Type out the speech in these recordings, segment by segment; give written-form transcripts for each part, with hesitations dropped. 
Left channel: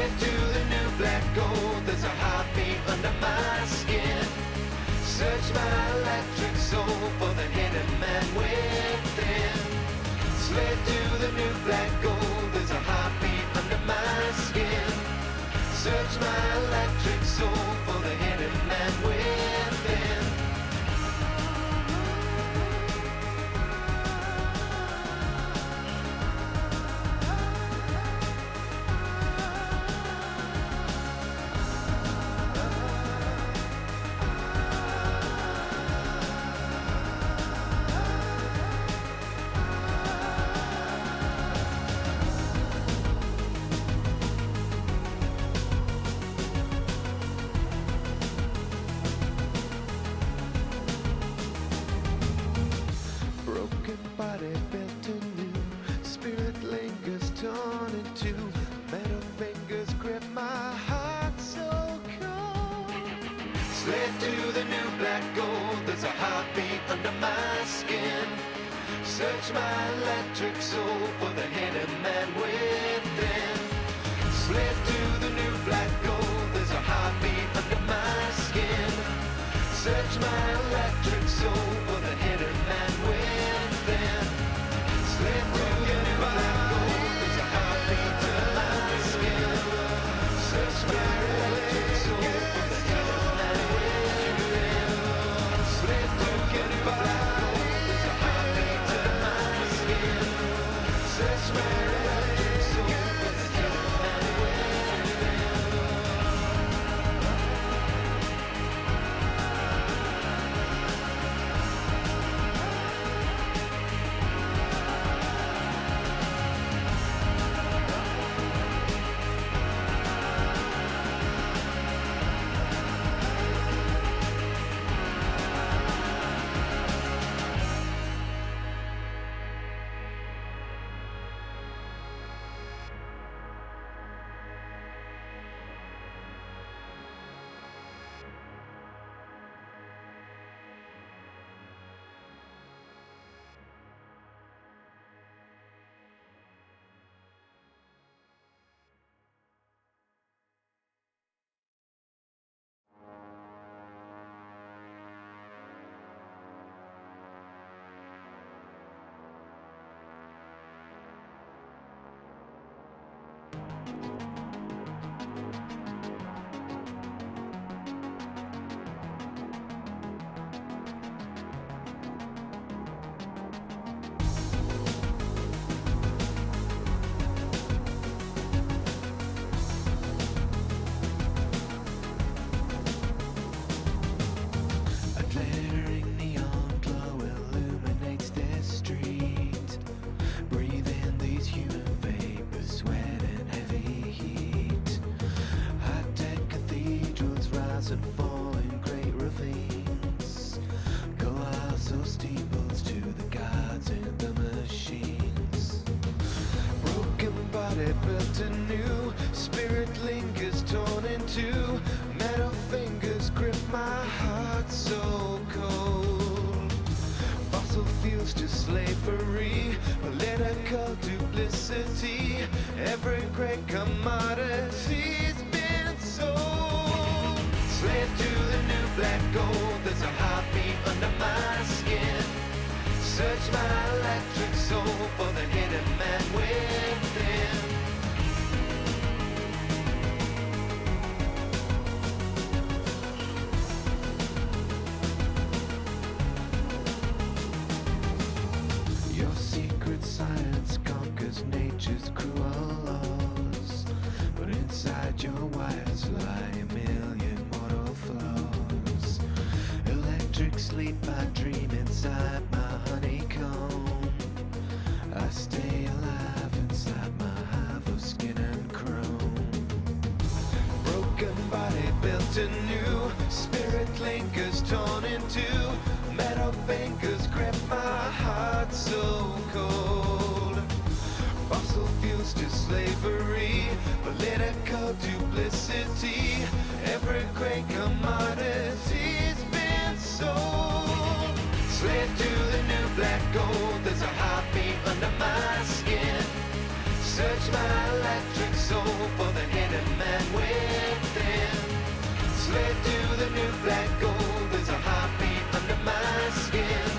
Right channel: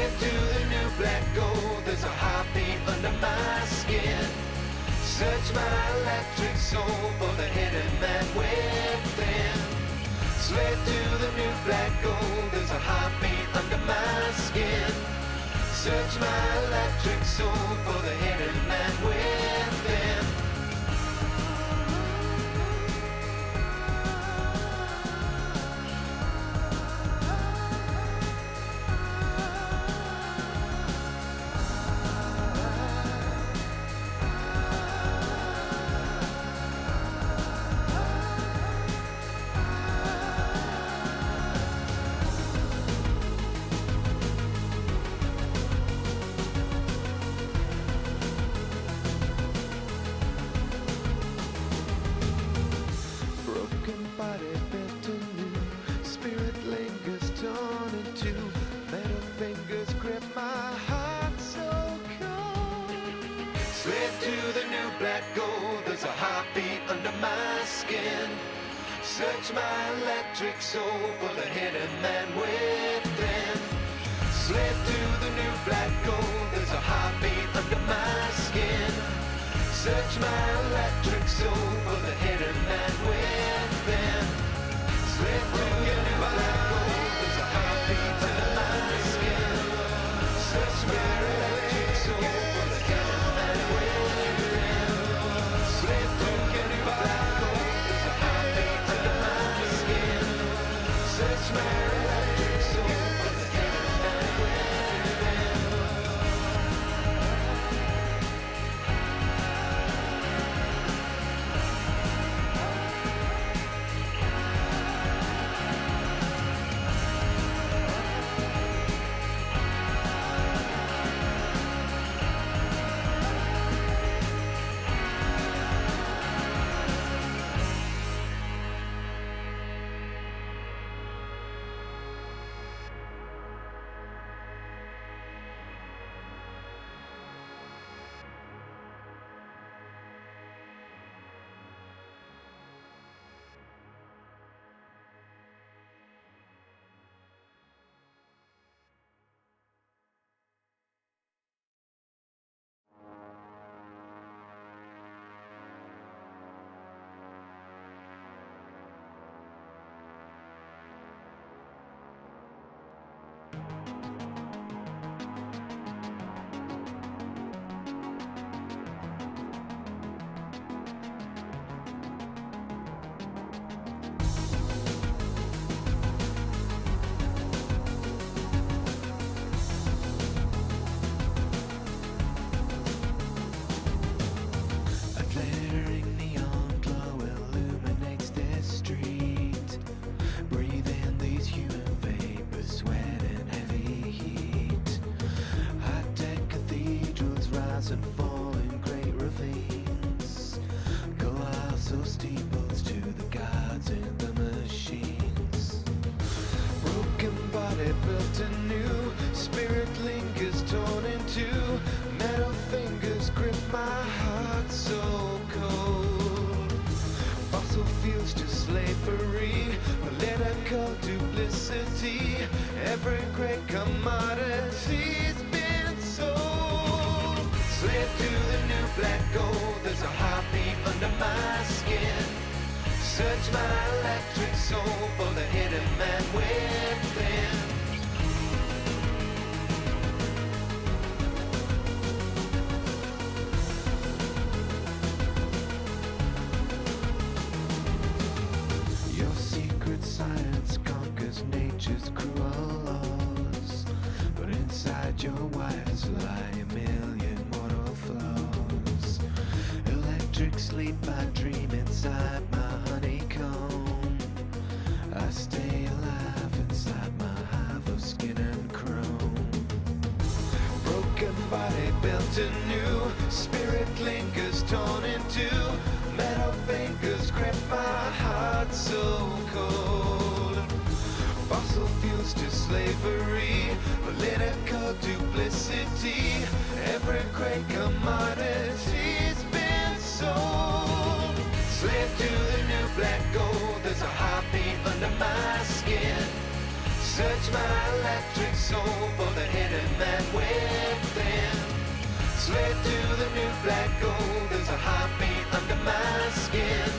Slave to the new black gold, there's a heartbeat under my skin. Search my electric soul for the hidden man within. Slave to the new black gold, there's a heartbeat under my skin. Search my electric soul for the hidden man within. Body built anew, spirit lingers torn in two, metal fingers grip my heart so cold. Slave to the new black gold, there's a heartbeat under my skin. Search my electric soul for the hidden man within. Slave to the new black gold, there's a heartbeat under my skin. Search my electric soul for the hidden man within. Slave to the new black gold, there's a heartbeat under my skin. Search my electric soul for the hidden man within. Slave to the new black gold, there's a heartbeat under my skin. Search my electric soul for the hidden man within. Built anew, spirit lingers torn in two, metal fingers grip my heart so cold. Fossil fuels to slavery, political duplicity, every great commodity's been sold. Slave to the new black gold, there's a heartbeat under my skin. Search my electric soul for the hidden man within. Your secret science conquers nature's cruel laws, but inside your wires lie a million mortal flaws. Electric sleep, I dream inside my honeycomb. I stay alive inside my hive of skin and chrome. Broken body built anew, spirit lingers torn in two, metal fingers grip my heart so cold. Fossil fuels to slavery, political duplicity, every great commodity's been sold. Slave to the new black gold, there's a heartbeat under my skin. Search my electric soul for the hidden man within. Slave to the new black gold, there's a heartbeat under my skin.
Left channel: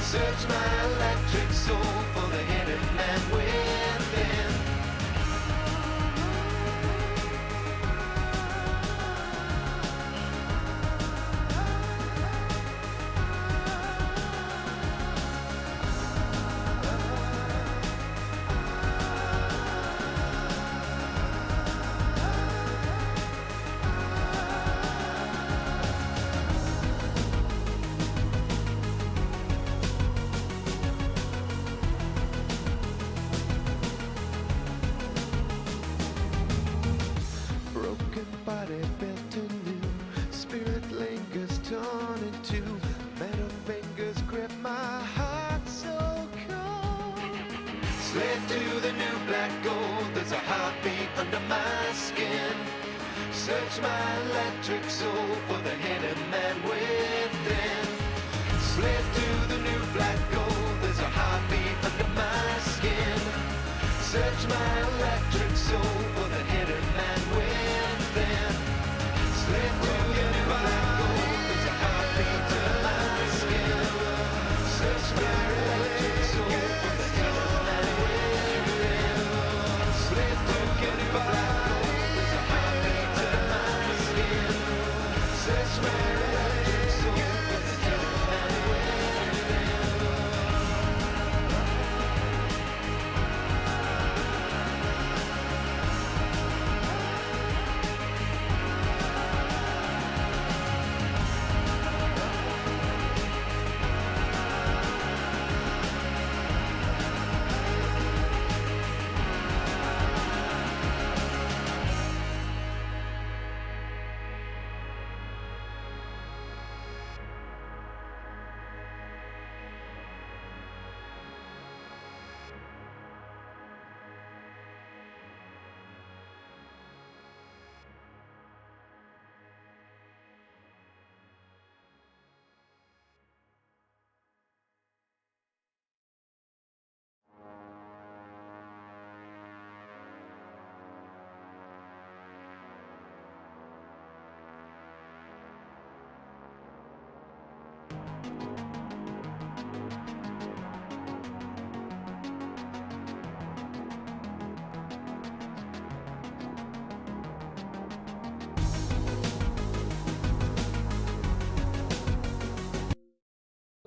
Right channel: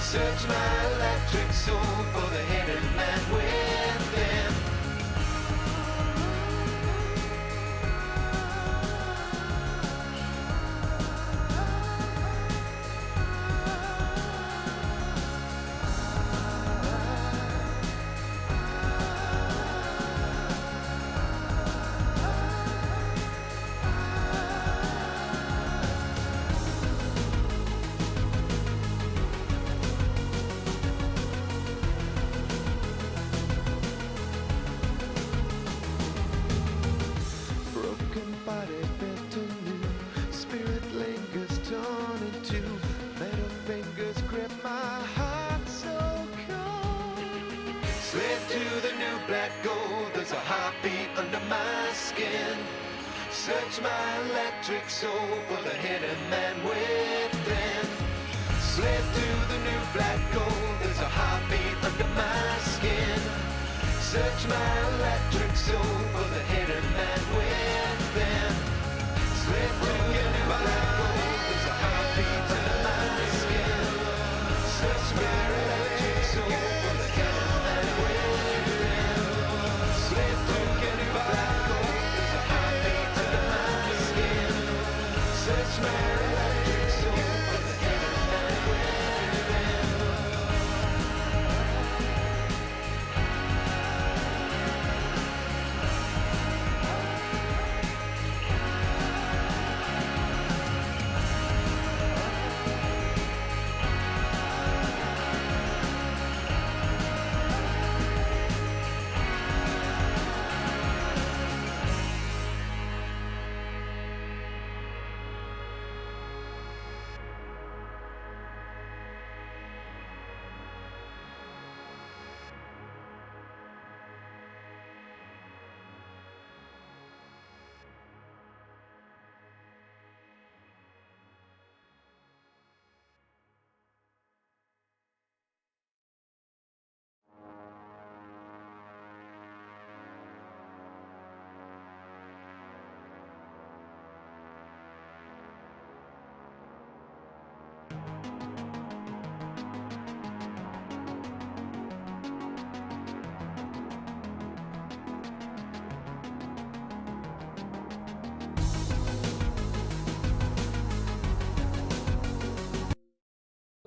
Search my electric soul for the hidden man within. Broken body built anew, spirit lingers torn in two, metal fingers grip my heart so cold. Slave to the new black gold, there's a heartbeat under my skin. Search my electric soul for the hidden man within. Slave to the new black gold, there's a heartbeat under my skin. Search my electric soul for the hidden man within. Slip to your new black gold, there's a heartbeat under my skin. Search my electric soul for the hidden man within. Slip to your new black gold, there's a heartbeat under my skin. Search my electric soul for the hidden man within.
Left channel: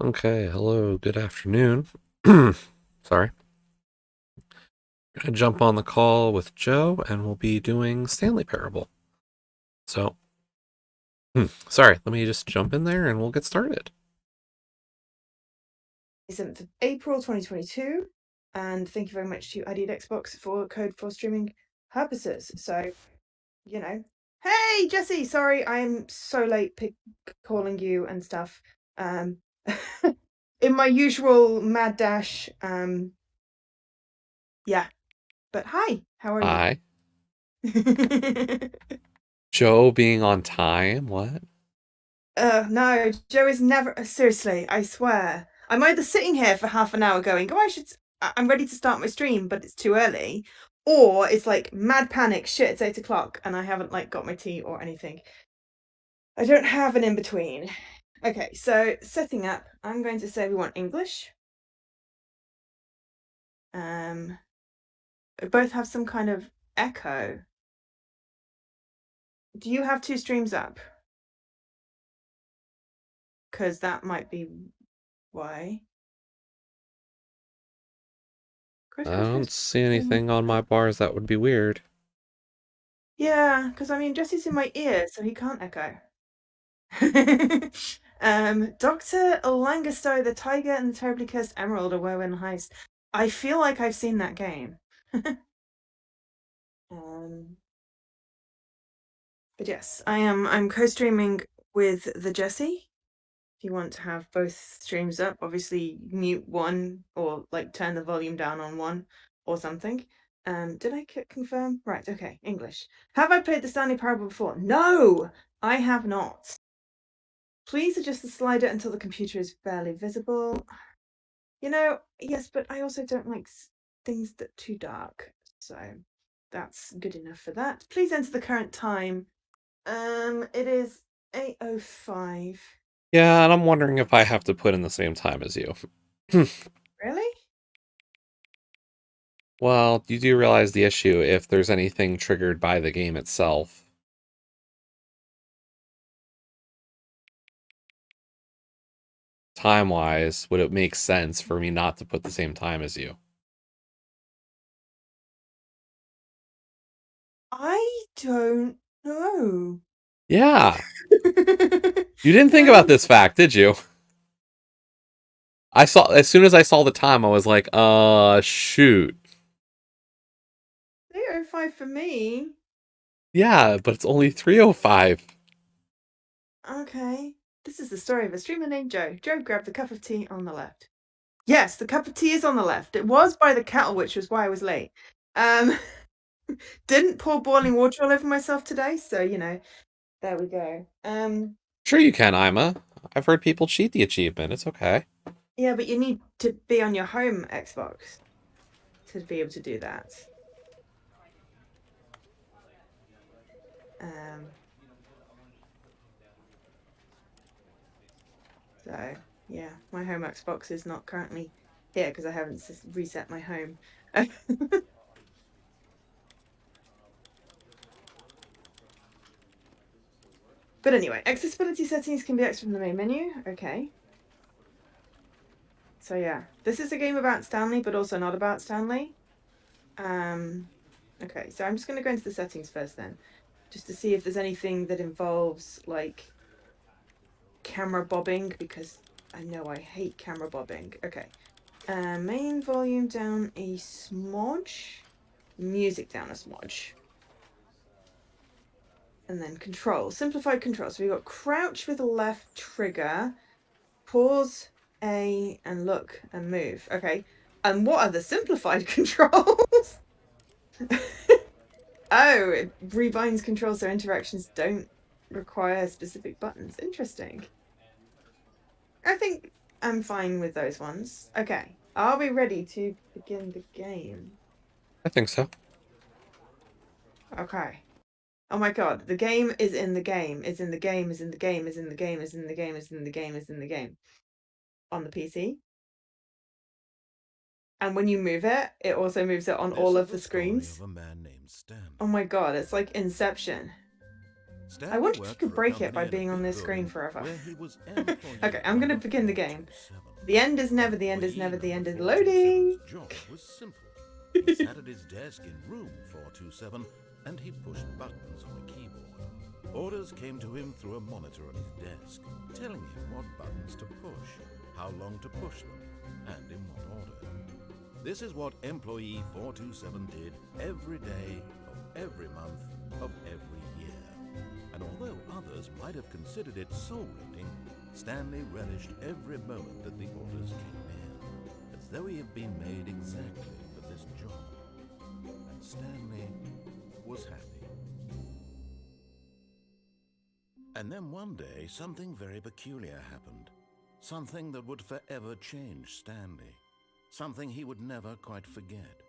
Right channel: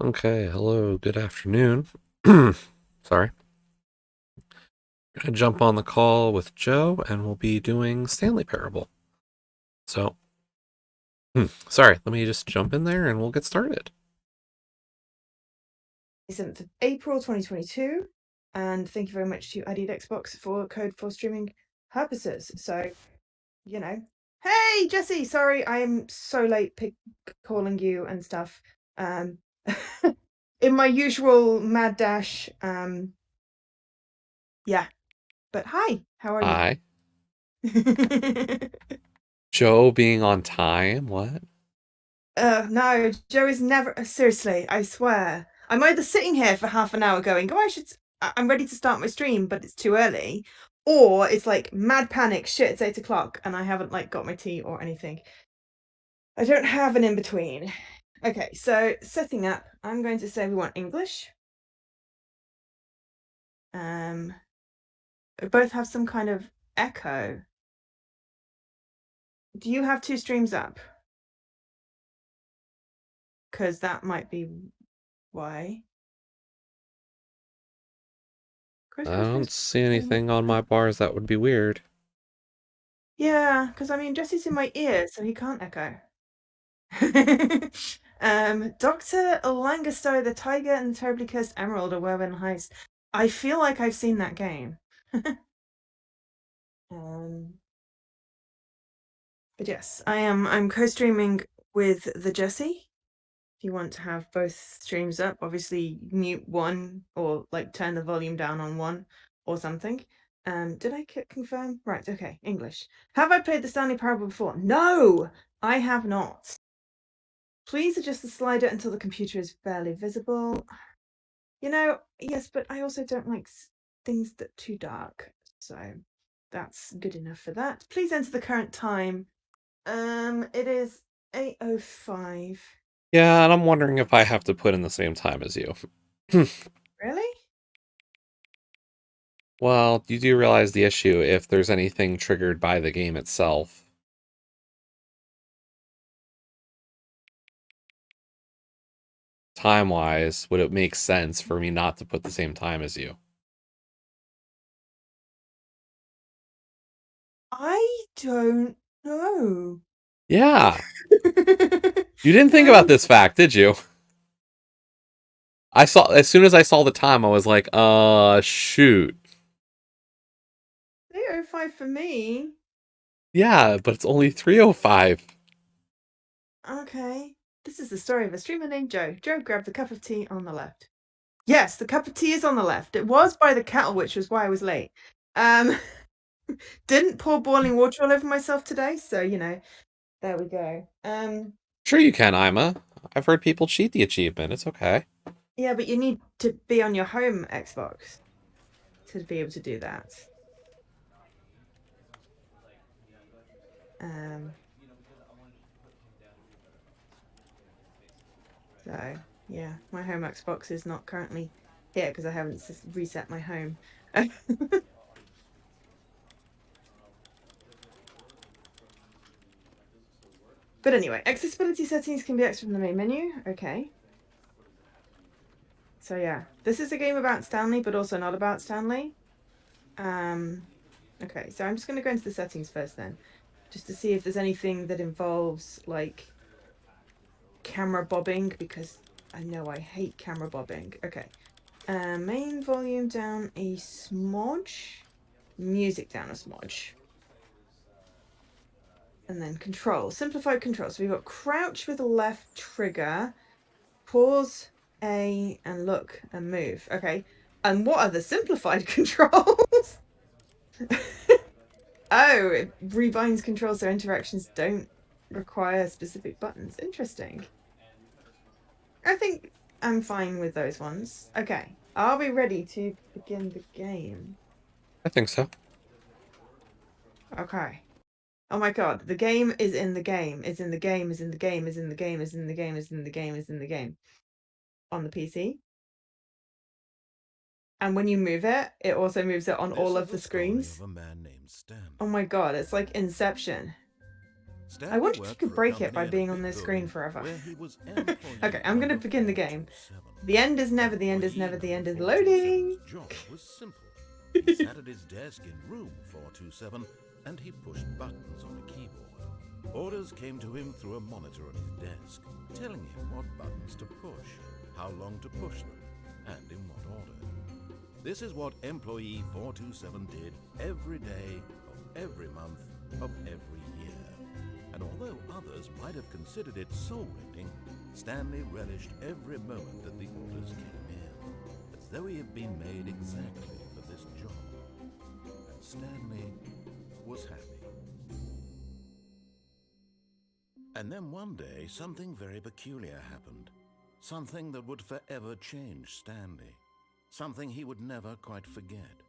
Okay, hello, good afternoon. Sorry. Gonna jump on the call with Joe and we'll be doing Stanley Parable. So, sorry, let me just jump in there and we'll get started. 7th of April 2022, and thank you very much to ID Xbox for code for streaming purposes. So, you know, hey Jesse, sorry I'm so late calling you and stuff. In my usual mad dash. Yeah, but hi, how are Hi. you? Joe being on time, what? No, Joe is never. Seriously, I swear. I'm either sitting here for half an hour going, "Oh, I'm ready to start my stream, but it's too early," or it's like mad panic. Shit, it's 8 o'clock, and I haven't like got my tea or anything. I don't have an in between. Okay, so setting up. I'm going to say we want English. We both have some kind of echo. Do you have 2 streams up? Because that might be why. I don't see anything on my bars that would be weird. Yeah, because I mean, Jesse's in my ear, so he can't echo. Dr. Langasto, the Tiger and the Terribly Cursed Emerald, a Whirlwind Heist. I feel like I've seen that game. But yes, I'm co-streaming with the Jesse. If you want to have both streams up, obviously mute one or like turn the volume down on one or something. Did I confirm? Right, okay, English. Have I played the Stanley Parable before? No, I have not. Please adjust the slider until the computer is barely visible. You know, yes, but I also don't like things that are too dark. So that's good enough for that. Please enter the current time. It is 8:05. Yeah, and I'm wondering if I have to put in the same time as you. Really? Well, you do realize the issue if there's anything triggered by the game itself. Time-wise, would it make sense for me not to put the same time as you? I don't know. Yeah. You didn't think about this fact, did you? As soon as I saw the time, I was like, shoot. 8:05 for me. Yeah, but it's only 3:05. Okay. This is the story of a streamer named Joe. Joe grabbed the cup of tea on the left. Yes, the cup of tea is on the left. It was by the kettle, which was why I was late. Um, didn't pour boiling water all over myself today, so you know, there we go. Sure you can, Ima. I've heard people cheat the achievement. It's okay. Yeah, but you need to be on your home Xbox to be able to do that. So yeah, my home Xbox is not currently here because I haven't reset my home. But anyway, accessibility settings can be accessed from the main menu. Okay. So yeah, this is a game about Stanley, but also not about Stanley. Okay, so I'm just going to go into the settings first then, just to see if there's anything that involves like camera bobbing, because I know I hate camera bobbing. Okay. Main volume down a smudge, music down a smudge. And then control, simplified control. So we've got crouch with the left trigger, pause, A, and look and move. Okay. And what are the simplified controls? Oh, it rebinds controls so interactions don't require specific buttons. Interesting. I think I'm fine with those ones. Okay. Are we ready to begin the game? I think so. Okay. Oh my god, the game is in the game, is in the game, is in the game, is in the game, is in the game, is in the game, is in the game. On the PC. And when you move it, it also moves it on all of the screens. Of a man named Stanley. Oh my god, it's like Inception. Stanley I wonder if you worked could for a break it company by in a being on big this screen building forever. where he was employee Okay, I'm gonna number begin the game. 427. The end is never, the end is Employee never, the end is number loading. 427's job was simple. He sat at his desk in room 427 and he pushed buttons on a keyboard. Orders came to him through a monitor on his desk, telling him what buttons to push, how long to push them, and in what order. This is what employee 427 did every day of every month of every year. And although others might have considered it soul-rending, Stanley relished every moment that the orders came in, as though he had been made exactly for this job. And Stanley was happy. And then one day, something very peculiar happened. Something that would forever change Stanley. Something he would never quite forget.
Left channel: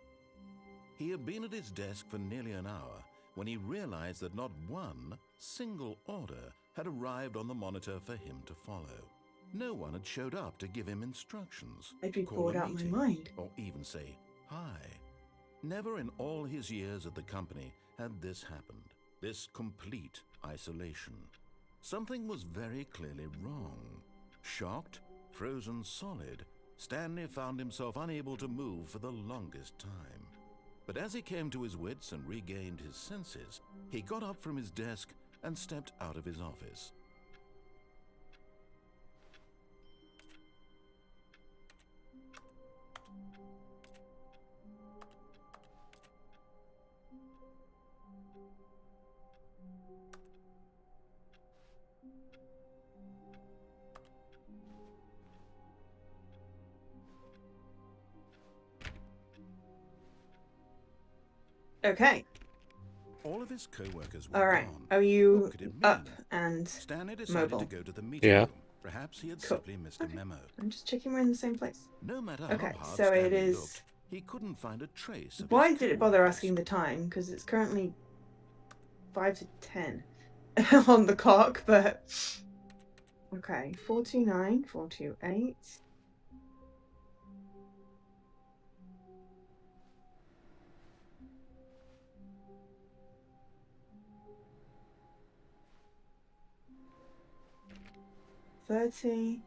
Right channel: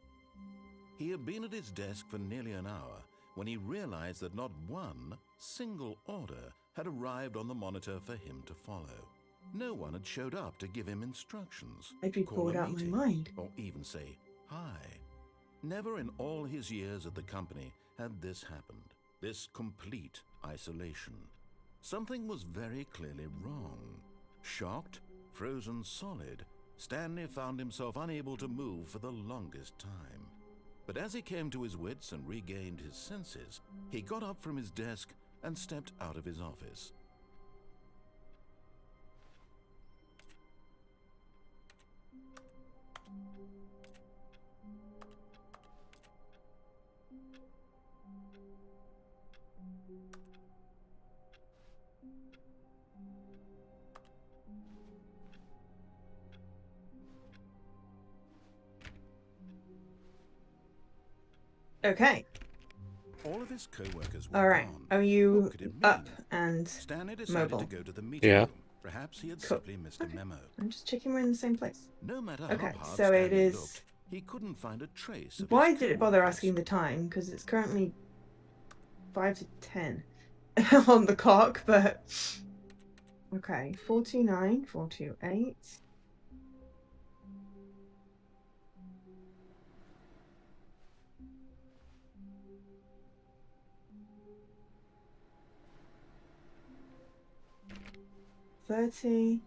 He had been at his desk for nearly an hour when he realized that not one single order had arrived on the monitor for him to follow. No one had showed up to give him instructions, I'd be call bored a out of my meeting, mind. or even say hi. Never in all his years at the company had this happened, this complete isolation. Something was very clearly wrong. Shocked, frozen solid, Stanley found himself unable to move for the longest time. But as he came to his wits and regained his senses, he got up from his desk and stepped out of his office. Okay. All of his co-workers were All right. gone. Are you What could it up mean? and Stanley decided mobile? to go to the meeting Yeah. room. Perhaps he had Cool. simply missed a memo. I'm just checking we're in the same place. No matter Okay, how hard so it Stanley is looked, He couldn't find a trace of Why his did it bother co-workers. asking the time? Because it's currently 5 to 10 on the clock, but... Okay, 49, 428. $30.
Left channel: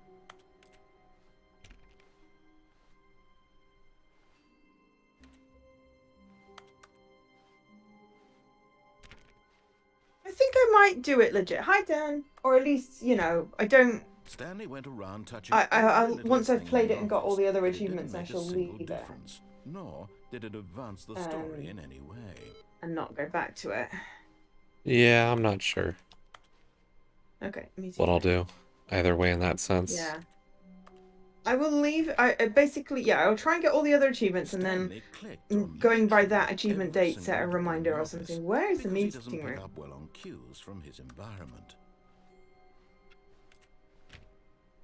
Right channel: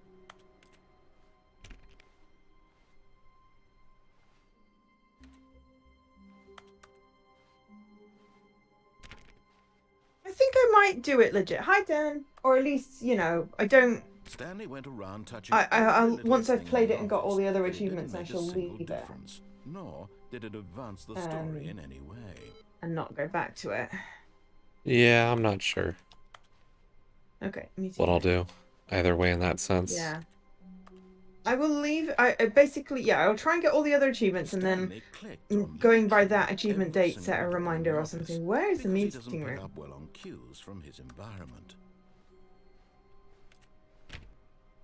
I think I might do it legit. Hi, Dan. Or at least, you know, I don't... Stanley went around touching I'll every little once I've thing played in it the and got all office, the other but it didn't achievements, I make a shall single leave it difference, nor did it advance the story in any way. and not go back to it. Yeah, I'm not sure Okay, me too. what I'll do. Either way in that sense. Yeah. I will leave. I basically, yeah, I'll try and get all the other achievements and then Stanley clicked on going by literally that achievement every date, set a single door in reminder the or office something. Where is the because he doesn't meeting pick room? up well on cues from his environment.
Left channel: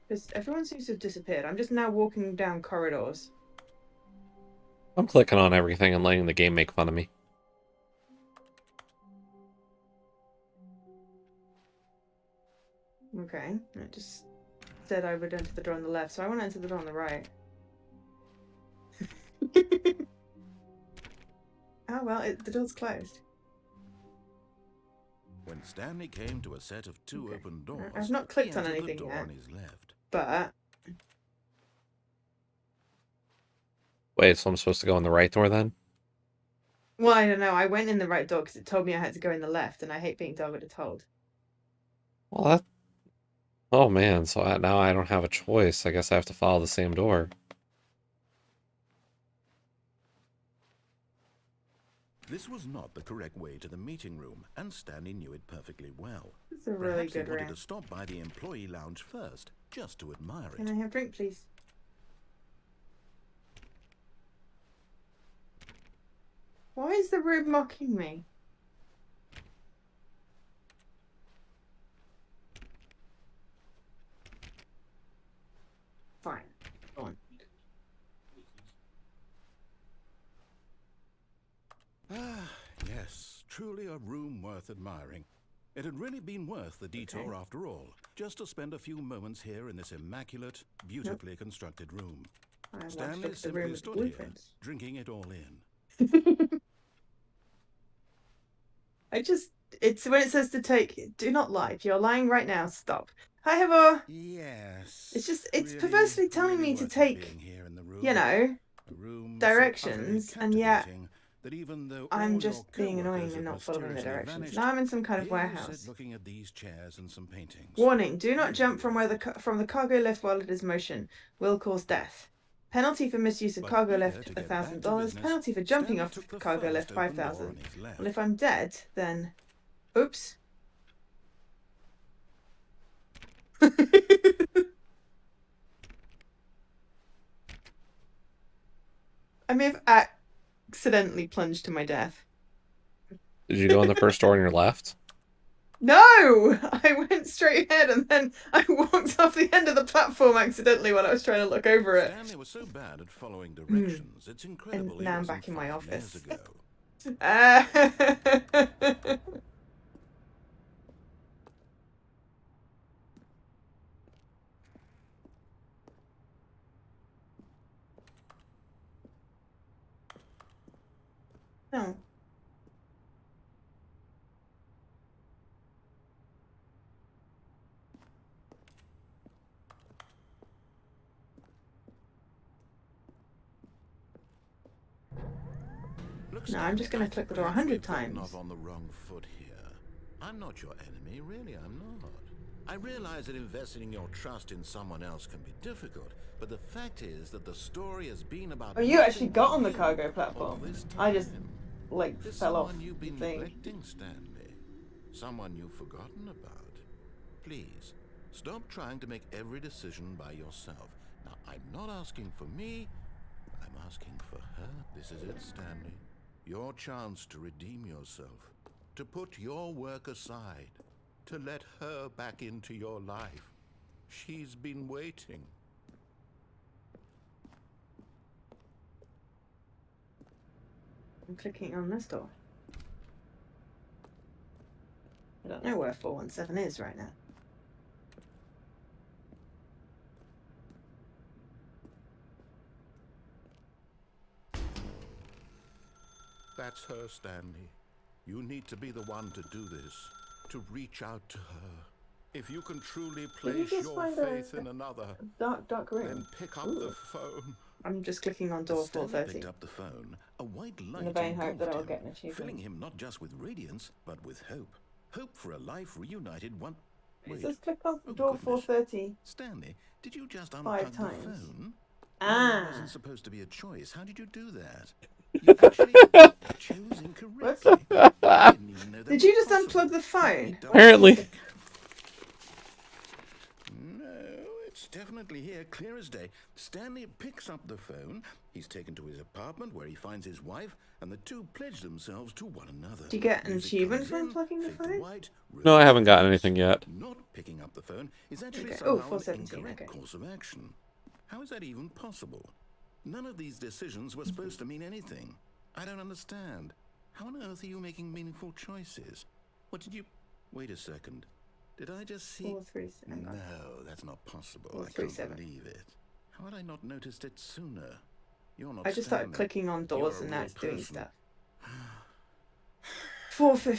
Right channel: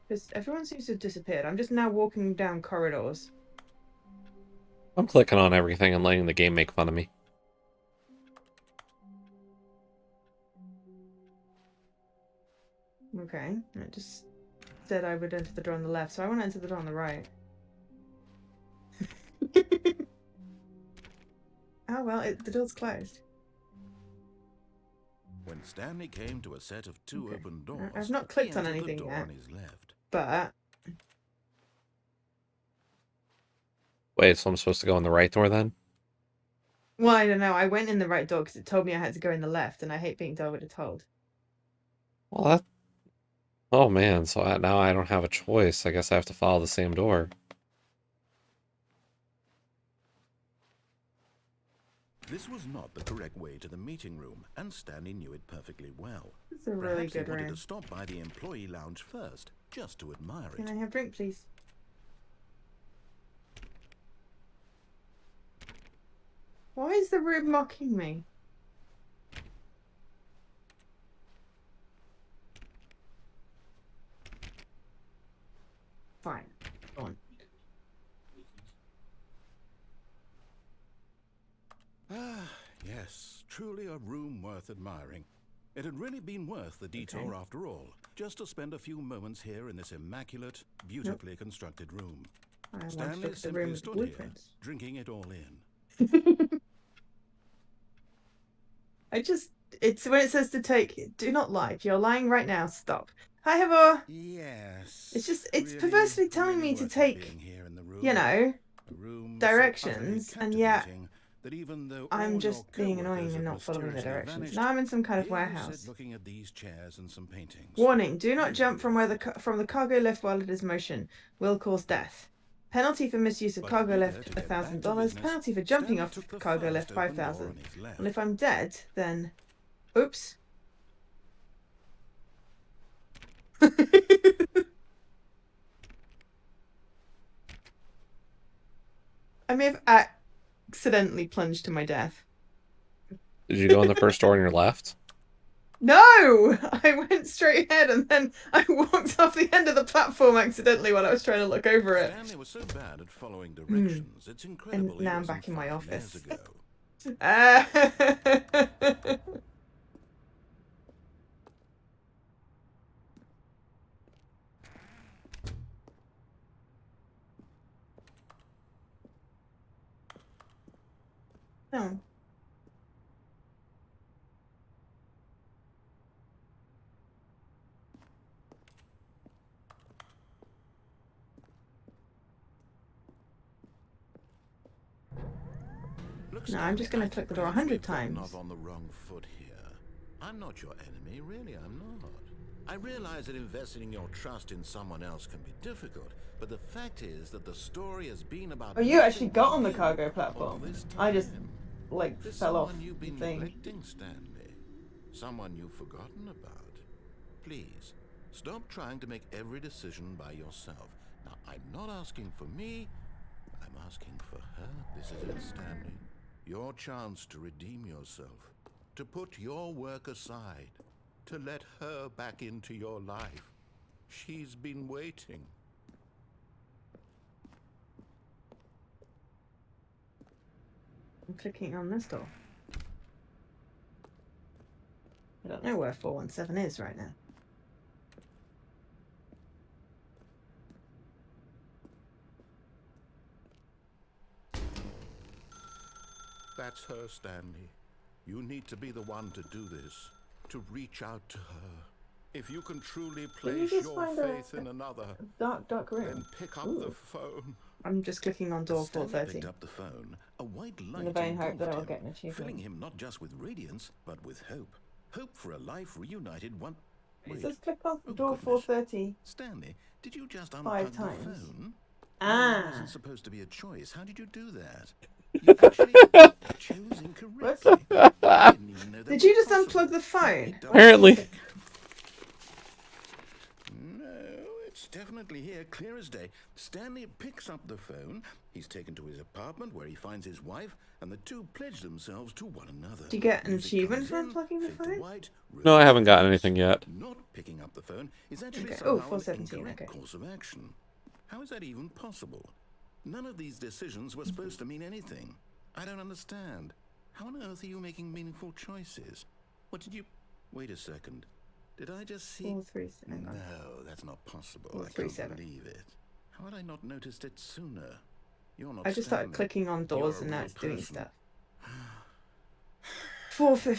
Because everyone seems to have disappeared. I'm just now walking down corridors. I'm clicking on everything and letting the game make fun of me. Okay, it just said I would enter the door on the left, so I want to enter the door on the right. Oh well, the door's closed. When Stanley came to a set of two Okay. open doors, I've not he clicked on entered anything the door yet. on his left. But Wait, so I'm supposed to go in the right door then? well, I don't know. I went in the right door because it told me I had to go in the left, and I hate being told what it told. Well, that... Oh man, so now I don't have a choice. I guess I have to follow the same door. This was not the correct way to the meeting room, and Stanley knew it perfectly well. It's a really Perhaps he good wanted room. to stop by the employee lounge first, just to admire it. Can I have a drink, please? Why is the room mocking me? Fine. Go on. Ah, yes, truly a room worth admiring. It had really been worth the detour after all, just to spend a few moments here in this immaculate, beautifully constructed room. I want to Stanley fix the room simply with stood here, blueprints. drinking it all in. It's when it says to take, do not lie. If you're lying right now, stop. Hi, Heather. Yes. It's really, perversely telling really me to worth it take, being here in the room. you know, A room directions, so and yet captivating that even though I'm all just your being annoying co-workers and have not following the mysteriously directions. vanished, Now I'm in some kind of here you warehouse. sit looking at these chairs and some paintings. Warning: do not Really jump from where worth it. from the cargo lift while it is motion. Will cause death. Penalty for misuse of But cargo eager lift to get back to $1,000. business, Penalty for jumping Stanley off took the cargo lift first open door on $5,000. his left. Well, if I'm dead, then oops. I may have accidentally plunged to my death. Did you go in the first door on your left? No! I went straight ahead and then I walked off the end of the platform accidentally while I was trying to look over it. Stanley was so bad at following directions, it's incredible now he I'm wasn't back in my 5 years office. ago. No. Look, No, I'm just going Stanley, to I click think the door perhaps 100 we've gotten times. off on the wrong foot here. I'm not your enemy, really, I'm not. I realize that investing in your trust in someone else can be difficult, but the fact is that the story has been about. Oh, you actually nothing got but on the you cargo all platform. this I just, time. like, There's fell off someone you've the been thing. neglecting, Stanley. Someone you've forgotten about. Please, stop trying to make every decision by yourself. Now, I'm not asking for me, I'm asking for her. This is it, Stanley. Your chance to redeem yourself. To put your work aside. To let her back into your life. She's been waiting. I'm clicking on this door. I don't know where 417 is right now. That's her, Stanley. You need to be the one to do this, to reach out to her. If you can truly place just your find faith a in another, dark room. then pick up Ooh. the phone. I'm just clicking on As door Stanley 430. picked up the phone, a white In the light vain hope that engulfed I'll him, get an achievement. filling him not just with radiance, but with hope. Hope for a life reunited one... It Wait, says click on oh door goodness. 430. Stanley, did you just 5 unplug the times. phone? No, Ah. that wasn't supposed to be a choice. How did you do that? You actually chose incorrectly. I didn't even know that Did was you just possible. unplug the Let me phone? double Apparently. check. No, it's definitely here, clear as day. Stanley picks up the phone. He's taken to his apartment where he finds his wife, and the two pledge themselves to one another. Do you get an Music achievement comes for in, unplugging the fade to phone? white, No, I room haven't gotten fades. anything yet. Not picking up the phone is actually Okay. Oh, somehow an 417, incorrect okay. course of action. How is that even possible? None of these decisions were supposed to mean anything. I don't understand. How on earth are you making meaningful choices? What did you... Wait a second. Did I just see... 437. No, that's not possible. I can't 437. believe it. How had I not noticed it sooner? You're not I just started Stanley. clicking on You're doors a and real that's doing person. stuff.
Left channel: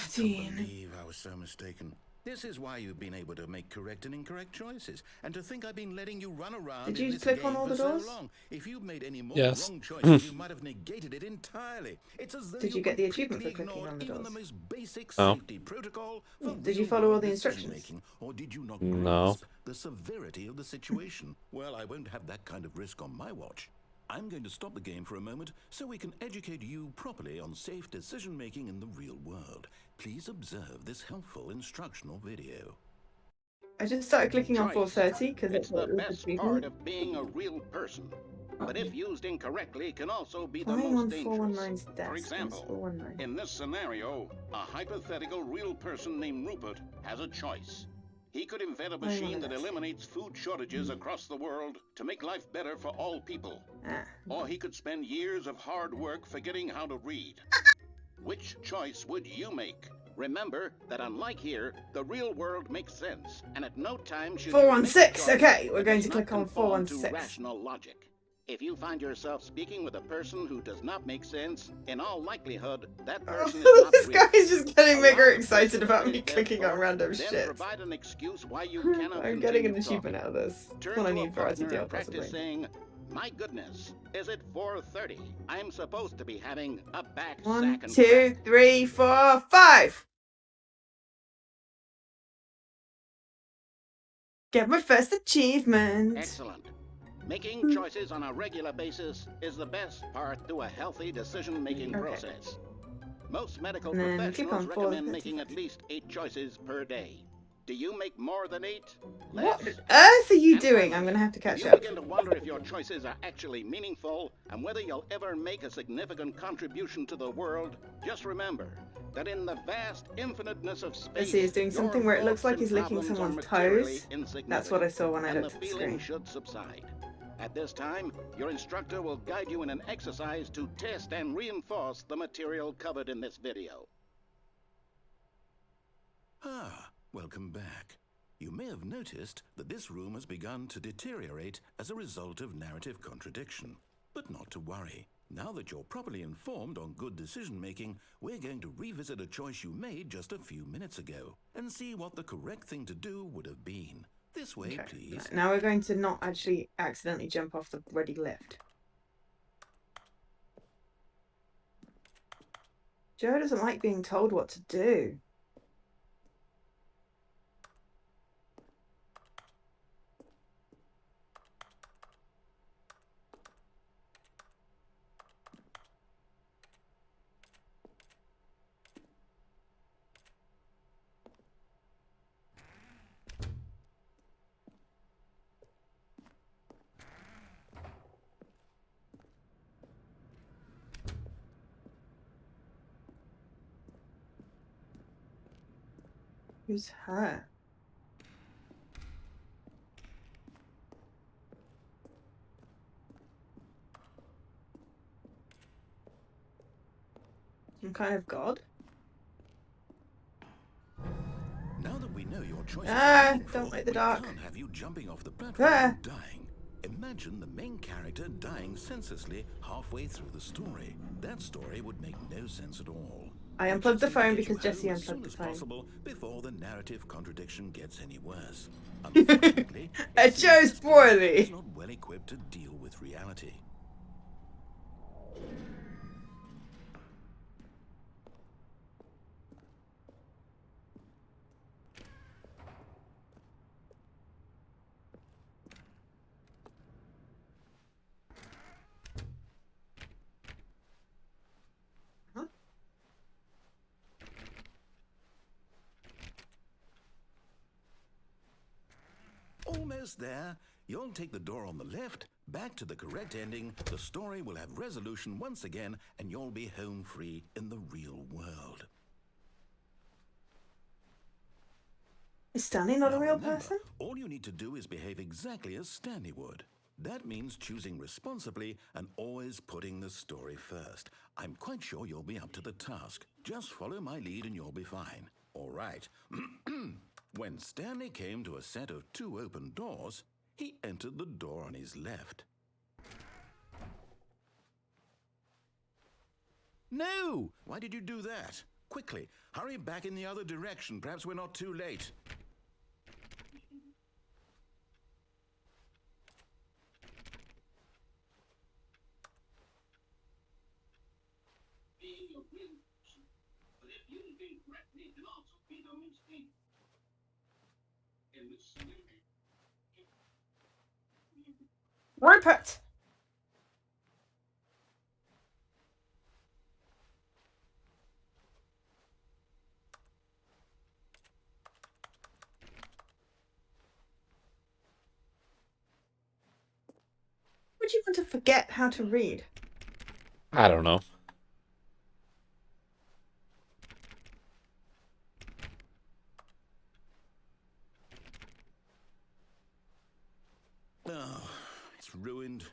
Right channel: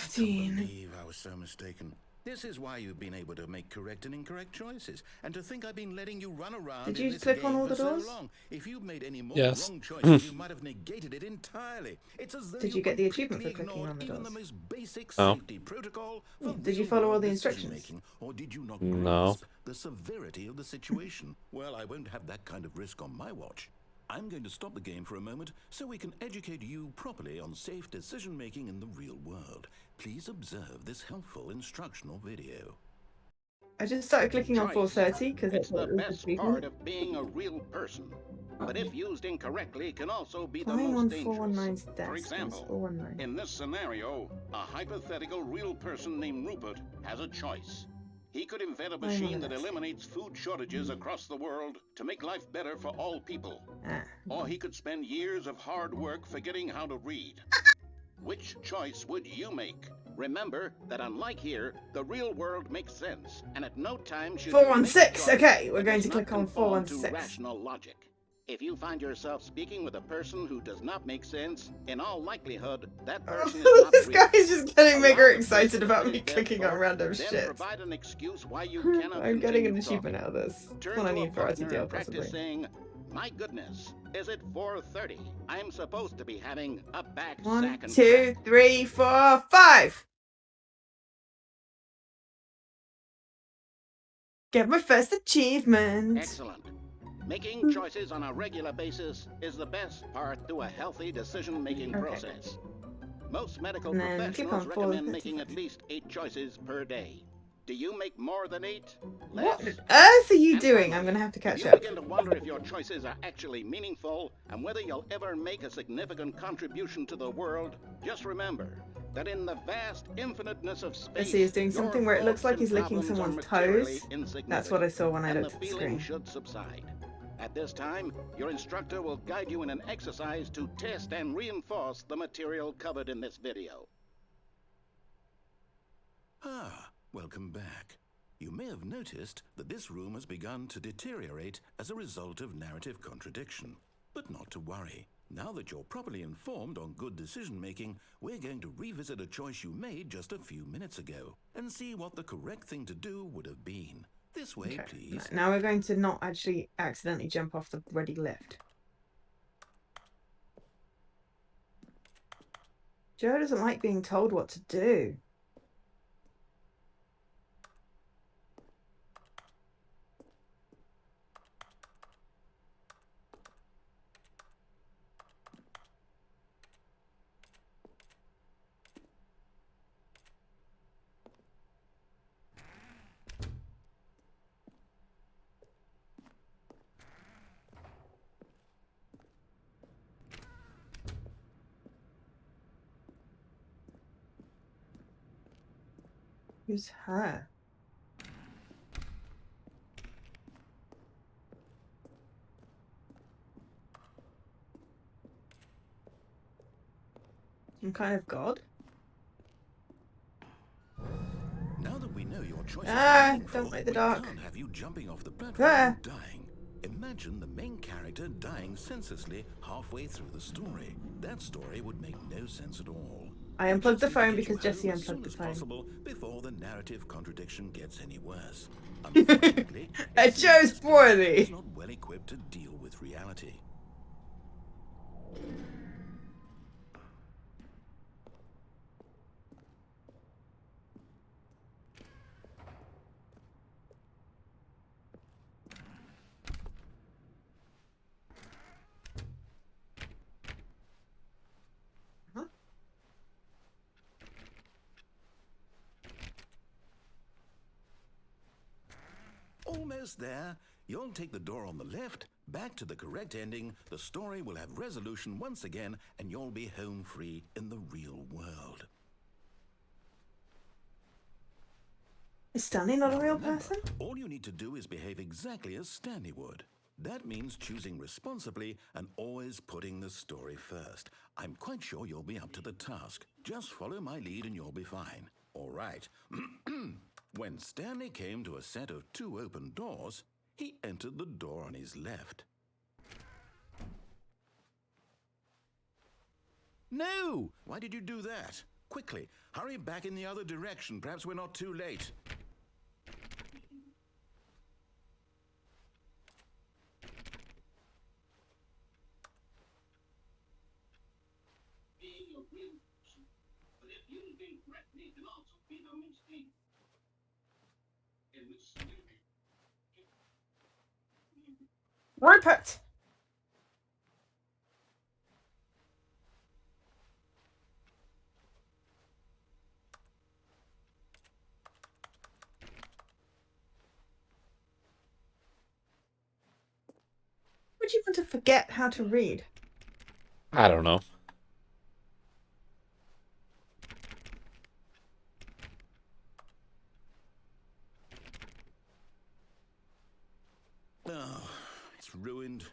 I can't 415. believe I was so mistaken. This is why you've been able to make correct and incorrect choices. And to think I've been letting you run around Did in you this click on game all for the so doors? long. If you'd made any more Yes. wrong choices, you might have negated it entirely. It's as though Did you get the achievement completely for clicking ignored on the even the doors? most basic Oh. safety protocol for Yeah. Did you follow all real-world the instructions? decision-making. Or did you not No. grasp the severity of the situation? Well, I won't have that kind of risk on my watch. I'm going to stop the game for a moment so we can educate you properly on safe decision-making in the real world. Please observe this helpful instructional video. I just started clicking on Choice. 430 because It's the best achievement. part of being a real person. But if used incorrectly, can also be the Flying most on dangerous. 419's desk. For example, 419. in this scenario, a hypothetical real person named Rupert has a choice. He could invent a machine that eliminates food shortages across the world to make life better for all people. Ah. Or he could spend years of hard work forgetting how to read. Which choice would you make? Remember that unlike here, the real world makes sense, and at no time should you make a 416. choice Okay, we're that going does to not click on conform to 416. rational logic. If you find yourself speaking with a person who does not make sense, in all likelihood, that person is not This real. guy's just getting Allow mega the excited person to about me finish their clicking on thought, random then shit. provide an excuse why you cannot I'm getting continue an achievement talking. out of this. Turn What I to a need for our partner deal, and practice possibly. saying, "My goodness, is it 4:30? I'm supposed to be having a back 1, sack and 2, crack." 3, 4, 5. Get my first achievement. Excellent. Making choices on a regular basis is the best part to a healthy decision-making Okay. process. Most medical And then click professionals on recommend 4:35. making at least 8 choices per day. Do you make more than 8? What Less? on earth are you And doing? finally, I'm gonna have to if catch you up. begin to wonder if your choices are actually meaningful and whether you'll ever make a significant contribution to the world, just remember that in the vast infiniteness of space, Let's see, he's doing your something where it looks thoughts like and he's licking problems are someone's materially toes. insignificant. That's what I saw when I and the looked at the feeling screen. should subside. At this time, your instructor will guide you in an exercise to test and reinforce the material covered in this video. Ah, welcome back. You may have noticed that this room has begun to deteriorate as a result of narrative contradiction. But not to worry. Now that you're properly informed on good decision-making, we're going to revisit a choice you made just a few minutes ago and see what the correct thing to do would have been. This way, Okay. please. Now we're going to not actually accidentally jump off the ready lift. Joe doesn't like being told what to do. Who's her? Some kind of god? Now that we know your choices Ah, are meaningful, don't like the we dark. can't have you jumping off the platform Ah. and dying. Imagine the main character dying senselessly halfway through the story. That story would make no sense at all. I We unplugged just the need to phone get you because Jesse home as soon unplugged the as phone. possible before the narrative contradiction gets any worse. Unfortunately, I it seems chose this place poorly. is not well equipped to deal with reality. Huh? Almost there. You'll take the door on the left, back to the correct ending, the story will have resolution once again, and you'll be home free in the real world. Is Stanley not Now a real remember, person? all you need to do is behave exactly as Stanley would. That means choosing responsibly and always putting the story first. I'm quite sure you'll be up to the task. Just follow my lead and you'll be fine. All right. When Stanley came to a set of 2 open doors, he entered the door on his left. No! Why did you do that? Quickly, hurry back in the other direction. Perhaps we're not too late. Rupert! Would you want to forget how to read? I don't know. Oh, it's ruined.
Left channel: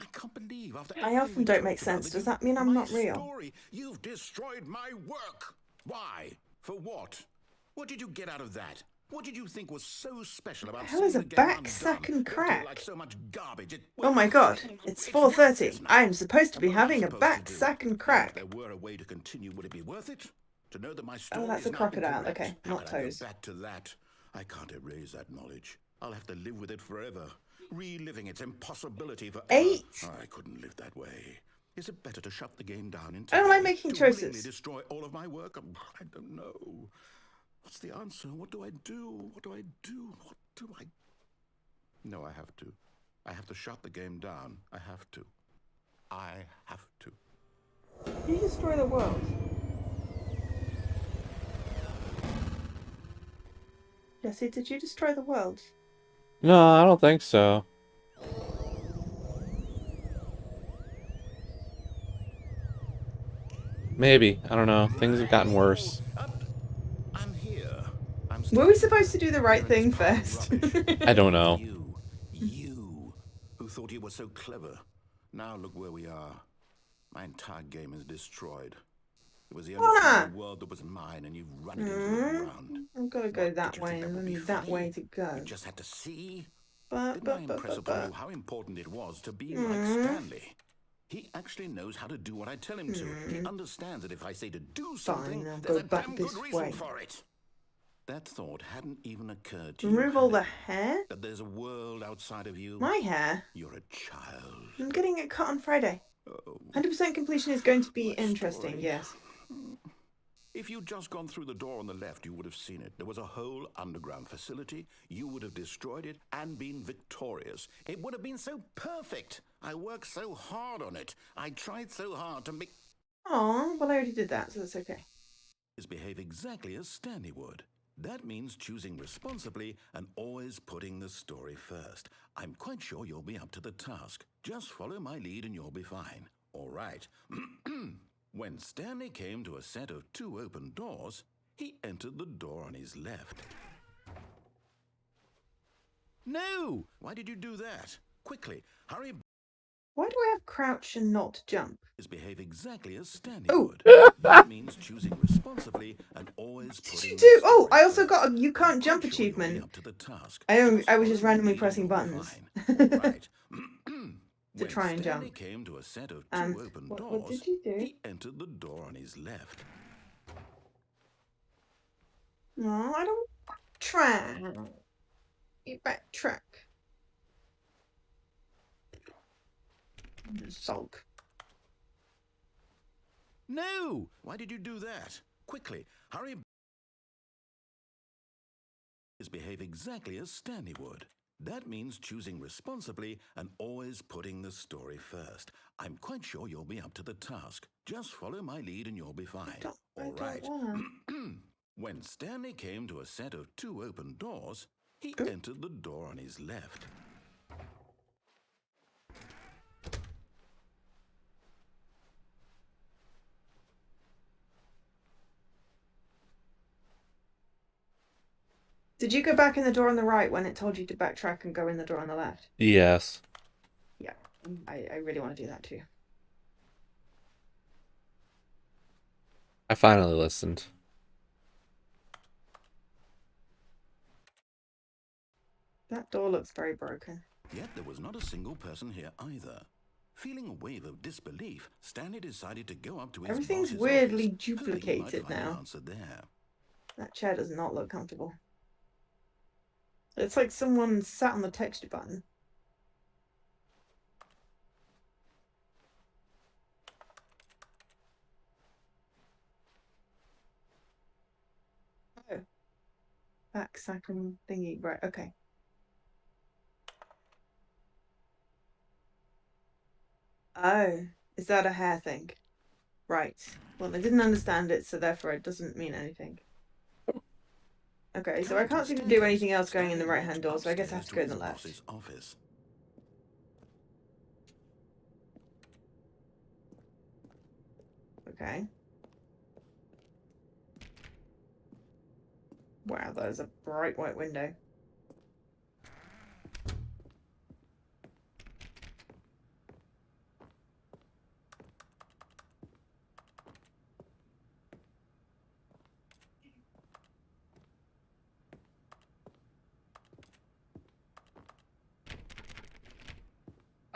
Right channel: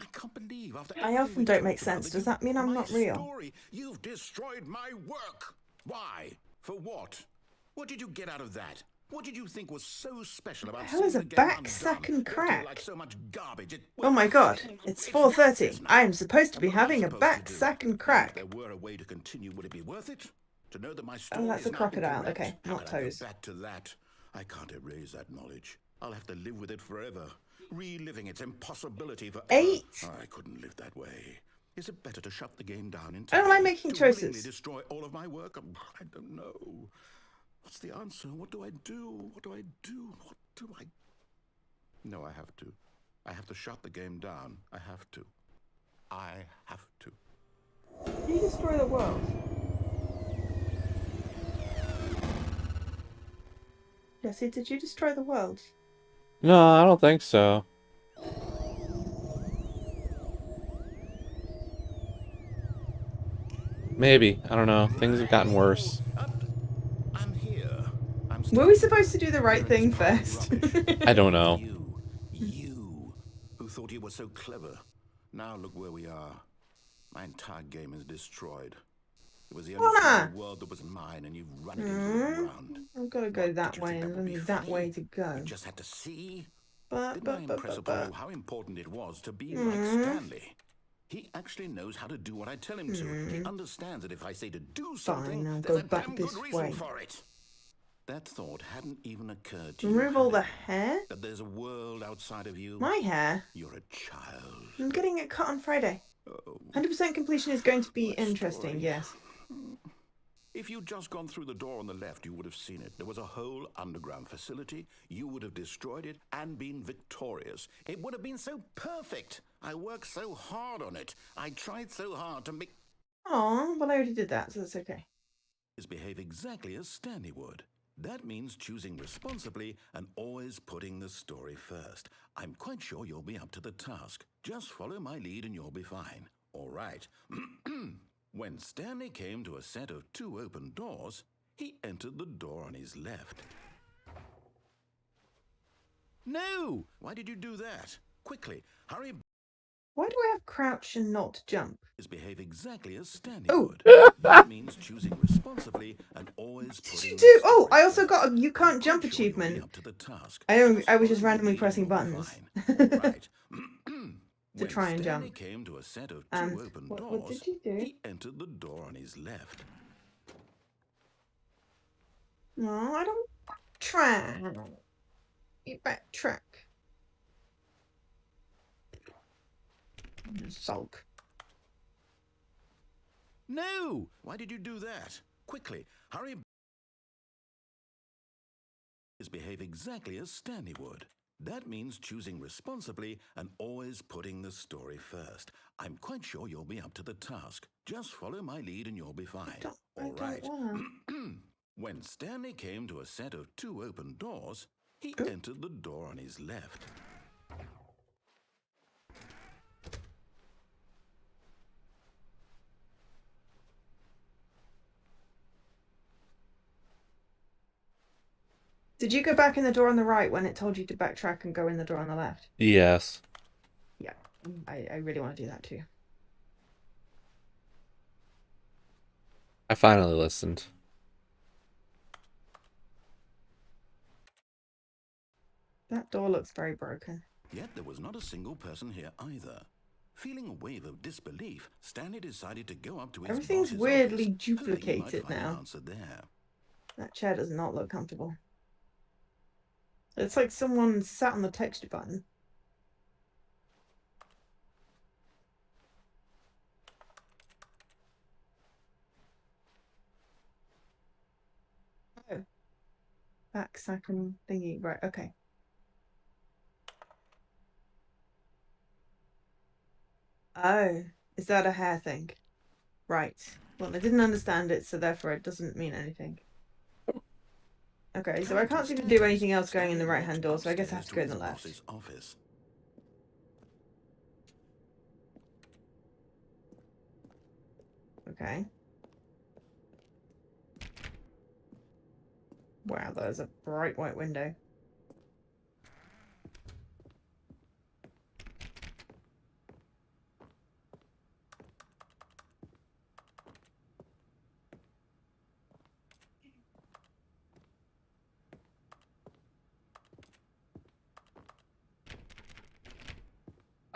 I can't believe after I everything often we don't make talked about sense. that Does that mean I'm my not real? Story. You've destroyed my work. Why? For what? What did you get out of that? What did you think was so special about Hell seeing is a the game back undone? sack and Left here crack? like so much garbage. Oh my god, it's 4:30. worthless now. I am supposed to And be what am I having a supposed to back do? sack and If crack. there were a way to continue, would it be worth it? To know that my story Oh, that's is a now crocodile. incorrect? Okay, How not can I go toes. back to that? I can't erase that knowledge. I'll have to live with it forever, reliving its impossibility forever. 8. I couldn't live that way. Is it better to shut the game down I entirely? don't like making to willingly choices. destroy all of my work? I don't know. What's the answer? What do I do? What do I do? What do I... No, I have to. I have to shut the game down. I have to. I have to. You destroy the world. Jesse, did you destroy the world? No, I don't think so. Maybe. I don't know. Things have gotten worse. I'm here. I'm Were we starting supposed to here. do the right Here in thing this pile of first? rubbish. I don't know. You, who thought you were so clever. Now look where we are. My entire game is destroyed. It was the only thing in the world that was mine, and you've run it into the ground. I've got to go What, that did you way, think and that would only be that funny? way to go. You just had to see. But, Didn't I impress upon you how important it was to be like Stanley? He actually knows how to do what I tell him to. He understands that if I say to do something, I'll there's go a back damn good this reason way. for it. That thought hadn't even occurred to Remove you. all had the it? hair? That there's a world outside of you. My hair? You're a child. I'm getting it cut on Friday. Oh, 100% completion is going to be my interesting, story. yes. If you'd just gone through the door on the left, you would have seen it. There was a whole underground facility. You would have destroyed it and been victorious. It would have been so perfect. I worked so hard on it. I tried so hard to make... Oh, well, I already did that, so that's okay. behave exactly as Stanley would. That means choosing responsibly and always putting the story first. I'm quite sure you'll be up to the task. Just follow my lead and you'll be fine. All right. When Stanley came to a set of 2 open doors, he entered the door on his left. No! Why did you do that? Quickly, hurry Why do I have crouch and not jump? Behave exactly as Stanley Oh. would. That means choosing responsibly and always What did you putting do? the Oh, story I also first. got a you can't I'm jump quite sure you'll be achievement. up to the task. I was just follow my randomly lead pressing and you'll be buttons. fine. All right. To When try and Stanley jump. came to a set of two open What doors, did you do? he entered the door on his left. No, I don't try. You backtrack. Sulk. No! Why did you do that? Quickly, hurry. Behave exactly as Stanley would. That means choosing responsibly and always putting the story first. I'm quite sure you'll be up to the task. Just follow my lead and you'll be fine. All right. When Stanley came to a set of two open doors, he entered the door on his left. Did you go back in the door on the right when it told you to backtrack and go in the door on the left? Yes. Yeah, I really want to do that too. I finally listened. That door looks very broken. Yet there was not a single person here either. Feeling a wave of disbelief, Stanley decided to go up to his Everything's boss's weirdly office, hoping he might duplicated find now. an answer there. That chair does not look comfortable. It's like someone sat on the texture button. Oh. Backsack and thingy. Right, okay. Oh, is that a hair thing? Right. Well, I didn't understand it, so therefore it doesn't mean anything. Okay, so I can't seem to do anything else going in the right-hand door, so I guess I have to go in the left. Office. Okay. Wow, there's a bright white window.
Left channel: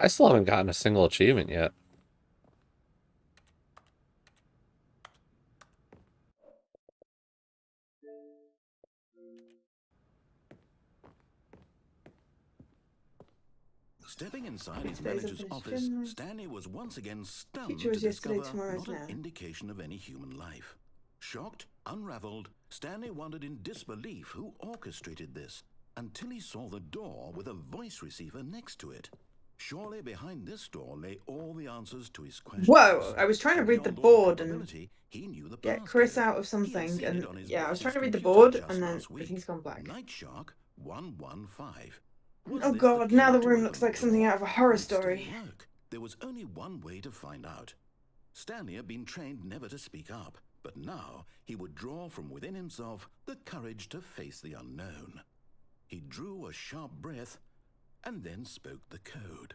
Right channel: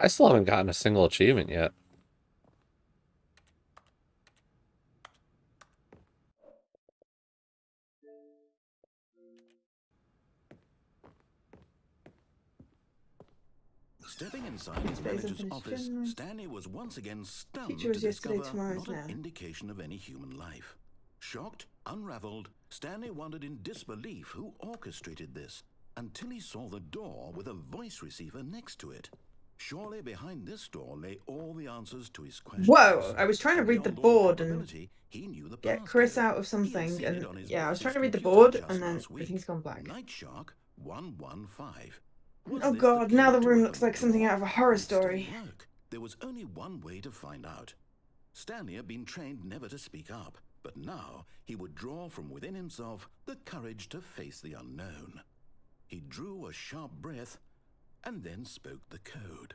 I still haven't gotten a single achievement yet. Stepping inside his manager's office, Stanley was once again stunned to discover not an indication of any human life. Shocked, unraveled, Stanley wondered in disbelief who orchestrated this, until he saw the door with a voice receiver next to it. Surely behind this door lay all the answers to his questions. Whoa! I was trying to read the board and he knew the get Chris out of something, and yeah, I was trying to read the board, and then everything's gone black. Night Shark 115. Oh god, now the room looks like something out of a horror story. There was only one way to find out. Stanley had been trained never to speak up, but now he would draw from within himself the courage to face the unknown. He drew a sharp breath and then spoke the code.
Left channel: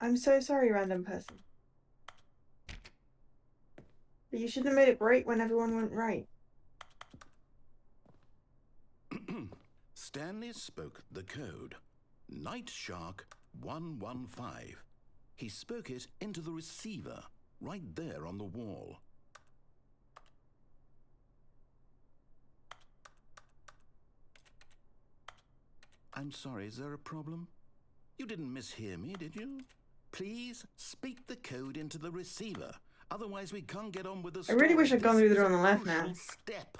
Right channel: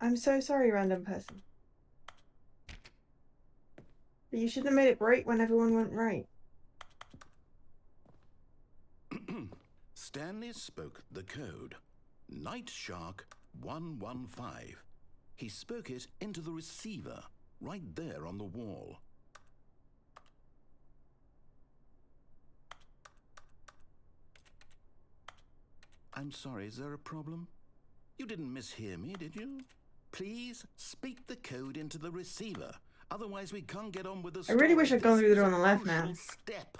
I'm so sorry, random person. But you shouldn't have made it break when everyone went right. Stanley spoke the code. Night Shark 115. He spoke it into the receiver, right there on the wall. I'm sorry, is there a problem? You didn't mishear me, did you? Please speak the code into the receiver. Otherwise we can't get on with the story. I really wish I'd gone through the door on the left now. Step.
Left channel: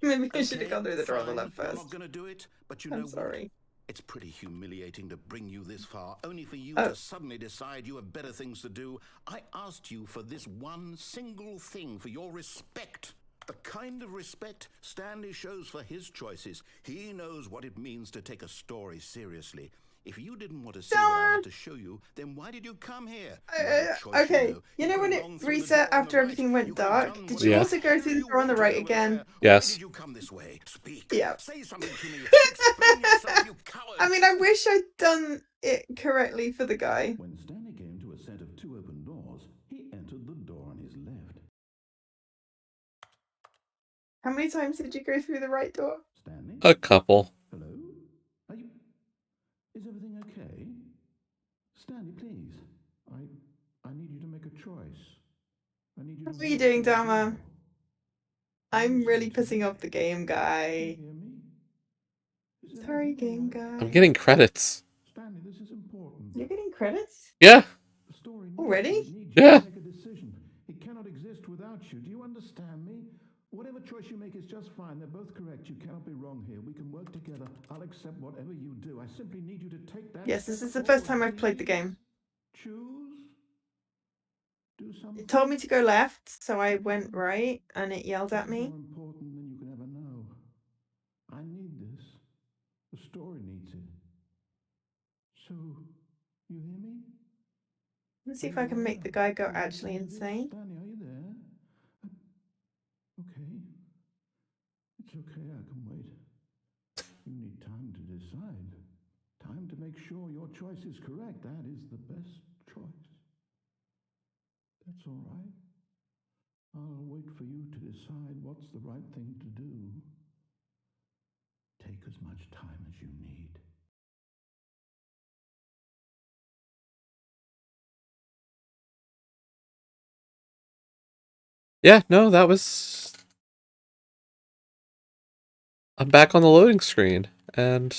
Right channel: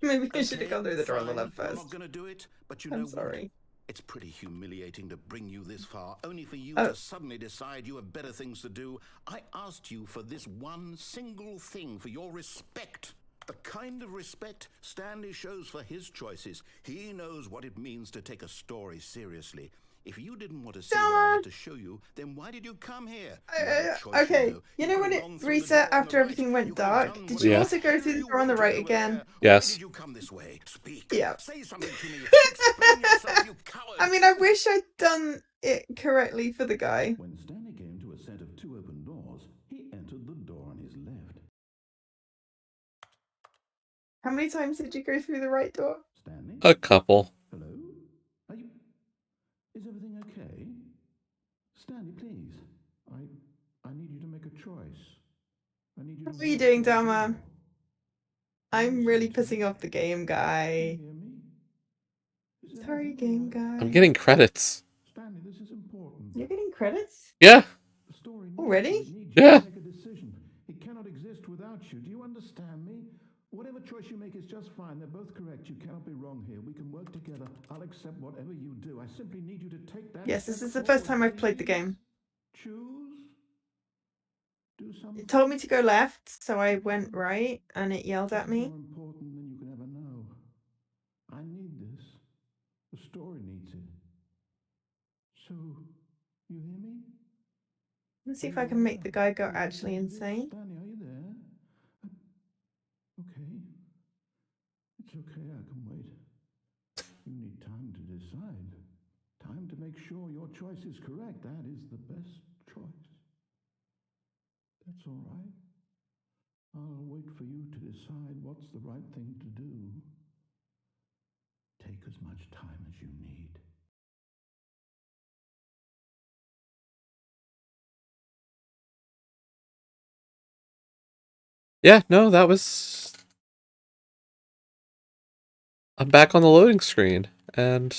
Maybe I should have gone through the door on the left first. You're not going to do it, but you know what? It's pretty humiliating to bring you this far, only for you to suddenly decide you have better things to do. I asked you for this one single thing, for your respect. The kind of respect Stanley shows for his choices. He knows what it means to take a story seriously. If you didn't want to see what I had to show you, then why did you come here? You had a choice, Okay, you know could when have it gone through the reset door on the after right. everything You went could have dark? done Did whatever you Yeah. also go hell through the you door on the wanted right over again? there. Yes. Why did you come this way? Speak. Yeah. Say something to me. Explain yourself, you coward. I mean, I wish I'd done it correctly for the guy. When Stanley came to a set of 2 open doors, he entered the door on his left. How many times did you go through the right door? Stanley? A couple. Hello? Are you... Is everything okay? Stanley, please. I need you to make a choice. I need you to What are you walk doing, through the Dharma? door. I'm really Listen to pissing me. off the game Do guy. you hear me? Is Sorry, everything all game right? guy. I'm getting credits. Stanley, this is important. You're getting credits? Yeah. The story needs Already? you. It needs you Yeah. to make a decision. It cannot exist without you. Do you understand me? Whatever choice you make is just fine. They're both correct. You cannot be wrong here. We can work together. I'll accept whatever you do. I simply need you to take that Yes, this step is the first forward, time I've played the please. game. Choose. Do something. It told me to go left, so I went right, and it yelled This at is me. more important than you can ever know. I need this. The story needs it. So, you hear me? Let's see if I can make the guy go actually insane. Stanley, are you there? Okay. It's okay, I can wait. You need time to decide. Time to make sure your choice is correct. That is the best choice. That's all right. I'll wait for you to decide what's the right thing to do. Take as much time as you need. Yeah, no, that was... I'm back on the loading screen, and...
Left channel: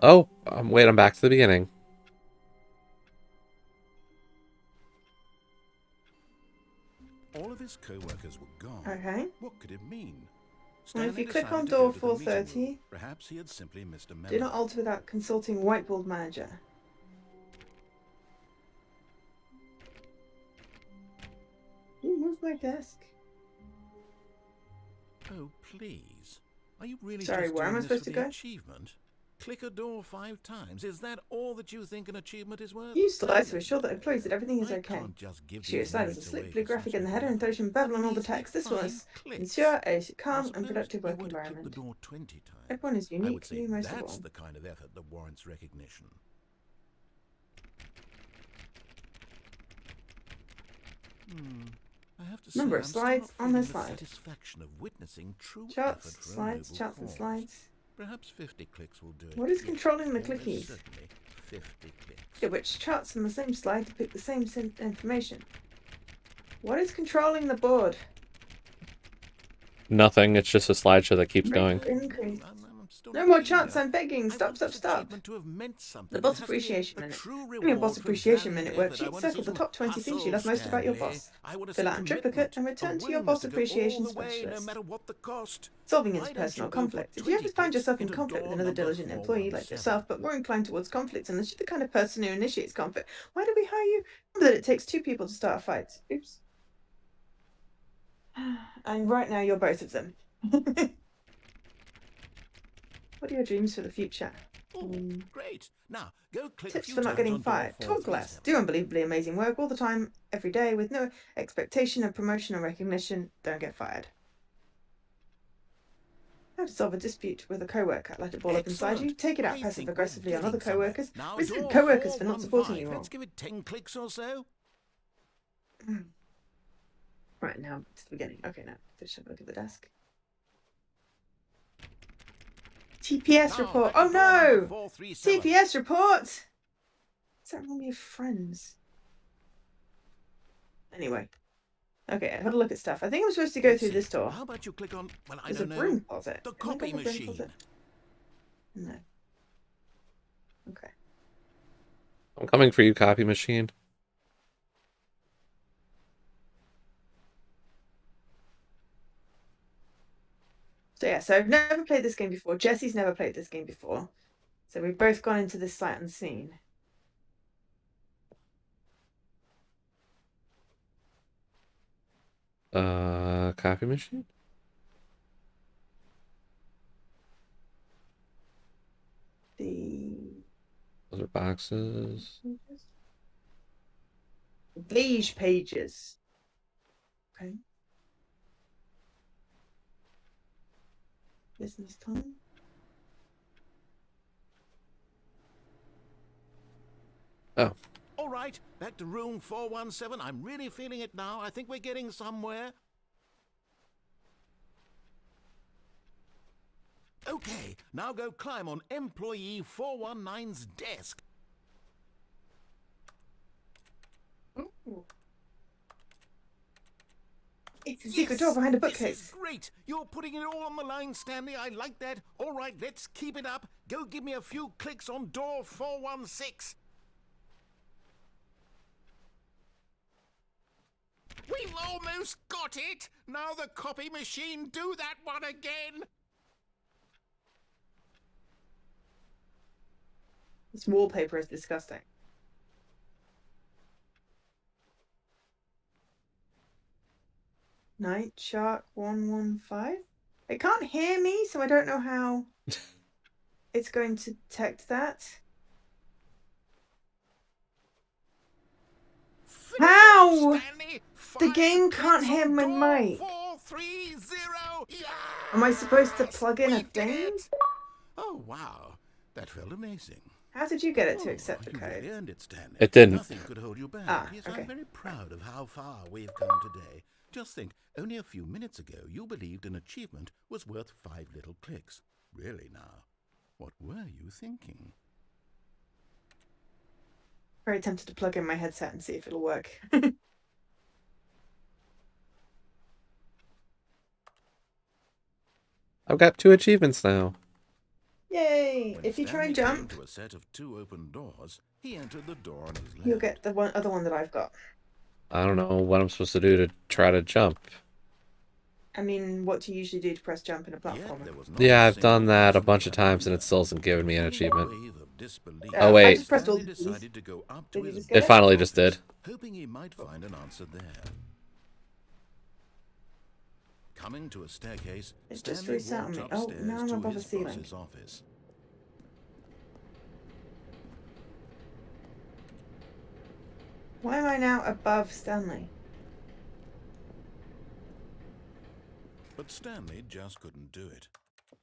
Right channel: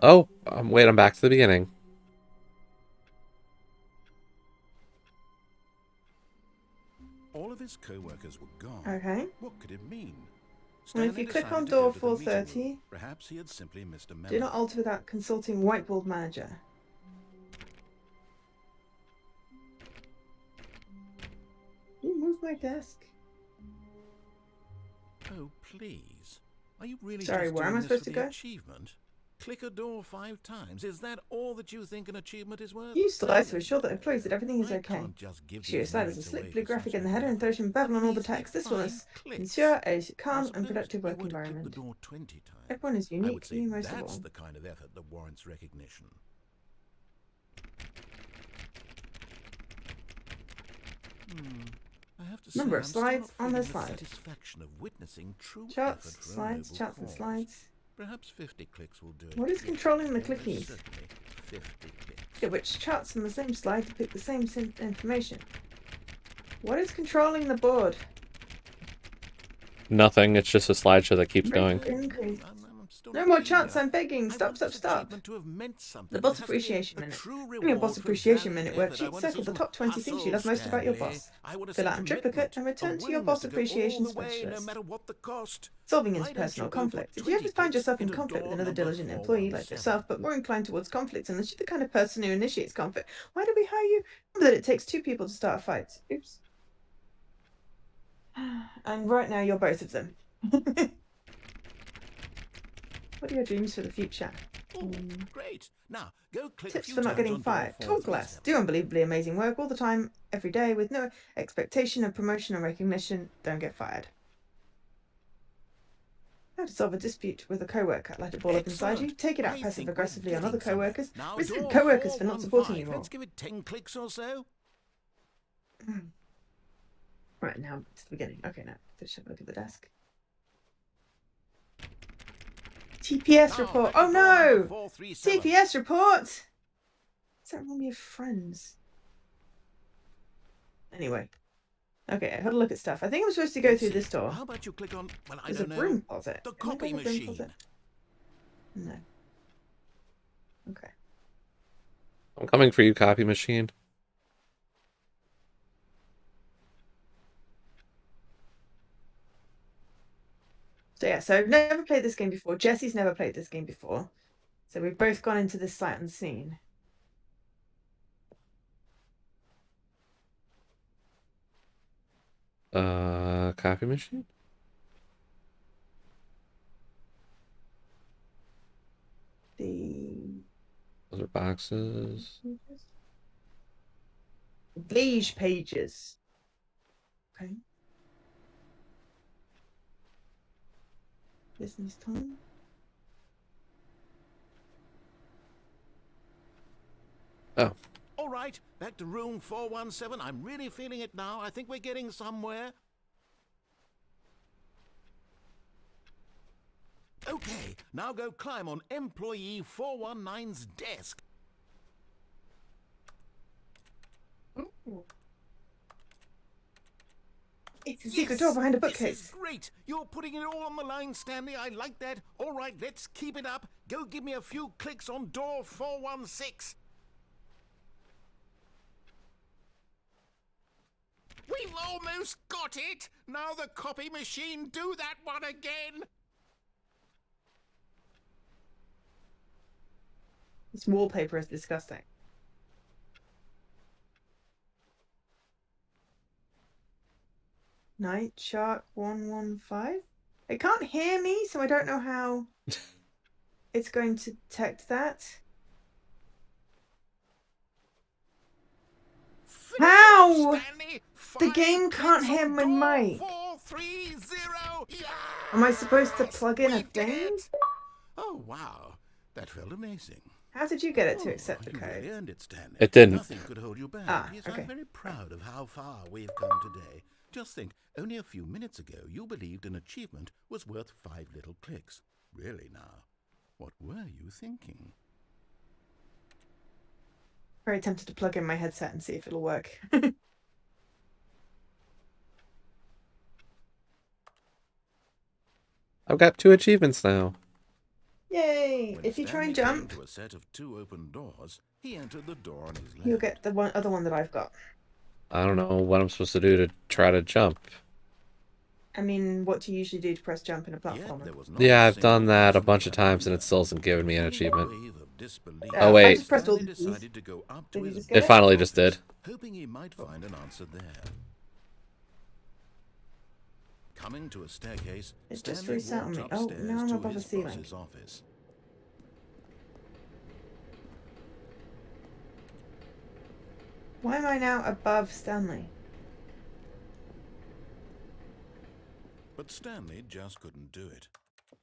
Oh, wait, I'm back to the beginning. All of his co-workers were gone. Okay. What could it mean? And if Stanley you click on decided to door go to the meeting room. 430, Perhaps he had simply missed a memo. do not alter without consulting whiteboard manager. You move my desk. Oh, please. Are you really Sorry, just where am doing I this supposed for to the go? achievement? Click a door 5 times. Is that all that you think an achievement is worth? Use the lights to No, assure that employees that everything is I okay. can't just give Shoot your these sliders a merits slick away blue for graphic such in the little header and effort. Throtion bevel A on all the measly text. This will 5 clicks. ensure a Now, calm and suppose productive you work were to click the environment. door 20 times. Everyone is I would unique, say you most of that's all. the kind of effort that warrants recognition. I have to say, Number I'm of still slides not on feeling the the slide. satisfaction of witnessing true Charts, effort for a slides, noble charts and cause. slides. Perhaps 50 clicks will do it. What is Yes, controlling the almost clickies? certainly 50 clicks. Yeah, which charts on the same slide depict the same information? What is controlling the board? Nothing, it's just a slideshow that keeps going. I'm still No not more feeling chance, it. I'm begging. I Stop, want stop, this stop. achievement to have meant something. The It boss has to be appreciation a minute. true In your boss reward for appreciation valiant minute effort. I worksheet, want to see circle the some top 20 things you love hustle, most about your Stanley. boss. I want to Fill see out in triplicate commitment, and a return to your willingness boss to go all appreciation the way, no specialist. matter what the cost. Solving Why don't interpersonal you go for conflict. If you 20 ever find clicks yourself in into conflict with door another number diligent employee like 417? yourself, but more inclined towards conflict unless you're the kind of person who initiates conflict, why do we hire you? Remember that it takes 2 people to start a fight. Oops. And right now you're both of them. What are your dreams for the future? Oh, great. Now, go click a Tips few for not times getting on door fired. Talk less. 437. Do unbelievably amazing work all the time, every day, with no expectation of promotion or recognition. Don't get fired. How to solve a dispute with a co-worker. Let it ball up inside you. Excellent. Take it out I passive think aggressively we're on other getting somewhere. co-workers. Now, Resent door co-workers for not supporting 415. you all. Let's give it 10 clicks or so. Right, now to the beginning. Okay, now finish up. Look at the desk. TPS Now, report. back to Oh door number no! 437. TPS report! What's that wrong with your friends? Anyway. Okay, I had a look at stuff. I think I'm supposed to go Let's through see. this door. How about you click on, well, I There's don't a know, broom closet. the Can I copy go to the broom machine. closet? No. Okay. I'm coming for you, copy machine. So yeah, so I've never played this game before. Jesse's never played this game before. So we've both gone into this sight unseen. Copy machine? The Other boxes. Beige pages. Okay. Business time. Oh, All right, back to room 417. I'm really feeling it now. I think we're getting somewhere. Okay, now go climb on employee 419's desk. It's a secret door behind a This is bookcase. great. You're putting it all on the line, Stanley. I like that. All right, let's keep it up. Go give me a few clicks on door 416. We've almost got it. Now the copy machine, do that one again. This wallpaper is disgusting. Night Shark 115? It can't hear me, so I don't know how it's going to detect that. How? Stanley, The game can't clicks hear on my door mic. 430. Yes! Am I supposed to plug in We a did thing? it. Oh, wow. That felt amazing. How did you get it to accept the You code? really earned it, Stanley. It didn't. Nothing could hold you back. Ah, Yes, okay. I'm very proud of how far we've come today. Just think, only a few minutes ago, you believed an achievement was worth 5 little clicks. Really now, what were you thinking? Very tempted to plug in my headset and see if it'll work. I've got 2 achievements now. Yay! When If you try and Stanley jump, came to a set of 2 open doors, he entered the door on his left. you'll get the other one that I've got. I don't know what I'm supposed to do to try to jump. I mean, what do you usually do to press jump in a Yet platformer? there was not Yeah, a I've done single that a possible bunch of times and answer. it still hasn't given me an achievement. Wave of disbelief, Oh, wait. I just pressed all Stanley these. decided to go up to Did you his just get It it? finally just did. hoping he might find an answer there. Coming to a staircase, It just Stanley reset walked me. Oh, upstairs now I'm to above his the ceiling. boss's office. Why am I now above Stanley? But Stanley just couldn't do it.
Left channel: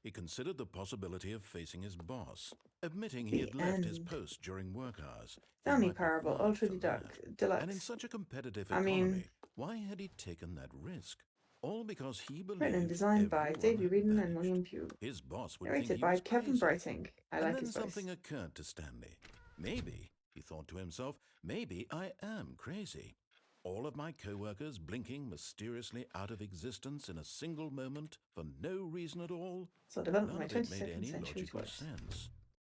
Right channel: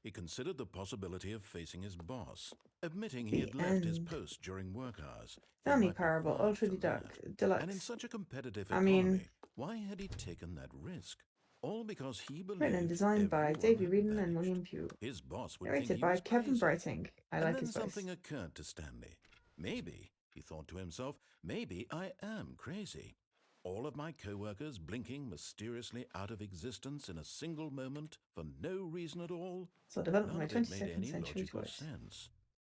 He considered the possibility of facing his boss, admitting he had left his end. post during work hours. It Stanley might be Parable, hard Ultra for that. Deluxe. And in such a competitive I economy, mean- why had he taken that risk? All because he believed Written and designed by everyone David had Reedon and vanished. William Pugh. His boss would think Narrated he by was Kevin crazy. Brighting. I And like then his voice. something occurred to Stanley. Maybe, he thought to himself, maybe I am crazy. All of my co-workers blinking mysteriously out of existence in a single moment for no reason at all. So I developed None my of it made 22nd any century logical voice. sense.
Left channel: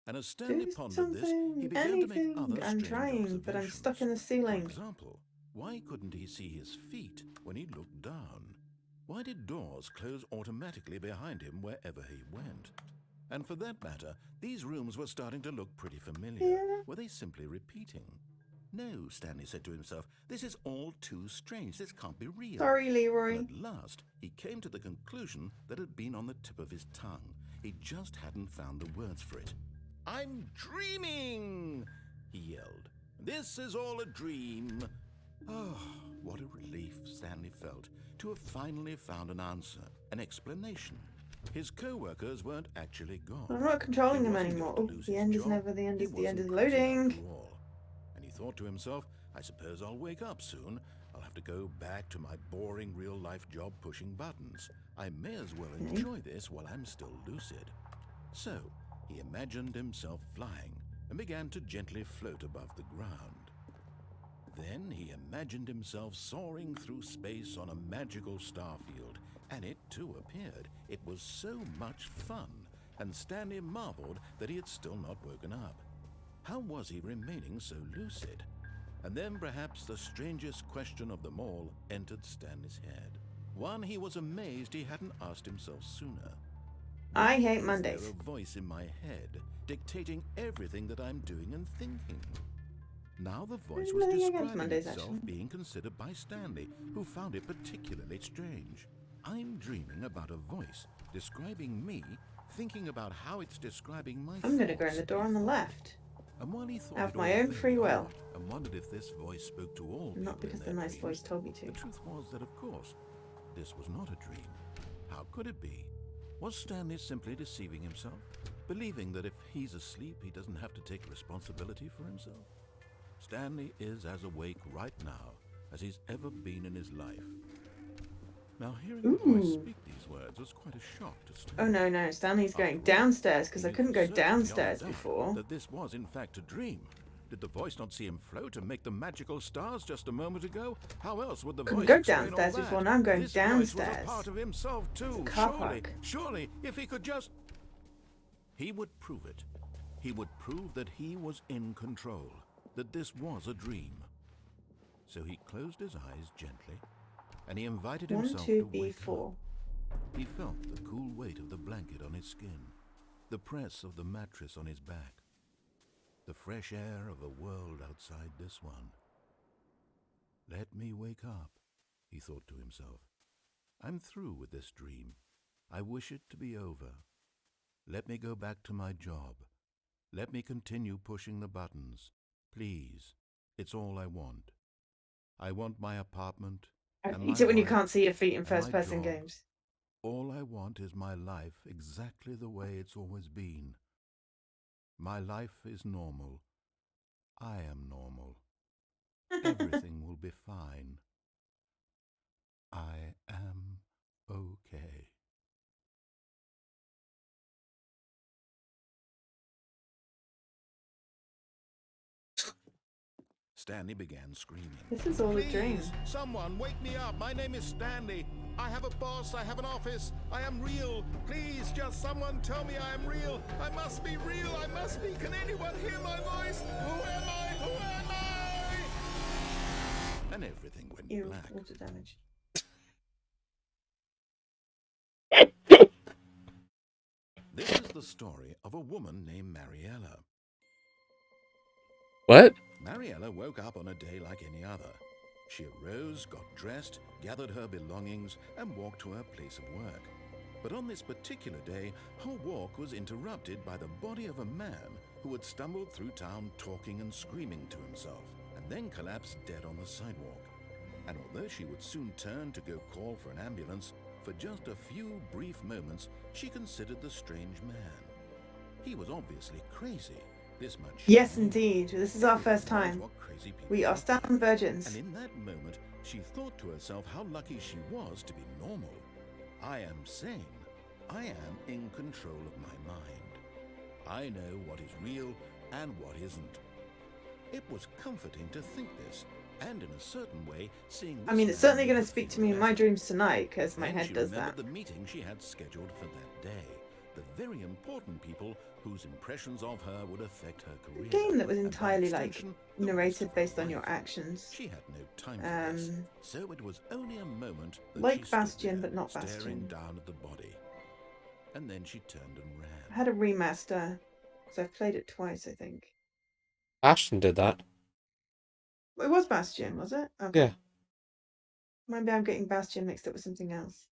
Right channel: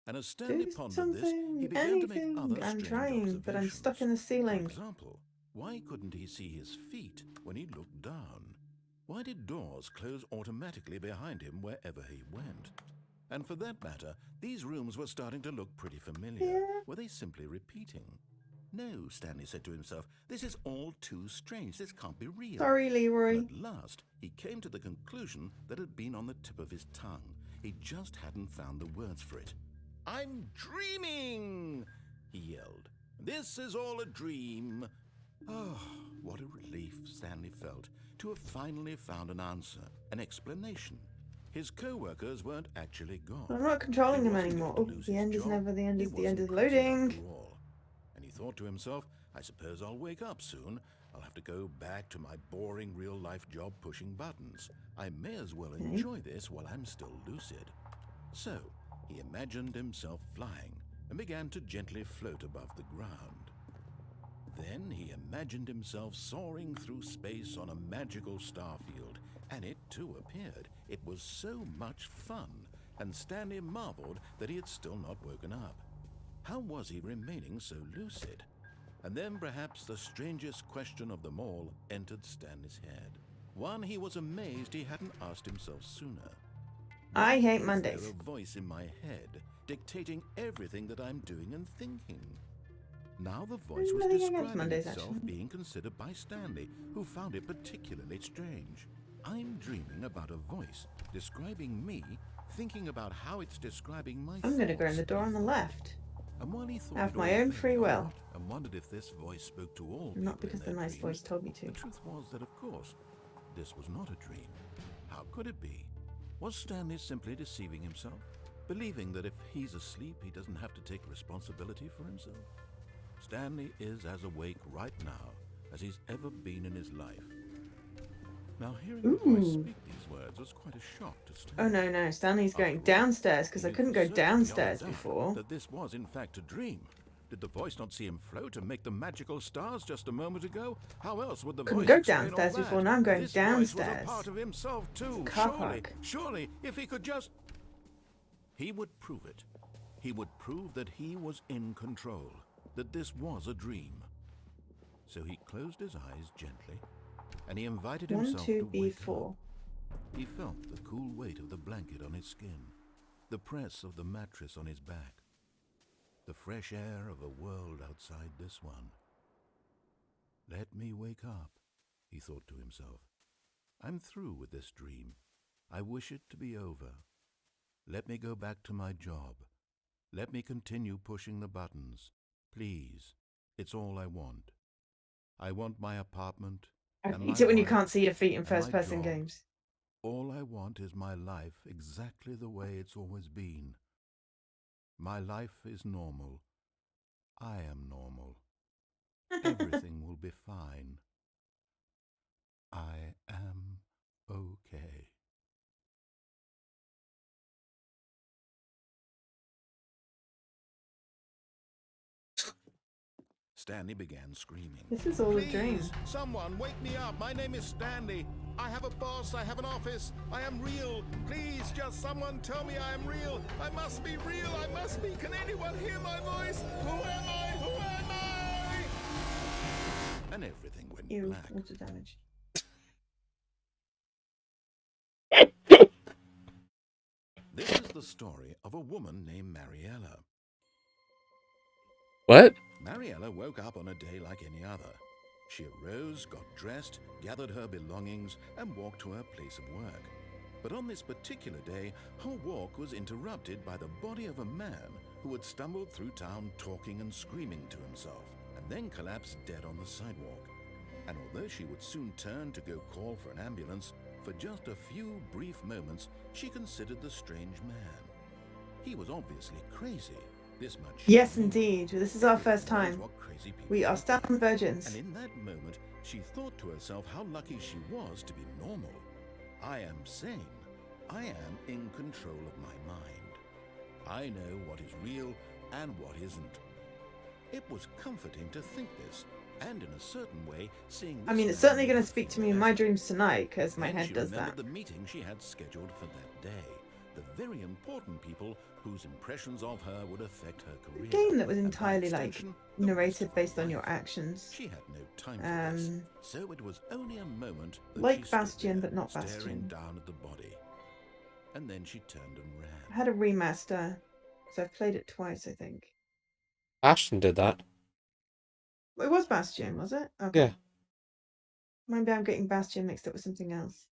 And as Stanley Do pondered this, he something, began to make anything. other I'm strange trying, but I'm stuck in the observations. ceiling. For example, why couldn't he see his feet when he looked down? Why did doors close automatically behind him wherever he went? And for that matter, these rooms were starting to look pretty familiar. Yeah. Were they simply repeating? No, Stanley said to himself, this is all too strange. This can't be real. Sorry, Leroy. And at last, he came to the conclusion that had been on the tip of his tongue. He just hadn't found the words for it. I'm dreaming, he yelled. This is all a dream. Oh, what a relief Stanley felt to have finally found an answer, an explanation. His co-workers weren't actually gone. I'm not controlling He him wasn't anymore. going Oh, to lose the his end is job. never the end. He Is the end wasn't is crazy loading. after all. And he thought to himself, I suppose I'll wake up soon. I'll have to go back to my boring real-life job pushing buttons. I may as well enjoy this while I'm still lucid. So, he imagined himself flying and began to gently float above the ground. Then he imagined himself soaring through space on a magical starfield, and it too appeared. It was so much fun, and Stanley marveled that he had still not woken up. How was he remaining so lucid? And then perhaps the strangest question of them all entered Stanley's head. One he was amazed he hadn't asked himself sooner. I Why hate is Mondays. there a voice in my head dictating everything that I'm doing and thinking? Now the voice was Nothing against describing Mondays, itself actually. being considered by Stanley, who found it particularly strange. I'm dreaming about a voice describing me, thinking about how it's describing my I'm going to go in thoughts, the door he on the thought. left. And while he thought Have it my all own very free will. odd and wondered if this voice spoke to all Not people because in the their nice dreams, voice told me to. the truth was that, of course, this was not a dream. How could it be? Was Stanley simply deceiving himself, believing that if he's asleep, he doesn't have to take responsibility for himself? Stanley is as awake right now as he's ever been in his life. Now, hearing the voice Ooh. speak these words was quite a shock to Stanley. Oh no, Stanley's going After all, downstairs because he I knew couldn't for go certain, beyond a downstairs doubt, before. that this was in fact a dream. Did the voice not see him float and make the magical stars just a moment ago? How else would the Couldn't voice go explain all downstairs that? before, now I'm going This voice was downstairs. a part of himself too. It's a car Surely, park. surely, if he could just... He would prove it. He would prove that he was in control, that this was a dream. So he closed his eyes gently, and he invited 1, himself 2, to B, wake 4. up. He felt the cool weight of the blanket on his skin, the press of the mattress on his back, the fresh air of a world outside this one. Let me wake up, he thought to himself. I'm through with this dream. I wish it to be over. Let me go back to my job. Let me continue pushing the buttons. Please, it's all I want. I want my apartment I and hate my it when you wife can't see your feet in and my first-person job. games. All I want is my life exactly the way it's always been. My life is normal. I am normal. Everything will be fine. I am okay. Stanley began screaming. This is all a dream. Please, someone wake me up. My name is Stanley. I have a boss. I have an office. I am real. Please, just someone tell me I am real. I must be real. I must be. Can anyone hear my voice? Who am I? Who am I? And everything went Ew, black. water damage. This is the story of a woman named Mariella. What? Mariella woke up on a day like any other. She arose, got dressed, gathered her belongings, and walked to her place of work. But on this particular day, her walk was interrupted by the body of a man who had stumbled through town talking and screaming to himself, and then collapsed dead on the sidewalk. And although she would soon turn to go call for an ambulance, for just a few brief moments she considered the strange man. He was obviously crazy. This much she Yes, knew. indeed. This is our Everyone first knows time. what crazy people We are look like. Stanley virgins. And in that moment, she thought to herself how lucky she was to be normal. I am sane. I am in control of my mind. I know what is real and what isn't. It was comforting to think this, and in a certain way, seeing this I mean, it's man certainly made going her to speak feel to me in my better. dreams tonight, because my Then head she does remembered that. the meeting she had scheduled for that day. The very important people whose impressions of her would affect her A career. game that was and by entirely extension, like the rest narrated of her based on your life. actions. She had no time for this, Um, so it was only a moment that like she stood Bastion, there, but not staring Bastion. down at the body. And then she turned and I ran. had a remaster, so I've played it twice, I think. Ashton did that. It was Bastion, was it? Okay. Yeah. Maybe I'm getting Bastion mixed up with something else.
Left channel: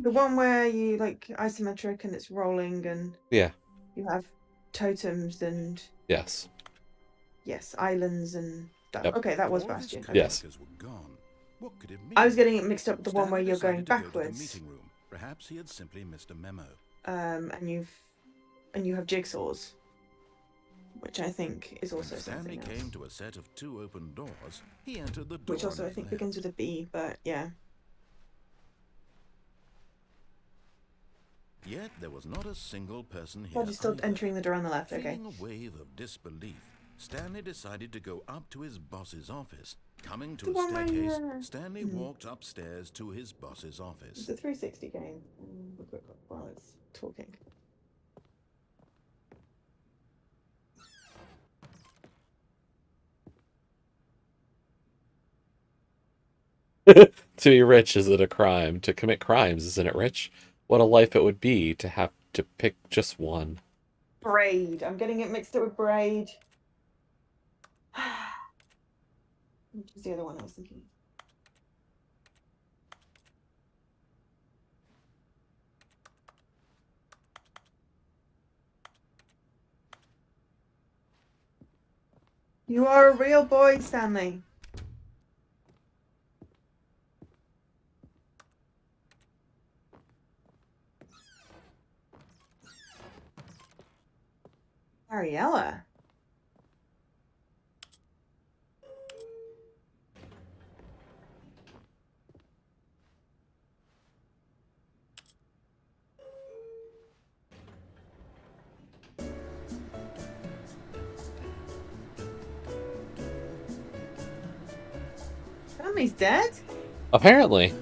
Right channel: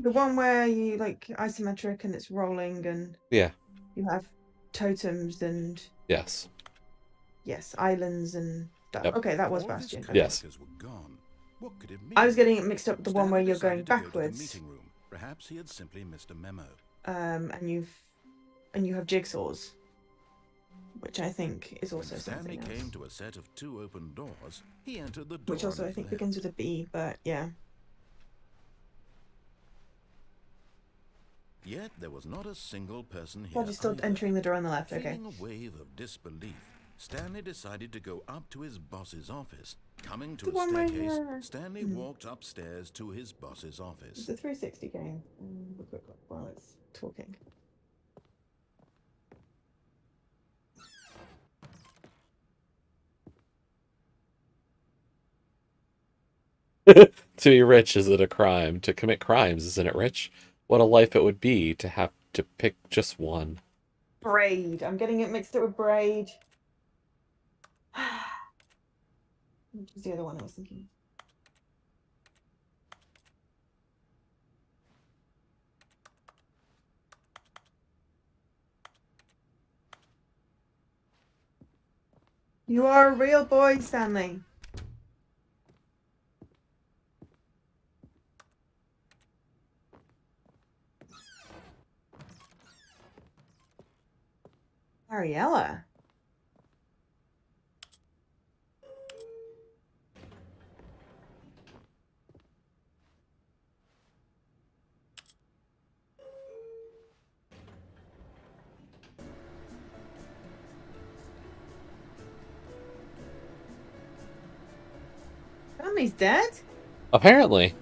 The one where you like isometric and it's rolling and Yeah. you have totems and Yes. yes, islands and stuff. Yep. Okay, that was All of his Bastion. Okay. Yes. co-workers were gone. What could it mean? I was getting it mixed up with the one where Stanley you're going decided to go to the backwards. meeting room. Perhaps he had simply missed a memo. And you have jigsaws, which I think is When also Stanley something else. came to a set of 2 open doors, he entered the door Which also on I his think left. begins with a B, but yeah. Yet there was not a single person here Glad you're still either. entering the door on the left, okay. Feeling a wave of disbelief, Stanley decided to go up to his boss's office. Coming to The a one where staircase, you're- Stanley walked upstairs to his boss's office. It's a 360 game. We'll quick look while it's talking. To be rich, is it a crime? To commit crimes, isn't it rich? What a life it would be to have to pick just one. Braid. I'm getting it mixed up with Braid. Which is the other one I was thinking. You are a real boy, Stanley. Mariella. Stanley's dead? Apparently.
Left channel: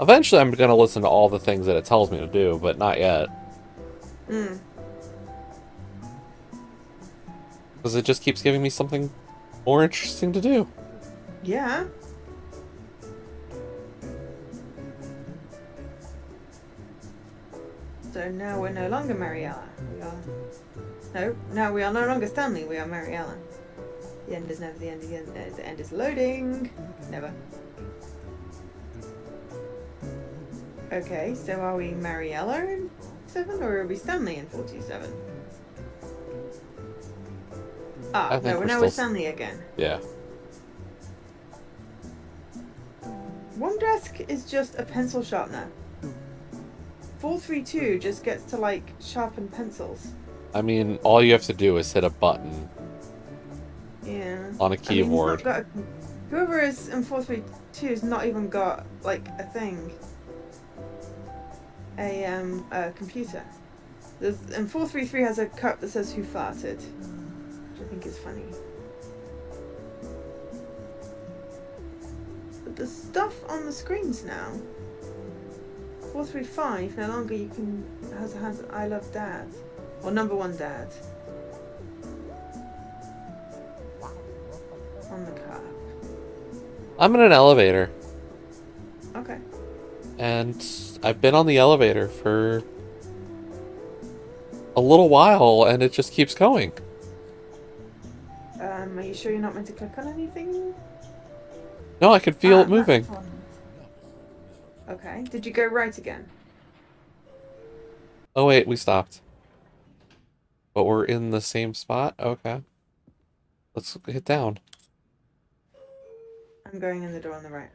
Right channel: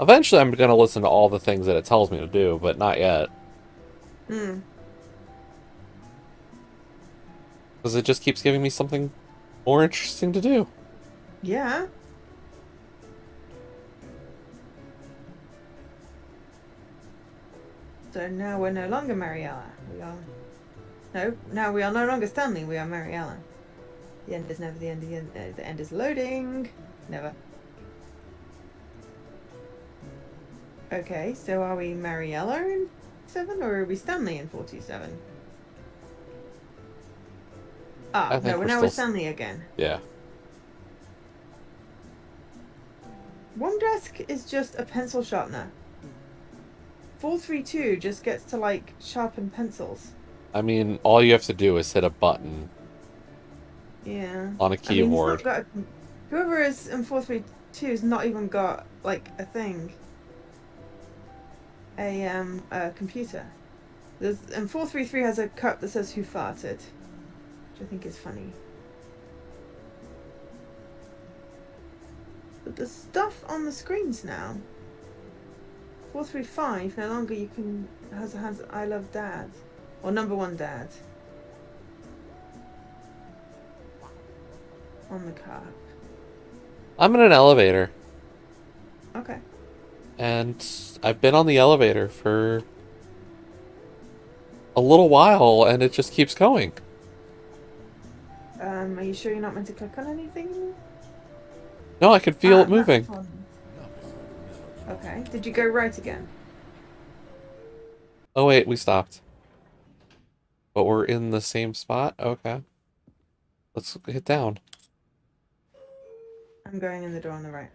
Eventually, I'm going to listen to all the things that it tells me to do, but not yet. Hmm. Because it just keeps giving me something more interesting to do. Yeah. So now we're no longer Mariella. We are... No, now we are no longer Stanley, we are Mariella. The end is never the end, the end is loading. Never. Okay, so are we Mariella in 47 or are we Stanley in 47? Ah, I think no, we're now still... we're Stanley again. Yeah. One desk is just a pencil sharpener. 432 just gets to, like, sharpen pencils. I mean, all you have to do is hit a button. Yeah. On a keyboard. I mean, he's not got whoever is in 432 has not even got, like, a thing. A computer. And 433 has a cup that says "Who farted," which I think is funny. But the stuff on the screens now. 435 no longer you can has "I love Dad" or "Number One Dad" on the cup. I'm in an elevator. Okay. And I've been on the elevator for a little while, and it just keeps going. Are you sure you're not meant to click on anything? No, I can feel it moving. Okay. Did you go right again? Oh wait, we stopped. But we're in the same spot? Okay. Let's hit down. I'm going in the door on the right.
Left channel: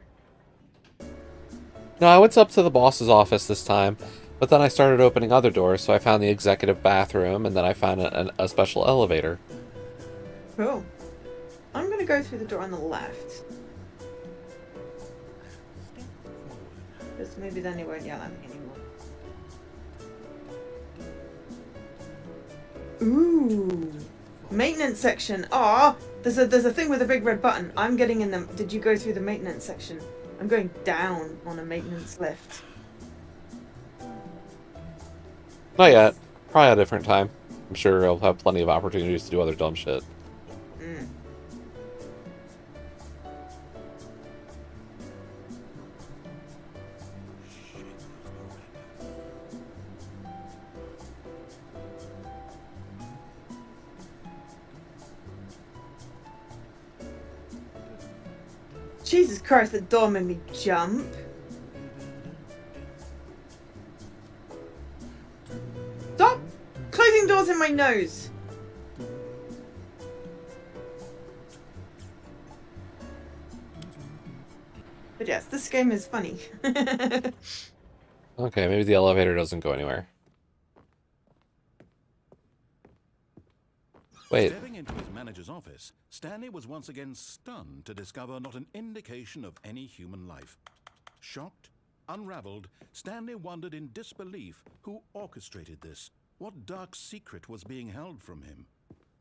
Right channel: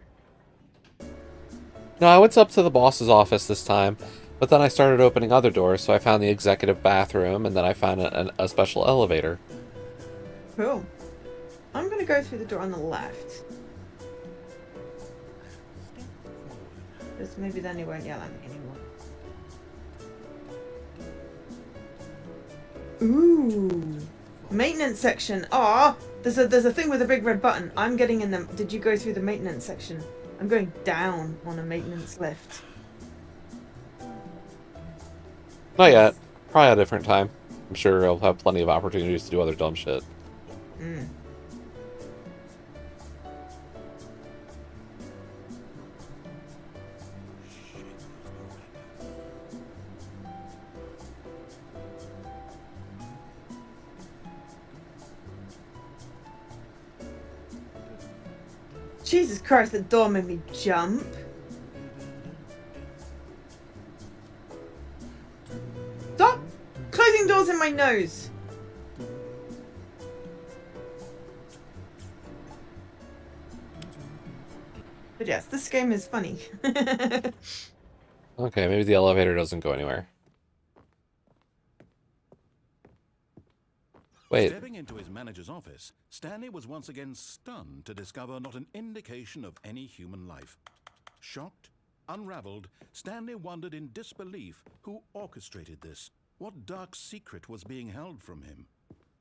No, I went up to the boss's office this time, but then I started opening other doors, so I found the executive bathroom, and then I found a special elevator. Cool. I'm gonna go through the door on the left. Because maybe then he won't yell at me anymore. Ooh. Maintenance section. Ah, there's a thing with a big red button. I'm getting in them. Did you go through the maintenance section? I'm going down on a maintenance lift. Not yet. Probably a different time. I'm sure I'll have plenty of opportunities to do other dumb shit. Jesus Christ, the door made me jump. Stop closing doors in my nose. But yes, this game is funny. Okay, maybe the elevator doesn't go anywhere. Wait. Stepping into his manager's office, Stanley was once again stunned to discover not an indication of any human life. Shocked, unraveled, Stanley wondered in disbelief who orchestrated this. What dark secret was being held from him?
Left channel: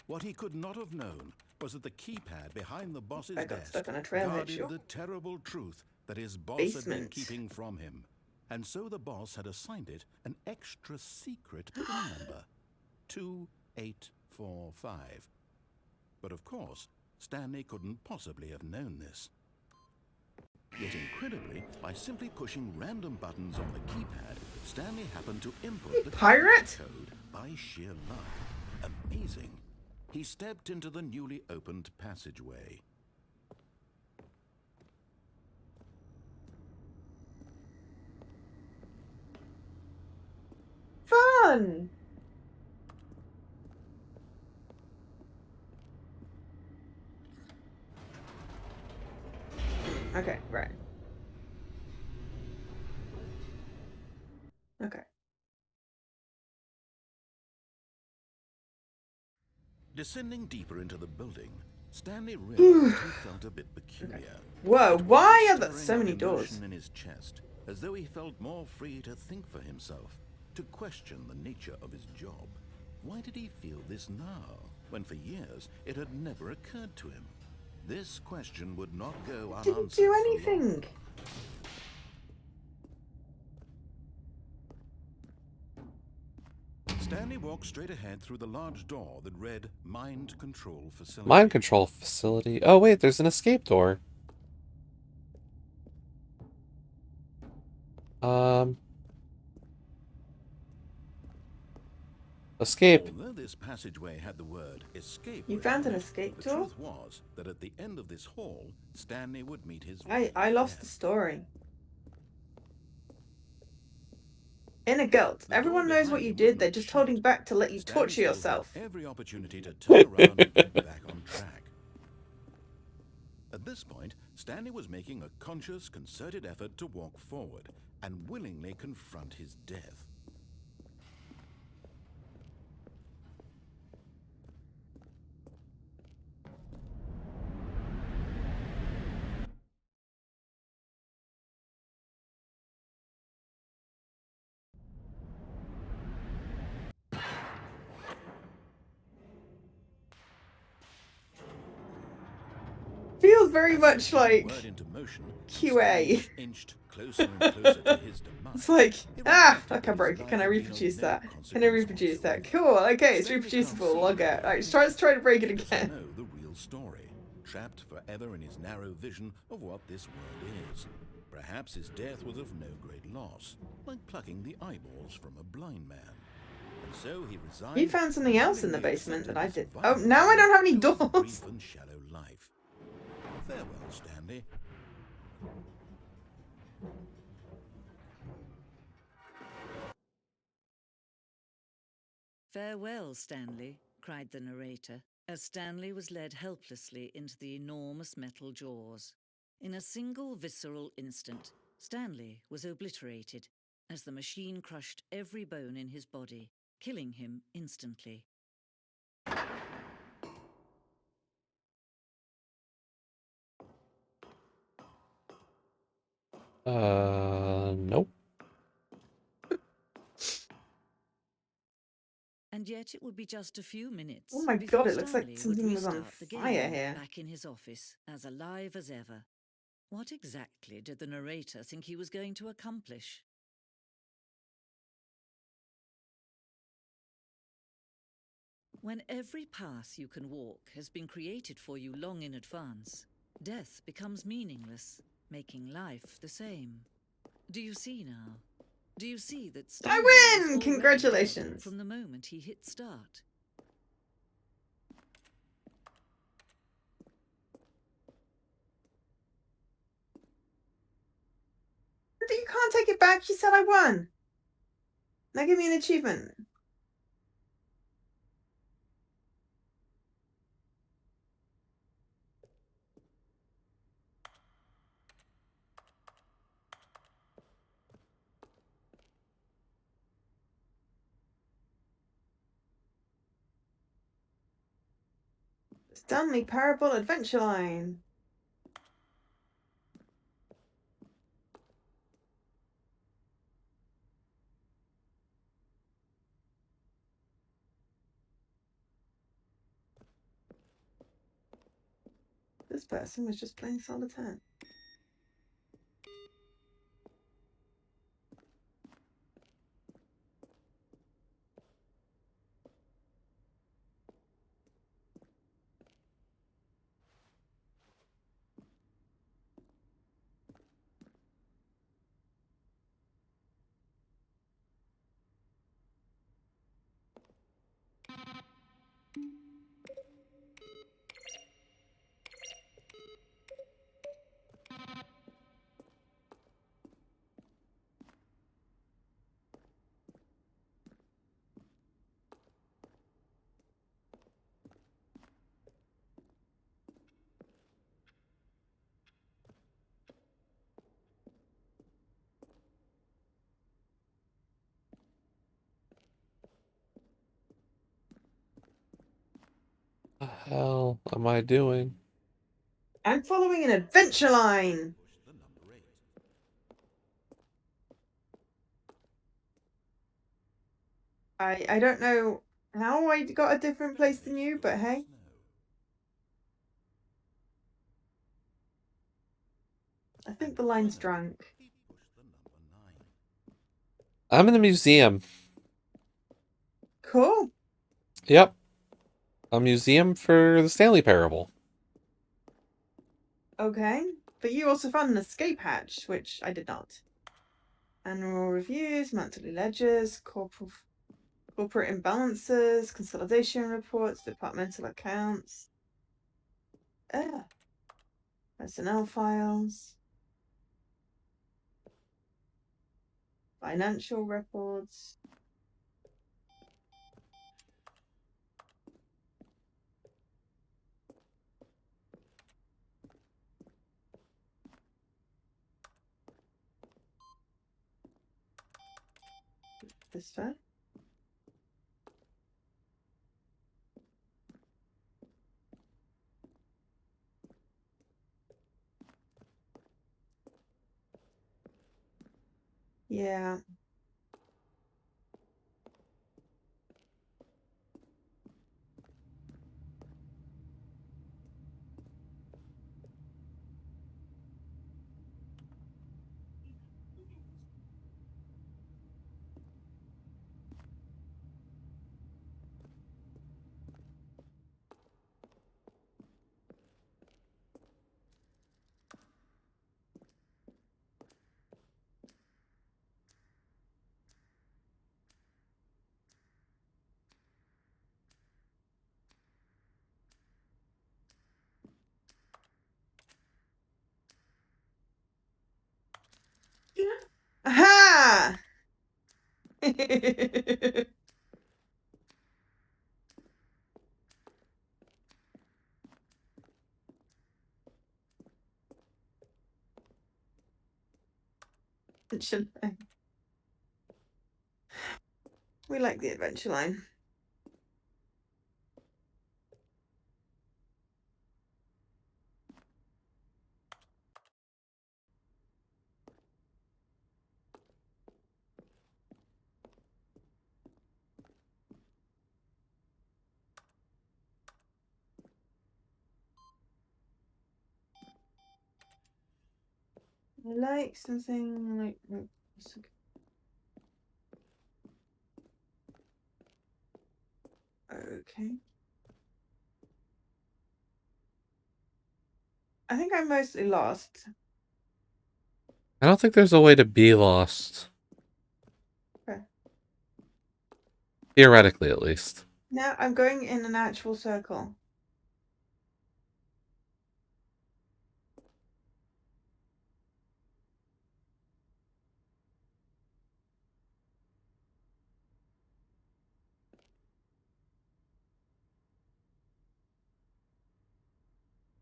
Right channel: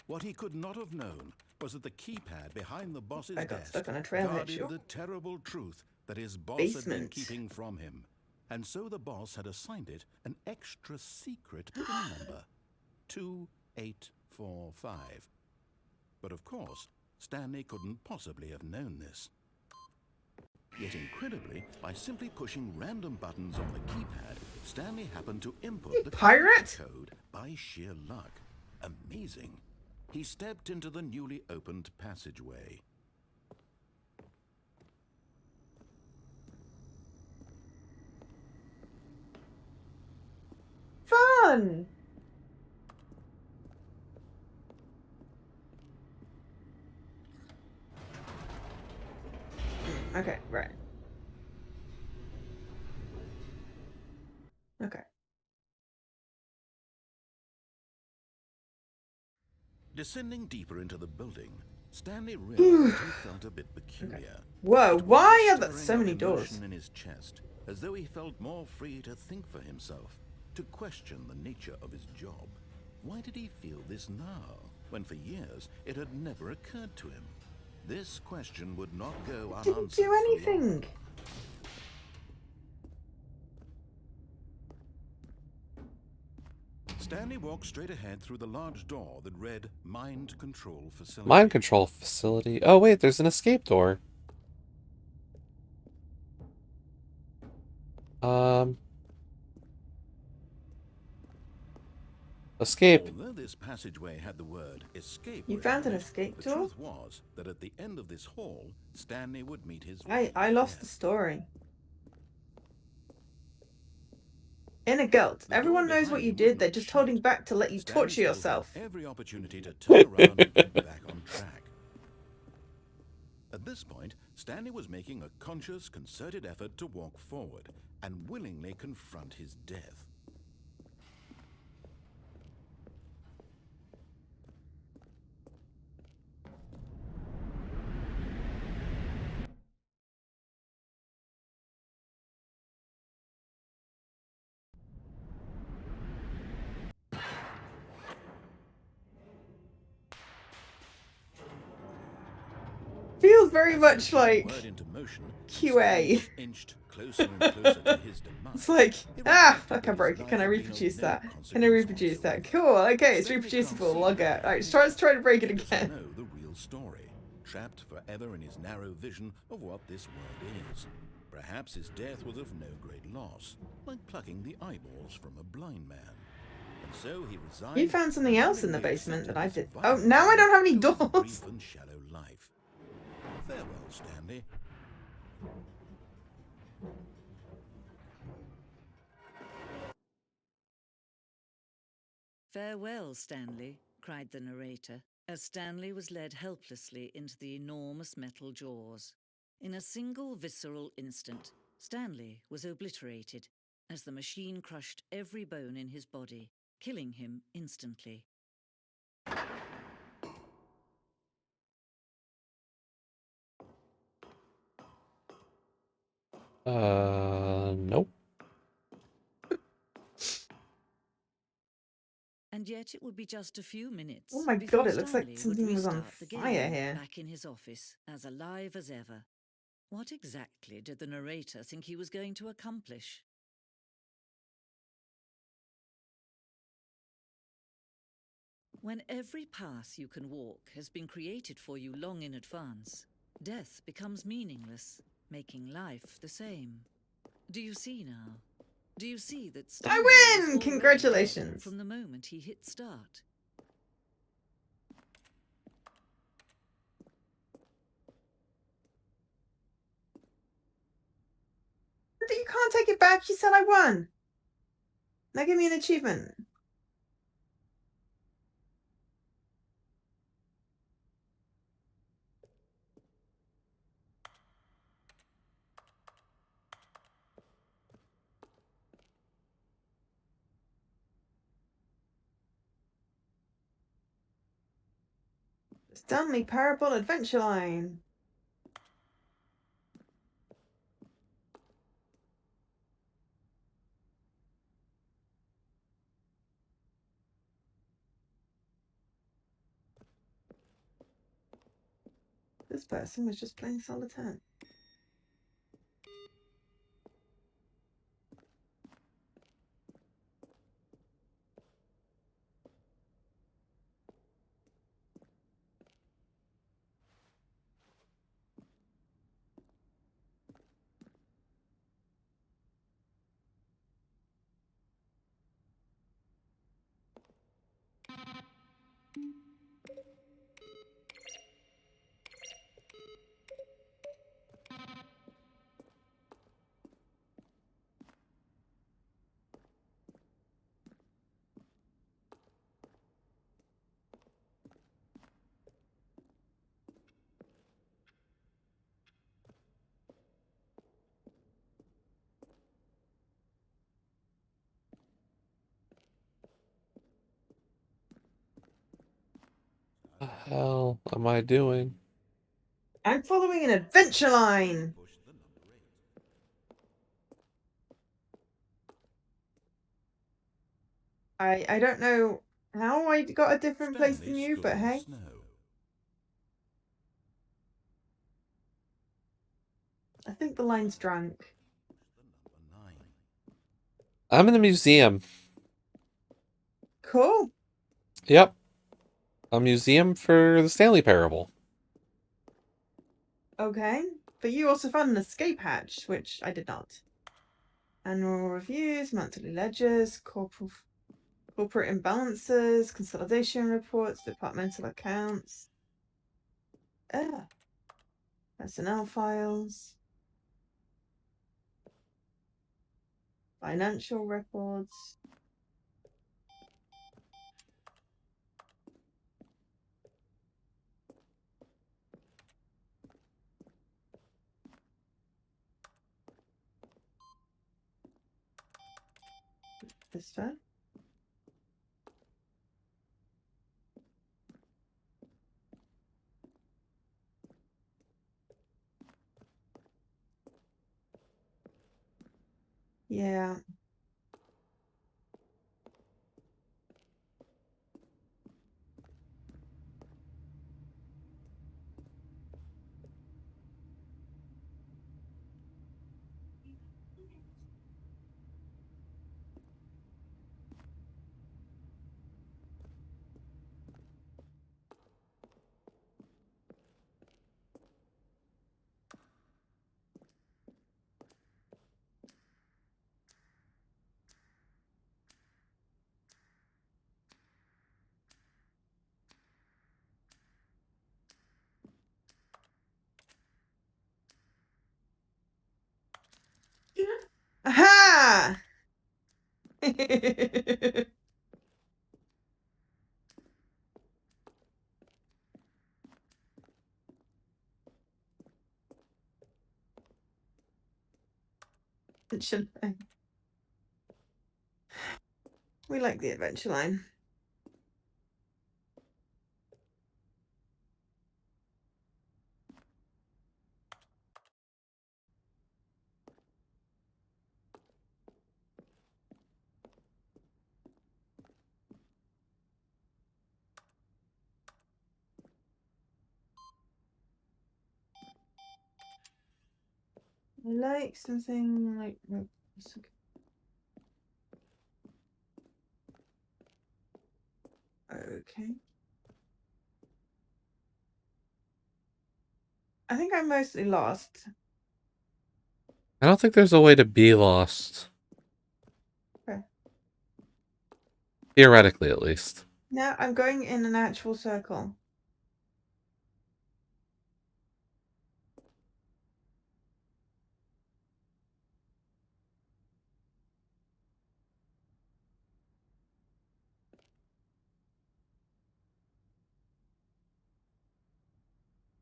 What he could not have known was that the keypad behind the boss's desk guarded the terrible truth that his boss had been keeping from him. and so the boss had assigned it an extra secret PIN number, 2845. But of course, Stanley couldn't possibly have known this. Yet incredibly, by simply pushing random buttons on the keypad, Stanley happened to input the pirate? code by sheer luck. Amazing. He stepped into the newly opened passageway. Fun! Okay, right. Okay. Descending deeper into the building, Stanley realized he felt a bit peculiar. Okay. Whoa, It was why a are there stirring so of many doors? emotion in his chest, as though he felt more free to think for himself, to question the nature of his job. Why did he feel this now, when for years it had never occurred to him? This question would not go unanswered. Didn't do for long. anything. Stanley walked straight ahead through the large door that read Mind Control Facility. Mind control facility. Oh, wait, there's an escape door. Escape. Although this passageway had the word escape You written found on an it, escape the door? truth was that at the end of this hall, Stanley would meet his I lost the story. Inner guilt. The door Everyone knows behind what you him was did. They're not just shut. holding back to let you Stanley torture still had yourself. every opportunity to turn around and get back on track. At this point, Stanley was making a conscious, concerted effort to walk forward and willingly confront his death. Feels very As he much put the like word into motion, and QA. Stanley inched closer and closer to his demise. It's like, It fuck, reflected I that broke his it. life Can I had been of reproduce no that? Can I consequence reproduce that? whatsoever. Cool, okay, it's Stanley reproducible. can't see Log the out. Alright, big let's try to break it He doesn't again. know the real story, trapped forever in his narrow vision of what this world is. Perhaps his death was of no great loss, like plucking the eyeballs from a blind man. And so he resigned. You found something and else in the willingly basement that accepted I this did. Oh, violent now I end don't have any to his doors. brief and shallow life. Farewell, Stanley. "Farewell, Stanley," cried the narrator, as Stanley was led helplessly into the enormous metal jaws. In a single visceral instant, Stanley was obliterated as the machine crushed every bone in his body, killing him instantly. Nope. And yet it would be just a few minutes Oh my before god, it looks like Stanley would something was on restart the fire game here. back in his office, as alive as ever. What exactly did the narrator think he was going to accomplish? When every path you can walk has been created for you long in advance, death becomes meaningless, making life the same. Do you see now? Do you see that Stanley was win! already Congratulations. dead from the moment he hit start? You can't take it back. You said I won. Now give me an achievement. Stanley Parable Adventure Line. This person was just playing solitaire. hell am I doing? I'm following an adventure line. Push the number 8. I don't know how I got a different place than Stanley you, stood but in the hey. snow. I think the line's drunk. He pushed the number 9. I'm in the museum. Cool. Yep. A museum for the Stanley Parable. Okay. But you also found an escape hatch, which I did not. Annual reviews, monthly ledgers, corporate imbalances, consolidation reports, departmental accounts. Personnel files. Financial records. This fair? Yeah. Aha! Adventure line. We like the adventure line. I like something like. Okay. I think I'm mostly lost. I don't think there's a way to be lost. Okay. Theoretically, at least. Now I'm going in an actual circle.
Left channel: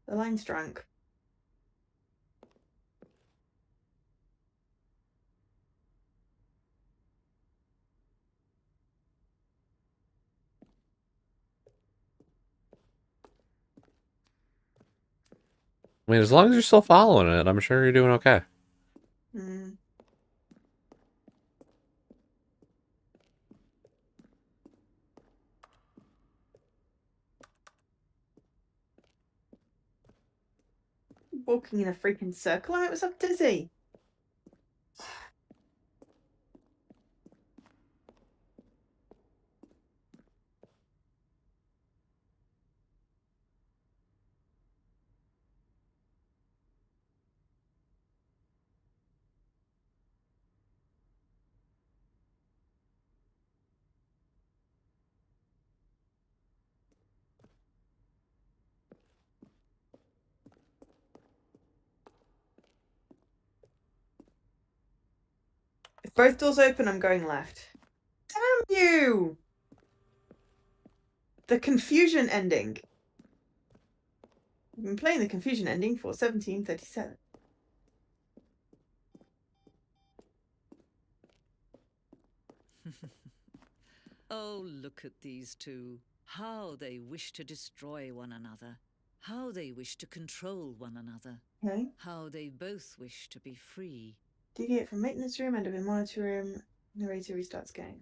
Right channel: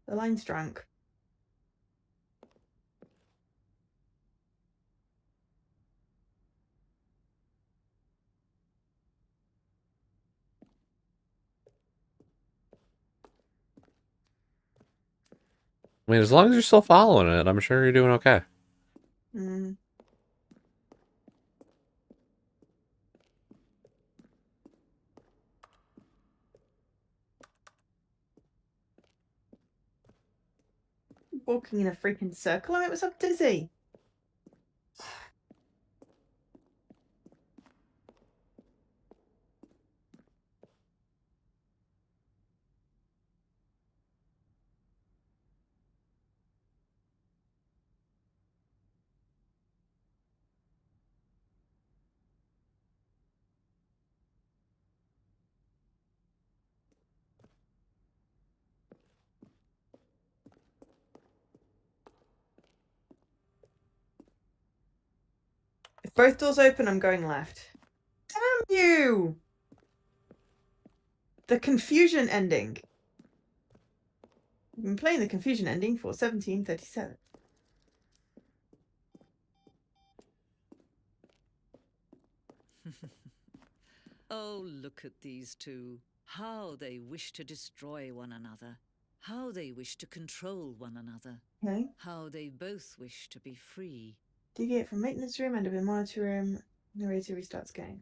The line's drunk. I mean, as long as you're still following it, I'm sure you're doing okay. Mm. Walking in a freaking circle. I was up dizzy. If both doors open, I'm going left. Damn you! The confusion ending. I've been playing the confusion ending for 1737. Oh, look at these two. How they wish to destroy one another. How they wish to control one another. Okay. How they both wish to be free. Deviate from maintenance room, end of a monitor room. Narrator restarts game.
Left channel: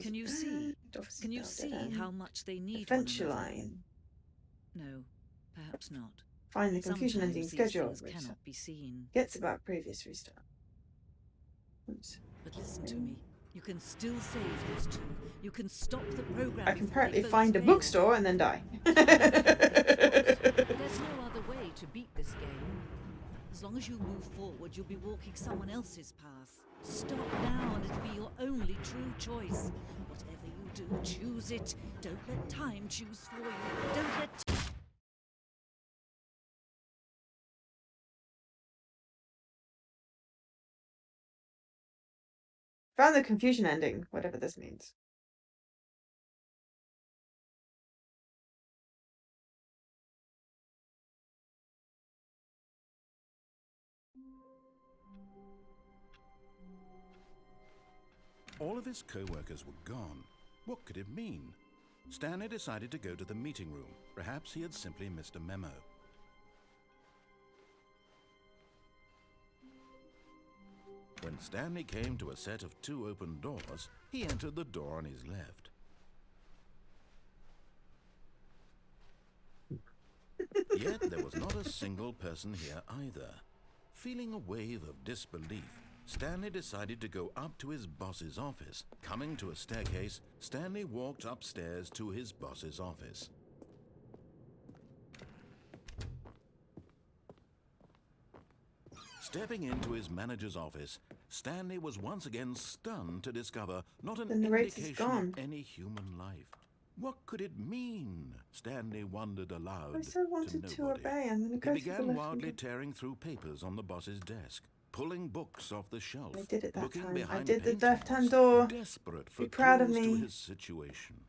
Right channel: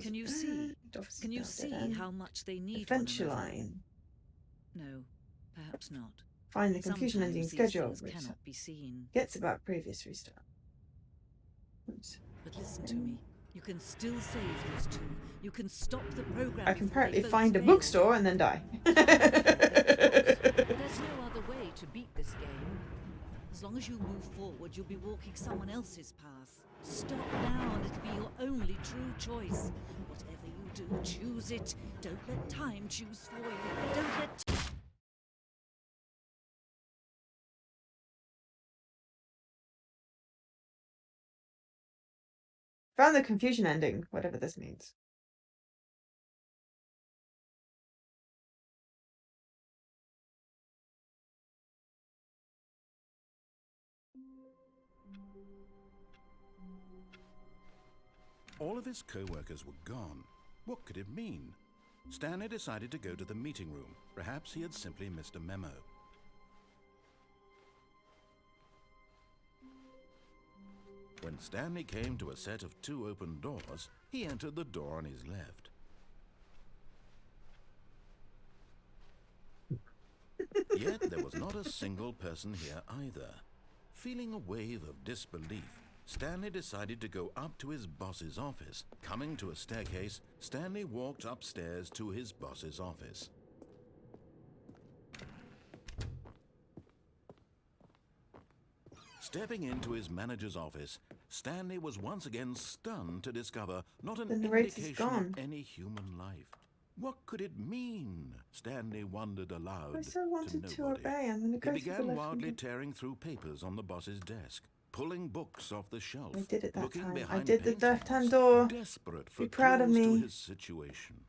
Can you see? Can you see how much they need one Adventure another? line. No, perhaps not. Find the confusion ending Sometimes these schedule. things cannot be seen. Gets about previous restart. Oops. But listen to me. You can still save these two. You can stop the program. I can before they apparently both find a fail. bookstore and then die. There's no other way to beat this game. As long as you move forward, you'll be walking someone else's path. Stop now and it'll be your only true choice. Whatever you do, choose it. Don't let time choose for you. Don't let... Found the confusion ending, whatever this means. All of his co-workers were gone. What could it mean? Stanley decided to go to the meeting room. Perhaps he had simply missed a memo. When Stanley came to a set of 2 open doors, he entered the door on his left. Yet there was not a single person here either. Feeling a wave of disbelief, Stanley decided to go up to his boss's office. Coming to a staircase, Stanley walked upstairs to his boss's office. Stepping into his manager's office, Stanley was once again stunned to discover not an The narrator's indication gone. of any human life. What could it mean? Stanley wondered aloud I so to wanted to nobody. obey. I'm gonna He go to the began left wildly again. tearing through papers on the boss's desk, pulling books off the shelf, I did it that looking time. I behind did the paintings, left-hand door. desperate for Be proud of clues to me. his situation.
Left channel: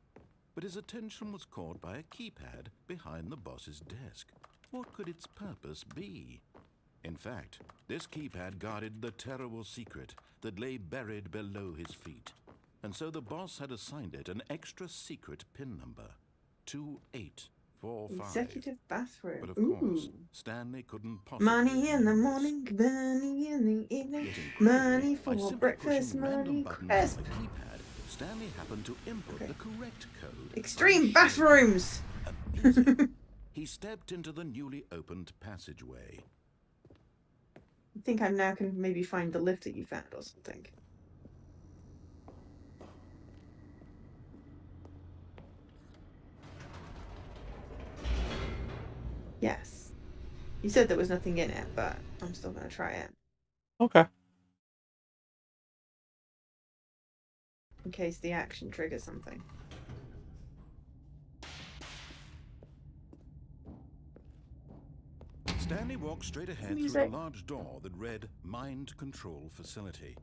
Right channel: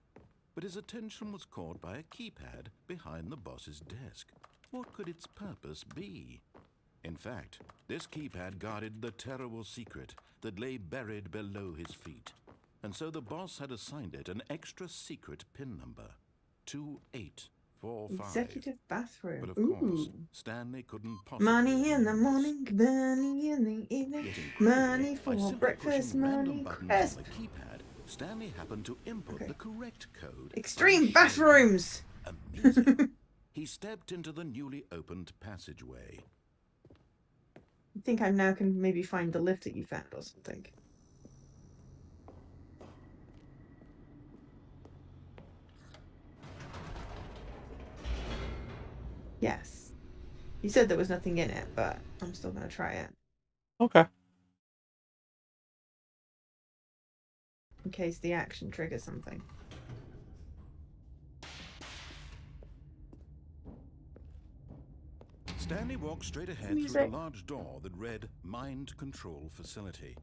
But his attention was caught by a keypad behind the boss's desk. What could its purpose be? In fact, this keypad guarded the terrible secret that lay buried below his feet. And so the boss had assigned it an extra secret PIN number, 2845. Executive bathroom. But of Ooh. course, Stanley couldn't possibly Money in the remember this. morning, money in the evening, Yet incredibly, money by for simply breakfast, pushing random money buttons crisp. on the keypad, Stanley happened to input the correct code. Extreme unshared. bathrooms! Amazing. He stepped into the newly opened passageway. I think I now can maybe find the lift that you found or something. Yes. You said there was nothing in it, but I'm still gonna try it. Okay. In case the action triggers something. Stanley walked straight ahead through Music. the large door that read Mind Control Facility.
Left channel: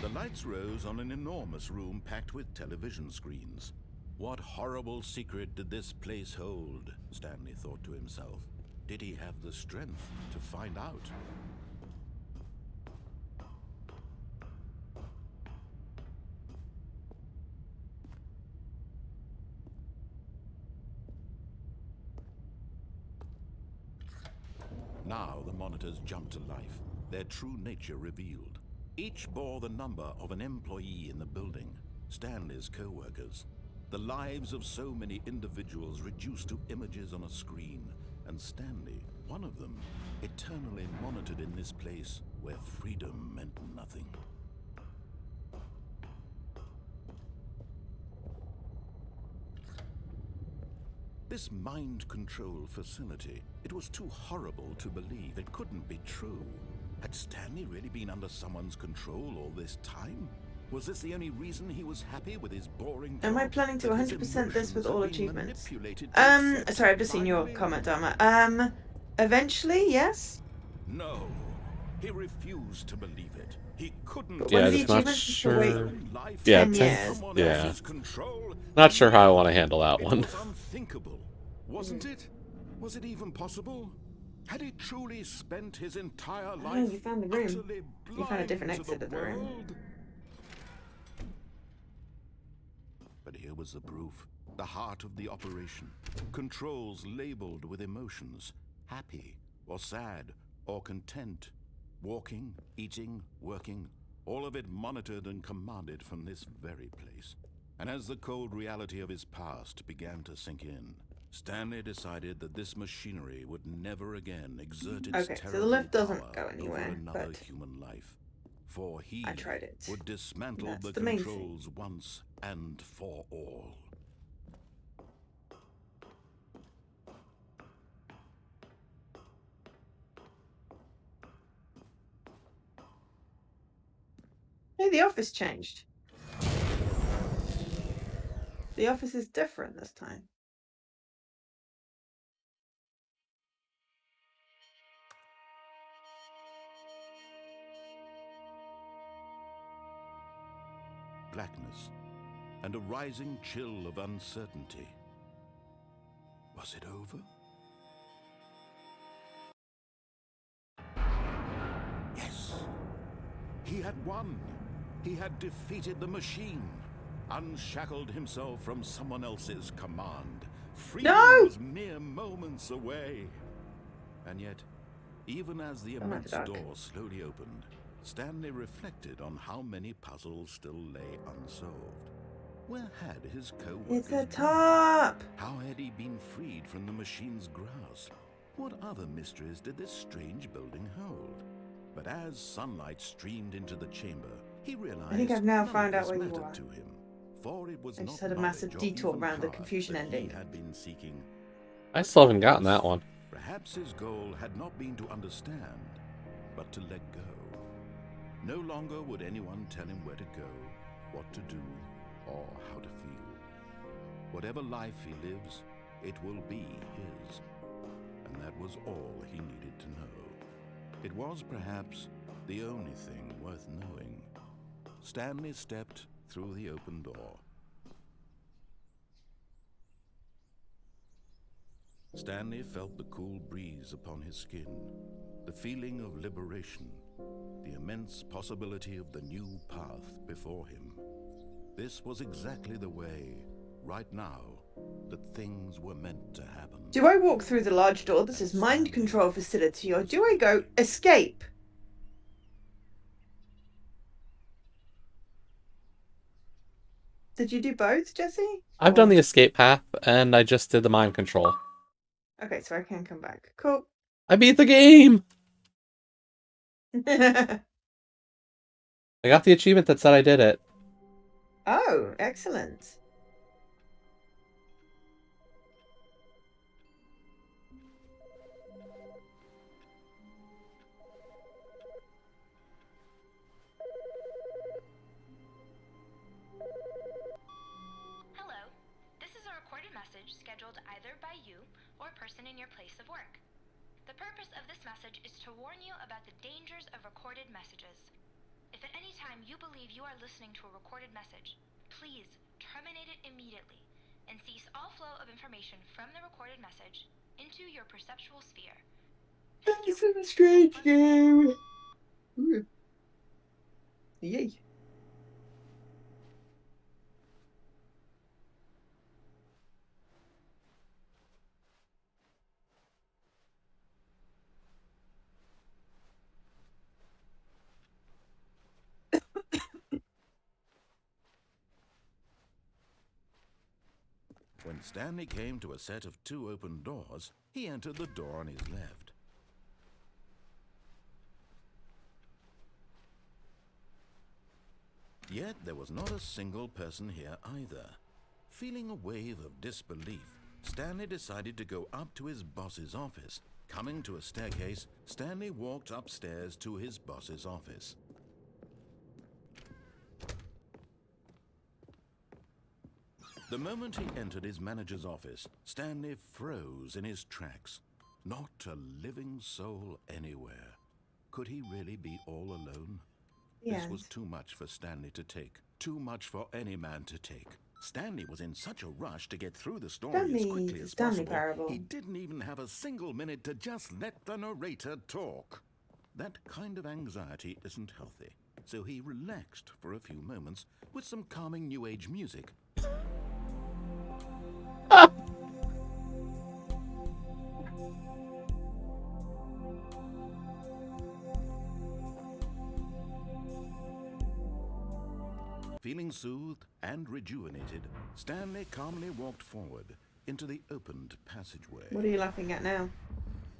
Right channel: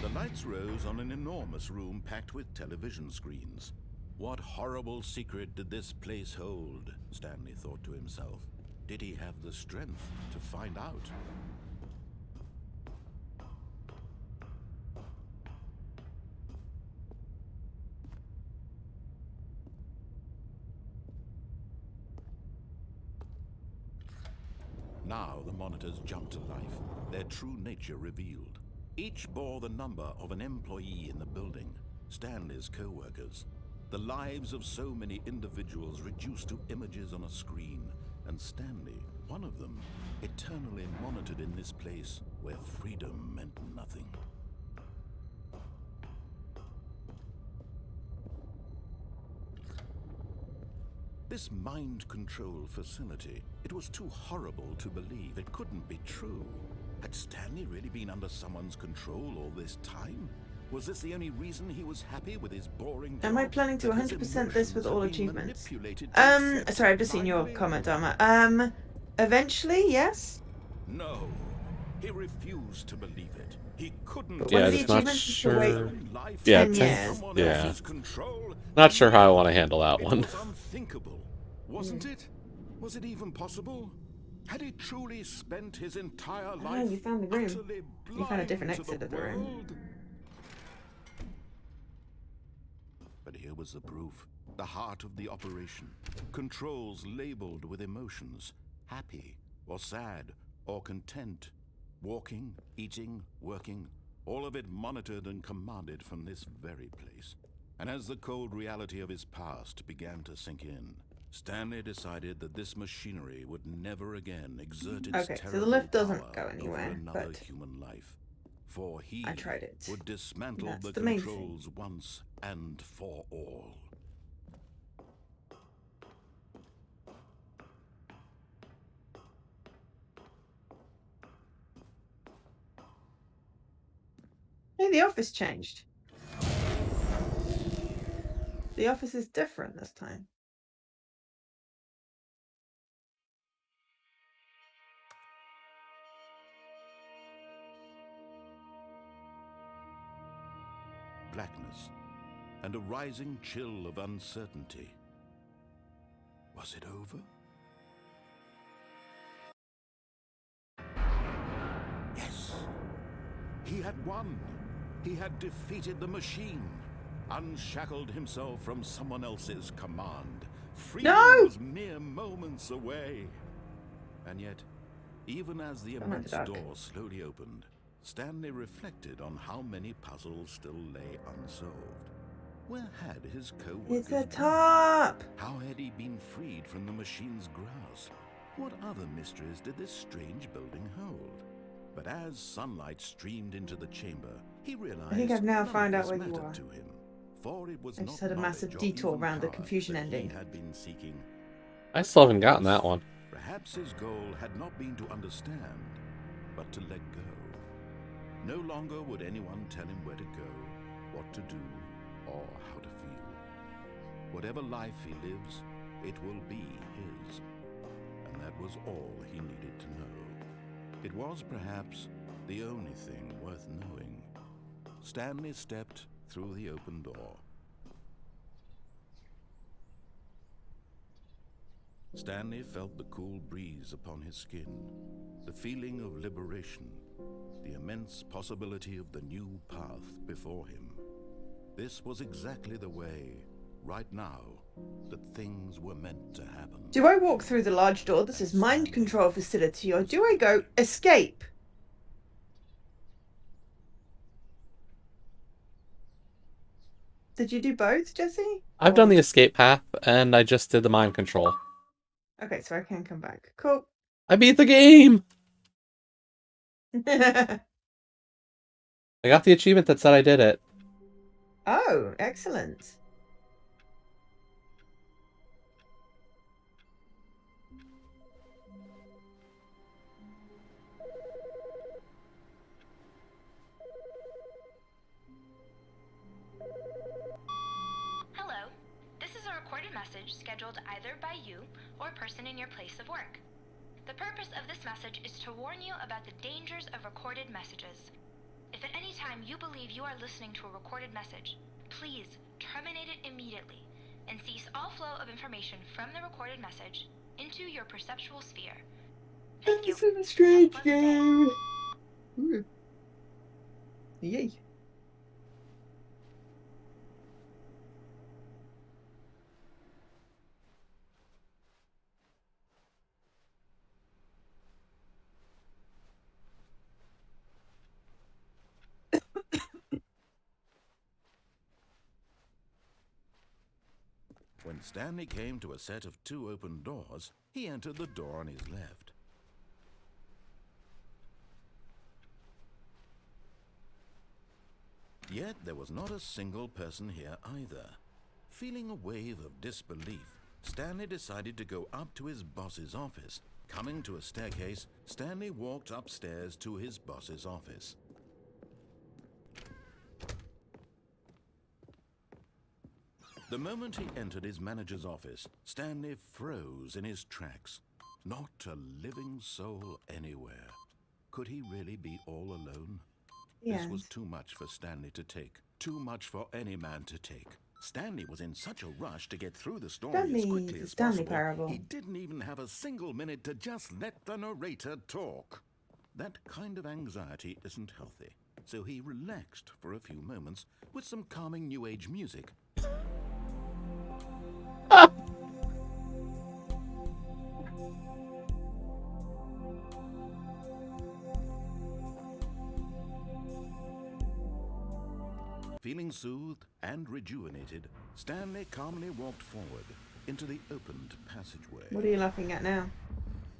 The lights rose on an enormous room packed with television screens. What horrible secret did this place hold? Stanley thought to himself. Did he have the strength to find out? Now the monitors jumped to life, their true nature revealed. Each bore the number of an employee in the building, Stanley's co-workers. The lives of so many individuals reduced to images on a screen, and Stanley, one of them, eternally monitored in this place where freedom meant nothing. This mind control facility, it was too horrible to believe. It couldn't be true. Had Stanley really been under someone's control all this time? Was this the only reason he was happy with his boring job? Am I planning to That his 100% this with emotions all had been achievements? manipulated to accept Sorry, I've just seen your blindly? comment, Dharma. Eventually, yes? No. He refused to believe it. He couldn't. But Yeah, when just the not achievements used to wait sure. 10 life Yeah, in 10 years. someone yeah. else's control. Not sure how I want to handle that It one. was unthinkable, wasn't it? Was it even possible? Had he truly spent his entire Oh, life you found the room. utterly You found a blind different to exit the of the room. world? But here was the proof. The heart of the operation. Controls labeled with emotions. Happy, or sad, or content. Walking, eating, working. All of it monitored and commanded from this very place. And as the cold reality of his past began to sink in, Stanley decided that this machinery would never again exert its Okay, so the terrible lift doesn't power go over anywhere, another but human life. For he I tried it. would dismantle That's the the main thing. controls once and for all. Hey, the office changed. The office is different this time. Blackness and a rising chill of uncertainty. Was it over? Yes. He had won. He had defeated the machine, unshackled himself from someone else's command. Freedom was mere moments away. And yet, even as the immense door slowly opened, Stanley reflected on how many puzzles still lay unsolved. Where had his co-workers It's a been? top! How had he been freed from the machine's grasp? What other mysteries did this strange building hold? But as sunlight streamed into the chamber, he realized I think I've now none found of out this where you mattered are. to him, for it was I not just had a massive knowledge or detour even around the power confusion that ending. he had been seeking. I still haven't gotten that one. Perhaps his goal had not been to understand, but to let go. No longer would anyone tell him where to go, what to do, or how to feel. Whatever life he lives, it will be his. And that was all he needed to know. It was perhaps the only thing worth knowing. Stanley stepped through the open door. Stanley felt the cool breeze upon his skin, the feeling of liberation, the immense possibility of the new path before him. This was exactly the way, right now, that things were meant to happen. Do I walk through the large door that says mind control facility, or do I go escape? Did you do both, Jesse? I've done the escape path, and I just did the mind control. Okay, so I can come back. Cool. I beat the game! I got the achievement that said I did it. Oh, excellent. Hello. This is a recorded message scheduled either by you or a person in your place of work. The purpose of this message is to warn you about the dangers of recorded messages. If at any time you believe you are listening to a recorded message, please terminate it immediately and cease all flow of information from the recorded message into your perceptual sphere. Thank you. This is a strange game. Yay. When Stanley came to a set of 2 open doors, he entered the door on his left. Yet there was not a single person here either. Feeling a wave of disbelief, Stanley decided to go up to his boss's office. Coming to a staircase, Stanley walked upstairs to his boss's office. The moment he entered his manager's office, Stanley froze in his tracks. Not a living soul anywhere. Could he really be all alone? This was too much for Stanley to take. Too much for any man to take. Stanley was in such a rush to get through the story as quickly as Stanley possible, Parable. he didn't even have a single minute to just let the narrator talk. That kind of anxiety isn't healthy, so he relaxed for a few moments with some calming New Age music. Feeling soothed and rejuvenated, Stanley calmly walked forward into the opened passageway. What are you laughing at now?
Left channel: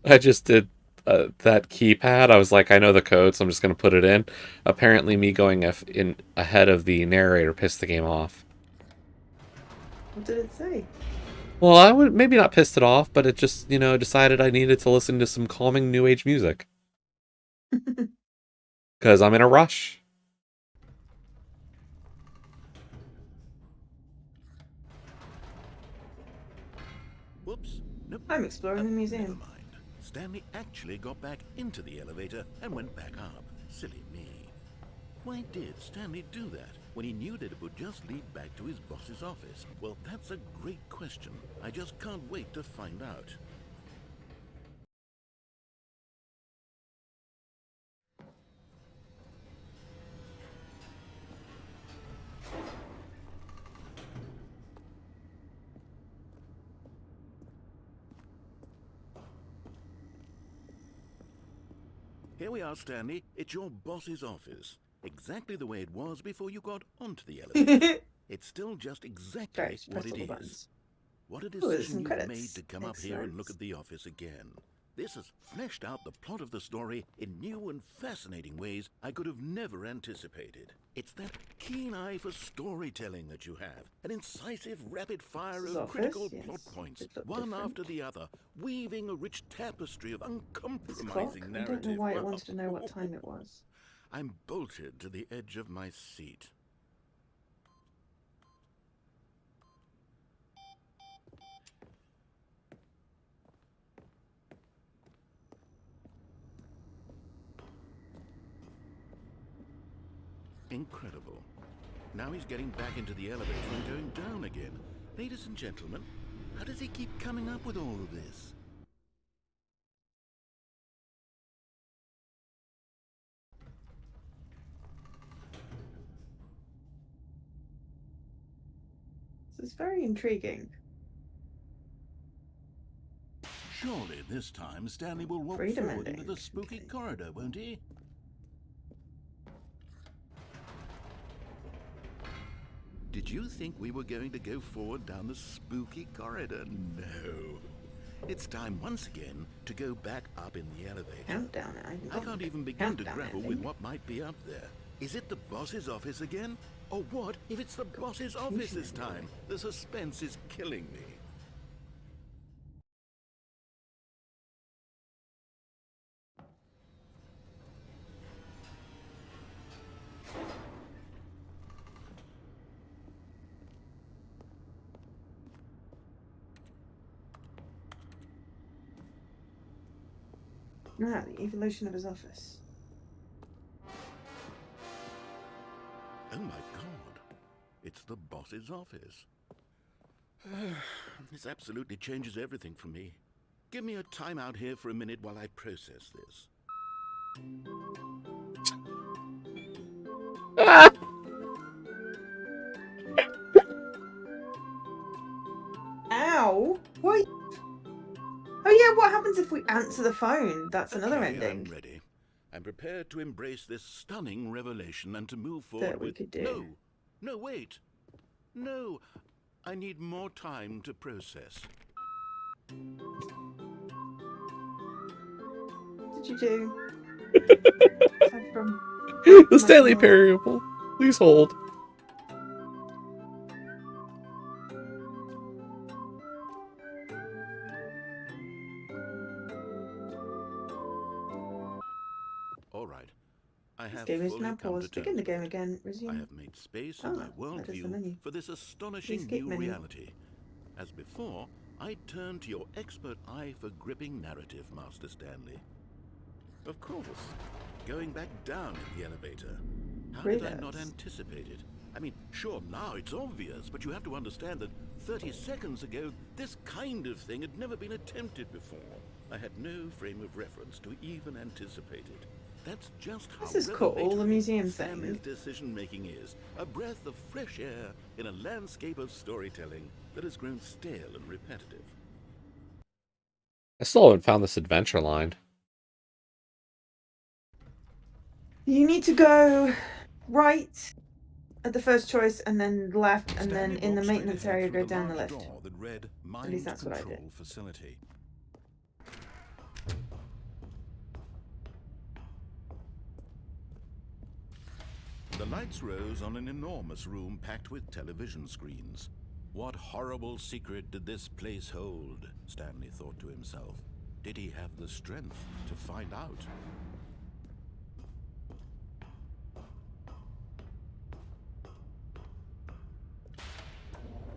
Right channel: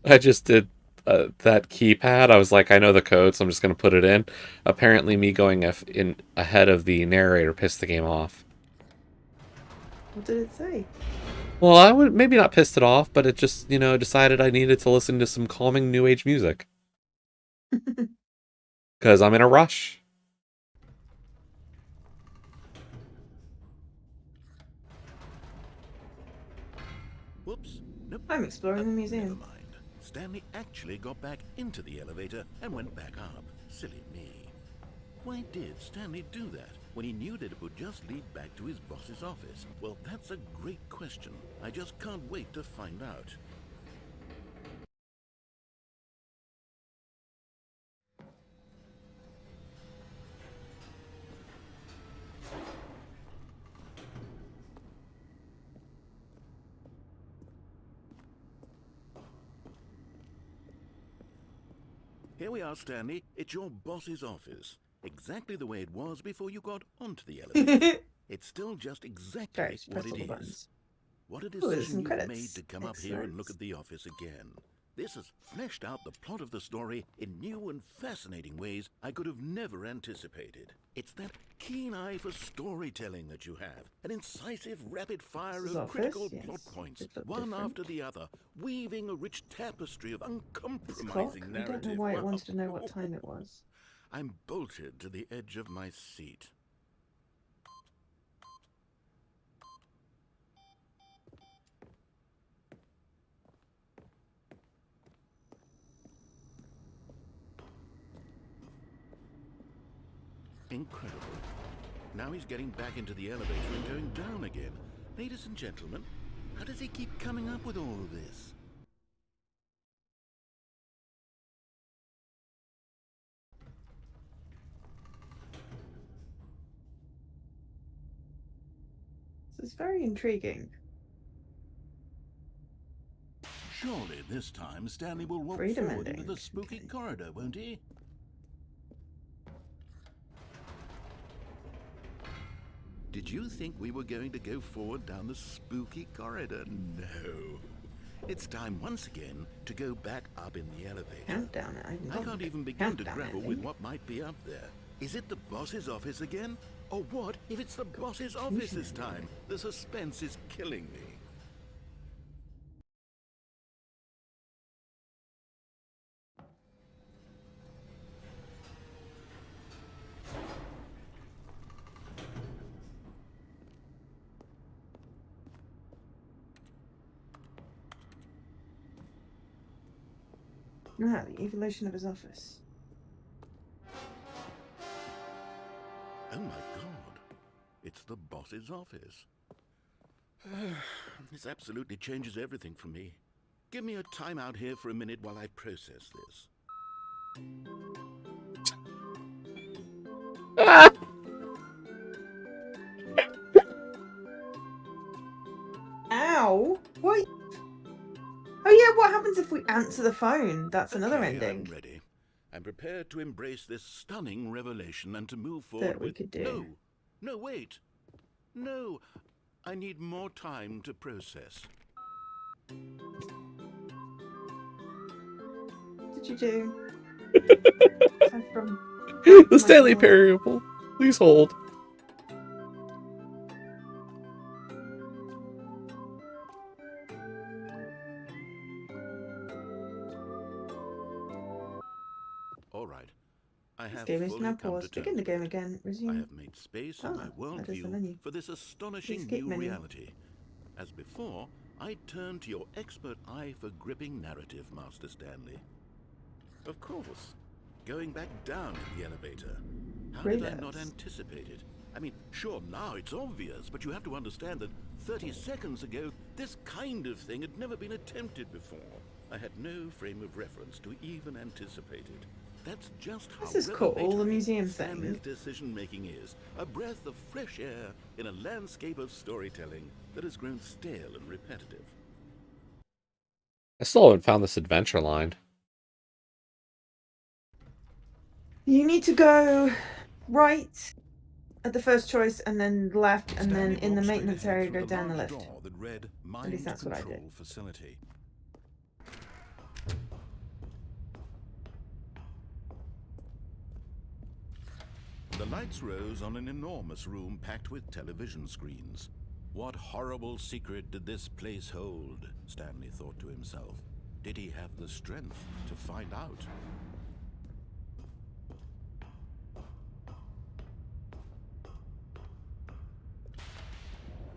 I just did that keypad. I was like, I know the code, so I'm just going to put it in. Apparently, me going in ahead of the narrator pissed the game off. What did it say? Well, I would maybe not pissed it off, but it just, decided I needed to listen to some calming New Age music. Because I'm in a rush. Whoops. Nope. I'm exploring the museum. Never mind. Stanley actually got back into the elevator and went back up. Silly me. Why did Stanley do that when he knew that it would just lead back to his boss's office? Well, that's a great question. I just can't wait to find out. Here we are, Stanley. It's your boss's office. Exactly the way it was before you got onto the elevator. It's still just exactly Right, what press it all the is. buttons. What a there's decision some you've credits. made to come up here and look at Excellent. the office again. This has fleshed out the plot of the story in new and fascinating ways I could have never anticipated. It's that keen eye for storytelling that you have, an incisive rapid fire This is of office, critical yes. plot points, It looked one different. after the other, weaving a rich tapestry of It's a clock. uncompromising I narrative. don't know why it Wow. wanted to know what time it was. I'm bolted to the edge of my seat. Incredible. Now he's getting back into the elevator and going down again. Ladies and gentlemen, how does he keep coming up with all of this? This is very intriguing. Surely this time Stanley will walk Freedom forward into ending. the spooky Okay. corridor, won't he? Did you think we were going to go forward down the spooky corridor? No. It's time once again to go back up in the elevator. Countdown. I can't even begin to Countdown, grapple I with think. what might be up there. Is it the boss's office again? Or what if it's the boss's office this time? The suspense is killing me. Ah, the evolution of his office. Oh my god. It's the boss's office. This absolutely changes everything for me. Give me a time out here for a minute while I process this. Ow! What? Oh yeah, what happens if we answer the phone? That's another Okay, ending. I'm ready. I'm prepared to embrace this stunning revelation and to move That forward we with... could do. No, wait. No, I need more time to process. What did you do? Aside from The Stanley Michael. Parable. Please hold. All right. I This have game is fully now come to paused. terms Begin the with game it. again. I Resume. have made space in my That is the worldview menu. for this astonishing Escape new menu. reality. As before, I turn to your expert eye for gripping narrative, Master Stanley. Of course, going back down in the elevator. How did I not Readers. anticipate it? I mean, sure, now it's obvious, but you have to understand that 30 seconds ago, this kind of thing had never been attempted before. I had no frame of reference to even anticipate it. That's just how This is cool, the revelatory museum Stanley's thing. decision-making is. A breath of fresh air in a landscape of storytelling that has grown stale and repetitive. I still haven't found this adventure line. You need to go right at the first choice, and then left, and Stanley then in the walked straight maintenance ahead area through go down the large lift. door that read At least Mind that's what I Control did. Facility. The lights rose on an enormous room packed with television screens. What horrible secret did this place hold? Stanley thought to himself. Did he have the strength to find out?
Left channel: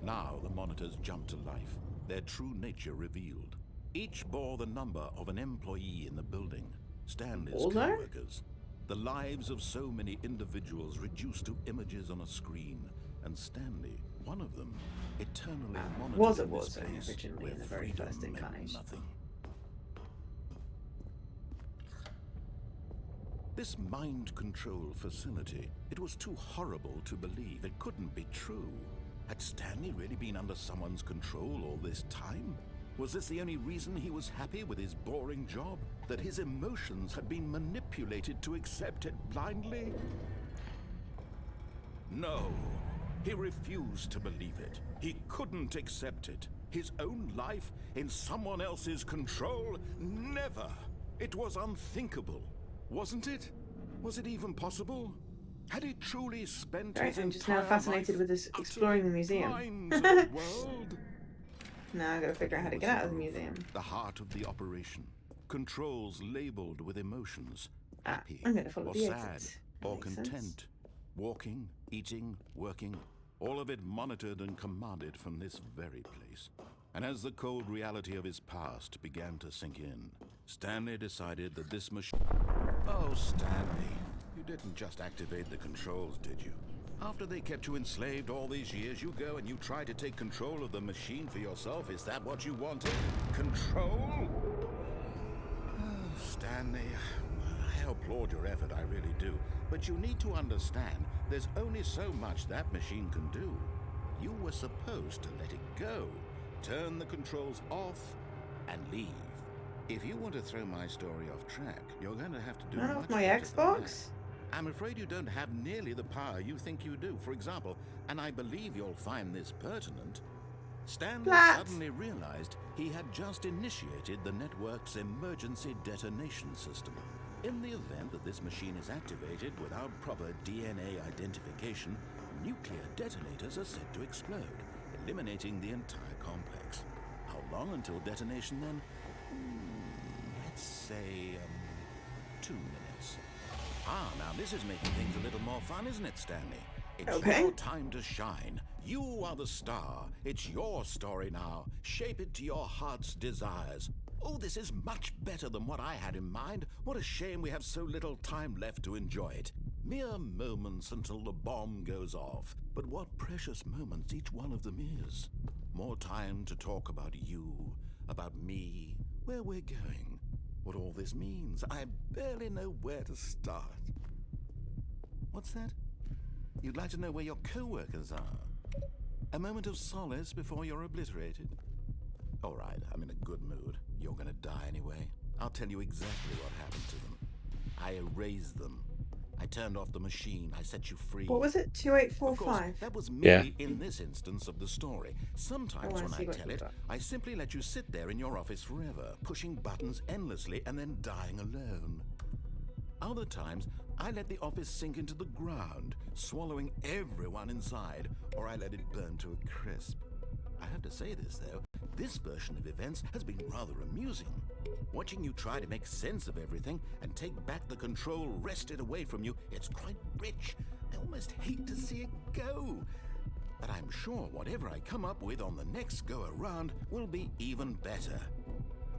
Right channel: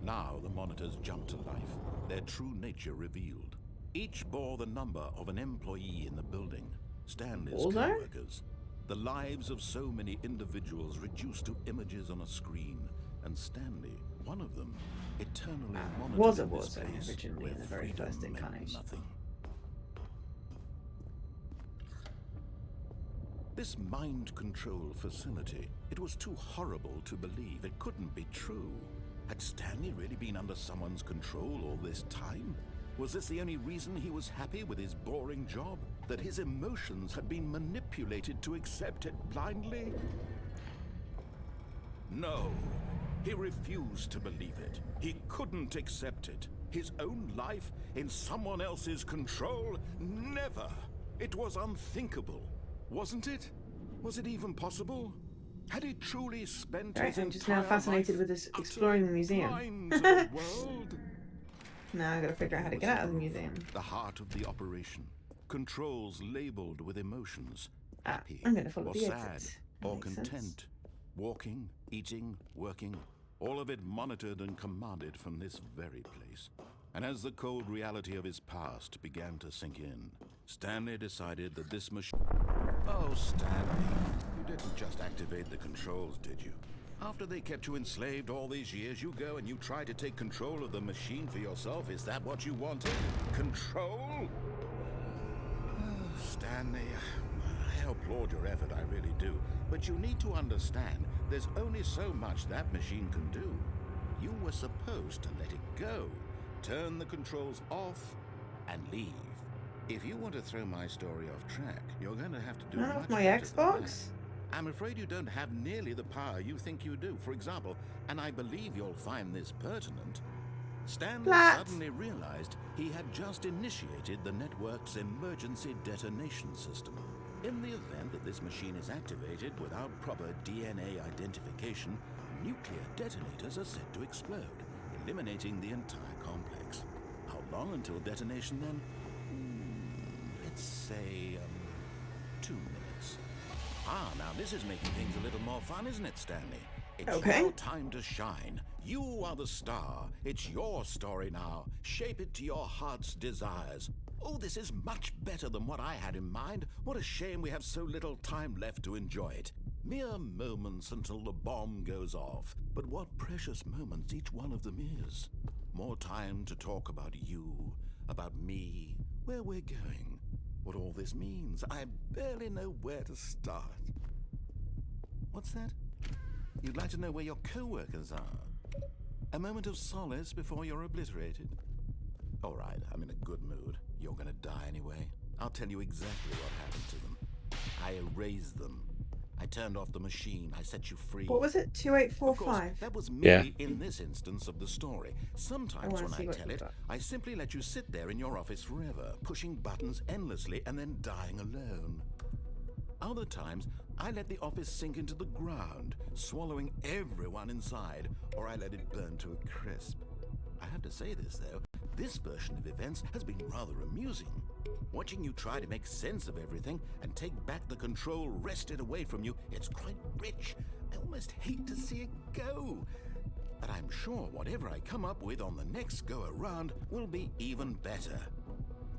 Now the monitors jumped to life, their true nature revealed. Each bore the number of an employee in the building, Stanley's All there? co-workers. The lives of so many individuals reduced to images on a screen, and Stanley, one of them, eternally monitored in this place originally where in the very freedom first meant incarnation. nothing. This mind control facility, it was too horrible to believe. It couldn't be true. Had Stanley really been under someone's control all this time? Was this the only reason he was happy with his boring job? That his emotions had been manipulated to accept it blindly? No, he refused to believe it. He couldn't accept it. His own life in someone else's control? Never! It was unthinkable, wasn't it? Was it even possible? Had he truly spent his I'm just now entire fascinated life with this exploring the utterly museum. blind to the world? Now I gotta figure out how to Here get was out of the roof, museum. the heart of the operation. Controls labeled with emotions. Happy I'm gonna follow or the sad exit. That or makes sense. content. Walking, eating, working. All of it monitored and commanded from this very place. And as the cold reality of his past began to sink in, Stanley decided that this machine... Oh, Stanley, you didn't just activate the controls, did you? After they kept you enslaved all these years, you go and you try to take control of the machine for yourself. Is that what you wanted? Control? Oh, Stanley, I applaud your effort, I really do. But you need to understand, there's only so much that machine can do. You were supposed to let it go, turn the controls off, and leave. If you want to throw my story off track, you're going to have to do Not much off my better than that. Xbox? I'm afraid you don't have nearly the power you think you do. For example, and I believe you'll find this pertinent, Stanley Flat. suddenly realized he had just initiated the network's emergency detonation system. In the event that this machine is activated without proper DNA identification, nuclear detonators are said to explode, eliminating the entire complex. How long until detonation then? Let's say, 2 minutes. Ah, now this is making things a little more fun, isn't it, Stanley? It's Okay. your time to shine. You are the star. It's your story now. Shape it to your heart's desires. Oh, this is much better than what I had in mind. What a shame we have so little time left to enjoy it. Mere moments until the bomb goes off. But what precious moments each one of them is. More time to talk about you, about me, where we're going, what all this means. I barely know where to start. What's that? You'd like to know where your co-workers are? A moment of solace before you're obliterated? All right, I'm in a good mood. You're gonna die anyway. I'll tell you exactly what happened to them. I erased them. I turned off the machine. I set you free. What was it? Of course, 2845? that was Yeah. merely in this instance of the story. Sometimes wanna when see I what tell you've it, got. I simply let you sit there in your office forever, pushing buttons endlessly and then dying alone. Other times, I let the office sink into the ground, swallowing everyone inside, or I let it burn to a crisp. I have to say this, though. This version of events has been rather amusing. Watching you try to make sense of everything and take back the control wrested away from you, it's quite rich. I almost hate to see it go. But I'm sure whatever I come up with on the next go-around will be even better.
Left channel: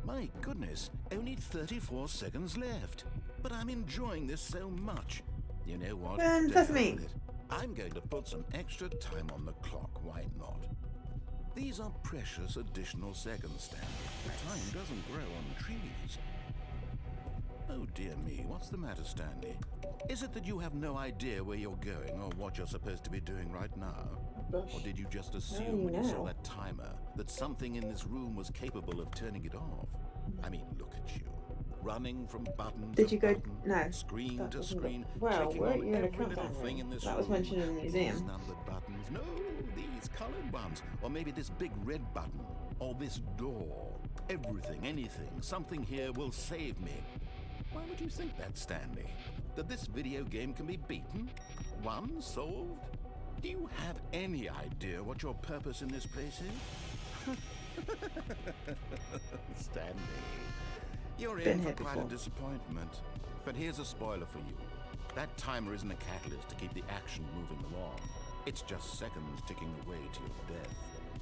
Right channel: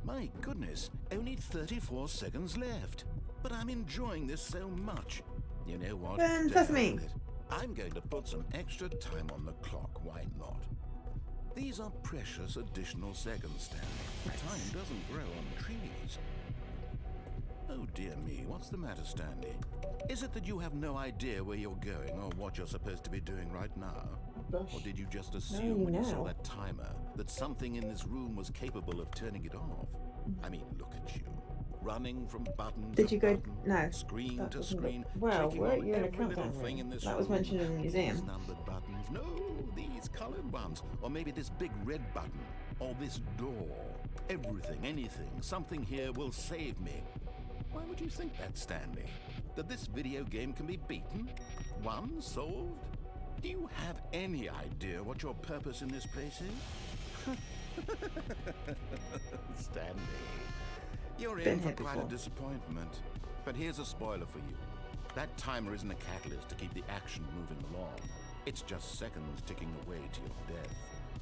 My goodness, only 34 seconds left. But I'm enjoying this so much. You know what? Ben, To that's hell me. with it. I'm going to put some extra time on the clock. Why not? These are precious additional seconds, Stanley. Time doesn't grow on trees. Oh dear me, what's the matter, Stanley? Is it that you have no idea where you're going or what you're supposed to be doing right now? Or did you just assume when you saw that timer that something in this room was capable of turning it off? I mean, look at you. Running from button Did to you go? button, No. screen That to wasn't screen, well, clicking weren't on you in a every little countdown thing room? in this That room. was mentioned in the museum. These numbered buttons. No, these colored ones. Or maybe this big red button. Or this door. Everything, anything, something here will save me. Why would you think that, Stanley? That this video game can be beaten? Won? Solved? Do you have any idea what your purpose in this place is? Stanley, you're in for quite a disappointment. But here's a spoiler for you. That timer isn't a catalyst to keep the action moving along. It's just seconds ticking away to your death.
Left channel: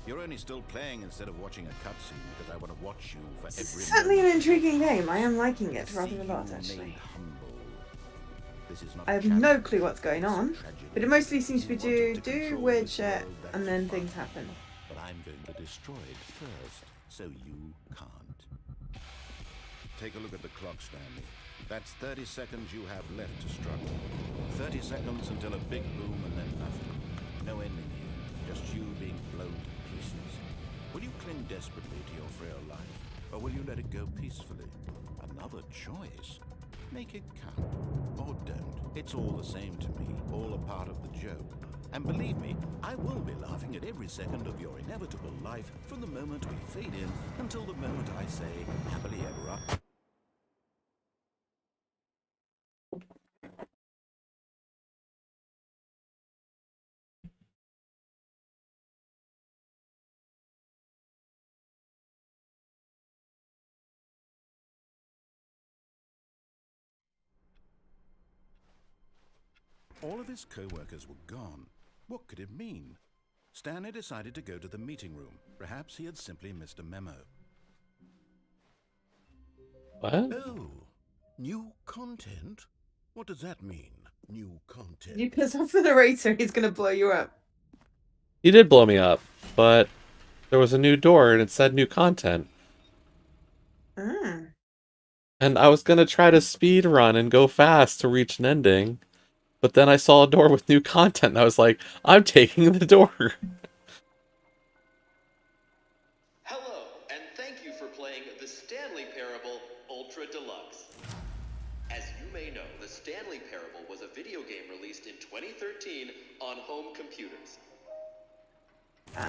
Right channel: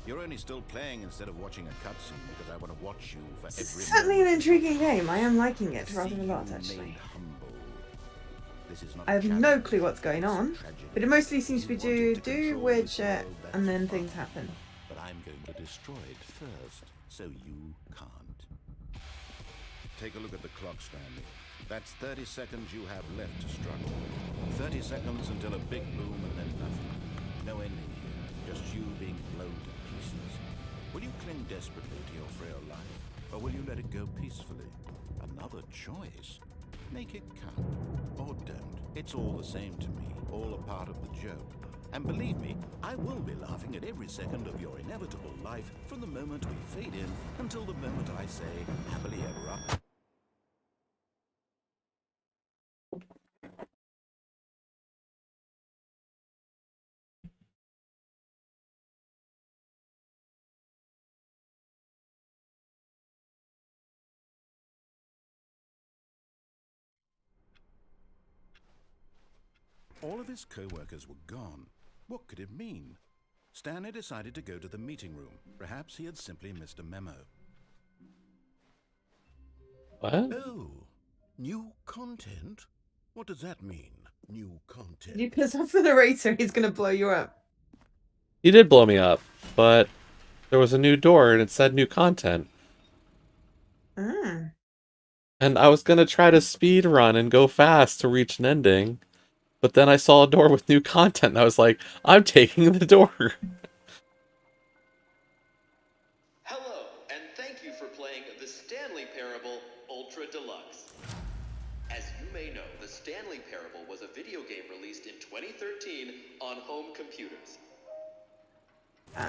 You're only still playing instead of watching a cutscene because I want to watch you for every It's certainly an moment. intriguing game. I am liking it To rather see a lot, you actually. made humble. This is not I a have no challenge. clue what's going It's a on, tragedy. but it mostly seems to You be wanted to do control weird this shit, world, that's and then things fine. happen. But I'm going to destroy it first, so you can't. Take a look at the clock, Stanley. That's 30 seconds you have left to struggle. 30 seconds until a big boom and then nothing. No ending here, just you being blown to pieces. Will you cling desperately to your frail life, or will you let it go peacefully? Another choice. Make it count, or don't. It's all the same to me, all a part of the joke. And believe me, I will be laughing at every second of your inevitable life from the moment we fade in until the moment I say, happily ever after. All of his co-workers were gone. What could it mean? Stanley decided to go to the meeting room. Perhaps he had simply missed a memo. What? Oh, new content? What does that mean, new content? You piss off the narrator, he's gonna blow you up. He did blow me up, but there was a new door and it said new content. Ah. And I was gonna try to speed run and go fast to reach an ending, but then I saw a door with new content and I was like, I'm taking the door. Hello, and thank you for playing the Stanley Parable Ultra Deluxe. As you may know, the Stanley Parable was a video game released in 2013 on home computers.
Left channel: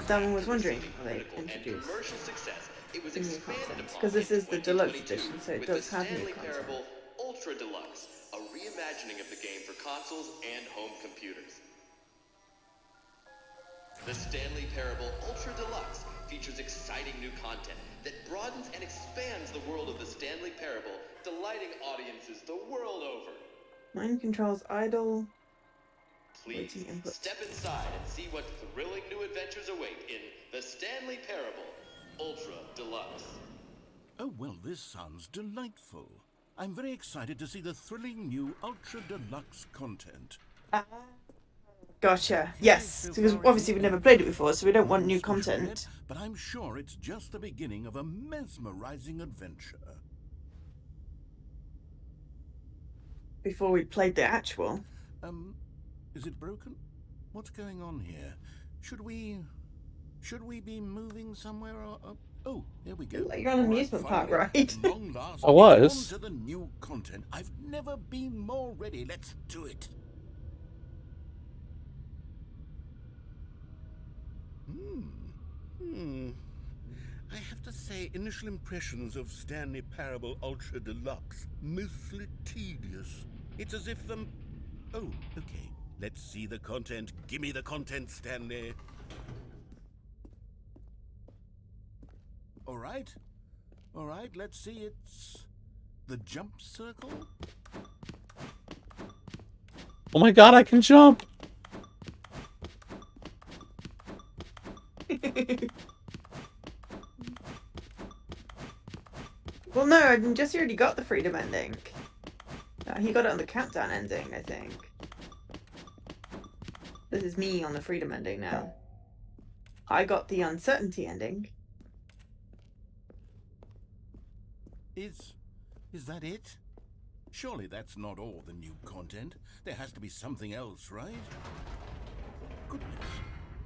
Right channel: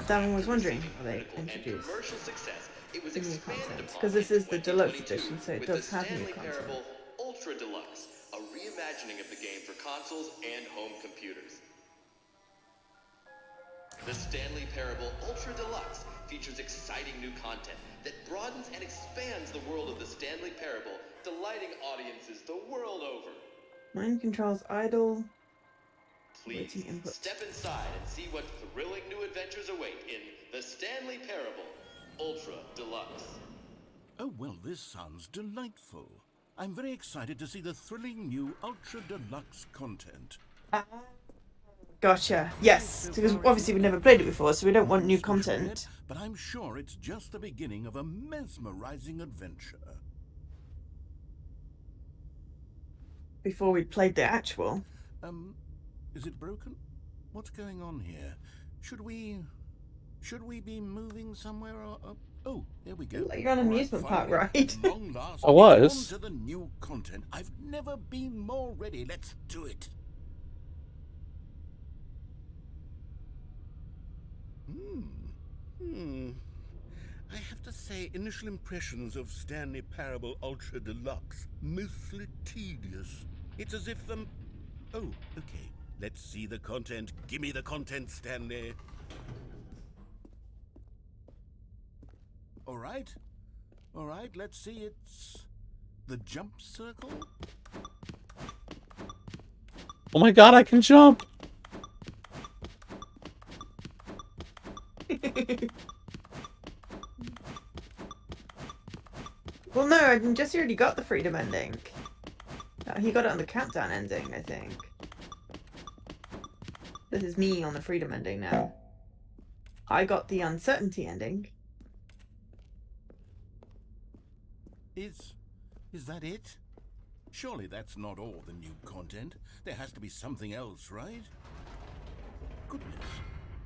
That one was wondering Receiving how they critical and introduced commercial success, it was new expanded content, upon 'cause this in is the deluxe 2022 edition, so it with does the have new Stanley content. Parable Ultra Deluxe, a reimagining of the game for consoles and home computers. The Stanley Parable Ultra Deluxe features exciting new content that broadens and expands the world of the Stanley Parable, delighting audiences the world over. Mind controls idle. Please Waiting input. step inside and see what thrilling new adventures await in the Stanley Parable Ultra Deluxe. Oh, well, this sounds delightful. I'm very excited to see the thrilling new Ultra Deluxe content. Gotcha. Yes, because obviously we've never played it before, so we don't want new content. But I'm sure it's just the beginning of a mesmerizing adventure. Before we played the actual. Is it broken? What's going on here? Should we be moving somewhere or oh, there we go. Like you're on an All right, amusement park finally, ride. at long last, I was. it's on to the new content. I've never been more ready. Let's do it. I have to say, initial impressions of Stanley Parable Ultra Deluxe, mostly tedious. It's as if oh, okay. Let's see the content. Give me the content, Stanley. All right, let's see. It's the jump circle. Oh my god, I can jump! Well, no, I mean, Jesse already got the freedom ending. He got it on the countdown ending, I think. This is me on the freedom ending now. I got the uncertainty ending. Is that it? Surely that's not all the new content. There has to be something else, right? Goodness.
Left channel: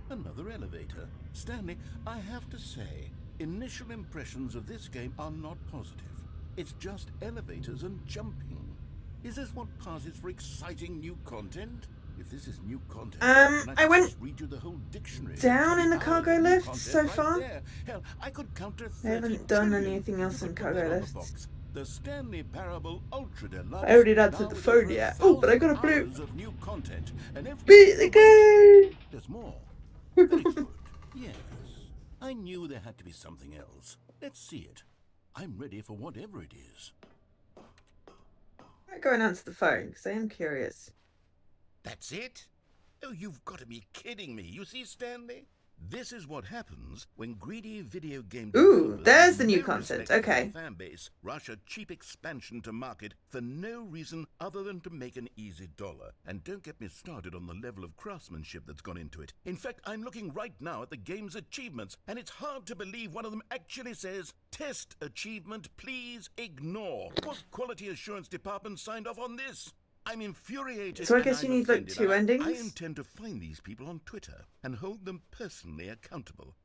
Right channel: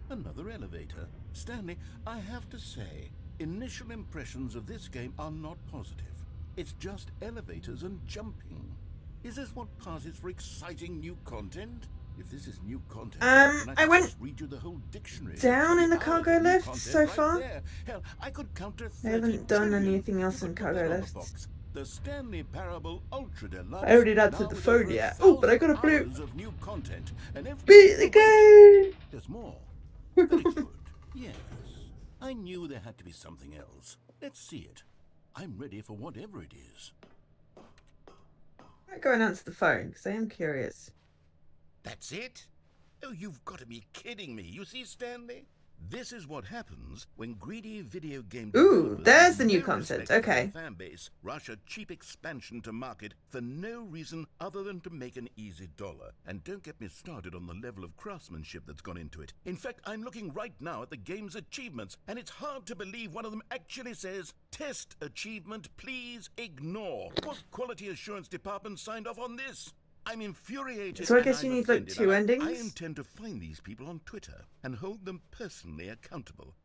Another elevator. Stanley, I have to say, initial impressions of this game are not positive. It's just elevators and jumping. Is this what passes for exciting new content? If this is new content, then I went just read you the whole dictionary. down in the cargo lift content so right far. There. Hell, I could count to 30 I haven't done trillion. anything else You in could put cargo that on lifts. the box. The Stanley Parable Ultra Deluxe. I already answered now the with phone over yet. Oh, but I got a 1,000 blue. hours of new content, and every Beat the wait, game. there's more. Very good. Yes. I knew there had to be something else. Let's see it. I'm ready for whatever it is. I go and answer the phone because I am curious. That's it? Oh, you've got to be kidding me. You see, Stanley? This is what happens when greedy video game Ooh, developers there's with the new no content. respect for their Okay. fan base rush a cheap expansion to market for no reason other than to make an easy dollar. And don't get me started on the level of craftsmanship that's gone into it. In fact, I'm looking right now at the game's achievements, and it's hard to believe one of them actually says, "Test achievement, please ignore." What quality assurance department signed off on this? I'm infuriated. So I and guess you I'm need like offended, 2 and endings. I intend to find these people on Twitter and hold them personally accountable.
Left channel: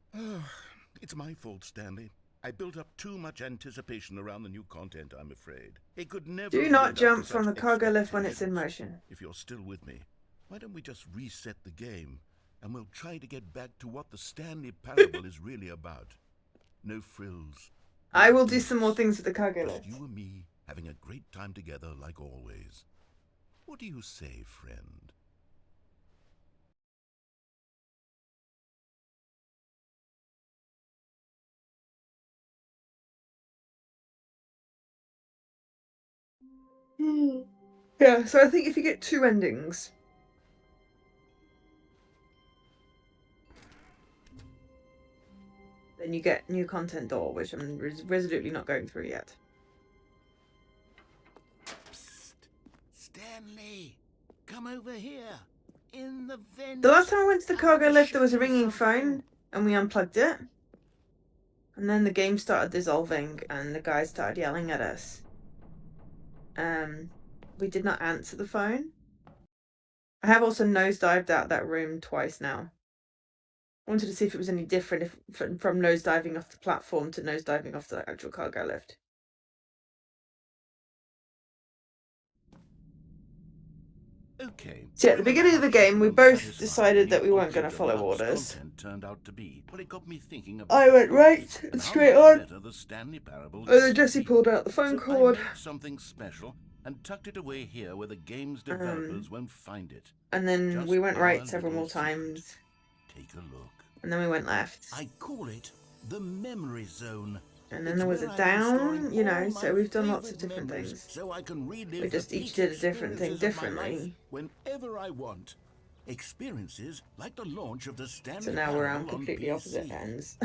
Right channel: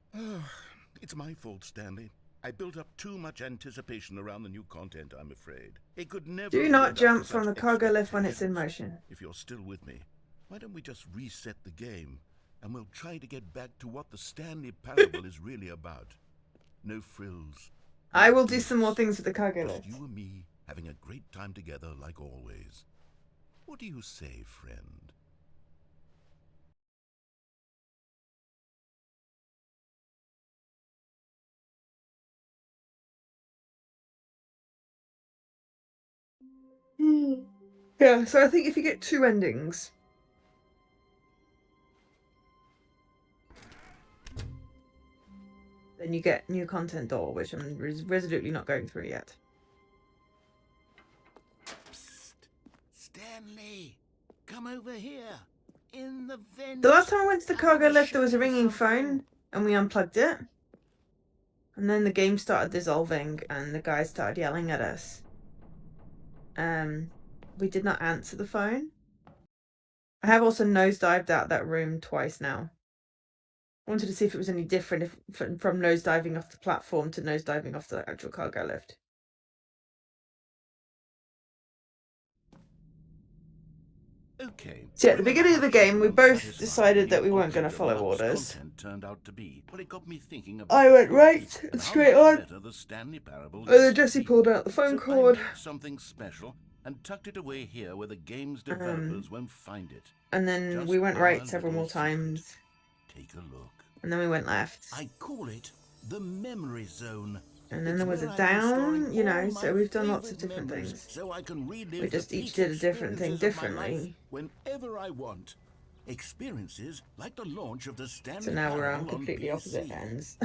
It's my fault, Stanley. I built up too much anticipation around the new content, I'm afraid. It could never Do have not lived up jump to from such the cargo lift when it's in expectations. motion. If you're still with me, why don't we just reset the game and we'll try to get back to what the Stanley Parable is really about. No frills. No I will do gimmicks. some more things with the cargo Just lift. you and me having a great time together like always. What do you say, friend? Yeah, so I think if you get 2 endings, then you get new content door, which I'm resolutely not going through yet. Psst. Stanley, come over here. In the vent. The last time I went to the I cargo want to lift, there show was a you ringing something. phone, and we unplugged it. And then the game started dissolving, and the guy started yelling at us. We did not answer the phone. I have also nosedived out that room twice now. I wanted to see if it was any different from nosediving off the platform to nosediving off the actual cargo lift. Okay. So at the beginning of the game, we both decided that we weren't going to follow orders. Content turned out to be, but it got me thinking about I went the right choice and and how straight much on. better the Stanley Parable And then used to Jesse be. pulled out the phone So cord. I made something special and tucked it away here where the game's developers won't find it. And then Just we went our right several little more secret. times. Take a look. And then we went left. I call it the memory zone. And then It's there was where a I've been storing down, you know, all so my we've done lots of favorite different memories, things. so I can relive We just the each peak did a different thing experiences of my life differently. whenever I want. Experiences like the launch of the Stanley So now we're on Parable completely PC. opposite ends.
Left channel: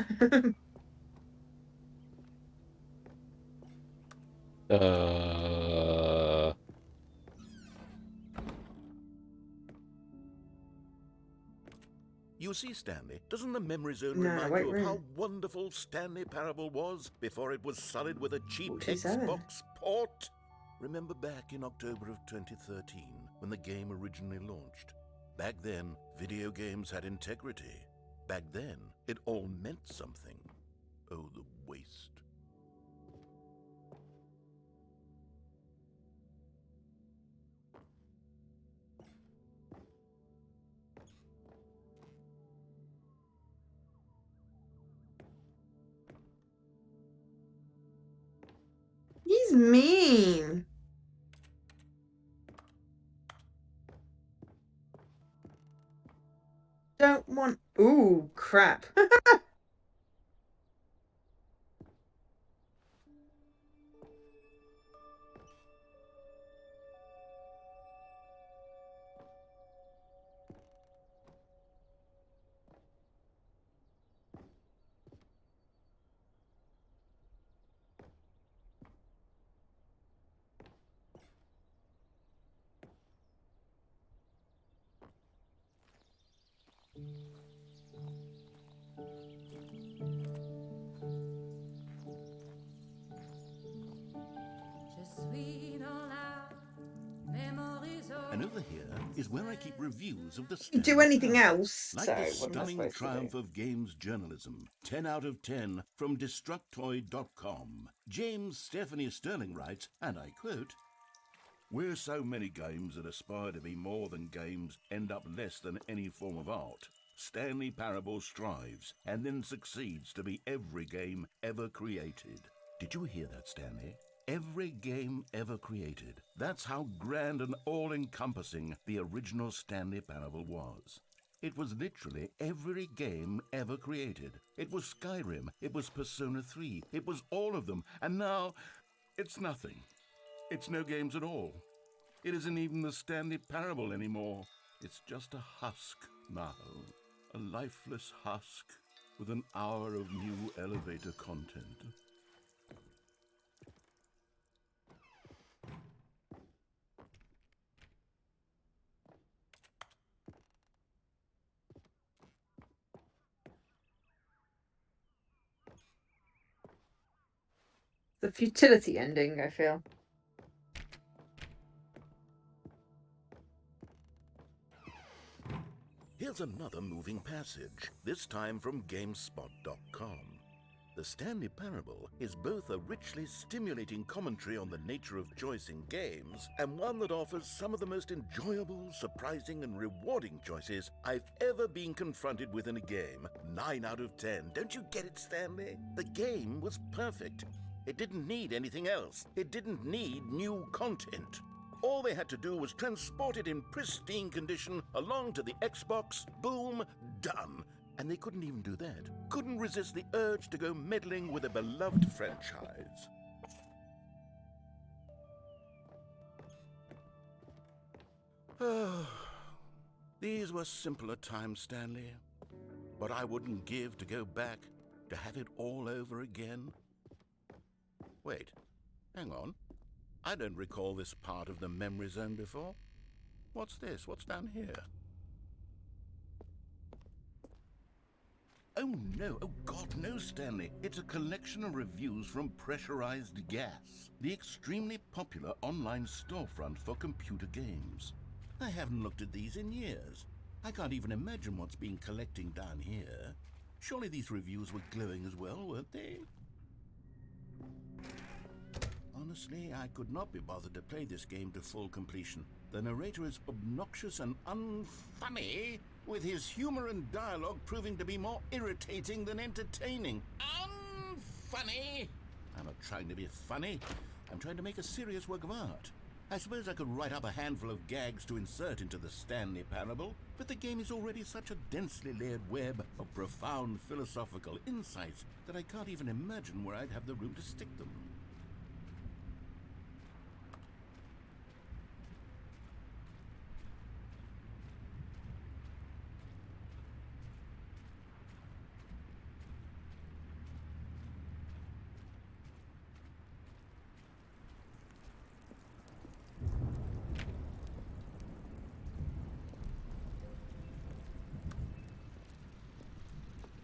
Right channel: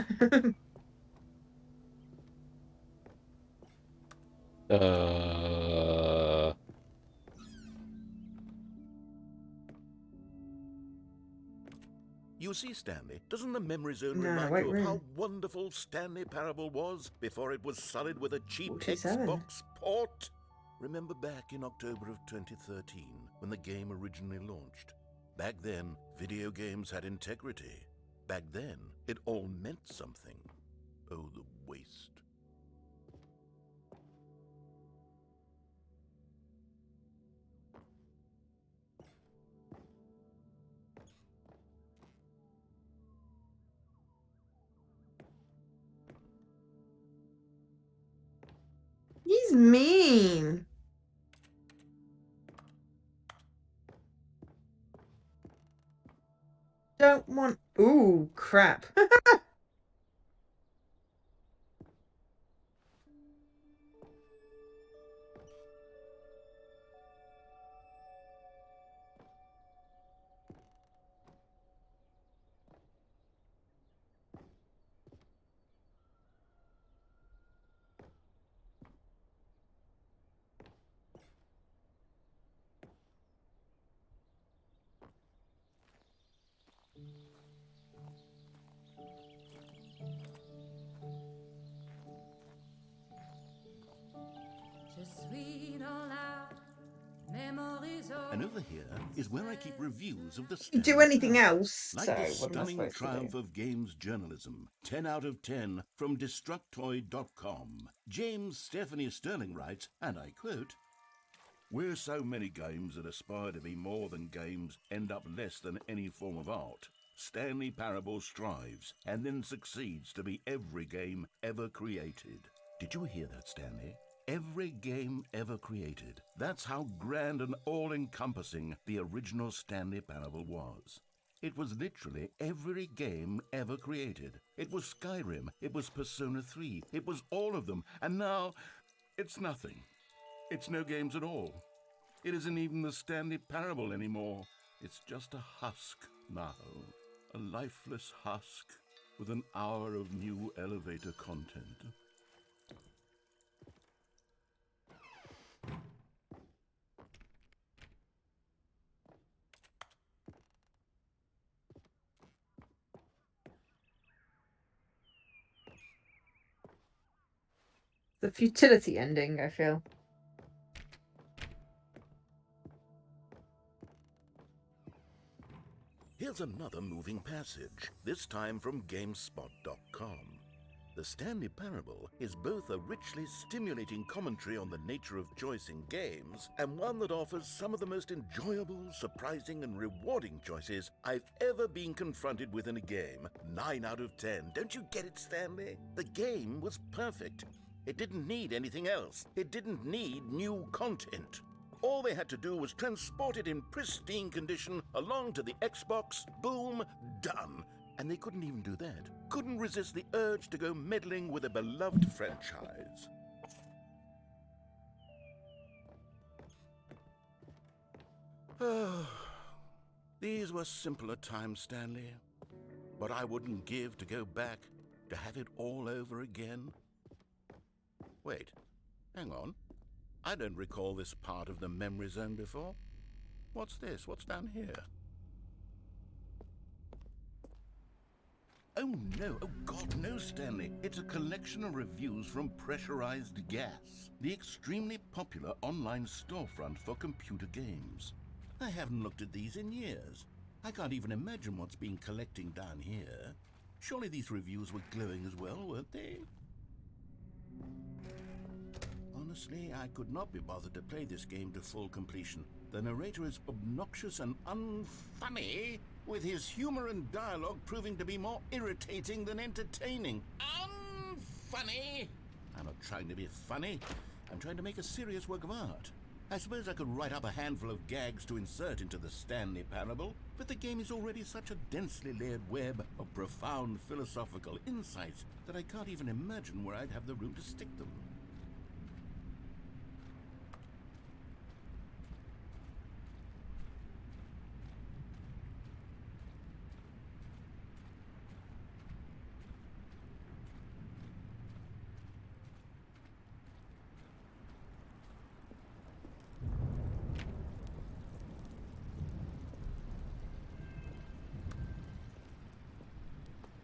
You see, Stanley, doesn't the memory zone No, remind wait, you of room. how wonderful Stanley Parable was before it was sullied with a cheap 47. Xbox port? Remember back in October of 2013 when the game originally launched? Back then, video games had integrity. Back then, it all meant something. Oh, the waste. He's mean. Don't want... Ooh, crap. And over here is where I keep reviews of the You do Stanley anything Parable. else? Like So the what am I stunning supposed to triumph do? of games journalism. 10 out of 10 from Destructoid.com. James Stephanie Sterling writes, and I quote, "Where so many games that aspire to be more than games end up less than any form of art, Stanley Parable strives and then succeeds to be every game ever created." Did you hear that, Stanley? Every game ever created. That's how grand and all-encompassing the original Stanley Parable was. It was literally every game ever created. It was Skyrim, it was Persona 3, it was all of them, and now it's nothing. It's no games at all. It isn't even the Stanley Parable anymore. It's just a husk now. A lifeless husk with an hour of new elevator content. The futility ending, I feel. Here's another moving passage, this time from GameSpot.com. The Stanley Parable is both a richly stimulating commentary on the nature of choice in games and one that offers some of the most enjoyable, surprising, and rewarding choices I've ever been confronted with in a game. 9 out of 10. Don't you get it, Stanley? The game was perfect. It didn't need anything else. It didn't need new content. All they had to do was transport it in pristine condition along to the Xbox. Boom, done. And they couldn't even do that. Couldn't resist the urge to go meddling with a beloved franchise. These were simpler times, Stanley. But I wouldn't give to go back to have it all over again. Wait, hang on. I don't recall this part of the memory zone before. What's this? What's down here? Oh no, oh God, no, Stanley. It's a collection of reviews from Pressurized Gas, the extremely popular online storefront for computer games. I haven't looked at these in years. I can't even imagine what's been collecting down here. Surely these reviews were glowing as well, weren't they? Honestly, I could not be bothered to play this game to full completion. The narrator is obnoxious and unfunny, with his humor and dialogue proving to be more irritating than entertaining. Unfunny! I'm not trying to be funny. I'm trying to make a serious work of art. I suppose I could write up a handful of gags to insert into the Stanley Parable, but the game is already such a densely layered web of profound philosophical insights that I can't even imagine where I'd have the room to stick them.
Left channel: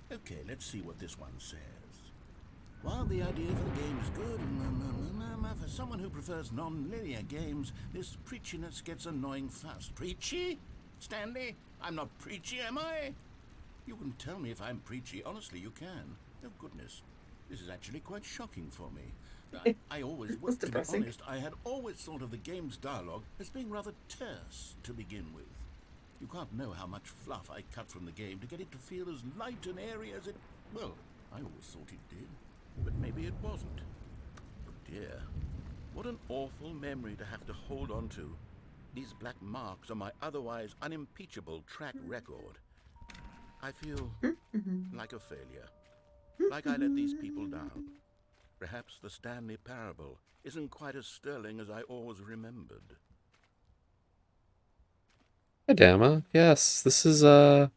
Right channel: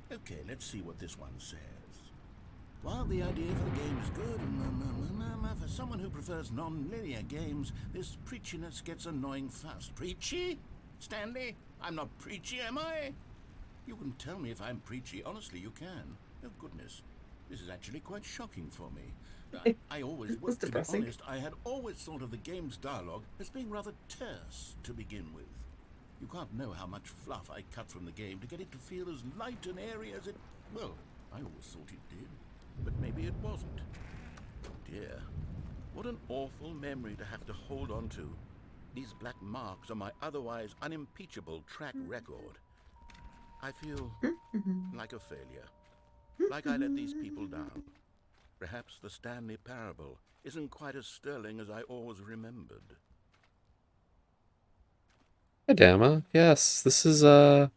Okay, let's see what this one says. While the idea for the game is good, for someone who prefers non-linear games, this preachiness gets annoying fast. Preachy? Stanley? I'm not preachy, am I? You can tell me if I'm preachy. Honestly, you can. Oh, goodness. This is actually quite shocking for me. I always, That's to be depressing. honest, I had always thought of the game's dialogue as being rather terse to begin with. You can't know how much fluff I cut from the game to get it to feel as light and airy as it... Well, I always thought it did, but maybe it wasn't. Oh dear, what an awful memory to have to hold on to. These black marks on my otherwise unimpeachable track record. I feel like a failure, like I let these people down. Perhaps the Stanley Parable isn't quite as sterling as I always remembered. Hi, Dama. Yes, this is an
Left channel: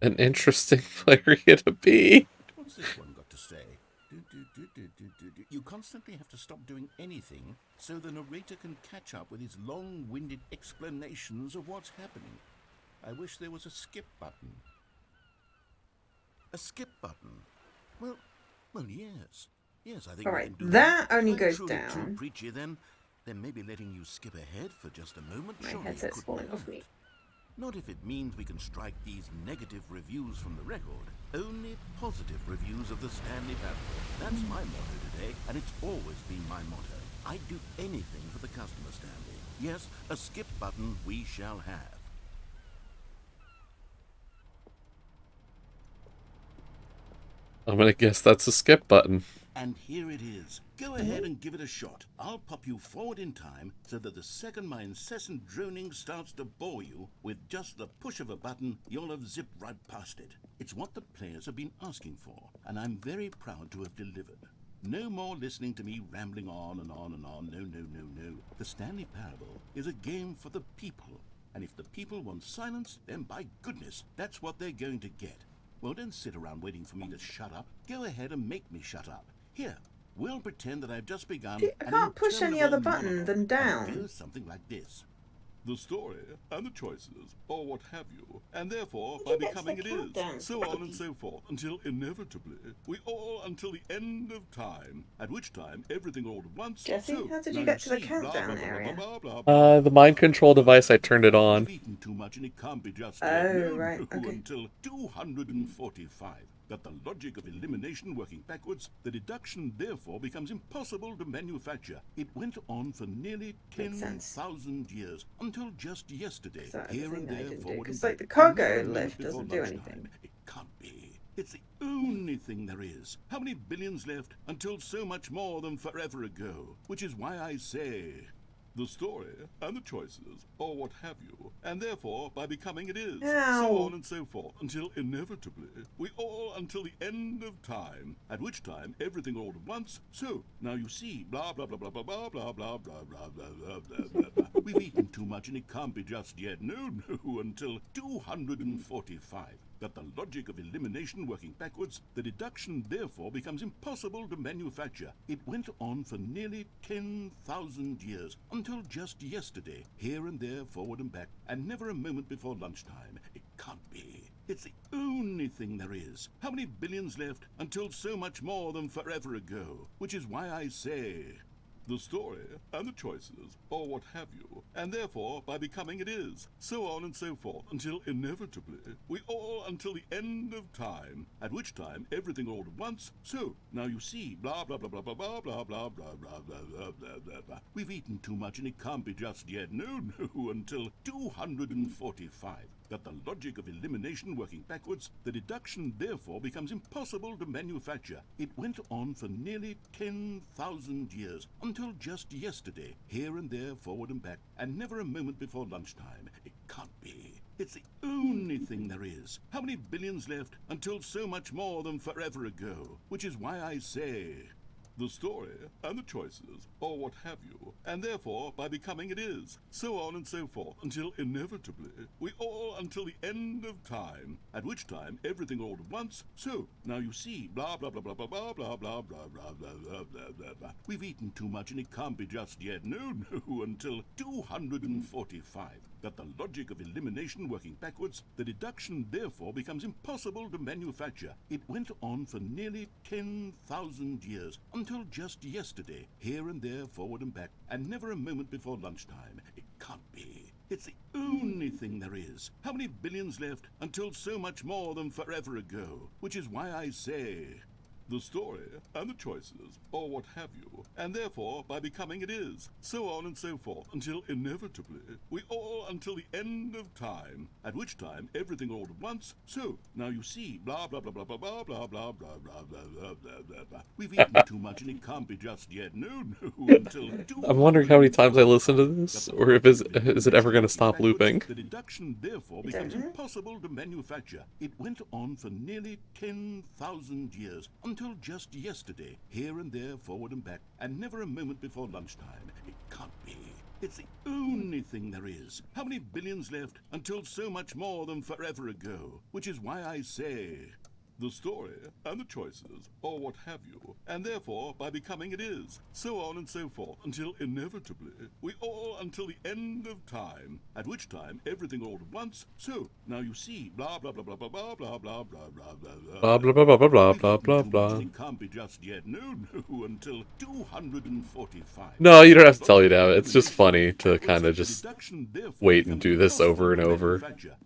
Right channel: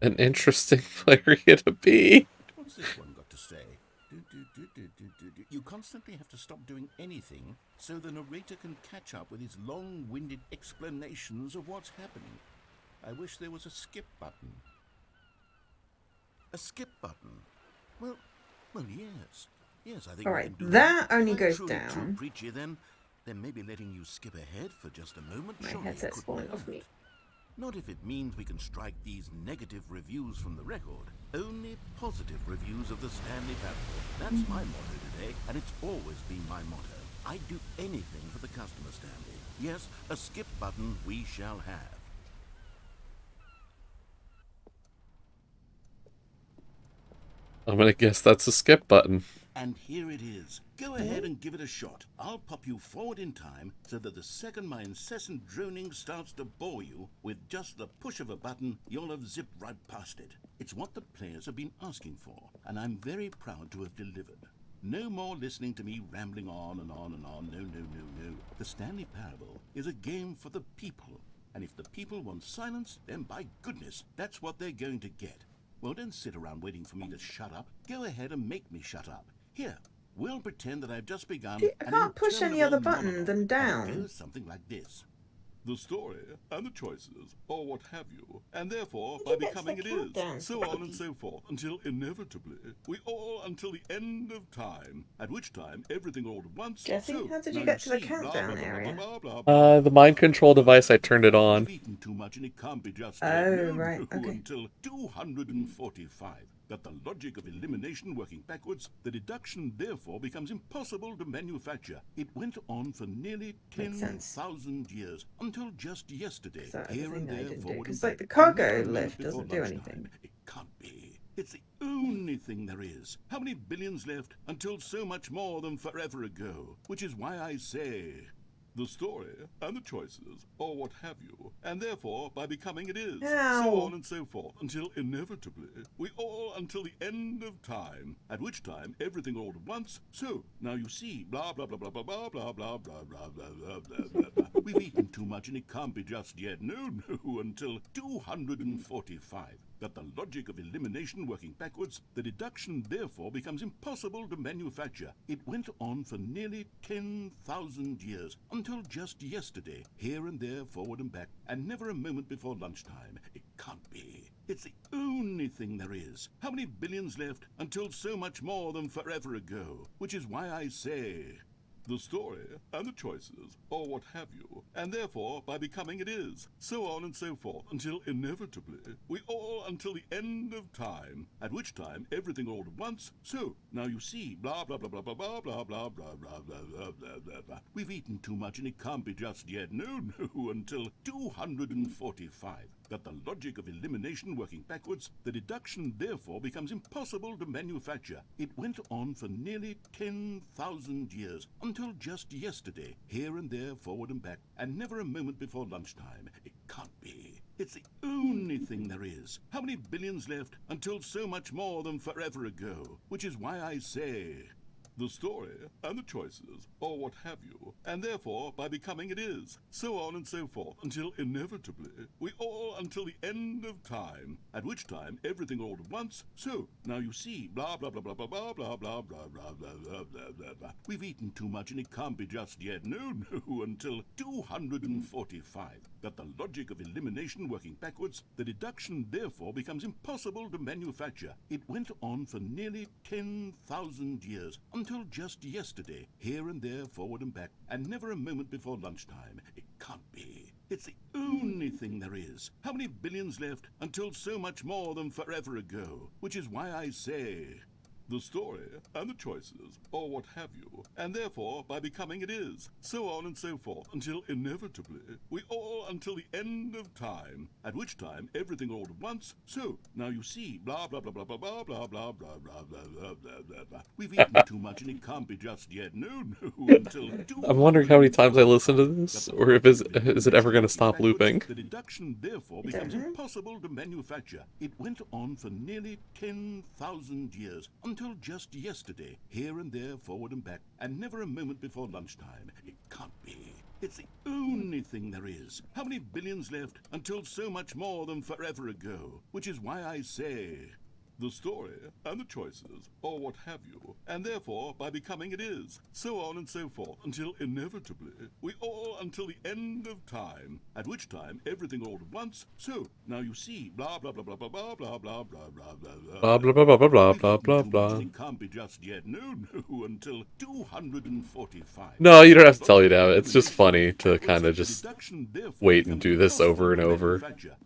interesting area to be. What's this one got to say? You constantly have to stop doing anything so the narrator can catch up with his long-winded explanations of what's happening. I wish there was a skip button. A skip button? Well, yes. Yes, I think All we right, can do that only If I'm goes truly too down. preachy, then Then maybe letting you skip ahead for just a moment My surely headset's couldn't falling off me. hurt. Not if it means we can strike these negative reviews from the record. Only positive reviews of the Stanley Parable. That's my motto today, and it's always been my motto. I'd do anything for the customer, Stanley. Yes, a skip button we shall have. I'm gonna guess that's a skip button. And here it is. Go ahead and give it a shot. I'll pop you forward in time so that the second my incessant droning starts to bore you, with just the push of a button, you'll have zipped right past it. It's what the players have been asking for, and I'm very proud to have delivered. No more listening to me rambling on and on and on. No, no, no, no. The Stanley Parable is a game for the people. And if the people want silence, then by goodness, that's what they're going to get. Well, don't sit around waiting for me to shut up. Go ahead and make me shut up. Here, we'll pretend that I've just begun. See, I can't push any other button than down. It goes something like this. The story and the choices, or what have you, and therefore by becoming it is, so on and so forth, until inevitably, we all until the end of time, at which time everything all at once. Jesse, so, how did you now get to the see, countdown area? The mind control device, I turned it on. We've eaten too much and it can't be just Oh, yet. No, right, no, okay. until 245. That the logic of elimination working backwards, the deduction therefore becomes impossible to manufacture. It went on for nearly Makes sense. 10,000 years, until just yesterday, Is that here and everything I there, didn't do? forward and 'Cause, back. like, the cargo and never a moment lift before doesn't do lunchtime. anything. It can't be. It's the only thing there is. How many billions left until so much more than forever ago? Which is why I say, the story and the choices, or what have you, and therefore by becoming it is, so Ow. on and so forth, until inevitably, we all until the end of time, at which time everything all at once. So, now you see, blah blah blah blah blah blah blah blah blah blah blah blah blah blah blah. We've eaten too much and it can't be just yet. No, no, until 245. That the logic of elimination working backwards, the deduction therefore becomes impossible to manufacture. It went on for nearly 10,000 years, until just yesterday, here and there, forward and back, and never a moment before lunchtime. It can't be. It's the only thing there is. How many billions left until so much more than forever ago? Which is why I say, the story and the choices, or what have you, and therefore by becoming it is, so on and so forth, until inevitably, we all until the end of time, at which time everything all at once. So, now you see, blah blah blah blah blah blah blah blah blah blah blah blah blah blah blah. We've eaten too much and it can't be just yet. No, no, until 245. That the logic of elimination working backwards, the deduction therefore becomes impossible to manufacture. It went on for nearly 10,000 years, until just yesterday, here and there, forward and back, and never a moment before lunchtime. It can't be. It's the only thing there is. How many billions left until so much more than forever ago? Which is why I say, the story and the choices, or what have you, and therefore by becoming it is, so on and so forth, until inevitably, we all until the end of time, at which time everything all at once. So, now you see, blah blah blah blah blah blah blah blah blah blah blah blah blah blah blah. We've eaten too much and it can't be just yet. No, no, until 245. That the logic of elimination working backwards, the deduction therefore becomes impossible to manufacture. It went on for nearly 10,000 years, until just yesterday, here and there, forward and back, and never a moment before lunchtime. It can't be. It's the only thing there is. How many billions left until so much more than forever ago? Which is why I say, the story and the choices, or what have you, and therefore by becoming it is, so on and so forth, until inevitably, we all until the end of time, at which time everything all at once. So, now you see, blah blah blah blah blah blah blah blah blah blah blah blah blah blah blah. We've eaten too much and it can't be just yet. No, no, until I'm wondering how many times I listen to this, or if is it ever going to stop looping? The deduction therefore becomes impossible to manufacture. It went on for nearly 10,000 years, until just yesterday, here and there, forward and back, and never a moment before lunchtime. It can't be. It's the only thing there is. How many billions left until so much more than forever ago? Which is why I say, the story and the choices, or what have you, and therefore by becoming it is, so on and so forth, until inevitably we all until the end of time, at which time everything all at once, so now you see, blah blah blah blah blah blah blah blah blah blah Blah blah blah blah blah blah We've blah eaten blah too much blah. and it can't be just yet, no, until 245. No, you don't have to tell me now. It's just funny to kind of just wait and do this over and over.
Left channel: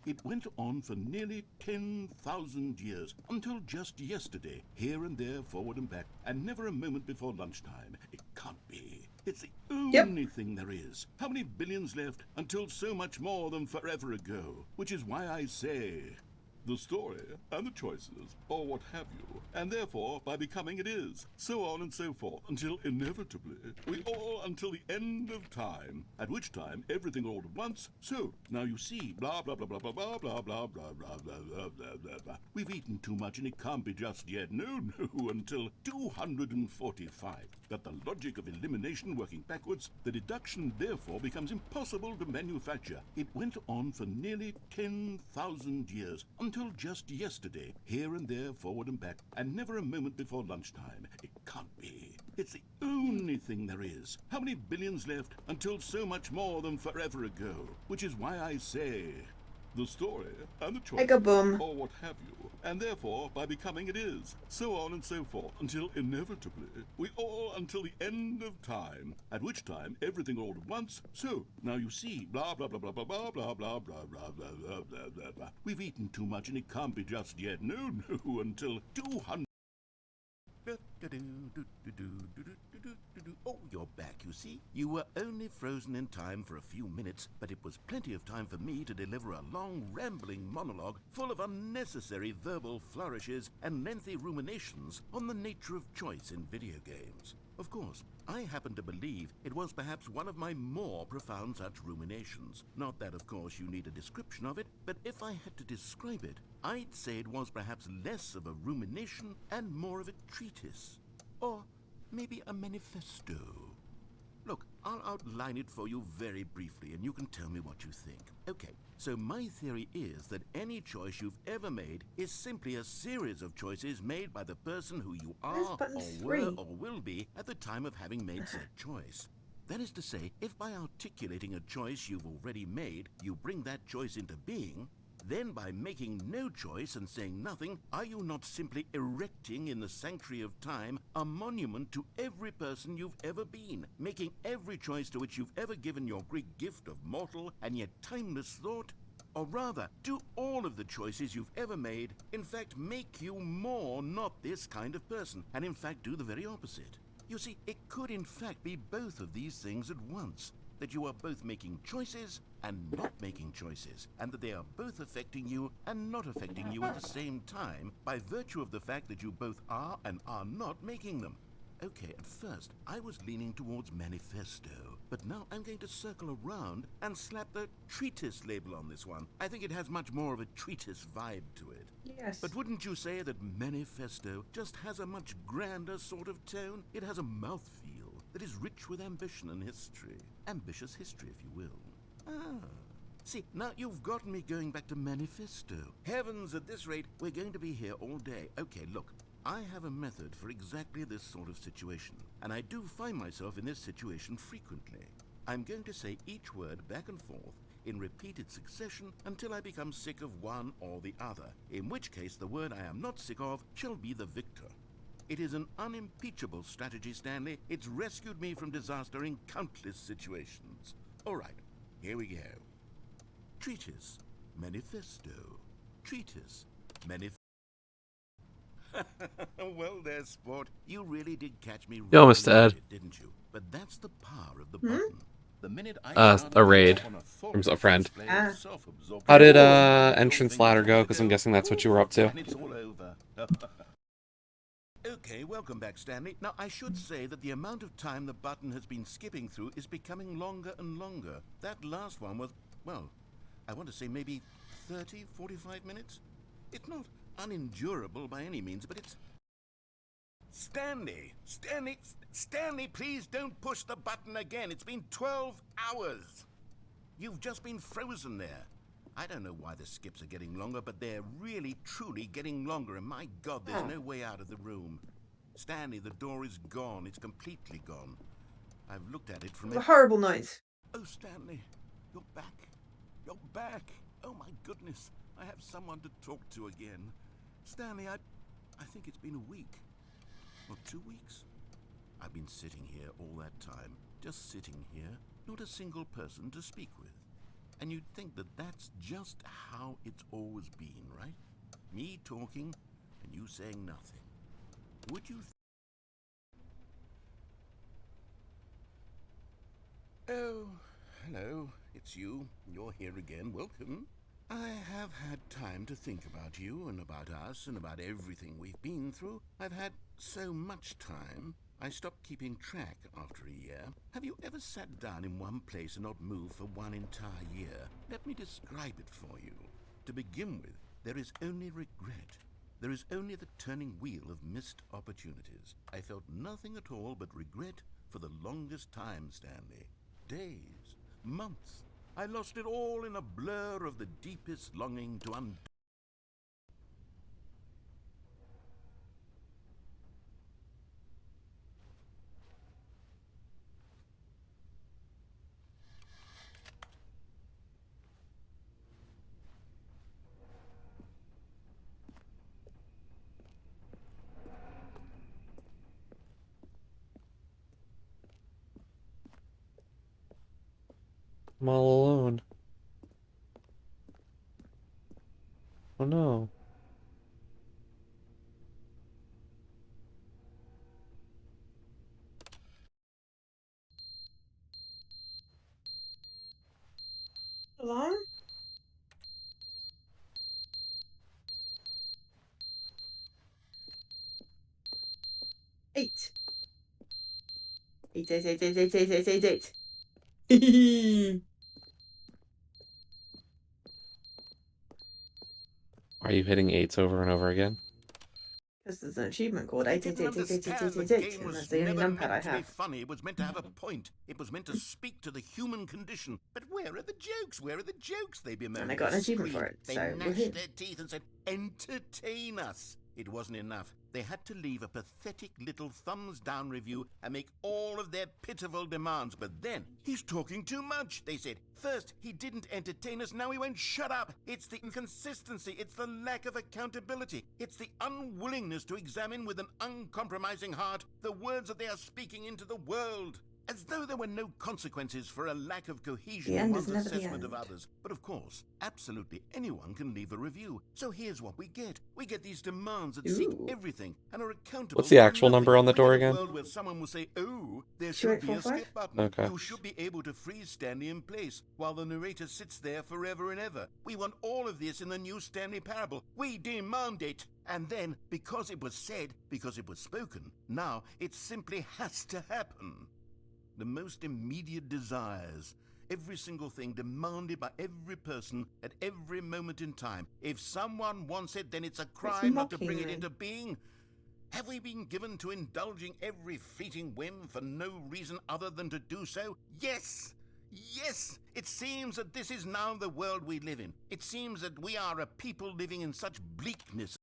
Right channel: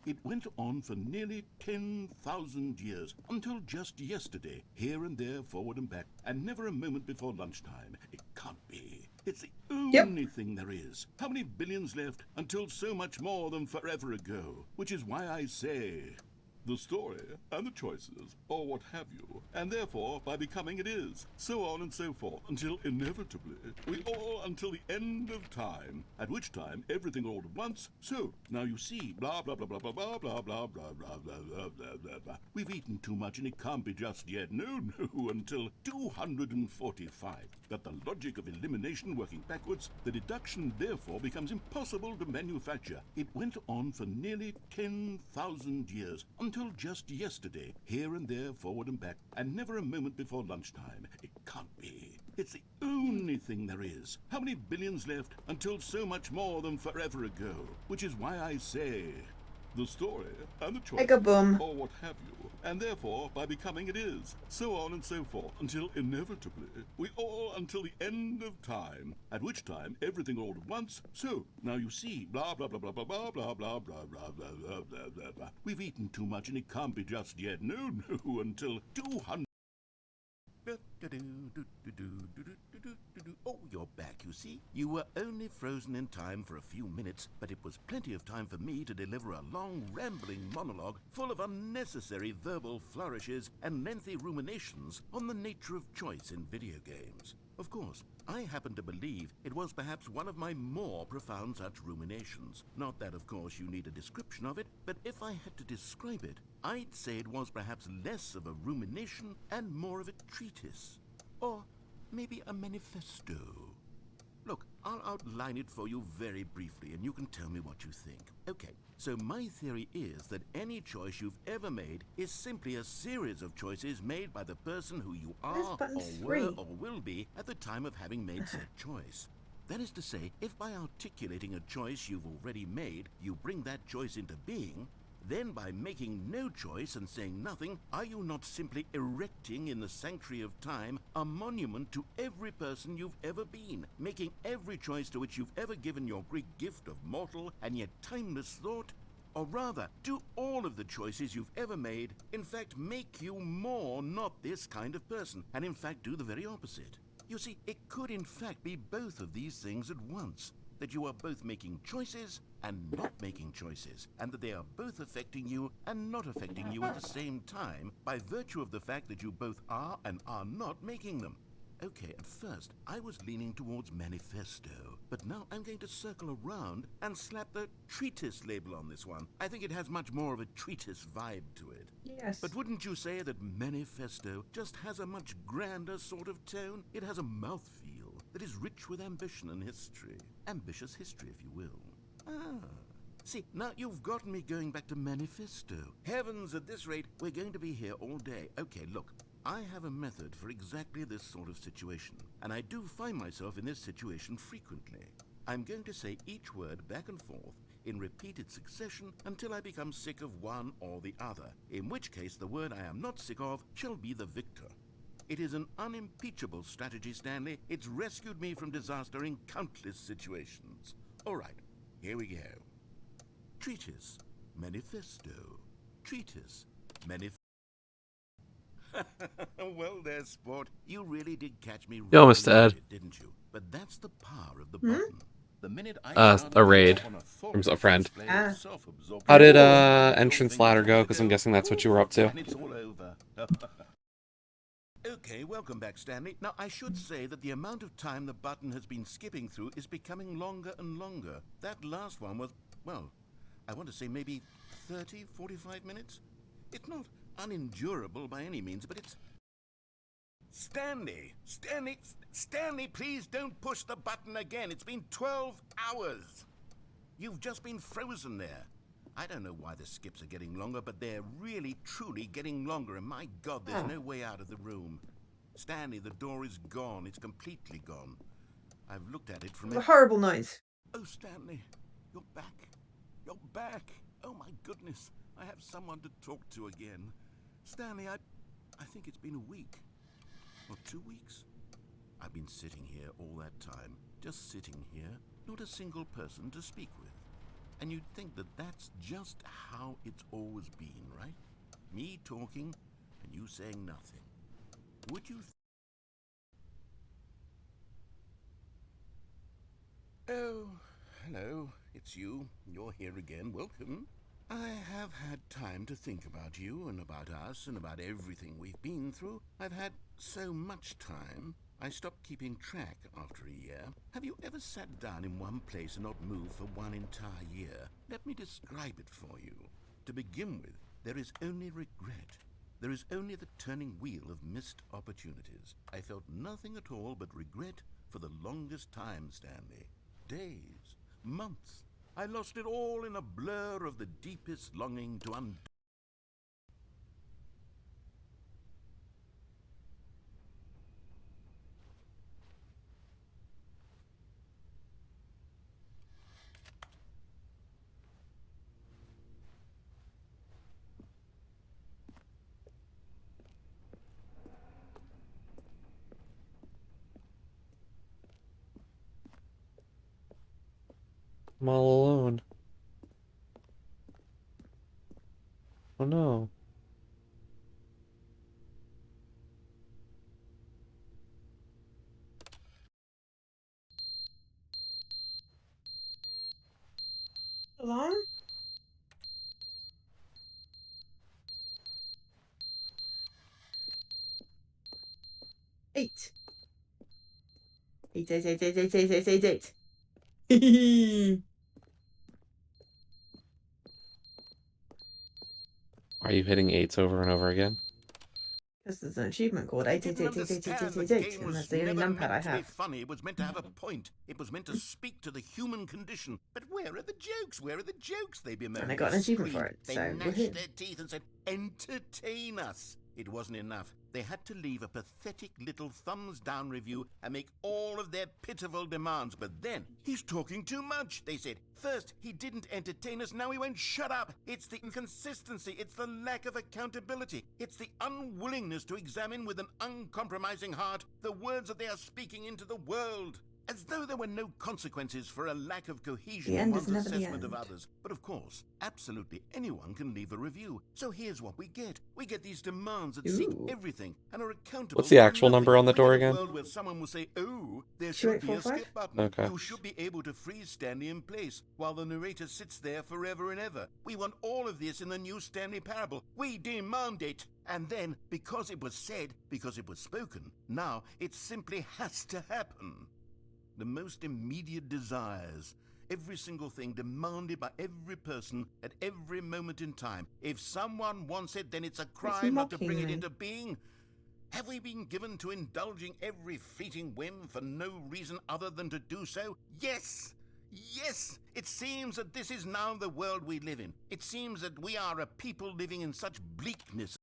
It went on for nearly 10,000 years, until just yesterday, here and there, forward and back, and never a moment before lunchtime. It can't be. It's the only thing there is. How many billions left until so much more than forever ago? Which is why I say, the story and the choices, or what have you, and therefore by becoming it is, so on and so forth, until inevitably we all until the end of time, at which time everything all at once, so now you see, blah blah blah blah blah blah blah blah blah blah blah blah blah blah blah. We've eaten too much and it can't be just yet, no, until 245. That the logic of elimination working backwards, the deduction therefore becomes impossible to manufacture. It went on for nearly 10,000 years, until just yesterday, here and there, forward and back, and never a moment before lunchtime. It can't be. It's the only thing there is. How many billions left until so much more than forever ago? Which is why I say, the story and the choice, or what have you, and therefore by becoming it is, so on and so forth, until inevitably we all until the end of time, at which time everything all at once, so now you see, blah blah blah blah blah blah blah blah blah blah blah blah blah blah blah. We've eaten too much and it can't be just yet, no, until 200. Oh, you're back, you see. You were only frozen in time for a few minutes, but it was plenty of time for me to deliver a long, rambling monologue full of unnecessary verbal flourishes and lengthy ruminations on the nature of choice in video games. Of course, I happen to believe it was perhaps one of my more profound such ruminations. Not that, of course, you need a description of it, but if I had to describe it, I'd say it was perhaps less of a rumination and more of a treatise. Or maybe a manifesto. Look, I'll outline it for you very briefly, and you can tell me what you think. Okay, so my theory is that any choice you've ever made is simply a series of choices made by the person who you are, or were, or will be at the time of having made said choice. That is to say, if by articulating a choice you've already made, you bring that choice into being, then by making no choice and saying nothing, are you not simply erecting in the sanctuary of time a monument to every person you've ever been, making every choice to which you've ever given your great gift of mortal and yet timeless thought? Or rather, do all of the choices you've ever made, in fact, make you more not this kind of person, and in fact do the very opposite? You see, it could in fact be both of these things at once. That you are both making choices and not making choices, and that they are both affecting you and not affecting you at the same time by virtue of the fact that you both are and are not making them. Okay, at first I was leaning towards manifesto, but now I'm going to circle around and slap the treatise label on this one. I think it has much more of a treatise vibe to it. Yes. But wouldn't you say that manifesto just has a much grander sort of tone? It has a mouthfeel that is rich with ambition and history. Ambitious history, if you will. Ah. See, now you've gotten me going back to manifesto. Heavens, at this rate, we're going to be here all day. Okay, look, I have a method for exactly this sort of situation, and I do find myself in this situation frequently. I'm going to say each word back and forth in repeated succession until I become sick of one or the other, in which case the word I am not sick of shall be the victor. It is an unimpeachable strategy, Stanley. It's rescued me from disaster in countless situations. All right, here we go. Treatise, manifesto. Treatise, manifesto. Well, there, sport. You really did catch me. Yo, Mr. Ed. Didn't you? But that's the power of the button. The minute A raid from a friend. How did entrance ladder go? Because I'm guessing that's what you were up to. It's all over. Okay, welcome back, Stanley. Now, I should say that the amount of time the button has been skipping through is becoming longer and longer. That last one was, well, I want to say maybe 30, 45 minutes? It's not unendurable by any means, but it's... Stanley, please don't push the button again. It's been 12 hours. You've just been frozen there. I don't know why the skips are getting longer, but they're really, truly getting longer, and my God, there's no way out of the room. Stanley, the door is gone. It's completely gone. I've looked at it from A horrible noise. Oh, Stanley, you're back. You're back. Oh, my goodness. I have someone to talk to again. Stanley, I think it's been a week. Or 2 weeks. I've been sitting here all that time. Just sitting here. Not a single person to speak with. And you'd think that that's just how it's always been, right? Me talking and you saying nothing. Would you... Oh, hello. It's you. You're here again. Welcome. I have had time to think about you and about us and about everything we've been through. I've had so much time. I stopped keeping track after a year. Have you ever sat down in one place and not moved for one entire year? Let me describe it for you. To begin with, there is only regret. There is only the turning wheel of missed opportunities. I felt nothing at all but regret for the longest time, Stanley. Days, months. I lost it all in a blur of the deepest longing to undo. I'm all alone. Oh no. Alarm? Eight. 8, 8, 8, 8, 8, 8, 8, 8, 8. Are you hitting 8s over and over again? Because there's an achievement called But they 8, 8, didn't 8, 8, 8, 8, 8, understand the 8, 8, game and was that's the only never numpad I meant to be have. funny. It was meant to have a point. It was meant to speak to the human condition. But where are the jokes? Where are the jokes? They bemoaned. And I got They an achievement for screamed. it, They so gnashed woohoo. their teeth and said, "Entertain us." It wasn't enough. They had to leave a pathetic little thumbs-down review and make all of their pitiful demands. But then, he's talking too much, they said. First, he didn't entertain us, now he won't shut up. It's the inconsistency, it's the lack of accountability, it's the unwillingness to examine with an uncompromising heart the words that they are speaking into the world. As though there were no consequences for a lack of cohesion The in end one's is never the assessment of end. others. But of course, absolutely anyone can leave a review. So here's what we get. We get these demands that seek Ooh. everything and are accountable What's the for actual nothing. number on the We door get a again? world where someone will say, "Oh, there should be a 2845? skip button. Okay. You should be able to freeze Stanley in place while the narrator sits there forever and ever. We want all of this in the new Stanley parable. We demand it." And then, because it was said, because it was spoken, now it simply has to happen. The most immediate desires, every single thing demanded by every person at every moment in time. If someone wants it, then it's a crime not to bring it mocking me. into being. Have we been given to indulging every fleeting whim for no reason other than to do so? Yes! Yes! It seems that this is now the world we live in. It seems that we are a people living in such bleakness.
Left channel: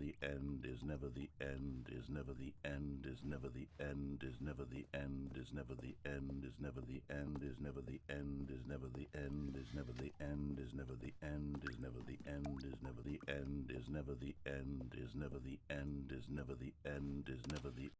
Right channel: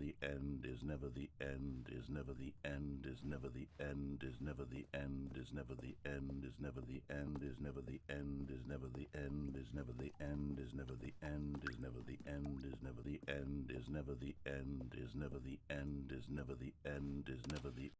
The end is never the end, is never the end, is never the end, is never the end, is never the end, is never the end, is never the end, is never the end, is never the end, is never the end, is never the end, is never the end, is never the end, is never the end, is never the end, is never the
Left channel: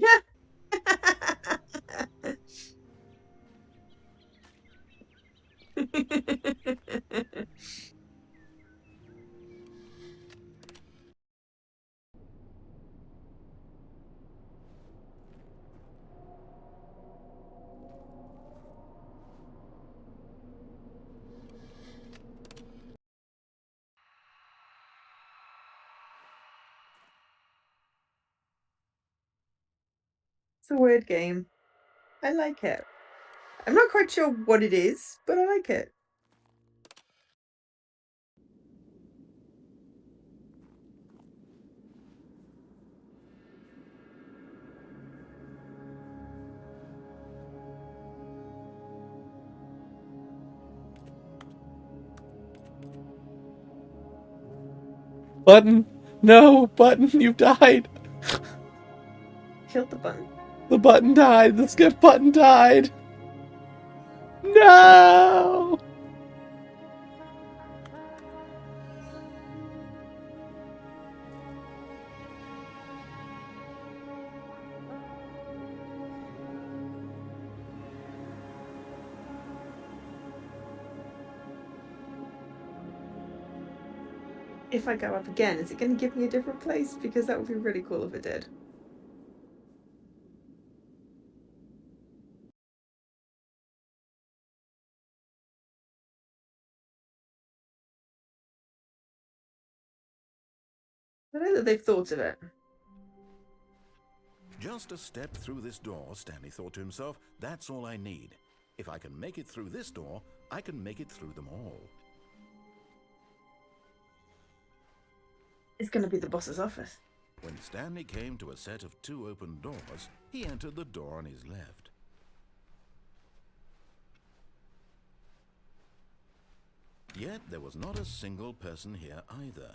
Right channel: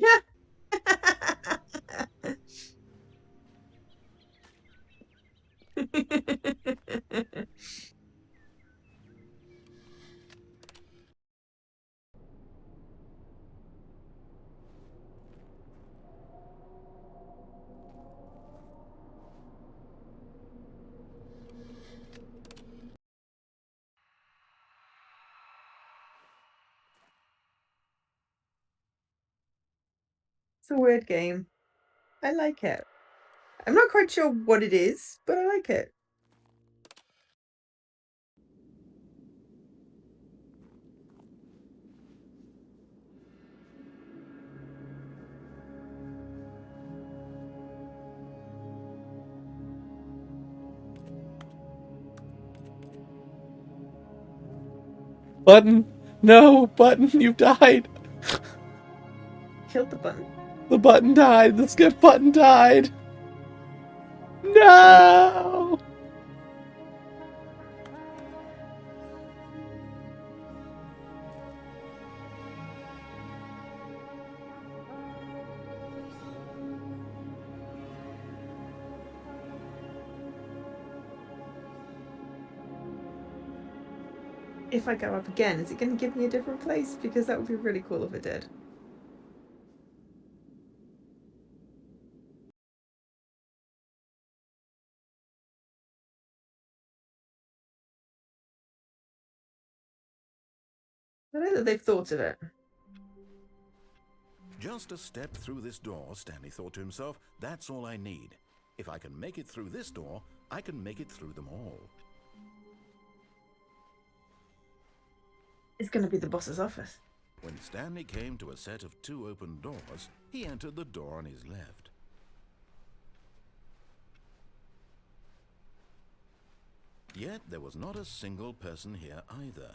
Yeah. It's a weird game. I like it. I'm not quite sure what it is, but I like it. Button! No! Button, you've died! Killed the button. The button died! The skip button died! No! If I go up again, is it going to give me a different place? Because that would be really cool if it did. I know that they've thought of it. Just a step through this door, Stanley thought to himself. That's all I need. If I can make it through this door, I can make it through them all. It's going to be the boss's office. When Stanley came to a set of 2 open doors, he entered the door on his left. Yet there was not a single person here either.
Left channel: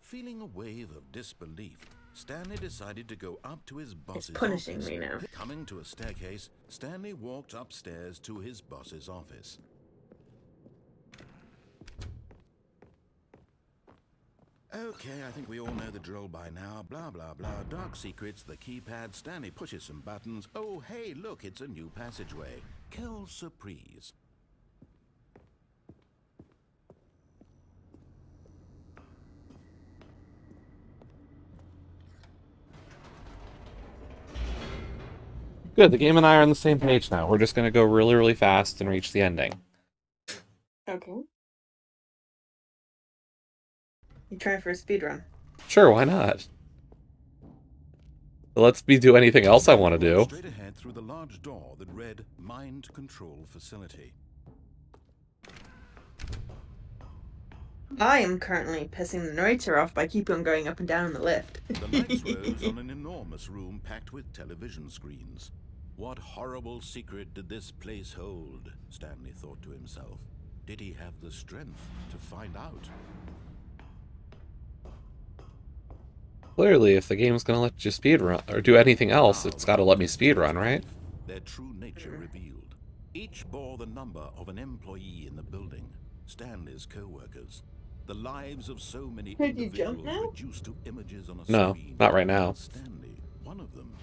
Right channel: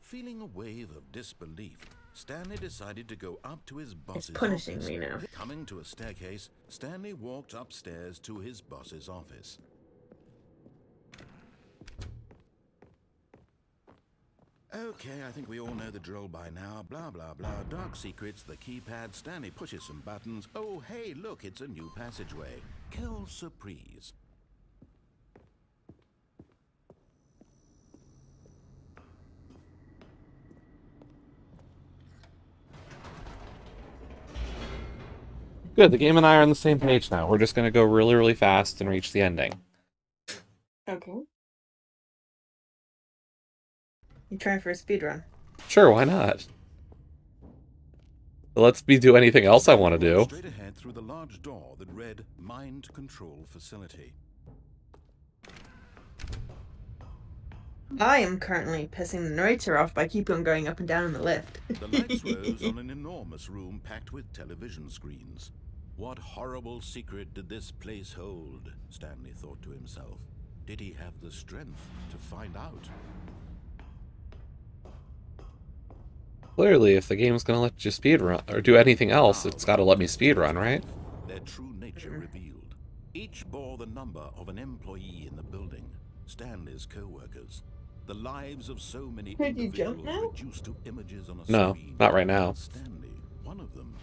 Feeling a wave of disbelief, Stanley decided to go up to his boss's It's punishing office. me now. Coming to a staircase, Stanley walked upstairs to his boss's office. Okay, I think we all know the drill by now. Blah, blah, blah. Dark secrets, the keypad. Stanley pushes some buttons. Oh, hey, look, it's a new passageway. Quelle surprise. Good, the game and I are on the same page now. We're just gonna go really, really fast and reach the ending. Okay. You trying for a speed run? Sure, why not? Let's do anything else I want to do. Straight ahead through the large door that read Mind Control Facility. I am currently pissing the narrator off by keeping on going up and down in the lift. The lights rose on an enormous room packed with television screens. What horrible secret did this place hold? Stanley thought to himself. Did he have the strength to find out? Clearly, if the game's gonna let you speedrun, or do anything else, it's gotta let me speedrun, right? Their true nature revealed. Each bore the number of an employee in the building, Stanley's co-workers. The lives of so many Could you jump individuals now? reduced to images on a No, screen. not right now. Stanley, one of them,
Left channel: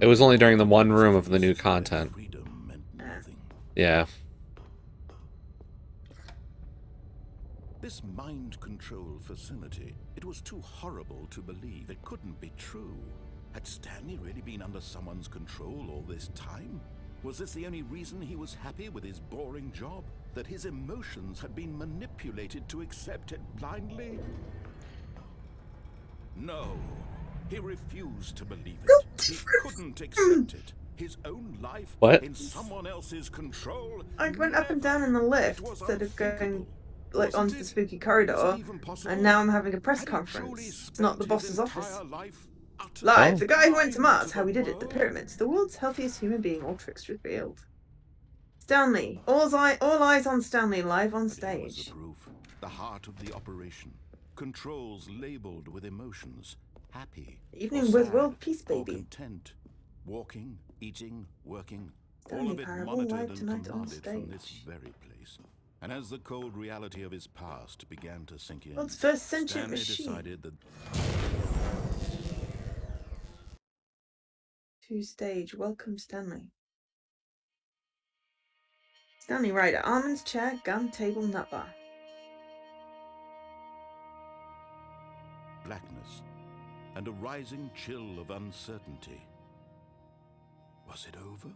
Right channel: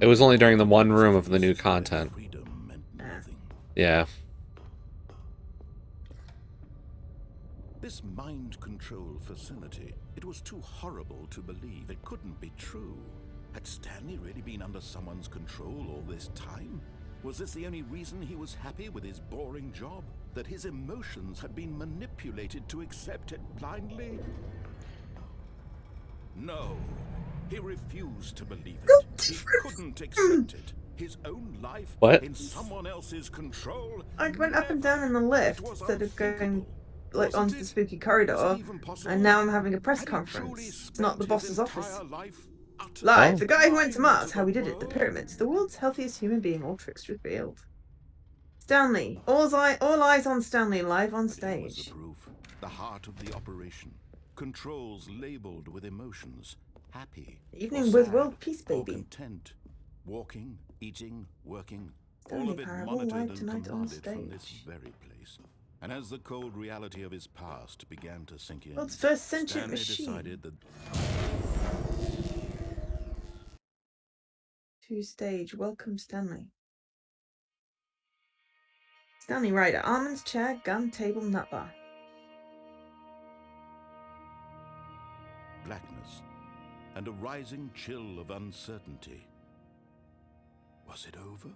It was only during the one room of the new content. Freedom meant nothing. Yeah. This mind control facility, it was too horrible to believe. It couldn't be true. Had Stanley really been under someone's control all this time? Was this the only reason he was happy with his boring job? That his emotions had been manipulated to accept it blindly? No. He refused to believe it. He couldn't accept it. His own life What? in someone else's control? I went up and down in the Never. lift It was instead of going unthinkable. like Wasn't onto the it? spooky Is corridor, it even possible? and now I'm having a press Had he truly conference, not the spent his boss's office. entire life utterly Live, Oh. the guy who went to blind Mars, to how the we did it, the world? pyramids, the world's healthiest human being, all tricks revealed. Stanley, all eyes on Stanley, live on But here was stage. the proof. The heart of the operation. Controls labeled with emotions. Happy. Evening or with sad, World Peace or Baby. Content. Walking, eating, working. Stanley All of it Parable monitored live and tonight on commanded from this stage. very place. And as the cold reality of his past began to sink in, World's first sentient Stanley machine. decided that To stage. Welcome, Stanley. Stanley Ryder. Almonds, chair, gun, table, nut bar. Blackness and a rising chill of uncertainty. Was it over?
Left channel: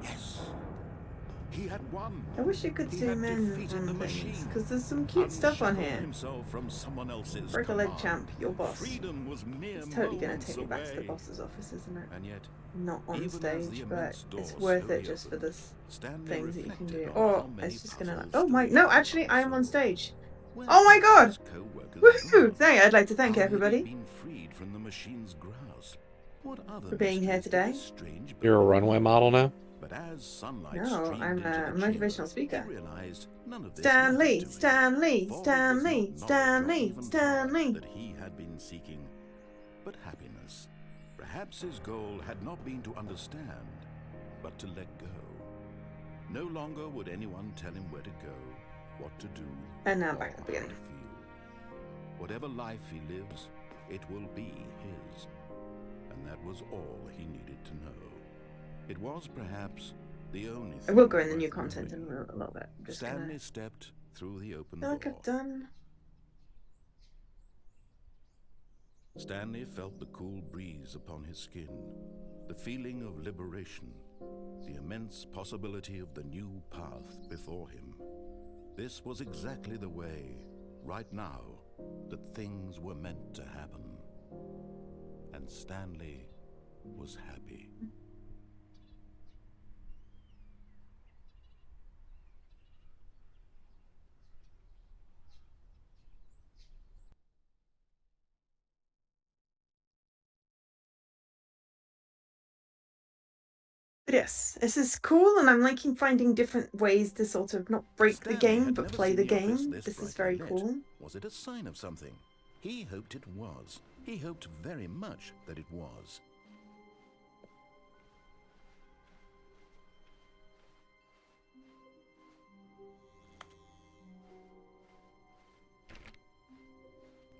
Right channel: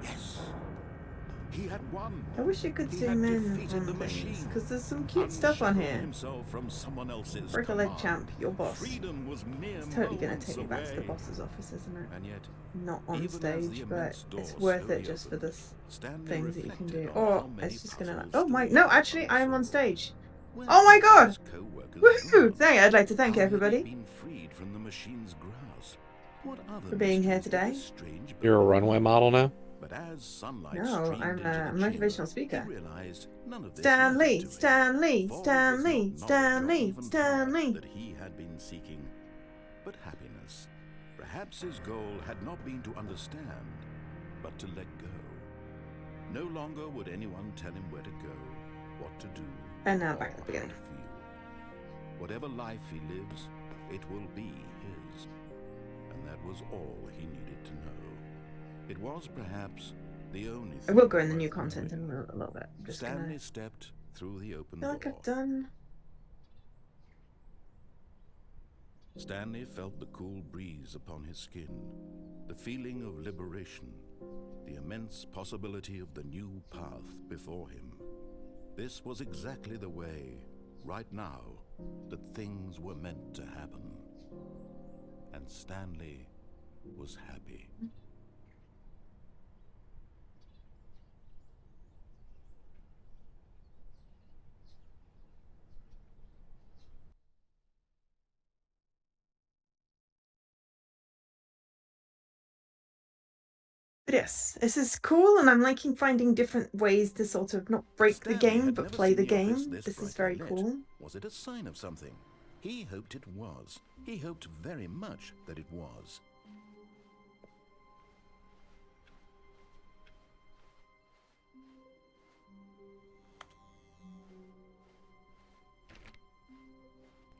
Yes. He had won. I wish you could He zoom had in defeated on the things, machine. because there's some cute stuff on Unshackled here. himself from someone else's Break a leg, command. champ. Your boss. Freedom was mere It's totally going to moments take me back to the away. boss's office, isn't it? And yet, Not on even as the stage, immense but door it's worth it slowly just for opened, this Stanley things that you can reflected do. on Or how many it's just gonna like, puzzles oh my, do no, we actually, I am on solve? stage. Where Oh my had god! his co-workers Woohoo! gone? I'd like to thank How had he everybody been freed from the machine's grasp? What other for being here mysteries did today. this strange You're a being runway hold? model now? But as sunlight No, streamed I'm into a the motivational chamber, speaker. he realized none of this Stanley, mattered to him. Stanley, For it was Stanley, not knowledge or Stanley, even power Stanley. that he had been seeking, but happiness. Perhaps his goal had not been to understand, but to let go. No longer would anyone tell him where to go, what to do, And now or back at the how beginning. to feel. Whatever life he lives, it will be his. And that was all he needed to know. It was perhaps the only I thing will go in the worth new content in knowing. a little bit. I'm just Stanley gonna... stepped through the open I feel like door. I've done... Stanley felt the cool breeze upon his skin, the feeling of liberation, the immense possibility of the new path before him. This was exactly the way, right now, that things were meant to happen. And Stanley was happy. But yes, this is cool, and I'm liking finding different ways to sort of not break Stanley the game, had but never play seen the office game. this This is brightly very lit. cool. Was it a sign of something? He hoped it was. He hoped very much that it was.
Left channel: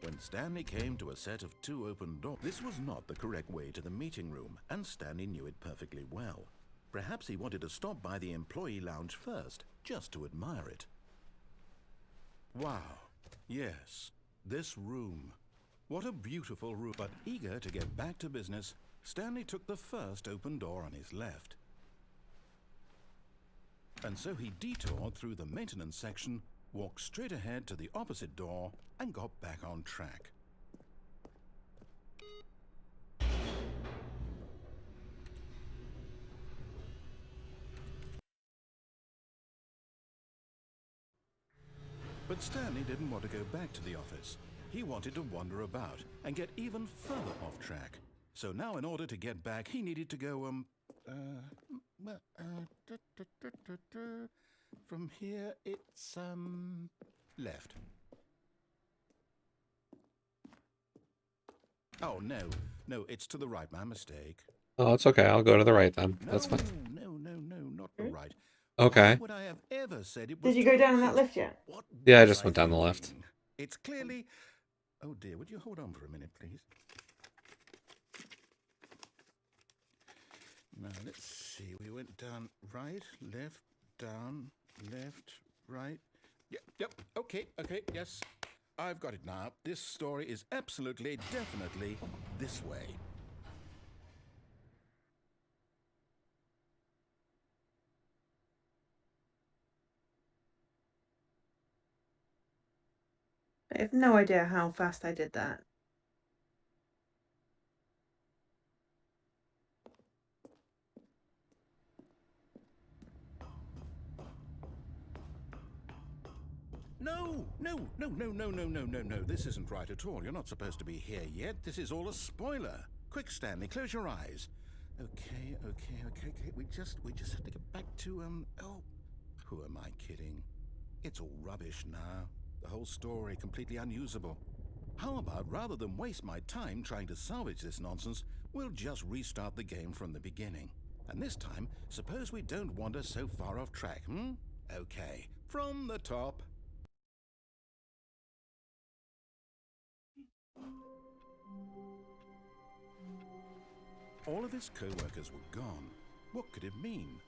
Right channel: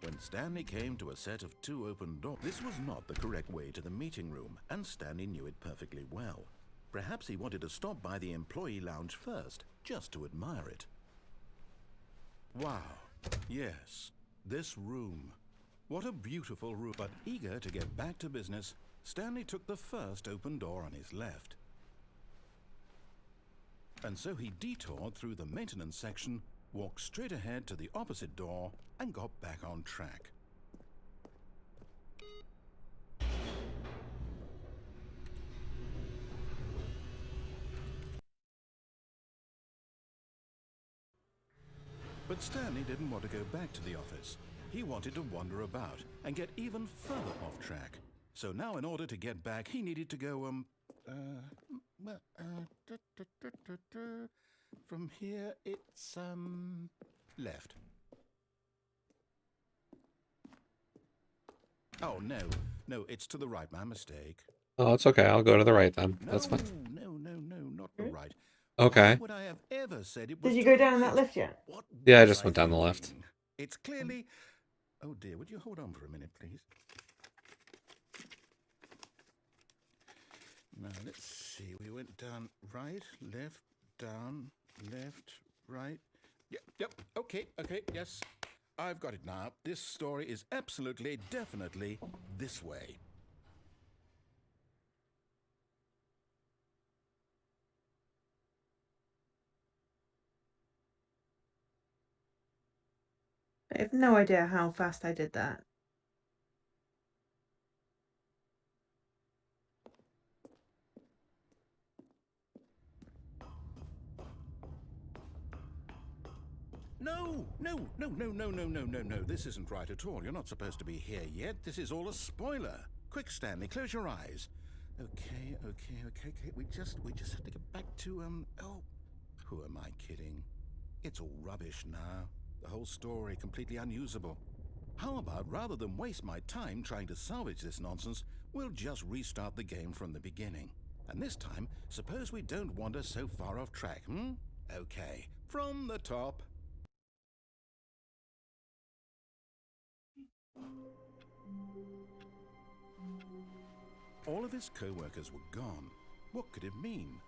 When Stanley came to a set of 2 open doors, this was not the correct way to the meeting room, and Stanley knew it perfectly well. Perhaps he wanted to stop by the employee lounge first, just to admire it. Wow. Yes, this room. What a beautiful room. But eager to get back to business, Stanley took the first open door on his left. And so he detoured through the maintenance section, walked straight ahead to the opposite door, and got back on track. But Stanley didn't want to go back to the office. He wanted to wander about and get even further off track. So now in order to get back, he needed to go, from here it's, left. Oh, no, it's to the right, my mistake. Oh, it's okay. I'll go to the right then. That's fine. No, not the right. Okay. Why would I have ever said it was Did you to go the down in that right? lift yet? What Yeah, I was just went down the left. thinking? It's clearly... Oh dear, would you hold on for a minute, please? Now, let's see. We went down right, left, down, left, right. Yep, okay, yes. I've got it now. This story is absolutely, definitely this way. I have no idea how fast I did that. No. This isn't right at all. You're not supposed to be here yet. This is all a spoiler. Quick, Stanley, close your eyes. Okay. We just have to get back to, oh, who am I kidding? It's all rubbish now. The whole story completely unusable. How about, rather than waste my time trying to salvage this nonsense, we'll just restart the game from the beginning. And this time, suppose we don't wander so far off track, Okay, from the top. All of his co-workers were gone. What could it mean?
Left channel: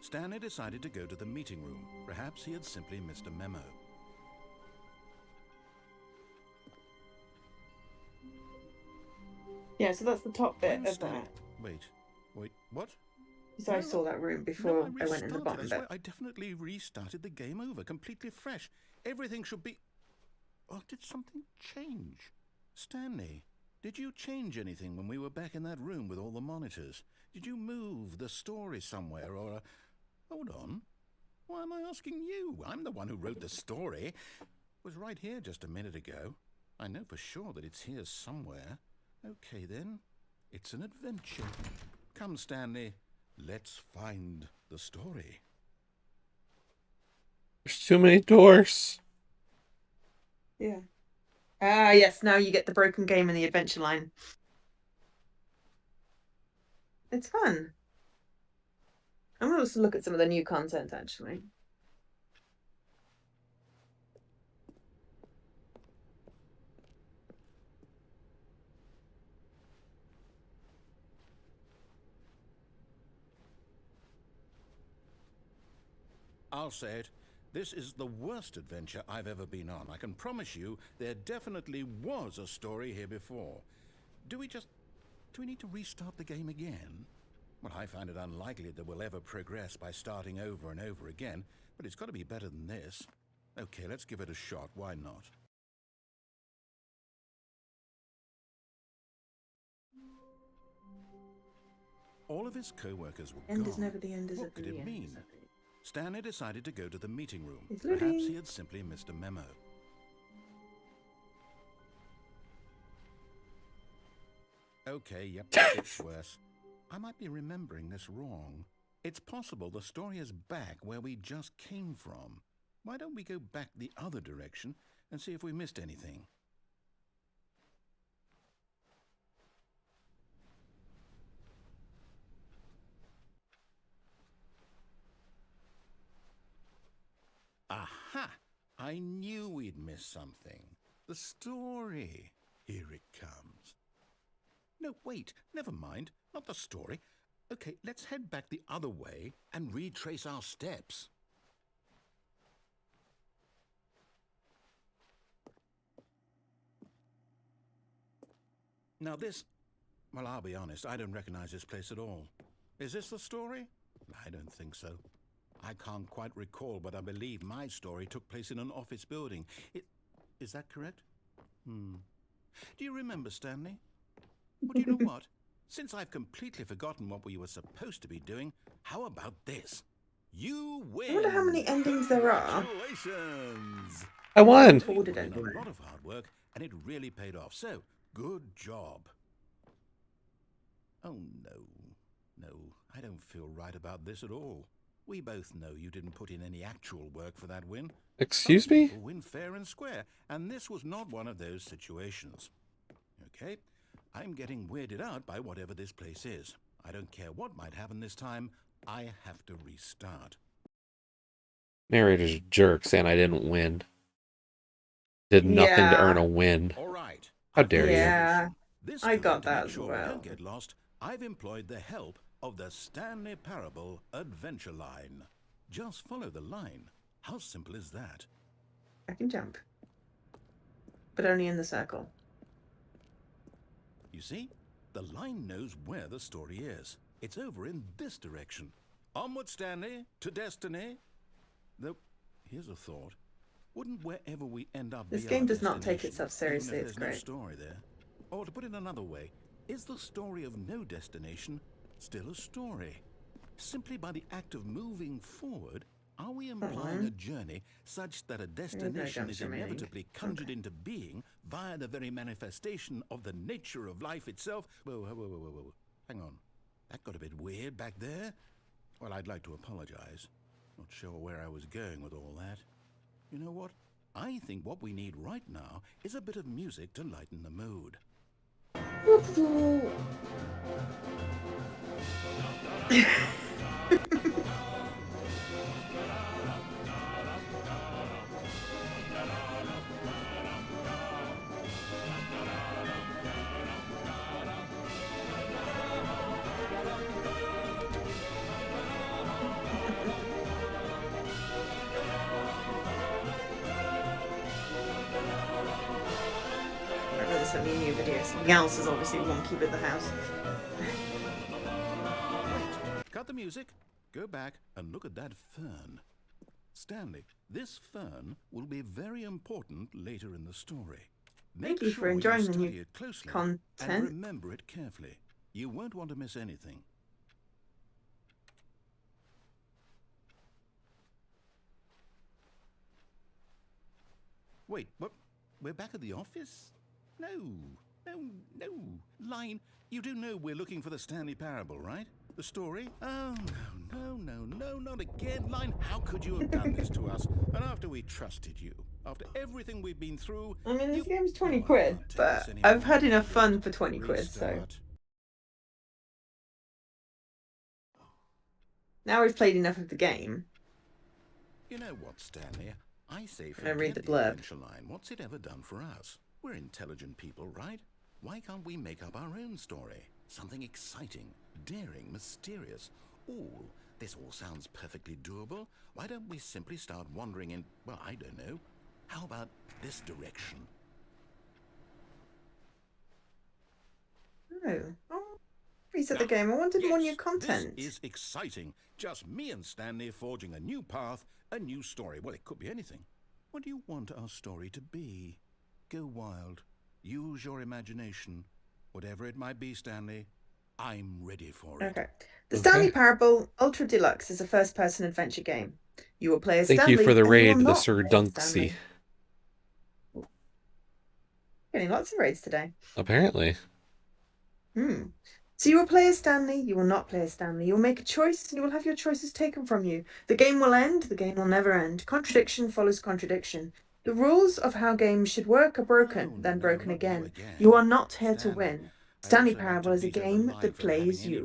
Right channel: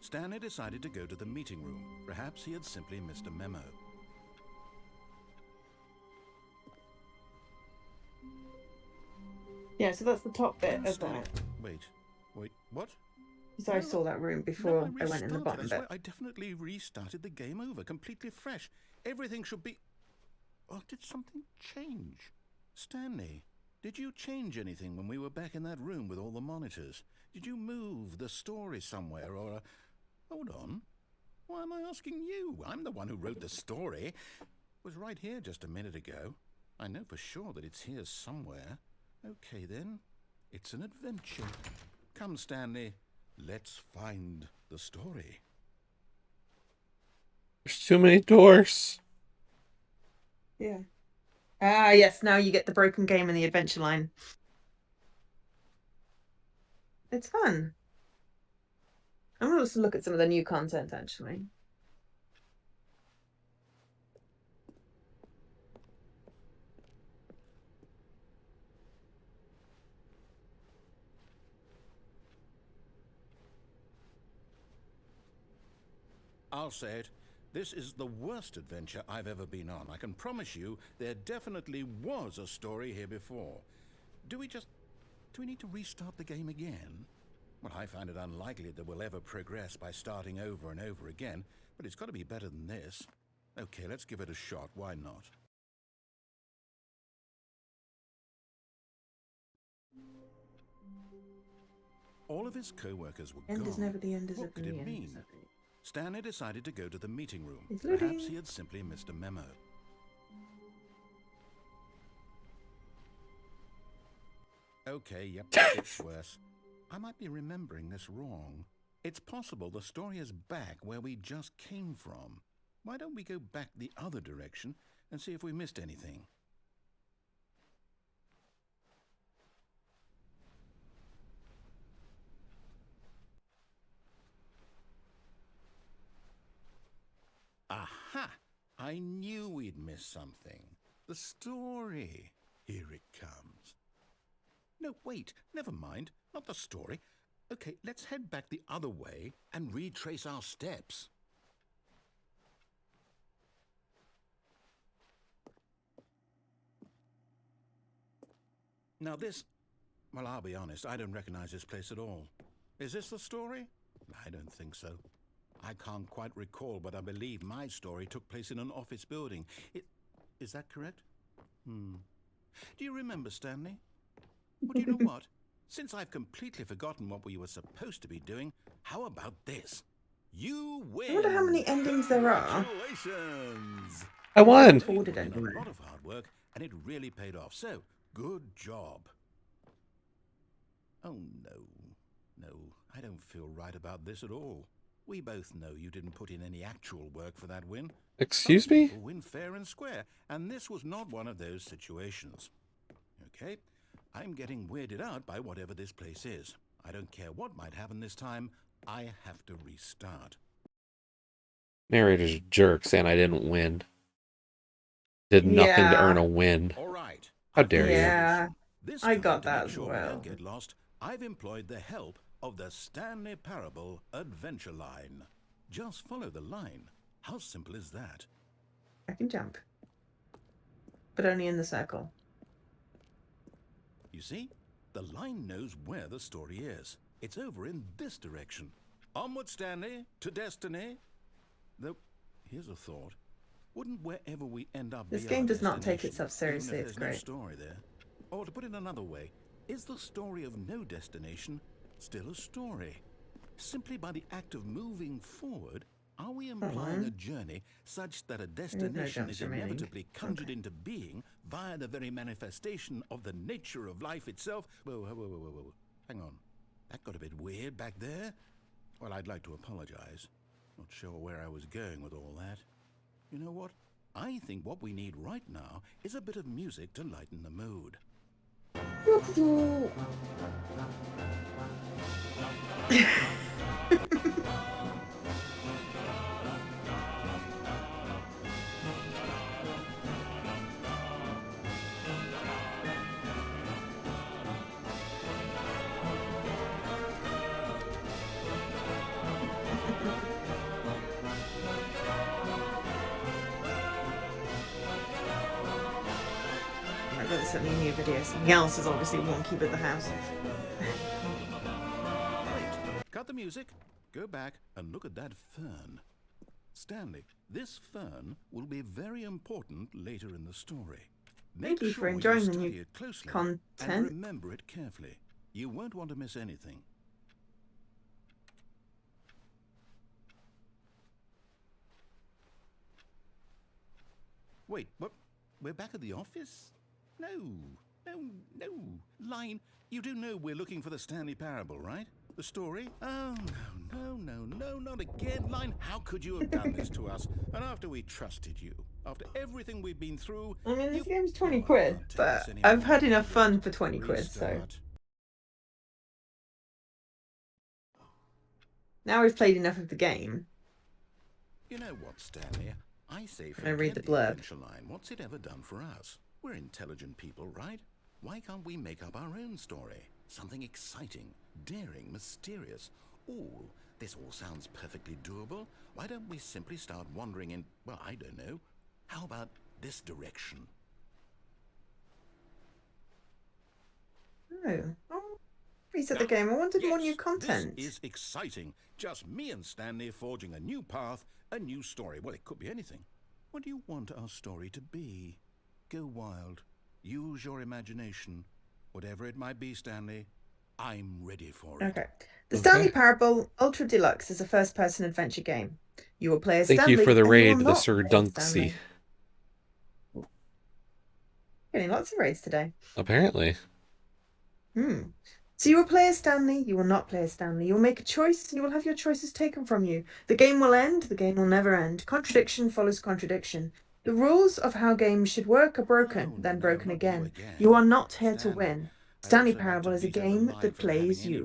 Stanley decided to go to the meeting room. Perhaps he had simply missed a memo. Yeah, so that's the top bit When of Stanley... that. Wait, what? So I No, saw that room No, before I I went in the restarted. bottom I bit. swear, I definitely restarted the game over, completely fresh. Everything should be... Or did something change? Stanley, did you change anything when we were back in that room with all the monitors? Did you move the story somewhere, or... Hold on. Why am I asking you? I'm the one who wrote the story. It was right here just a minute ago. I know for sure that it's here somewhere. Okay, then. It's an adventure. Come, Stanley. Let's find the story. There's too many doors. Yeah. Ah, yes, now you get the broken game and the adventure line. It's fun. I'm going to look at some of the new content, actually. I'll say it. This is the worst adventure I've ever been on. I can promise you there definitely was a story here before. Do we need to restart the game again? Well, I find it unlikely that we'll ever progress by starting over and over again, but it's got to be better than this. Okay, let's give it a shot. Why not? All of his co-workers were End gone. is never the end, is What it? could The it end, mean? is it? Stanley decided to go to the meeting room. It's Perhaps loading. he had simply missed a memo. Okay, yep, it's worse. I might be remembering this wrong. It's possible the story is back where we just came from. Why don't we go back the other direction and see if we missed anything? Aha! I knew we'd missed something. The story. Here it comes. No, wait, never mind. Not the story. Okay, let's head back the other way and retrace our steps. Now this... Well, I'll be honest, I don't recognize this place at all. Is this the story? I don't think so. I can't quite recall, but I believe my story took place in an office building. Is that correct? Do you remember, Stanley? Well, do you know what? Since I've completely forgotten what we were supposed to be doing, how about this? You win! I wonder how many endings there are. Congratulations! I won. You Recorded put in anyway. a lot of hard work, and it really paid off. So, good job. Oh, no, I don't feel right about this at all. We both know you didn't put in any actual work for that win. Excuse Some me? people win fair and square, and this was not one of those situations. Okay, I'm getting weirded out by whatever this place is. I don't care what might happen this time. I have to restart. Narrator's a jerk saying I didn't win. Did nothing to earn a win. All right. How dare you? Yeah, This I time, got to that make as sure we well. don't get lost, I've employed the help of the Stanley Parable Adventure Line. Just follow the line. How simple is that? I can jump. But only in the circle. You see, the line knows where the story is. It's over in this direction. Onward, Stanley, to destiny. Though, here's a thought. Wouldn't wherever we end up This be game our does not take destination, itself seriously, even if it's there's no great. story there? Or to put it another way, is the story of no destination still a story? Simply by the act of moving forward, are we implying a journey such that a destination jumps is remaining. inevitably conjured into being via the very manifestation of the nature of life itself? Whoa. Hang on. That got a bit weird back there. Well, I'd like to apologize. Not sure where I was going with all that. You know what? I think what we need right now is a bit of music to lighten the mood. necessarily a new video. Something else is obviously one keep at the house. Wait, cut the music, go back and look at that fern. Stanley, this fern will be very important later in the story. Make Thank you for sure you enjoying the study new it closely content. and remember it carefully. You won't want to miss anything. Wait, what? We're back at the office? No. Line, you do know we're looking for the Stanley Parable, right? The story? Oh, no, not again. Line, how could you have done this to us? And after we trusted you, after everything we've been through... I mean, this game's 20 Oh, I quid, can't take but this I've anymore. had enough Forget fun it. for 20 quid, so... Restart. Now we've played enough of the game. You know what, Stanley? I say Can I read forget the the blurb? adventure line. What's it ever done for us? We're intelligent people, right? Why can't we make up our own story? Something exciting, daring, mysterious. Ooh, this all sounds perfectly doable. Why don't we simply start wandering in, well, I don't know. How about this direction? Oh, reset the game. I wanted more new content. This is exciting. Just me and Stanley forging a new path, a new story. Well, it could be anything. What do you want our story to be? Go wild. Use your imagination. Whatever it might be, Stanley, I'm ready for it. Okay. The Stanley Parable Ultra Deluxe is a first-person adventure game. You will play as Thank Stanley. you for the and you raid, will the not Sir play as Dunksy. Stanley. Getting lots of raids today. Apparently. So you will play as Stanley, you will not play as Stanley. You will make a choice and you will have your choices taken from you. The game will end, the game will never end. Contradiction follows contradiction. The rules of how games should work are broken, then broken again. You are not here to win. Stanley Parable is a game that plays you.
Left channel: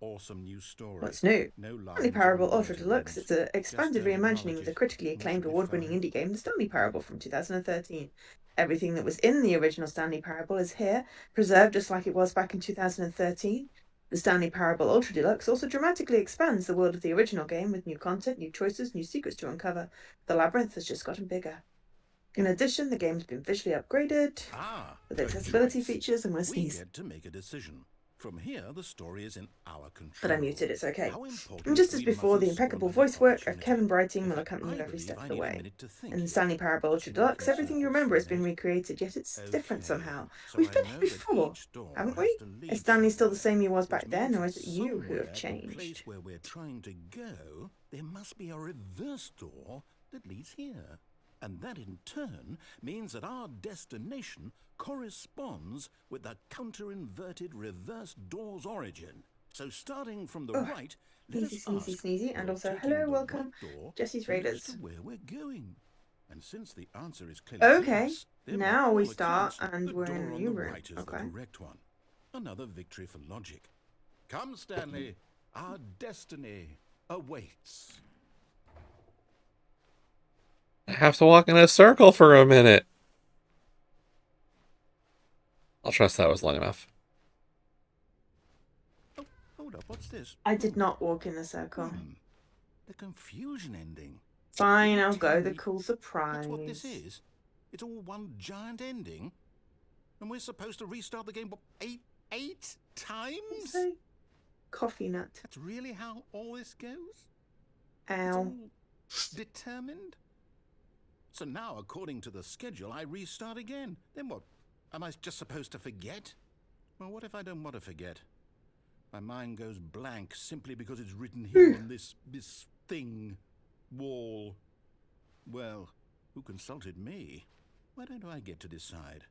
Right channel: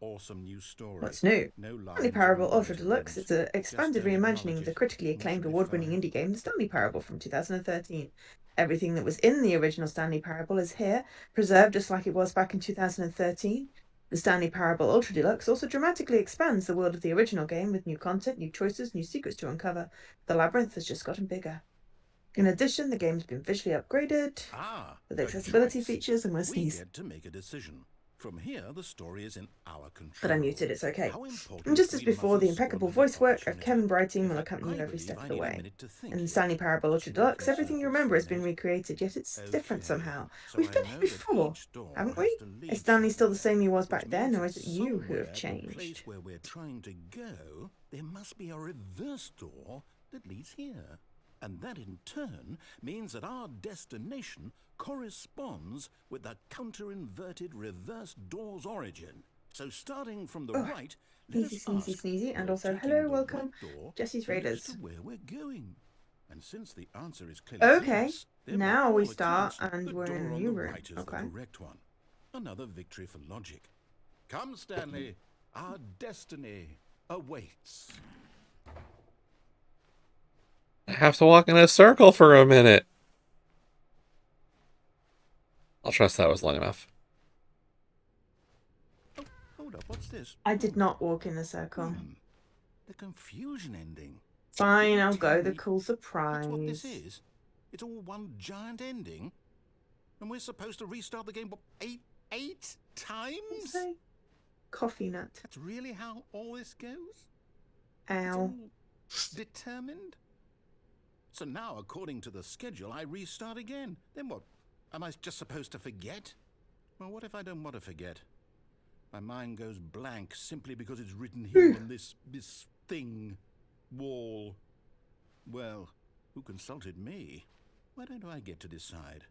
What's new? Stanley Parable Ultra Deluxe is an expanded reimagining of the critically acclaimed award-winning indie game, The Stanley Parable from 2013. Everything that was in the original Stanley Parable is here, preserved just like it was back in 2013. The Stanley Parable Ultra Deluxe also dramatically expands the world of the original game with new content, new choices, new secrets to uncover. The labyrinth has just gotten bigger. In addition, the game's been visually upgraded with accessibility features, and we'll sneeze. We get to make a decision. From here, the story is in our control. But I muted, it's okay. How important And just as we before, the mustn't impeccable squander voice the work of opportunity. Kevin Brighting In will fact, accompany you I every believe step I of the need a way. minute to think In here. Stanley Parable Just Ultra walk Deluxe, in everything you circles remember for a has been minute. recreated, yet it's different Okay, somehow. so We've I been know here that before, each door haven't has we? to lead Is Stanley still the somewhere, same he was which back then, means or is that it you who somewhere have at the place changed? where we're trying to go, there must be a reverse door that leads here. And that in turn means that our destination corresponds with the counter-inverted reverse door's origin. So starting from the right, let us Sneezy, ask, sneezy, and will also taking hello, the welcome, right door Jesse's lead us Raiders. to where we're going? And since the answer is clearly Okay, yes, then by now we all start, accounts, and the we're in door a on new the room. right is Okay. the correct one. Another victory for logic. Come, Stanley, our destiny awaits. I have to walk in a circle for a minute. I'll trust that was long enough. Oh, hold up, what's this? I did not walk in a circle. The confusion ending. Fine, You're I'll go. telling The me cool surprise. That's what this is? It's all one giant ending? And we're supposed to restart the game, what, eight times? Say, coffee nut. That's really how all this goes? It's Ow. all determined? So now, according to the schedule, I restart again. Then what? Am I just supposed to forget? Well, what if I don't want to forget? My mind goes blank simply because it's written here on this thing, wall. Well, who consulted me? Why don't I get to decide?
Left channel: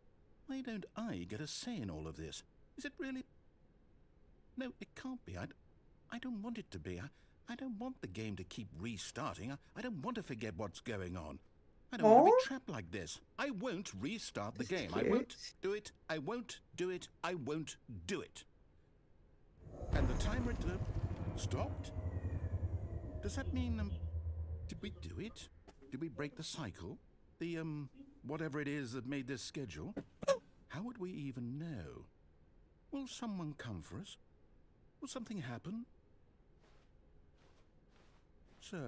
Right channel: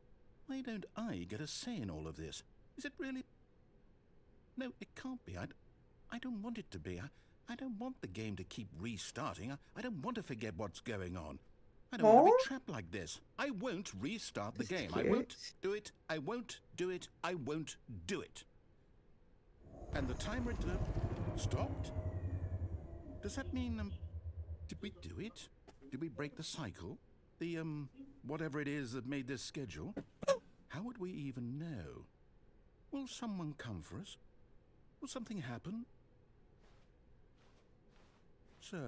Why don't I get a say in all of this? Is it really? No, it can't be. I don't want it to be. I don't want the game to keep restarting. I don't want to forget what's going on. I don't want to be trapped like this. I won't restart the game. I won't do it. I won't do it. I won't do it. And the timer stopped? Does that mean, did we do it? Did we break the cycle? The, whatever it is that made this schedule? How would we even know? Will someone come for us? Will something happen? So,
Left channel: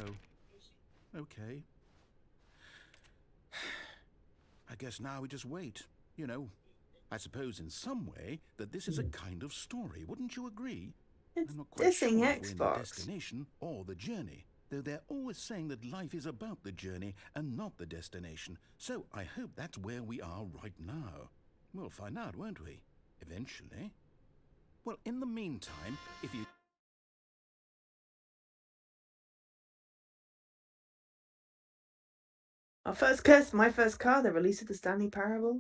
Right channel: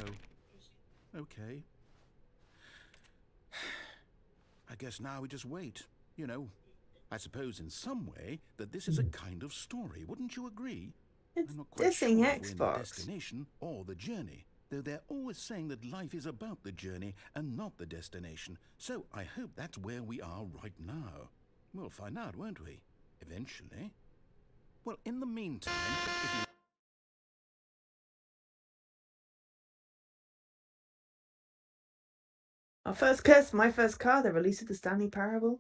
okay. I guess now we just wait, you know. I suppose in some way that this is a kind of story, wouldn't you agree? It's I'm not quite dissing sure if we're in the Xbox. destination or the journey, though they're always saying that life is about the journey and not the destination. So I hope that's where we are right now. We'll find out, won't we? Eventually. Well, in the meantime, if you... Our first curse, my first car, the release of the Stanley Parable,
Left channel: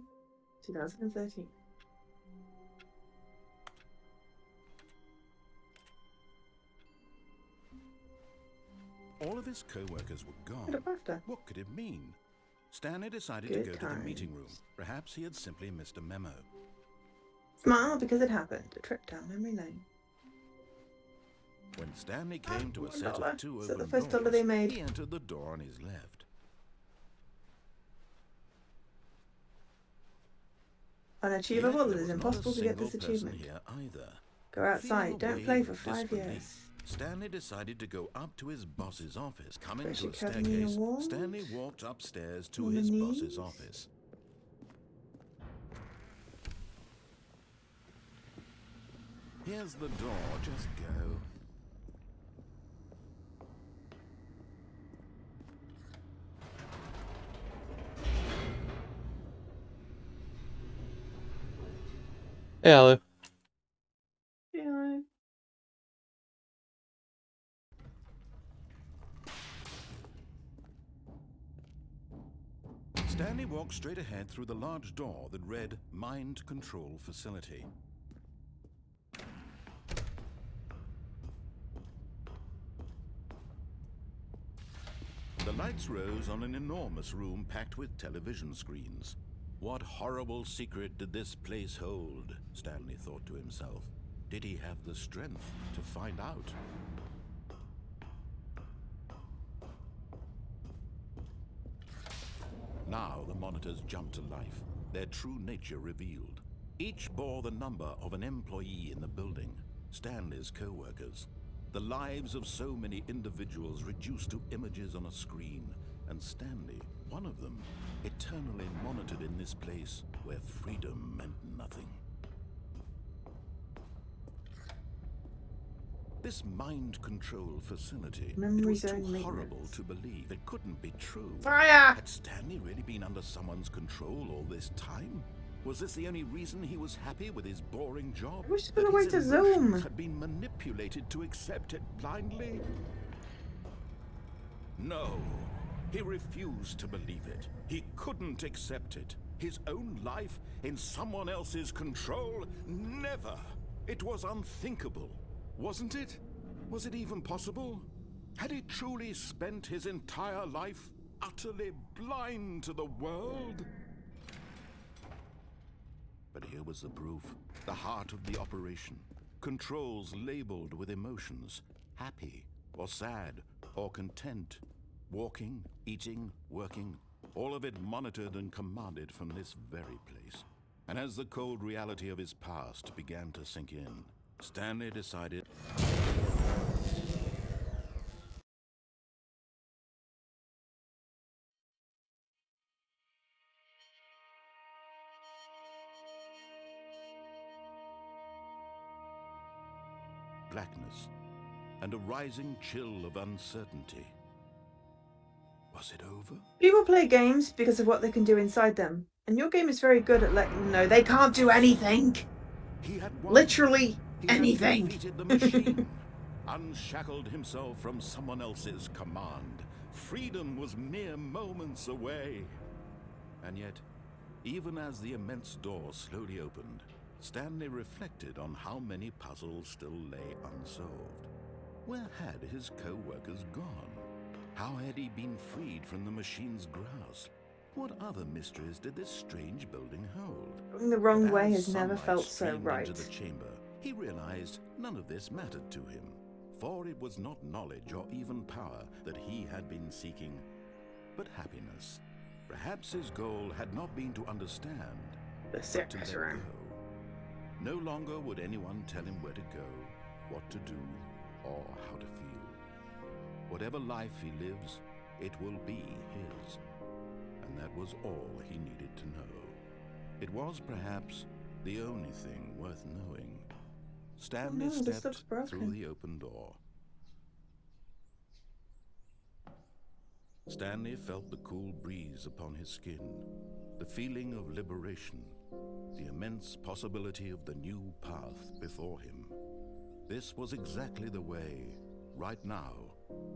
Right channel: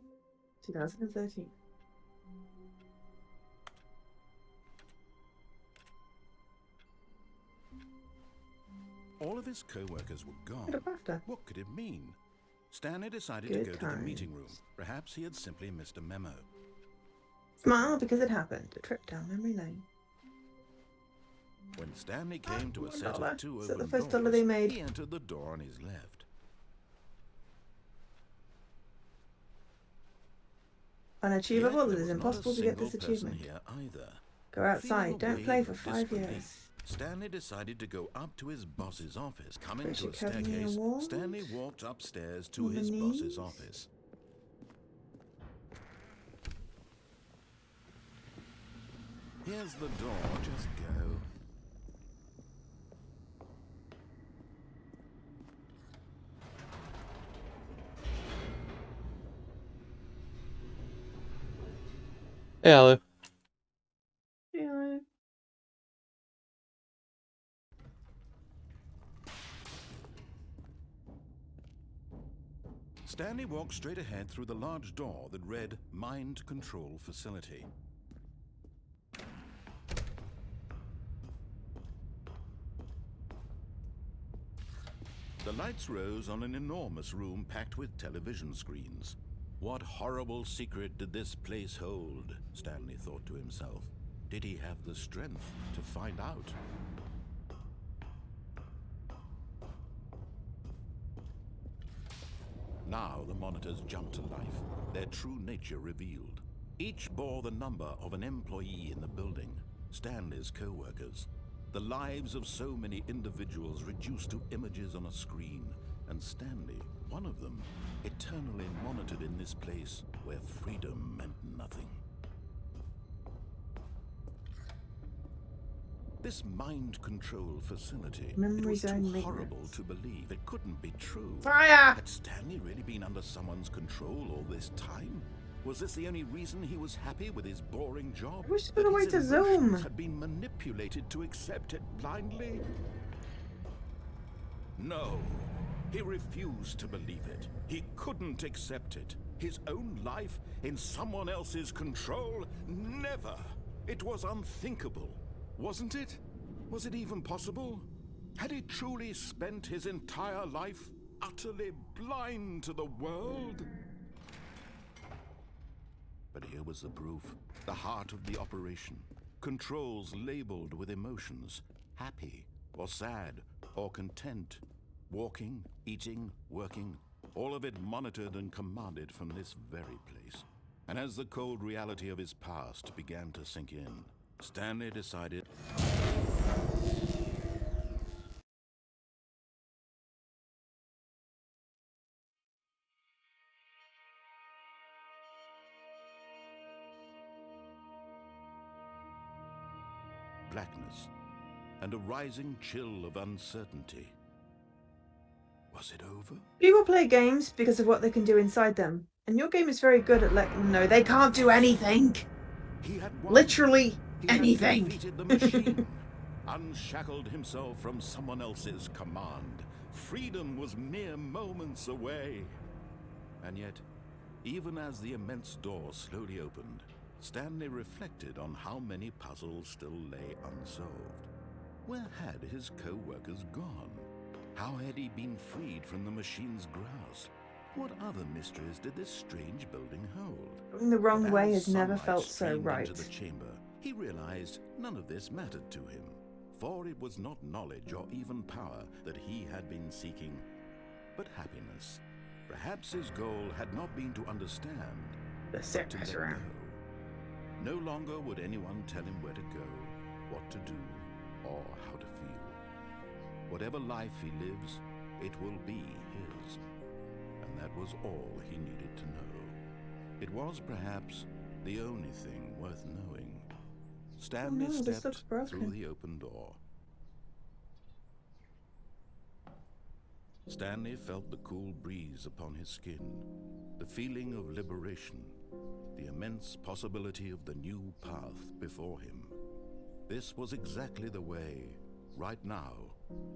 2013. All of his co-workers were gone. What could it mean? Stanley decided to go to the meeting room. Perhaps he had simply missed a memo. Smile because it happened. A trip down memory lane. When Stanley came to a set of two Is that open the first dollar they doors, made? he entered the door on his left. Unachievable. Yet It is there was not a impossible to get this single person achievement. here either. Go outside. Feeling a Don't play wave for of 5 disbelief, years. Stanley decided to go up to his boss's office. Coming British to a Academy staircase, Awards? Stanley walked upstairs to On the his boss's knees? office. Here's the door, just go. Hey, Alu. Yeah. Stanley walked straight ahead through the large door that read Mind Control Facility. The lights rose on an enormous room packed with television screens. What horrible secret did this place hold? Stanley thought to himself. Did he have the strength to find out? Now the monitors jumped to life, their true nature revealed. Each bore the number of an employee in the building, Stanley's co-workers. The lives of so many individuals reduced to images on a screen, and Stanley, one of them, eternally monitored in this place where freedom meant nothing. This mind control facility, it was too horrible to believe. It couldn't be true. Fire! Had Stanley really been under someone's control all this time? Was this the only reason he was happy with his boring job? Who's That gonna his wait to emotions Zoom? had been manipulated to accept it blindly? No, he refused to believe it. He couldn't accept it. His own life in someone else's control? Never! It was unthinkable. Wasn't it? Was it even possible? Had he truly spent his entire life utterly blind to the world? But here was the proof. The heart of the operation. Controls labeled with emotions. Happy, or sad, or content. Walking, eating, working. All of it monitored and commanded from this very place. And as the cold reality of his past began to sink in, Stanley decided... blackness, and a rising chill of uncertainty. Was it over? People play games because of what they can do inside them. And your game is very good at letting them know they can't do anything. He had won. Literally He anything. had defeated the machine, unshackled himself from someone else's command. Freedom was mere moments away. And yet, even as the immense door slowly opened, Stanley reflected on how many puzzles still lay unsolved. Where had his co-workers gone? How had he been freed from the machine's grasp? What other mysteries did this strange building hold? Going the wrong But way as has never sunlight felt so streamed right. into the chamber, he realized none of this mattered to him, for it was not knowledge or even power that he had been seeking, but happiness. Perhaps his goal had not been to understand, but to let go. No longer would anyone tell him where to go, what to do, or how to feel. Whatever life he lives, it will be his. And that was all he needed to know. It was perhaps The only thing worth knowing. Stanley no, this looks stepped broken. through the open door. Stanley felt the cool breeze upon his skin, the feeling of liberation, the immense possibility of the new path before him. This was exactly the way, right now,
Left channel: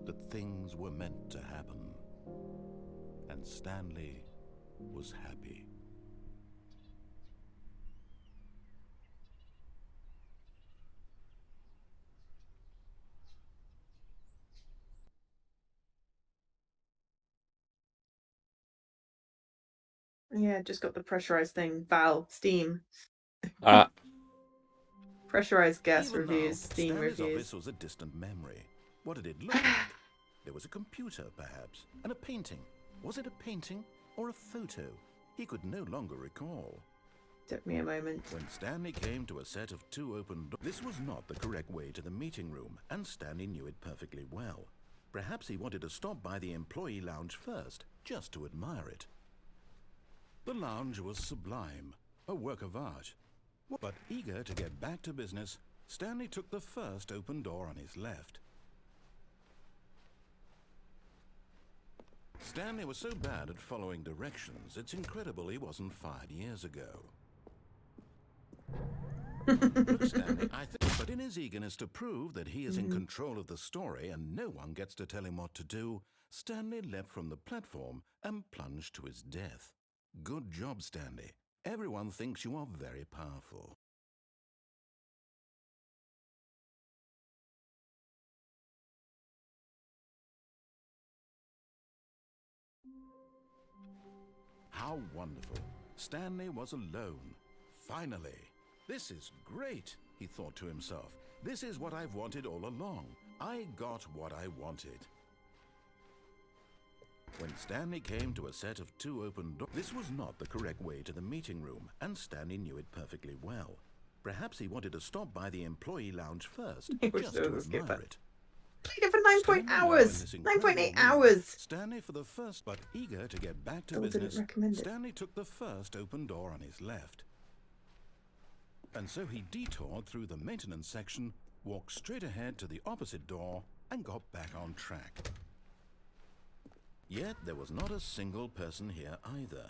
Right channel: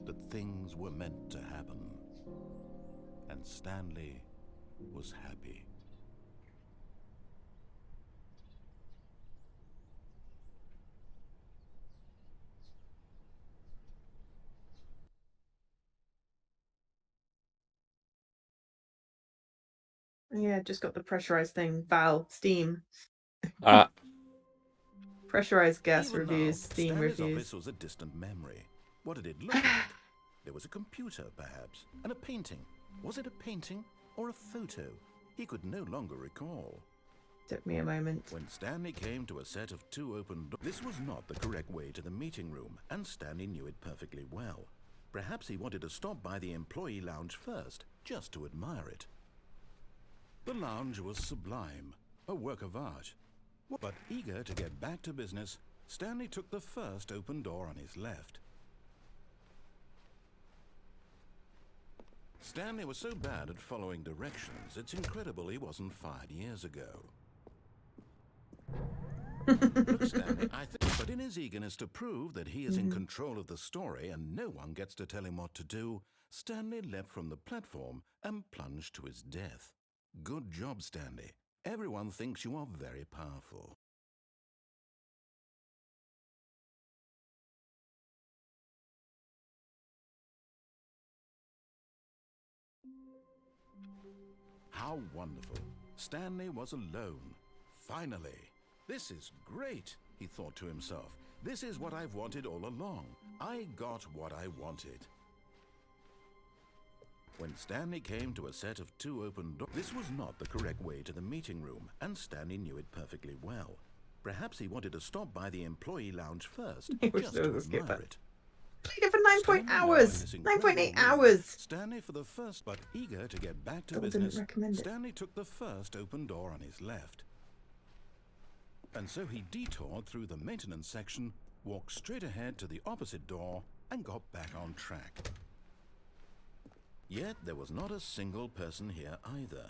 that things were meant to happen. And Stanley was happy. Yeah, just got the pressurized thing. Steam. Ah, Pressurized gas Even reviews, now, Steam Stanley's reviews. office was a distant memory. What did it look like? There was a computer, perhaps, and a painting. Was it a painting or a photo? He could no longer recall. Took me a moment. When Stanley came to a set of 2 open doors, this was not the correct way to the meeting room, and Stanley knew it perfectly well. Perhaps he wanted to stop by the employee lounge first, just to admire it. The lounge was sublime, a work of art. But eager to get back to business, Stanley took the first open door on his left. Stanley was so bad at following directions, it's incredible he wasn't fired years ago. Look, Stanley, I think, but in his eagerness to prove that he is in control of the story and no one gets to tell him what to do, Stanley leapt from the platform and plunged to his death. Good job, Stanley. Everyone thinks you are very powerful. How wonderful. Stanley was alone. Finally. This is great, he thought to himself. This is what I've wanted all along. I got what I wanted. When Stanley came to a set of 2 open doors, this was not the correct way to the meeting room, and Stanley knew it perfectly well. Perhaps he wanted to stop by the employee lounge first, just to admire it. Played it for 9 hours. 9.8 hours. Stanley for the first, but eager to get back to Still didn't business, recommend it. Stanley took the first open door on his left. And so he detoured through the maintenance section, walked straight ahead to the opposite door, and got back on track. Yet there was not a single person here either.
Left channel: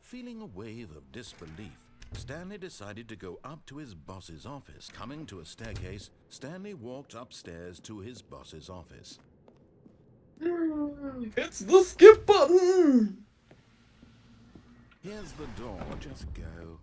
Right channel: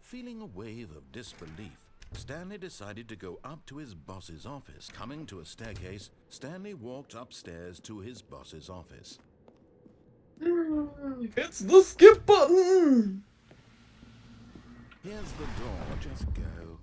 Feeling a wave of disbelief, Stanley decided to go up to his boss's office. Coming to a staircase, Stanley walked upstairs to his boss's office. It's the skip button! Here's the door, just go.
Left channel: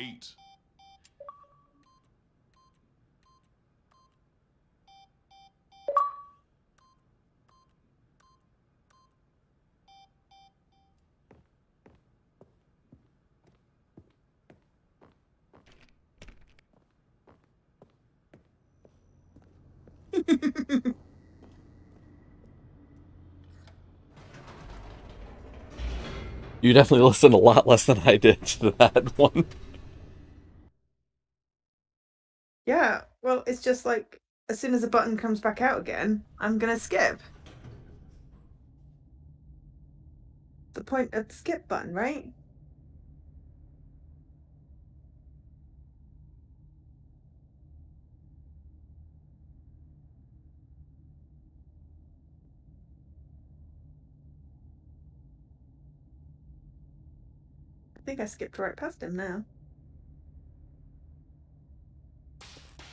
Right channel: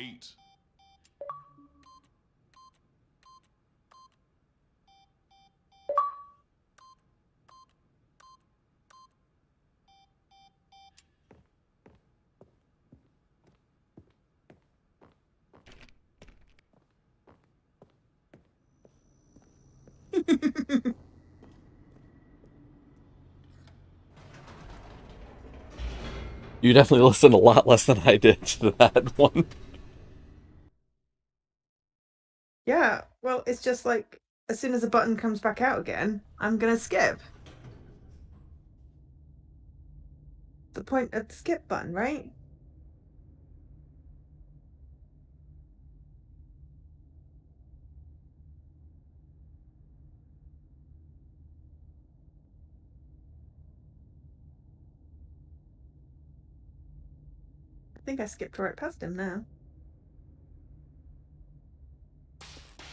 Eight. you definitely listened a lot less than I did to that one. Yeah, well, it's just like, as soon as the button comes back out again, I'm gonna skip. The point of the skip button, right? I think I skipped right past him now.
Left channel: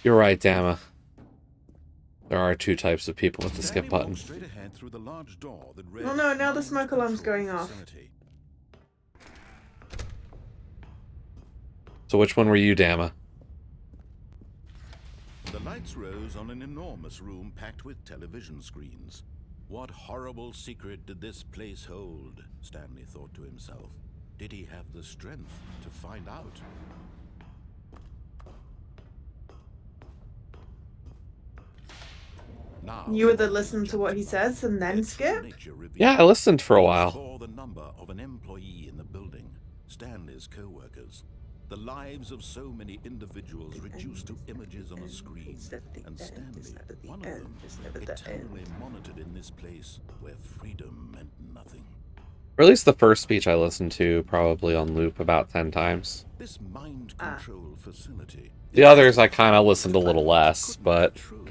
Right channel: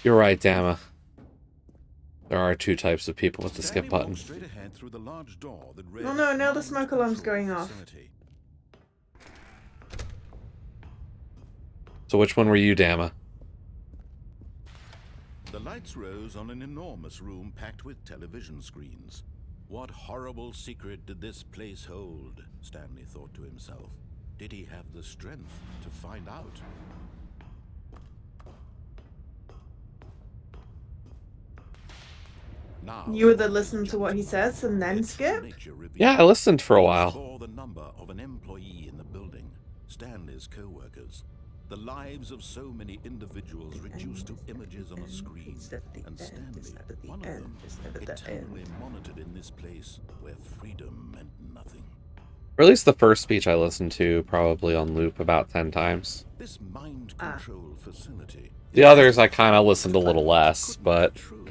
You're right, Dama. There are 2 types of people with the skip Stanley button. walked straight ahead through the large door that read Oh no, now the Mind smoke alarm's Control going off. Facility. So which one were you, Dama? The lights rose on an enormous room packed with television screens. What horrible secret did this place hold? Stanley thought to himself. Did he have the strength to find out? Now, You would one listen thing to what he jumps out. says and Their then true skip? nature revealed. Yeah, I listened for a These while. bore the number of an employee in the building, Stanley's co-workers. The lives of so many individuals reduced to images on a screen, and Stanley, one of them, eternally monitored in this place where freedom meant nothing. Or at least the first speech I listened to, probably on loop about 10 times. This mind control facility. The others I kind of listened a little less, but... True.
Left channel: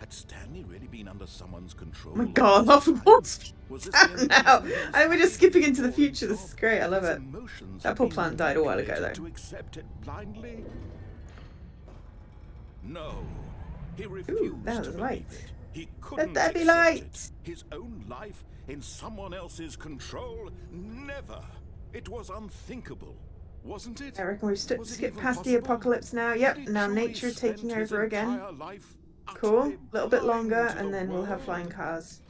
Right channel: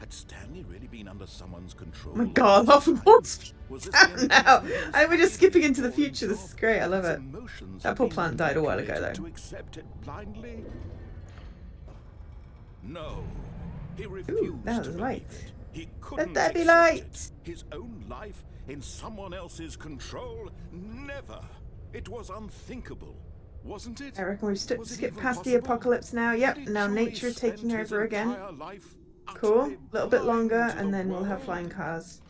Had Stanley really been under someone's control? Oh my god, half of what's now. I We're just skipping into the future. This is great. I love it. That poor plant died a while ago, though. To accept it blindly? No. He refused that to was believe light. it. He couldn't there be accept light. it. His own life in someone else's control? Never. It was unthinkable, wasn't it? I reckon we've Was it skipped even past the possible? apocalypse now. Yep, Had he now truly nature spent taking his over again. entire life Cool. utterly A little bit blind longer, to and the then we'll have world? flying cars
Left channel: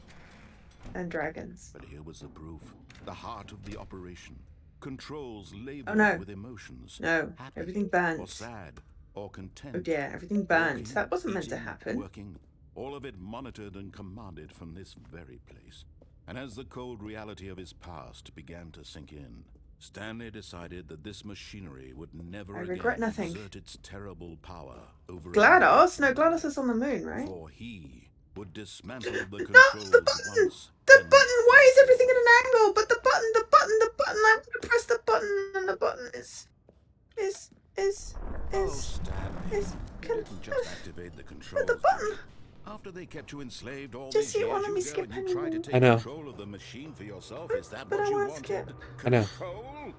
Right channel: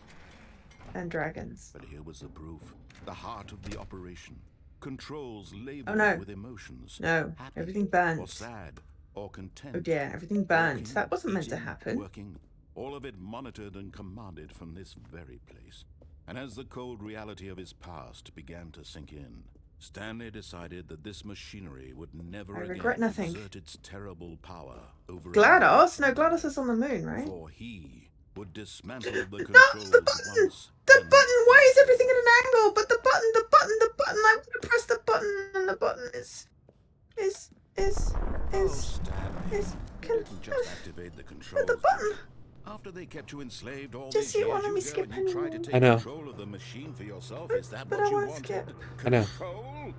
and dragons. But here was the proof. The heart of the operation. Controls labeled Oh, no. with emotions. No, Happy, everything burnt. or sad, or content. Oh dear, everything burnt. Walking, That wasn't meant to eating, happen. Working, all of it monitored and commanded from this very place. And as the cold reality of his past began to sink in, Stanley decided that this machinery would never I again regret nothing. exert its terrible power over GLaDOS? No, GLaDOS is on the moon, right? For he would dismantle the No, controls the button! once. The and button! Why is for everything at all. an angle? But the button! I want to press the button, and the button is. Oh, Stanley, is- you didn't just activate the controls. the button. did you? After they kept you enslaved all Just these you years, wanted me you go skip and you tried to anymore. take I know. control of the machine for yourself. Is that But what I you won't wanted? skip. I know. Control?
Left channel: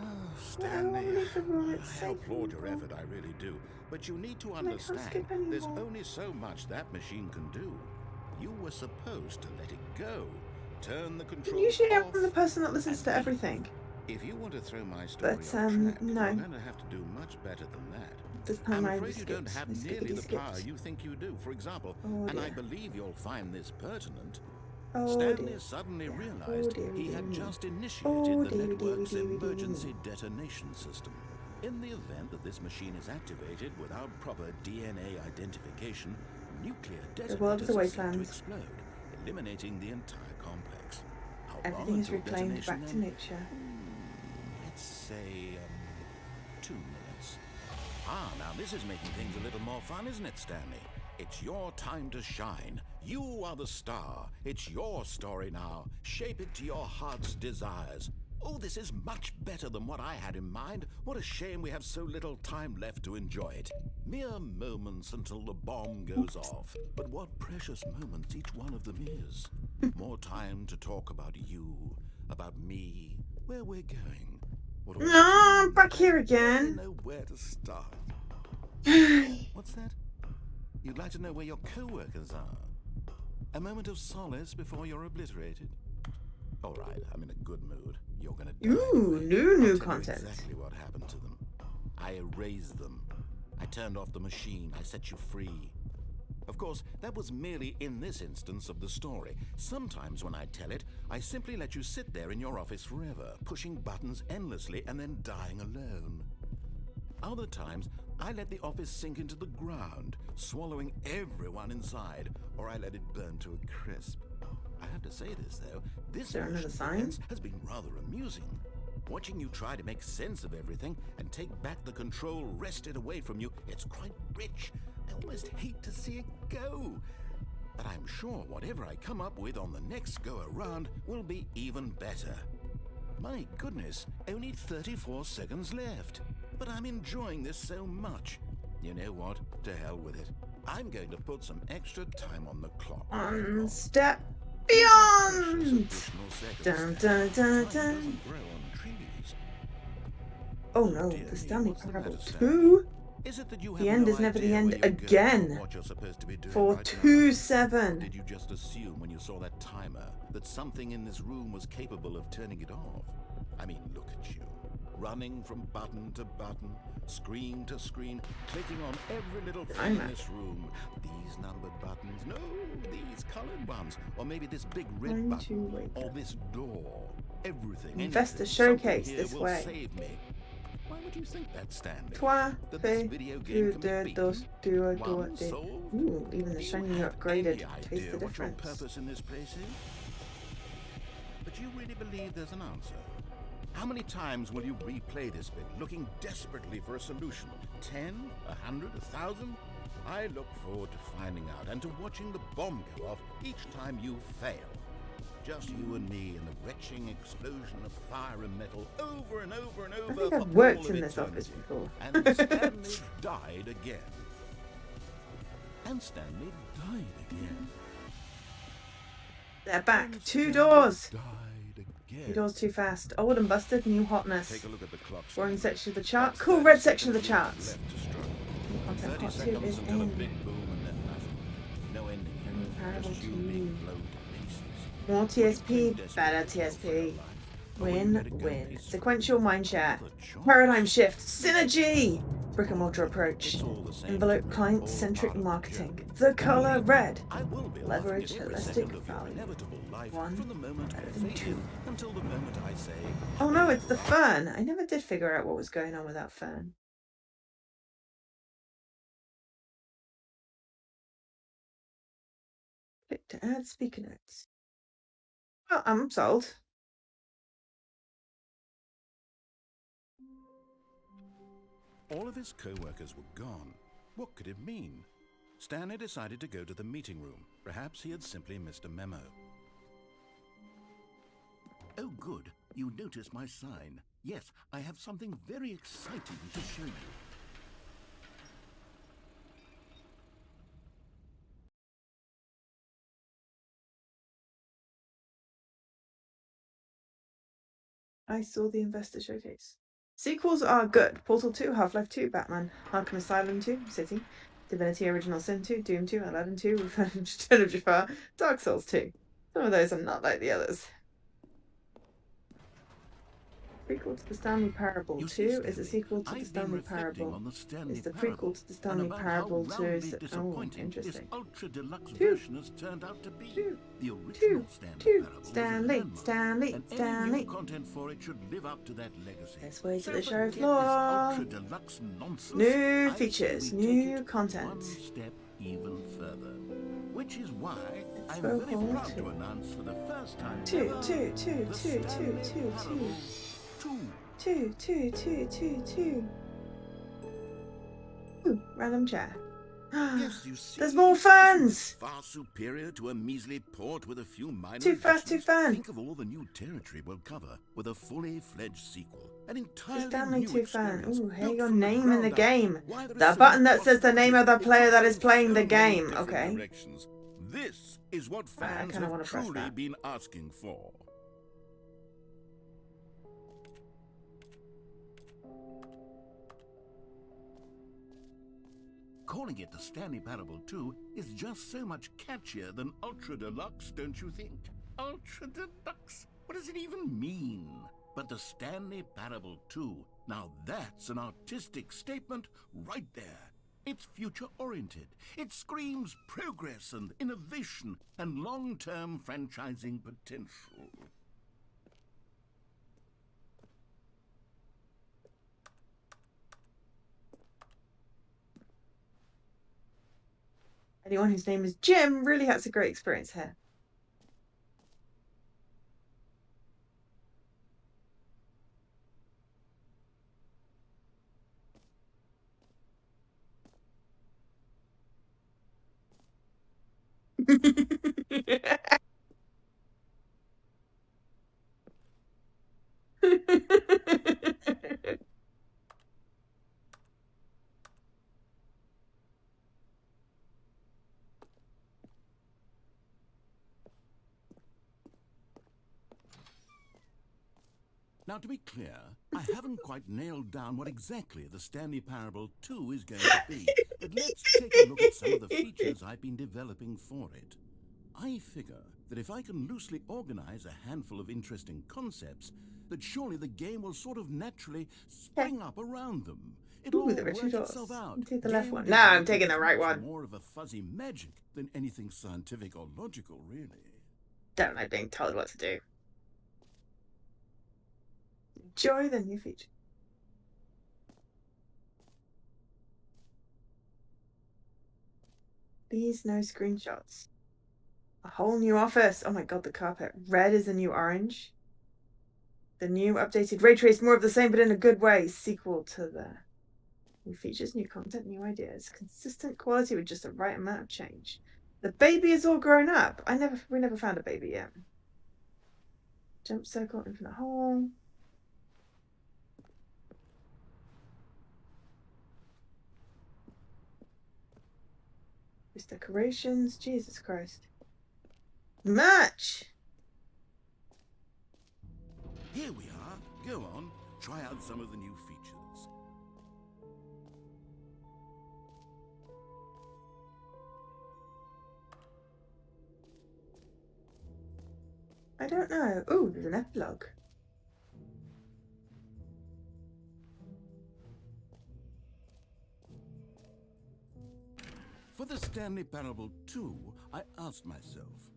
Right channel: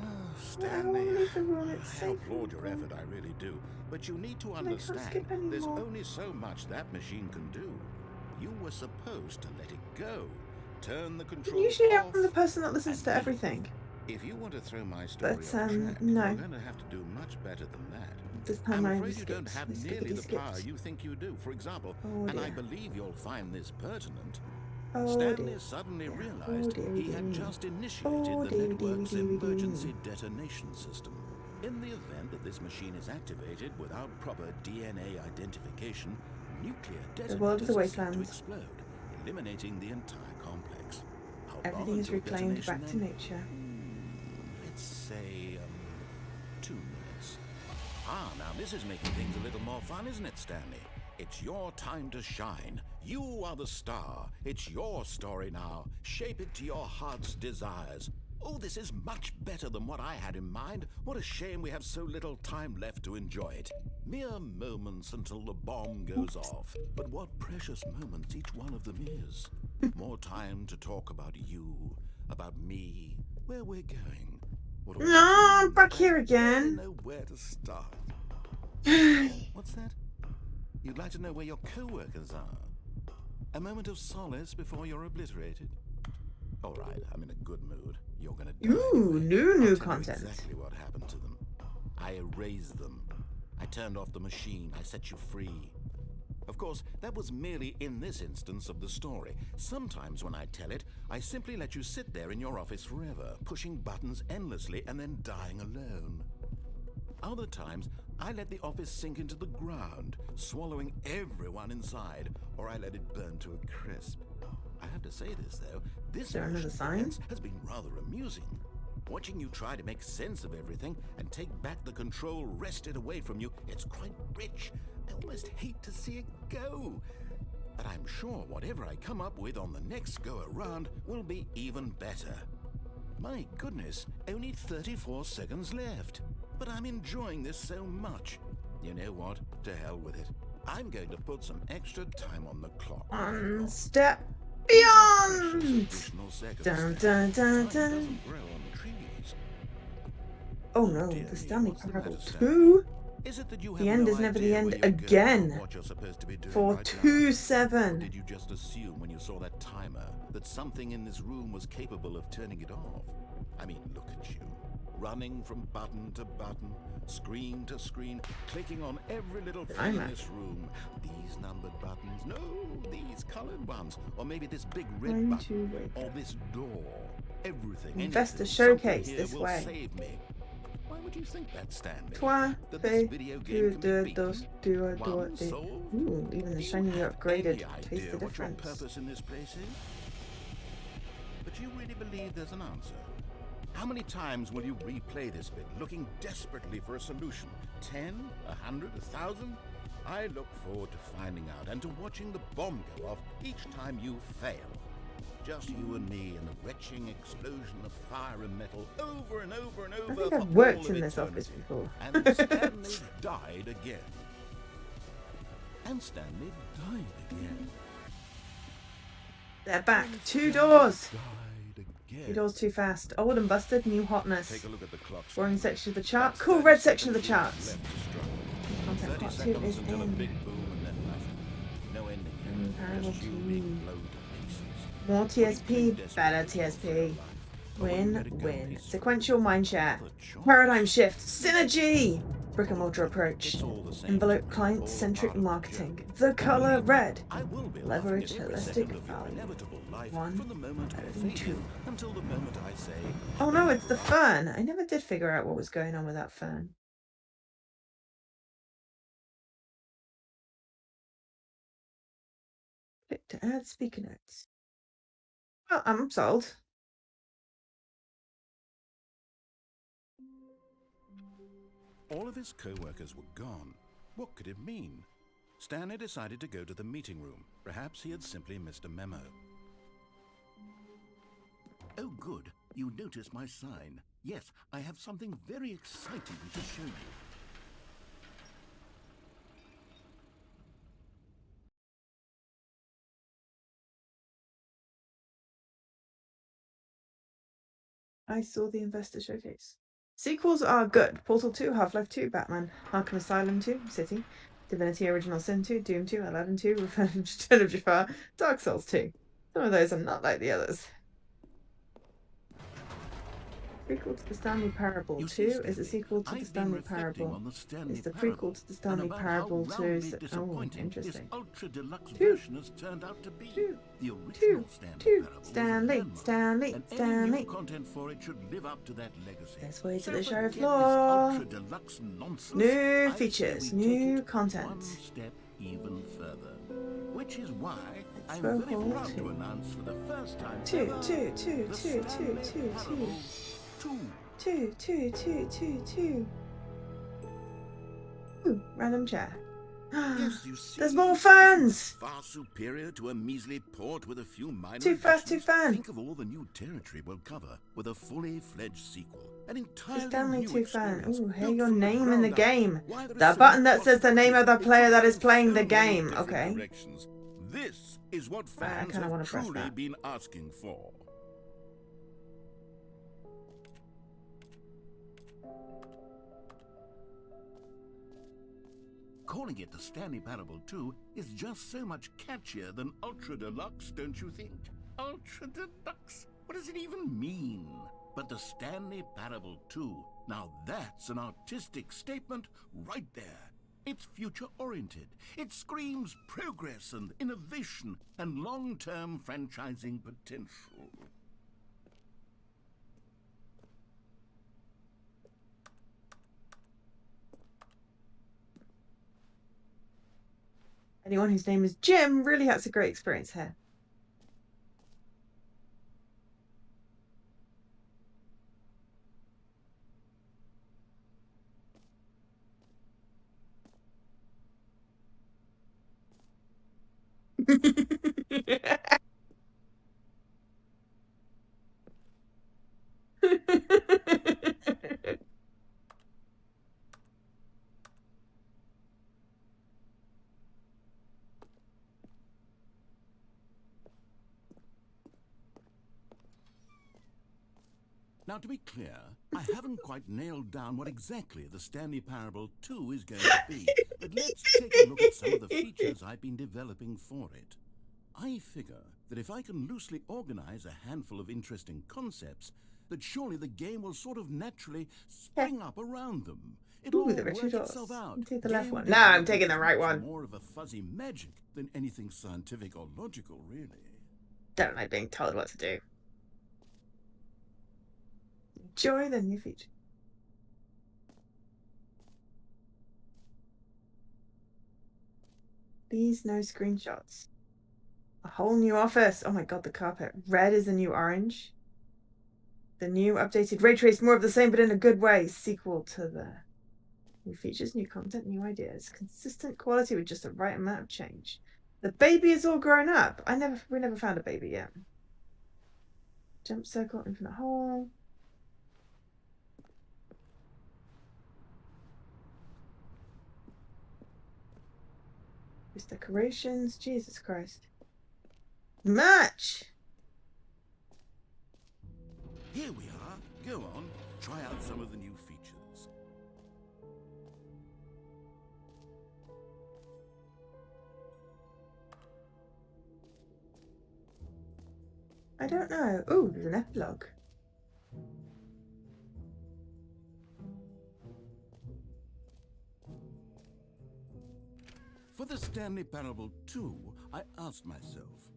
Oh, I don't Stanley, wanna leave the room, it's I safe applaud your and effort, I really do. But you need to can't understand, skip there's anymore. only so much that machine can do. You were supposed to let it go. Turn the controls Usually off. I'm the person that listens and to leave. everything. If you want to throw my story But, off track, no. you're going to have to do much better than that. This time I'm I afraid you don't skipped. have I nearly the skippity power skipped. you think you do. For example, Oh, and I dear. believe you'll find this pertinent, Oh, Stanley dear. suddenly Oh, realized dear, he dear, had dear. just Oh, initiated the dear, dear, network's dear, dear, dear. emergency detonation system. In the event that this machine is activated without proper DNA identification, nuclear well, it was detonators a are set to wasteland. explode, eliminating the entire complex. How long Everything is until reclaimed detonation back to then? nature. Let's say, 2 minutes. Ah, now this is making things a little more fun, isn't it, Stanley? It's your time to shine. You are the star. It's your story now. Shape it to your heart's desires. Oh, this is much better than what I had in mind. What a shame we have so little time left to enjoy it. Mere moments until the bomb goes off. But what precious moments each one of them is. More time to talk about you, about me, where we're going. What all No, this I'm means. back here I again. barely know where to start. What's that? You'd like to know where your co-workers are? A moment of solace before you're obliterated? All right, I'm in a good mood. You're gonna die. Ooh, anyway. new I'll tell you content. exactly what happened to them. I erased them. I turned off the machine. I set you free. Of course, that was merely in this instance of the story. Sometimes when I tell it, I simply let you sit there in your office forever, pushing buttons endlessly and then dying alone. Other times, I let the office sink into the ground, swallowing everyone inside, or I let it burn to a crisp. I have to say this, though, this there version another of sign? events has been rather amusing. Watching you try to make sense of everything and take back the control wrested away from you, it's quite rich. I almost hate to see it go. But I'm sure whatever I come up with on the next go-around will be even better. My goodness, only 34 seconds left. But I'm enjoying this so much. You know what? To hell with it. I'm going to put some extra time on the clock. One step Precious beyond. additional seconds Dun, there. dun, dun, Time dun. doesn't grow on trees. Oh no, dear the me, Stanley what's the Parable matter, 2 Is it that you have The end no is never the idea end where you're going again. or what you're supposed to be doing for right now? 2-7. Or did you just assume when you saw that timer that something in this room was capable of turning it off? I mean, look at you. Running from button to button, screen to screen, clicking on every little thing in this room. These numbered buttons, no, these colored ones. Or maybe this big red Going button. to wait. Or this door. Everything, Investor anything, showcase something here this will way. save me. Why would you think that, Stanley? Trois, That this deux, video game can be deux, dos, beaten? deux, One deux. solved? Ooh, even the Do you shiny have upgraded. any Taste idea the what your difference. purpose in this place is? But you really believe there's an answer? How many times will you replay this bit, looking desperately for a solution? 10? 100? 1,000? I look forward to finding out and to watching the bomb go off each time you fail. Just you and me and the retching explosion of fire and metal over and over and over I think for I've worked all of in this office eternity. before. And Stanley died again. And Stanley died again. They're back. And 2 Stanley doors. Died again. 2 doors too fast. Old and busted, new hotness. Take a look at the clock. Boring Stanley. section of the chart. That's Cool 30 red section of the seconds charts. left to struggle. Content 30 part 2 seconds is until a in. big boom and then nothing. No ending here, Parable just you 2. being blown to pieces. More Would you TSP, claim better desperately for your TSP. life? Or will you Win, let it go win. peacefully? Sequential mindshare. Another choice. Paradigm shift. Synergy. Brick and mortar approach. It's all the same to Envelope me, client-centric all part of the marketing. joke. The And color believe me, red. I will be Leverage laughing at every holistic second of your value. inevitable life 1 from the moment I and fade 2. in until the moment I say, Oh no, it's the "Hurrah." fern. I never did figure out what was going on with that fern. Click to add speaker notes. Oh, I'm sold. All of his co-workers were gone. What could it mean? Stanley decided to go to the meeting room. Perhaps he had simply missed a memo. Oh, good. You noticed my sign. Yes, I have something very exciting to show you. I saw the investor showcase. Sequels are good. Portal 2, Half-Life 2, Batman, Arkham Asylum 2, City, Divinity Original Sin 2, Doom 2, Aladdin 2, Return of Jafar, Dark Souls 2. Some of those are not like the others. Prequel to the Stanley Parable You 2 see, is Stanley, a sequel to the I've been Stanley reflecting Parable. on the Stanley It's the Parable prequel to the and Stanley about Parable how 2. roundly Oh, disappointing this interesting. ultra deluxe 2. version has turned out to be. 2. The original 2. Stanley 2. Parable was a Stanley, landmark, Stanley, and any Stanley. new content for it should live up to that legacy. Let's wait So till the show forget this floor. ultra deluxe nonsense. New I say features, we take new it content. one step even further. Which is why Let's I'm go very for proud to 2. announce for the first time 2, ever 2, 2, the 2, 2, Stanley 2, Parable 2. 2, 2, 2, 2, 2. Ooh, random chat. Yes, you see, There's more isn't fans. this far superior to a measly port with a few minor Too fast, too additions? fan. Think of all the new territory we'll cover with a fully fledged sequel. An entirely Stanley new 2 fan. experience. Ooh, hey, built your from the name in the ground up. game. Why there are The so button many that says the name of the possibilities. It player could that go is in playing so the many game. different Okay. directions. This is what I fans kinda wanna have press truly that. been asking for. Calling it the Stanley Parable 2 is just so much catchier than Ultra Deluxe, don't you think? Ultra Deluxe? What does it even mean? But the Stanley Parable 2, now that's an artistic statement right there. It's future-oriented. It screams progress and innovation and long-term franchising potential. Anyone whose name is Jim really has a great experience here. Now, to be clear, I haven't quite nailed down what exactly the Stanley Parable 2 is going to be, but let's take a look at some of the features I've been developing for it. I figure that if I can loosely organize a handful of interesting concepts, that surely the game will sort of naturally spring up around them. It'll Ooh, all the work Richard itself Dawes. out. Take the left Game one. No, I'm development taking the is right much one. more of a fuzzy magic than anything scientific or logical, really. Don't like being told what to do. Enjoy the new feature. Please, no screenshots. A whole new office. Oh my god, the carpet. Red is the new orange. The new updated ray trace, more of the same, but in a good way. Sequel to the new features, new content, new ideas. Consistent quality with just the right amount of change. The baby is all grown up. We never found a baby yet. Jump circle, infinite hole. These decorations. Jesus Christ. Much! Here we are. Go on, try out some of the new features. I don't know. Oh, there's an epilogue. For the Stanley Parable 2, I asked myself,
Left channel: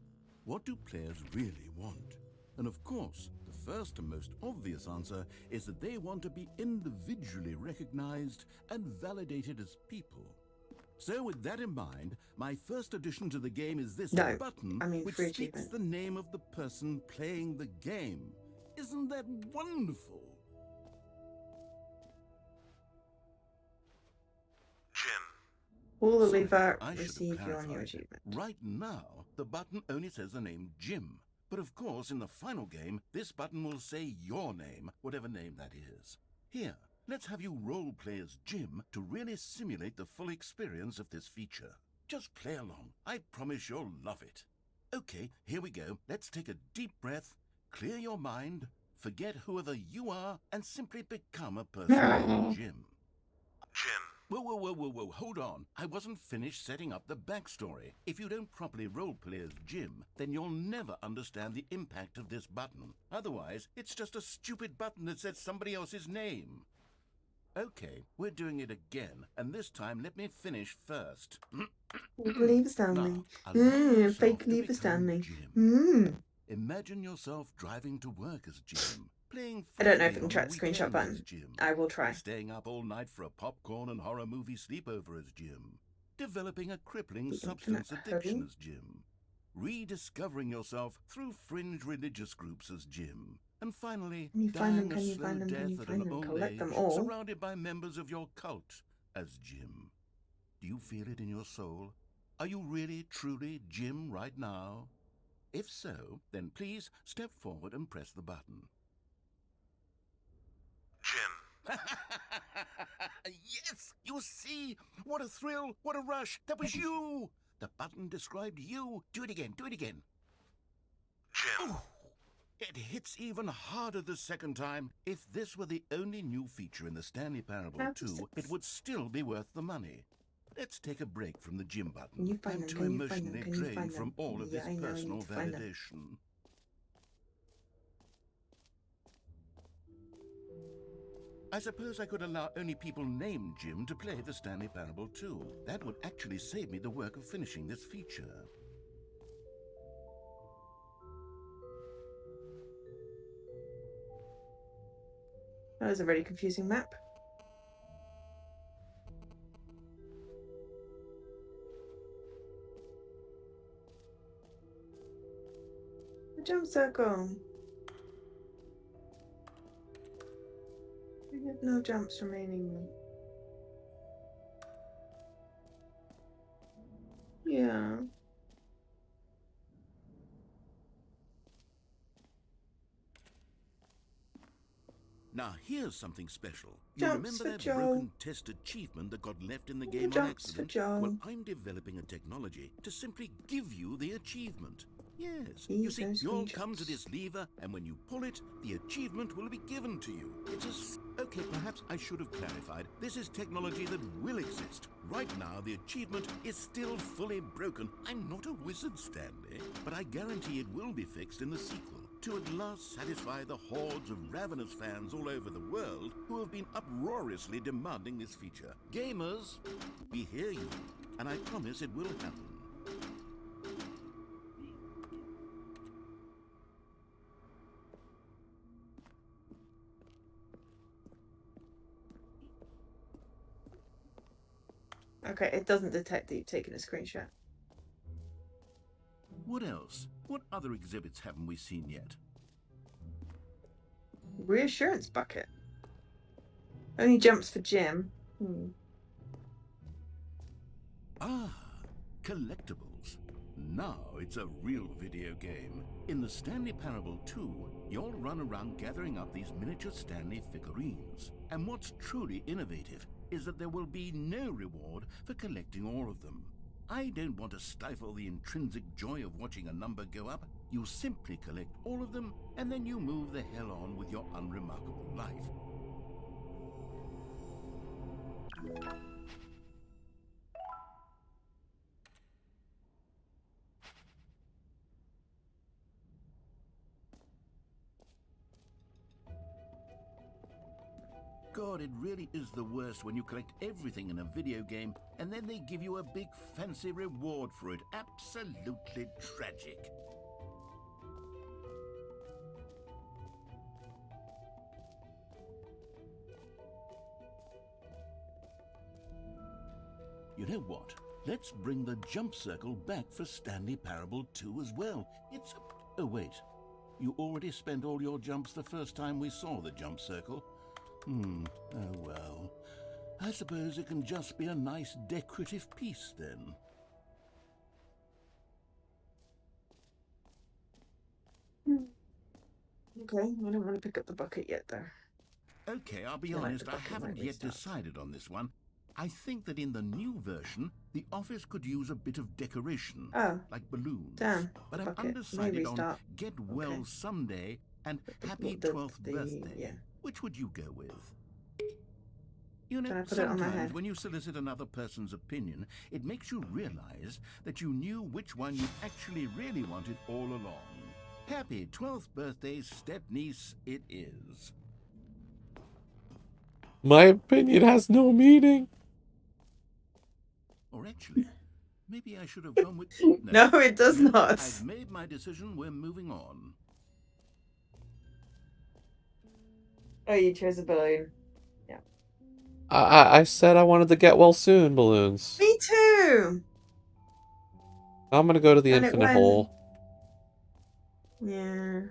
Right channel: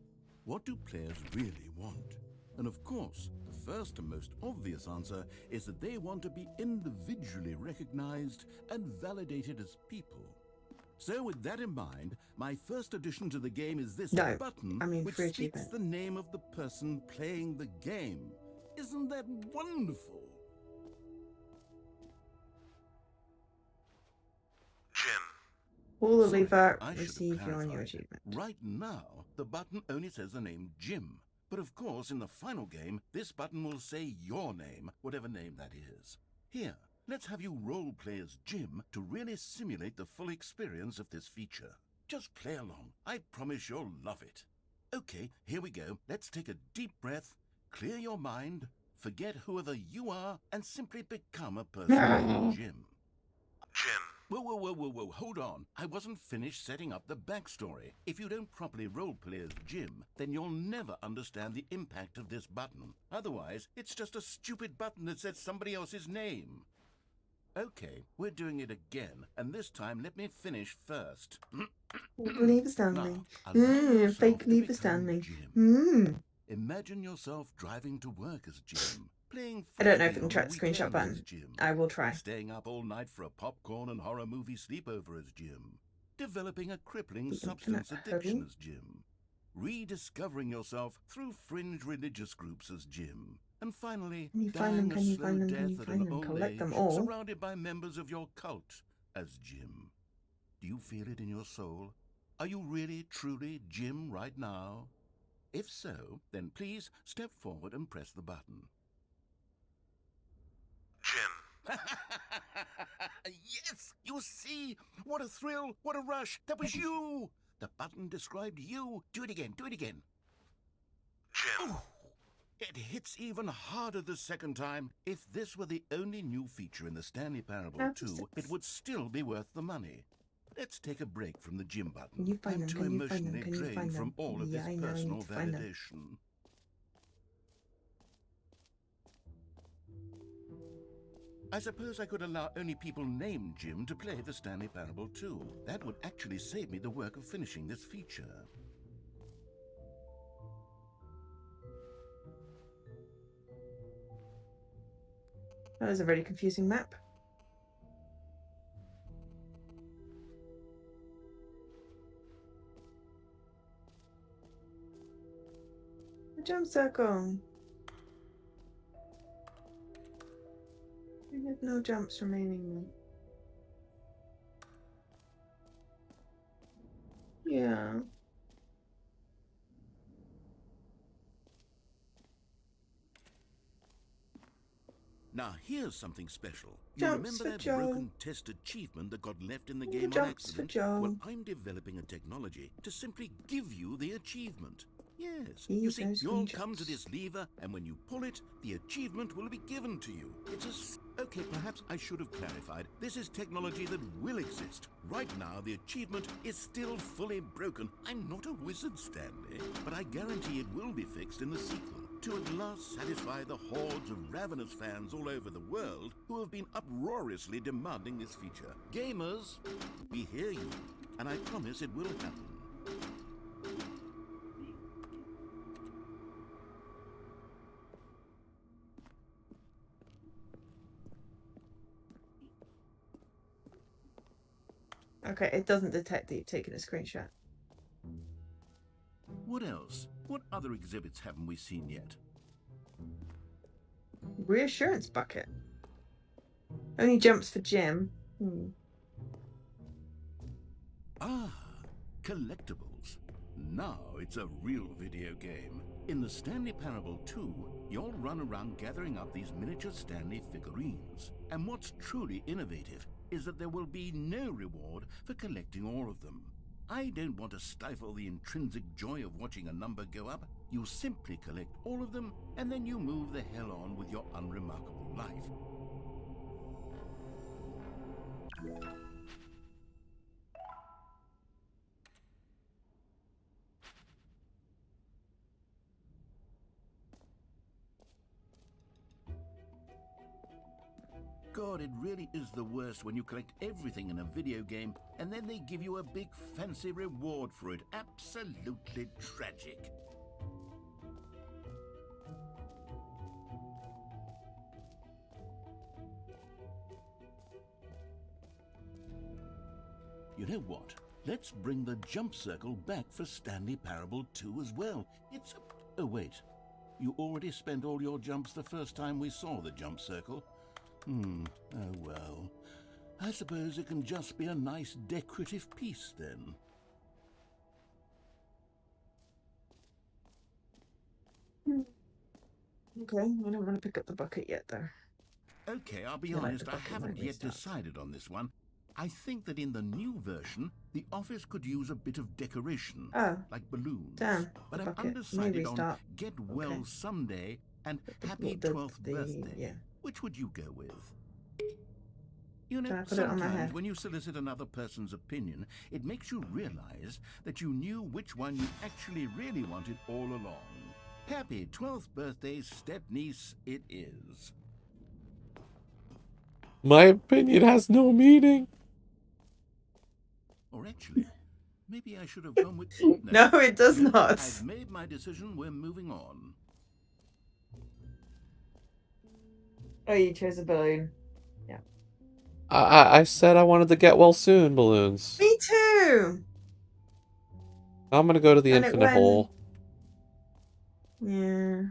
what do players really want? And of course, the first and most obvious answer is that they want to be individually recognized and validated as people. So with that in mind, my first addition to the game is this button, which speaks the name of the person playing the game. Isn't that wonderful? Jim. All the Sorry, lever I should receive have your new clarified. achievement. Right now, the button only says the name Jim. But of course, in the final game, this button will say your name, whatever name that is. Here, let's have you role-play as Jim to really simulate the full experience of this feature. Just play along. I promise you'll love it. Okay, here we go. Let's take a deep breath, clear your mind, forget whoever you are, and simply become a person named Jim. Jim. Whoa, hold on. I wasn't finished setting up the backstory. If you don't properly roleplay as Jim, then you'll never understand the impact of this button. Otherwise, it's just a stupid button that says somebody else's name. Okay, we're doing it again, and this time let me finish first. Lever Stanley. Now, allow yourself Fake to lever become Stanley. Jim. Imagine yourself driving to work as Jim, playing I don't know if frisbee I can on try the the screenshot weekends button. as Jim, I will try. staying up all night for a popcorn and horror movie sleepover as Jim, developing a crippling substance addiction as Jim, rediscovering yourself through fringe religious groups as Jim, and finally dying a slow death at an old age, surrounded by members of your cult as Jim. Do you feel it in your soul? Are you really, truly Jim right now? If so, then please step forward and press the button. Jim. Yes! You see? What a thrill! What a rush! That was you! The button described you. Do it again. Do it again. Jim. Oh, it hits even harder the second time. If this were the only new feature in the Stanley Parable 2, it would still be worth the money. Let's take a break from the Jim button. I'm too emotionally drained from all of this personal validation. I suppose I could allow only people named Jim to play the Stanley Parable 2. That would actually save me the work of finishing this feature. That was a very confusing map. A jump circle. We have no jumps remaining. Yeah. Now here's something special. You Jumps remember for that Joe. broken test achievement that got left in the The game on jumps for accident? Joe. Well, I'm developing a technology to simply give you the achievement. Yes, These you see, those you'll screenshots. come to this lever, and when you pull it, the achievement will be given to you. Okay, perhaps I should have clarified. This is technology that will exist. Right now, the achievement is still fully broken. I'm not a wizard, Stanley, but I guarantee it will be fixed in the sequel to at last satisfy the hordes of ravenous fans all over the world who have been uproariously demanding this feature. Gamers, we hear you, and I promise it will happen. Okay, it doesn't detect that you've taken a screenshot. What else? What other exhibits haven't we seen yet? Reassurance bucket. Only jumps for Jim. Ah, collectibles. Now it's a real video game. In the Stanley Parable 2, you'll run around gathering up these miniature Stanley figurines. And what's truly innovative is that there will be no reward for collecting all of them. I don't want to stifle the intrinsic joy of watching a number go up. You simply collect all of them, and then you move the hell on with your unremarkable life. God, it really is the worst when you collect everything in a video game and then they give you a big fancy reward for it. Absolutely tragic. You know what? Let's bring the jump circle back for Stanley Parable 2 as well. It's a... Oh, wait. You already spent all your jumps the first time we saw the jump circle. Oh well. I suppose it can just be a nice decorative piece then. Okay, I don't want to pick up the bucket yet, though. Okay, I'll be I like honest, the I bucket haven't when we yet start. decided on this one. I think that in the new version, the office could use a bit of decoration, Oh, like balloons. damn. But I'm Bucket. undecided on Restart. Get Well Okay. Someday and Happy 12th Birthday. Yeah. Which would you go with? You know, Can I put it on my sometimes head? when you solicit another person's opinion, it makes you realize that you knew which one you actually really wanted all along. Happy 12th birthday, step-niece, it is. My opinion has no meaning. Or actually, maybe I should have gone with... No, it does No, not. I've made my decision, we're moving on. Oh, you chose a balloon. Yeah. I said I wanted to get well soon balloons. Me too! I'm gonna go to the And it infinite went- hole. Yeah.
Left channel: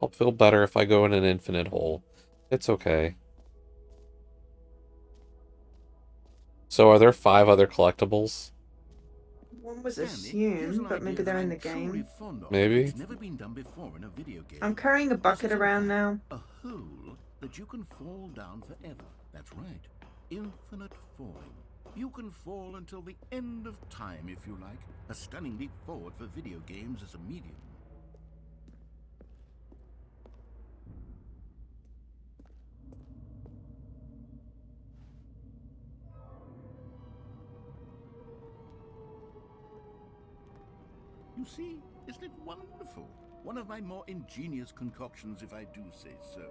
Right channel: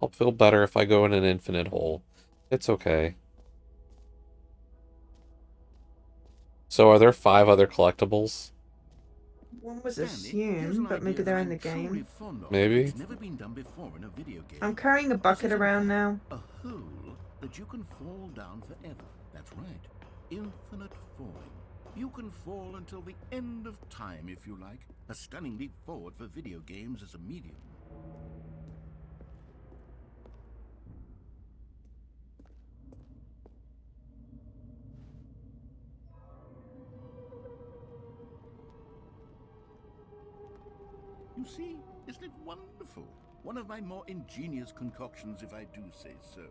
I'll feel better if I go in an infinite hole. It's okay. So are there 5 other collectibles? One was Stanley, here's assumed, an but maybe idea they're that in the I'm truly game. fond of. Maybe. It's never been done before in a video game. I'm carrying a This bucket is, in around fact, now. a hole that you can fall down forever. That's right. Infinite falling. You can fall until the end of time, if you like. A stunning leap forward for video games as a medium. You see, isn't it wonderful? One of my more ingenious concoctions, if I do say so.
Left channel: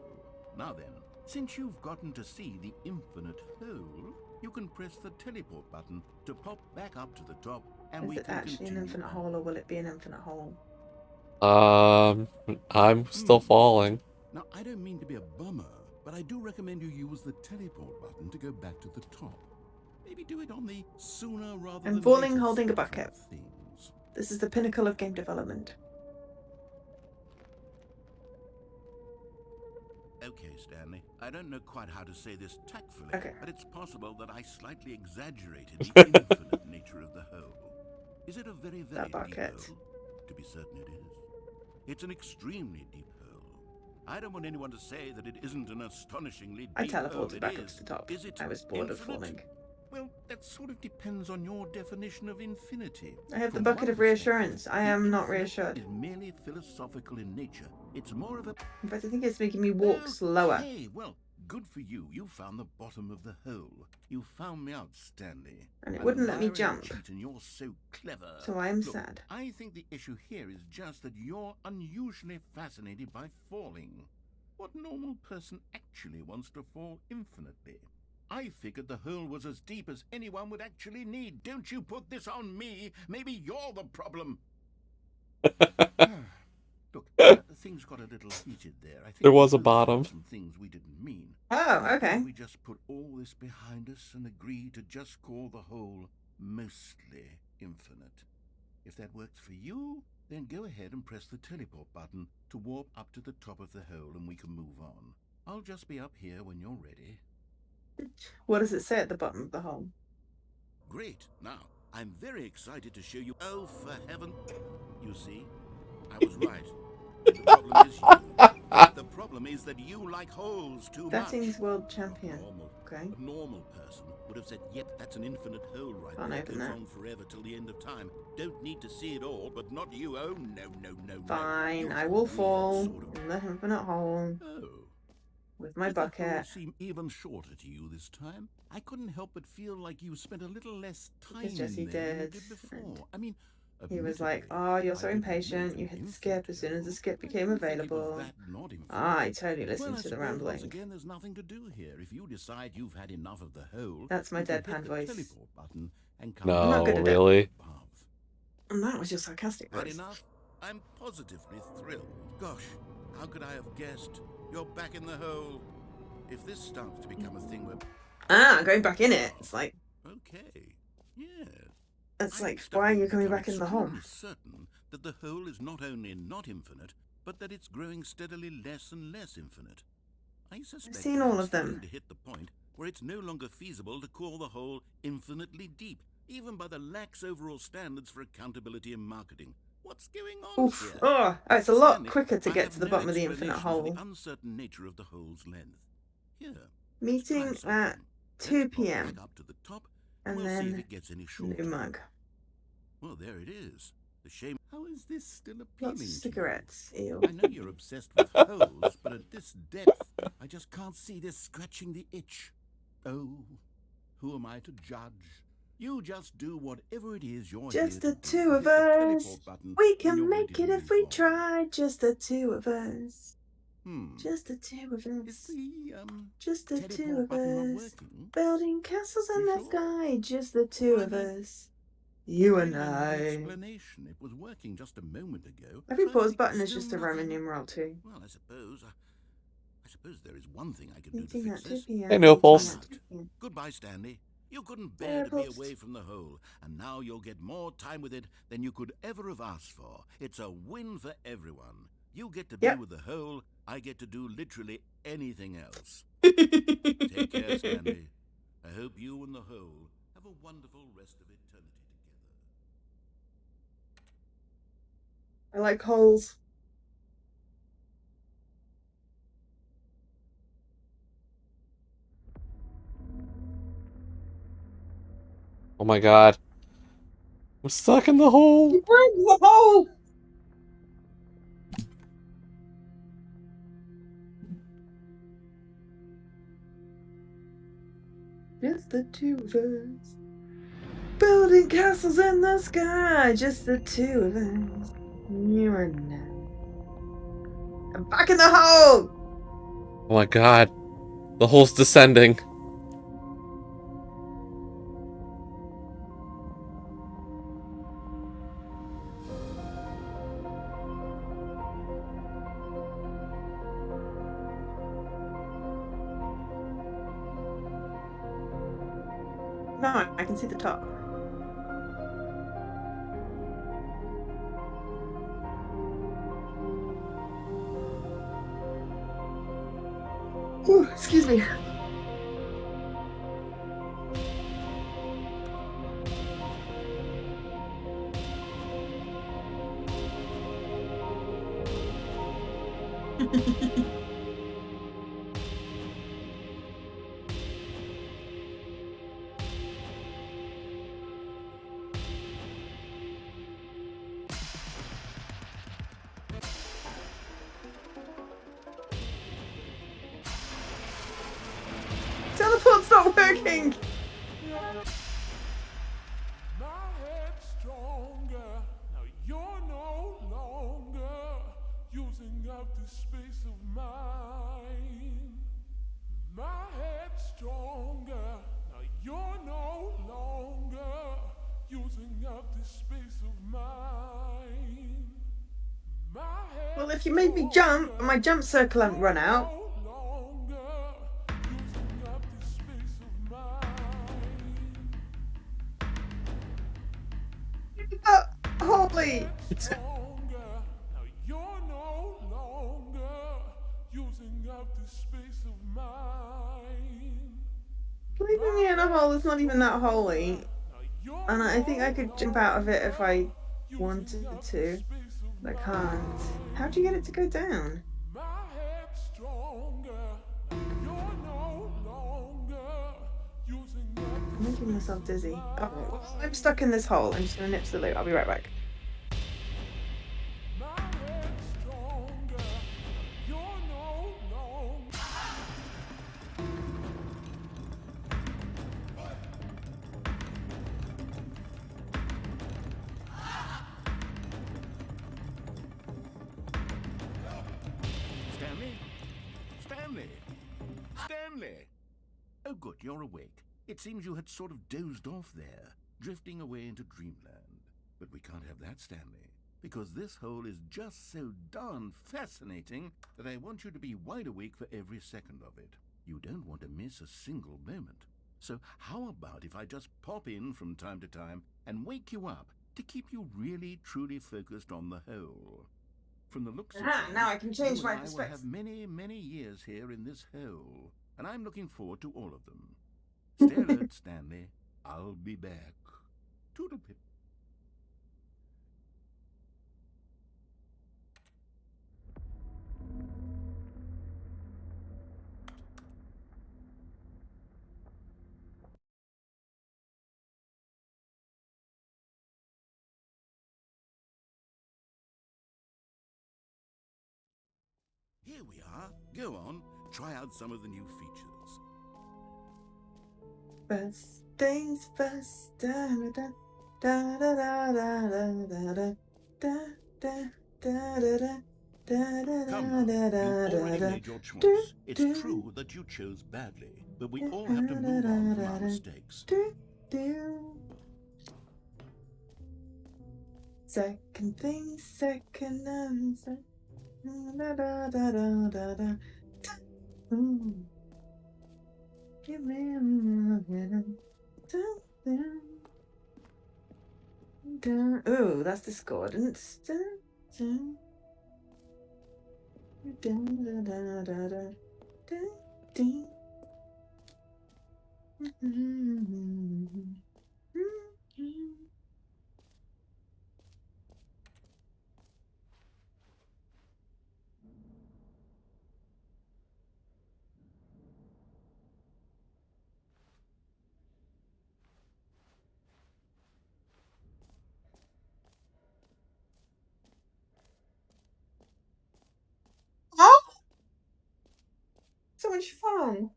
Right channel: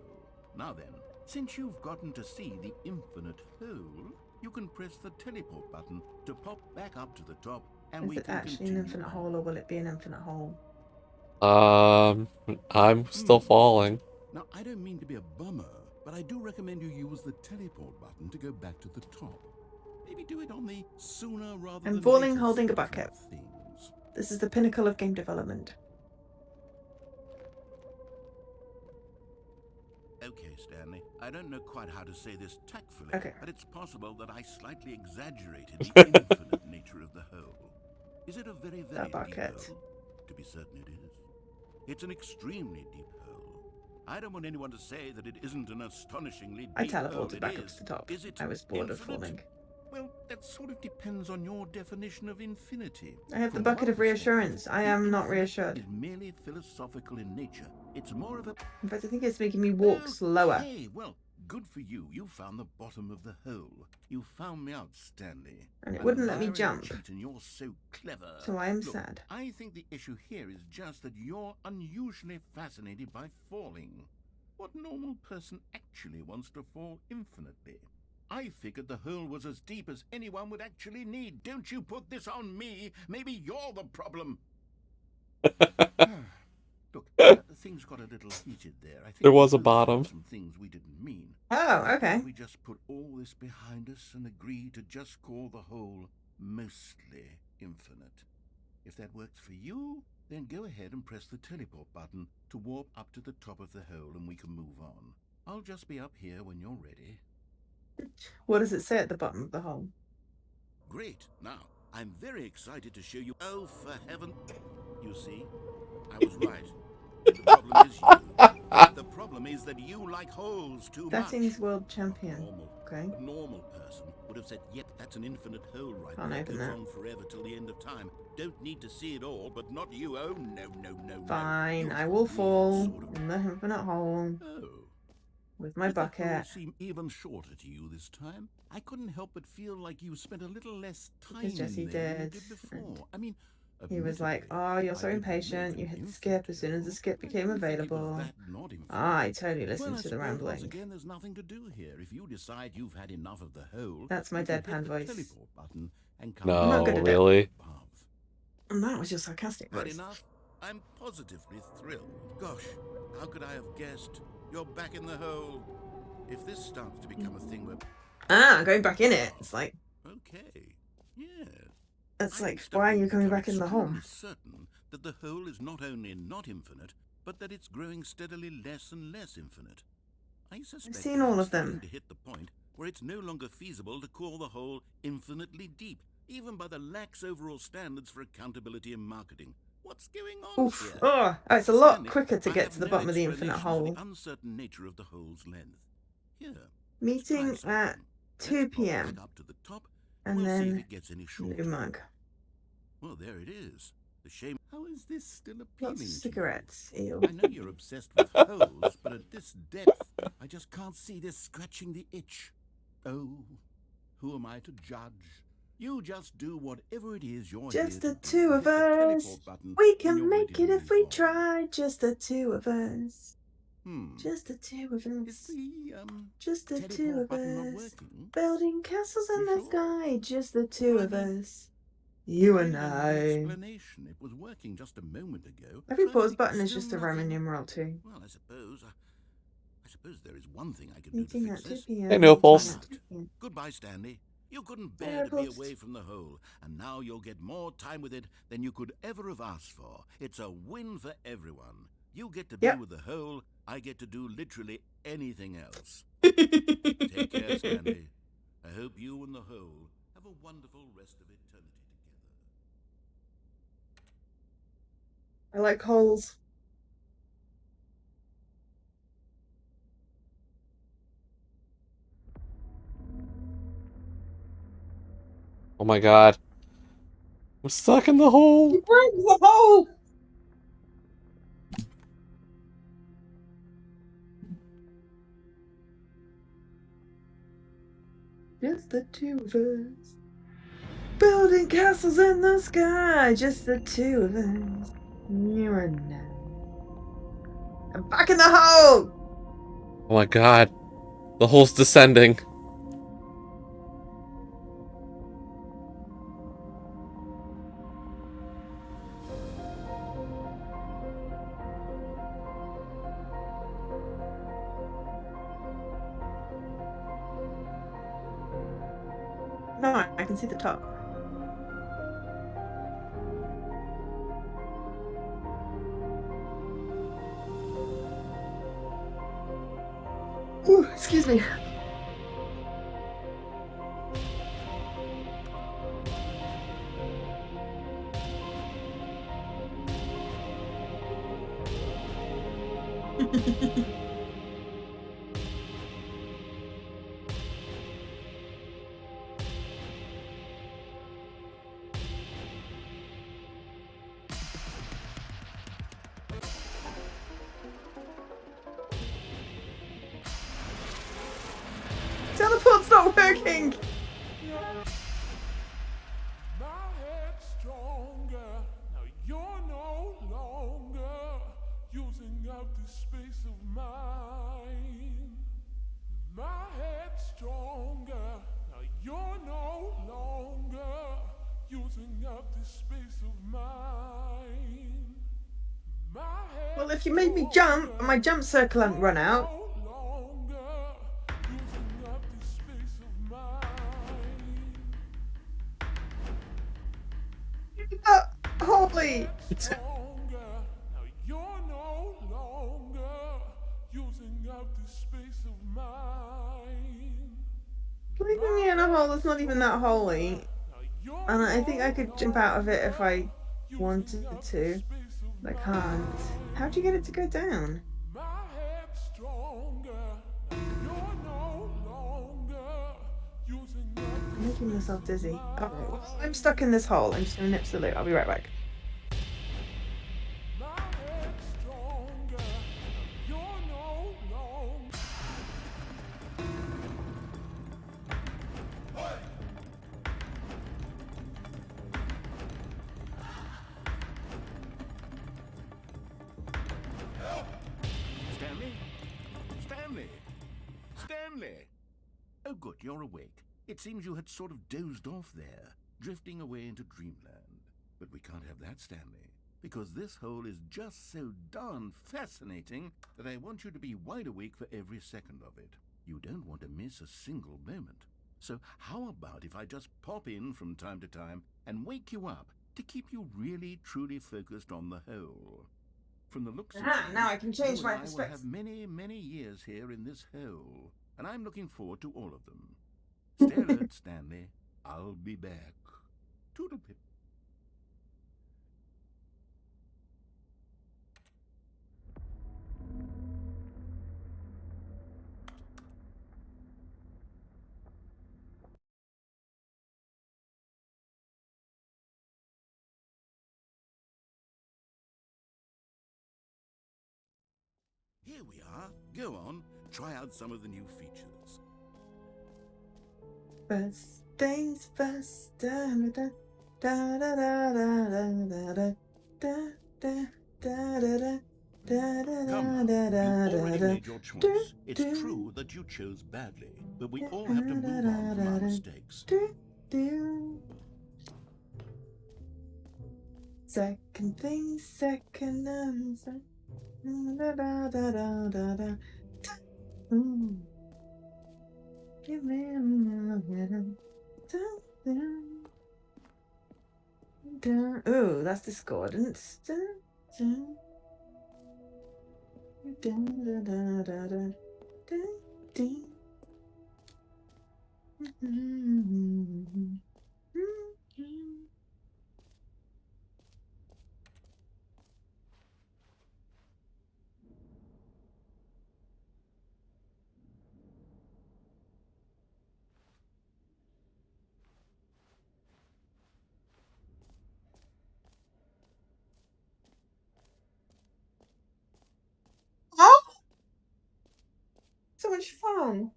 Now then, since you've gotten to see the infinite hole, you can press the teleport button to pop back up to the top, and Is we it can actually continue an infinite on. hole, or will it be an infinite hole? I'm still falling. Now, I don't mean to be a bummer, but I do recommend you use the teleport button to go back to the top. Maybe do it on the sooner rather I'm than falling later holding a spectrum bucket. of things. This is the pinnacle of game development. Okay, Stanley, I don't know quite how to say this tactfully, Okay. but it's possible that I slightly exaggerated the infinite nature of the hole. Is it a very, very deep bucket. hole? To be certain it is. It's an extremely deep hole. I don't want anyone to say that it isn't an astonishingly I deep hole. teleported It back up is. to the top. Is it I was bored of infinite? falling. Well, that sort of depends on your definition of infinity. I have the From bucket one of reassurance. perspective, I the am not infinite reassured. is merely philosophical in nature. It's more of a... In fact, I think it's making me walk slower. Hey, well, good for you. You found the bottom of the hole. You found me out, Stanley. And it I'm wouldn't a let me liar and a jump. cheat, and you're so clever. So I am Look, sad. I think the issue here is just that you're unusually fascinated by falling. What normal person actually wants to fall infinitely? I figured the hole was as deep as anyone would actually need. Don't you put this on me. Maybe you're the problem. Look, things got a little heated there. I think There was we a both said bottom. some things we didn't mean. Oh, Why okay. don't we just put all this behind us and agree to just call the hole mostly infinite. If that works for you, then go ahead and press the teleport button to warp up to the top of the hole and we can move on. I'll just be up here when you're ready. What does it say at the bottom of the hole? Great. Now, I'm very excited to show you. Oh, for heaven. You see, I was right. The problem is you. The problem is that you like holes too much. Settings world Not champion. normal. Okay. A normal person would have said, yep, that's an infinite hole right Can't there. open Goes that. on forever till the end of time. Don't need to see it all, but not you. Oh, no. Fine, You're I a will weird fall sort of... in the infinite hole Oh. with my Did the hole bucket. seem even shorter to you this time? I couldn't help but feel like you spent a little less time Because Jesse in there than you did, did before. and I mean, he was like, admittedly, "Oh, you're I so didn't impatient. make You an hit the infinite skip as soon as the hole. skip I became didn't think it was available." that not infinite. I totally listened Well, I to the suppose rambling. once again, there's nothing to do here. If you decide you've had enough of the hole, That's my you can deadpan hit the voice. teleport button and come No, I'm not good at it. really? above. And that was your sarcastic Had voice. enough? I'm positively thrilled. Gosh, how could I have guessed? You're back in the hole. If this starts to become a thing where... Going back in it. It's like, Okay, yeah. it's I'm like, why are starting you to coming become back in the hole? extremely certain that the hole is not only not infinite, but that it's growing steadily less and less infinite. I suspect seen that all I'm of them. starting to hit the point where it's no longer feasible to call the hole infinitely deep, even by the lax overall standards for accountability and marketing. What's going on Oof. here? Oh, it's a lot Stanley, quicker to I get have to the no bottom of the infinite explanation for hole. the uncertain nature of the hole's length. Here, let's Meeting try at something. 2 Let's pop p.m. back up to the top, and and we'll see if then it gets any shorter. new mug. Well, there it is. The shame. How is this still Lots appealing of to you? cigarettes. Ew. I know you're obsessed with holes, but at this depth, I just can't see this scratching the itch. Oh, who am I to judge? You just do whatever it is you're here Just to the do. two of Hit the us. teleport button We when can you're make ready it to if move we on. try. Just the two of us. Hmm. Just the two of Is us. the Just the two teleport of button not us. working? Building castles in You the sure? sky. Just the two Well, I of mean, us. You I and don't have an I. explanation. It was working just a moment ago. Every Try pause me. button is Still just a Roman nothing? numeral too. Well, I suppose there is one thing I could do to Meeting fix at 2 this. p.m. Hey, no meeting pulse. at 2 p.m. Goodbye, Stanley. You couldn't Bye, bear to be Post. away from the hole, and now you'll get more time with it than you could ever have asked for. It's a win for everyone. You get to be Yep. with the hole, I get to do literally anything else. Take care, Stanley. I hope you and the hole have a wonderful rest of eternity together. I like holes. Oh my god. I'm stuck in the hole. You broke the hole! Just the two of us. Building castles in the sky. Just the two of us. You and I. I'm back in the hole! Oh my god. The hole's descending. No, I can see the top. Ooh, excuse me. Teleport's not working! My head's stronger. Now you're no longer using up this space of mine. My head's stronger. Now you're no longer using up this space of mine. My head's Well, if you made me jump, and my jump circle hasn't run out. no longer using up this space of mine. stronger. Now you're no longer using up this space of mine. Leaving me in a hole that's not even that holy. And I think I could jump out of it if I wanted to. But I can't. How do you get it to go down? My head's stronger. Now you're no longer using up I'm this making myself space of dizzy. mine. Okay, well, I'm stuck in this hole. I'm just gonna nip to the loo. I'll be right back. My head's stronger. Now you're no longer. Stanley? Stanley? Stanley! Oh, good, you're awake. It seems you had sort of dozed off there, drifting away into dreamland. But we can't have that, Stanley, because this hole is just so darn fascinating that I want you to be wide awake for every second of it. You don't want to miss a single moment. So how about if I just pop in from time to time and wake you up to keep you really, truly focused on the hole? From the looks of things, Now I can change you my and I will perspective. have many, many years here in this hole, and I'm looking forward to all of them. Stay alert, Stanley. I'll be back. Toodle-pip. Here we are. Go on, try out some of the new features. First things first. Da da da da da da da da da da da da da. Come now, you've already made your choice. It's true that you chose badly, but we all have to move on from our mistakes. Second thing, second answer. Da da da da da da. Give me ooh, that's discordance. Oh, so much fun.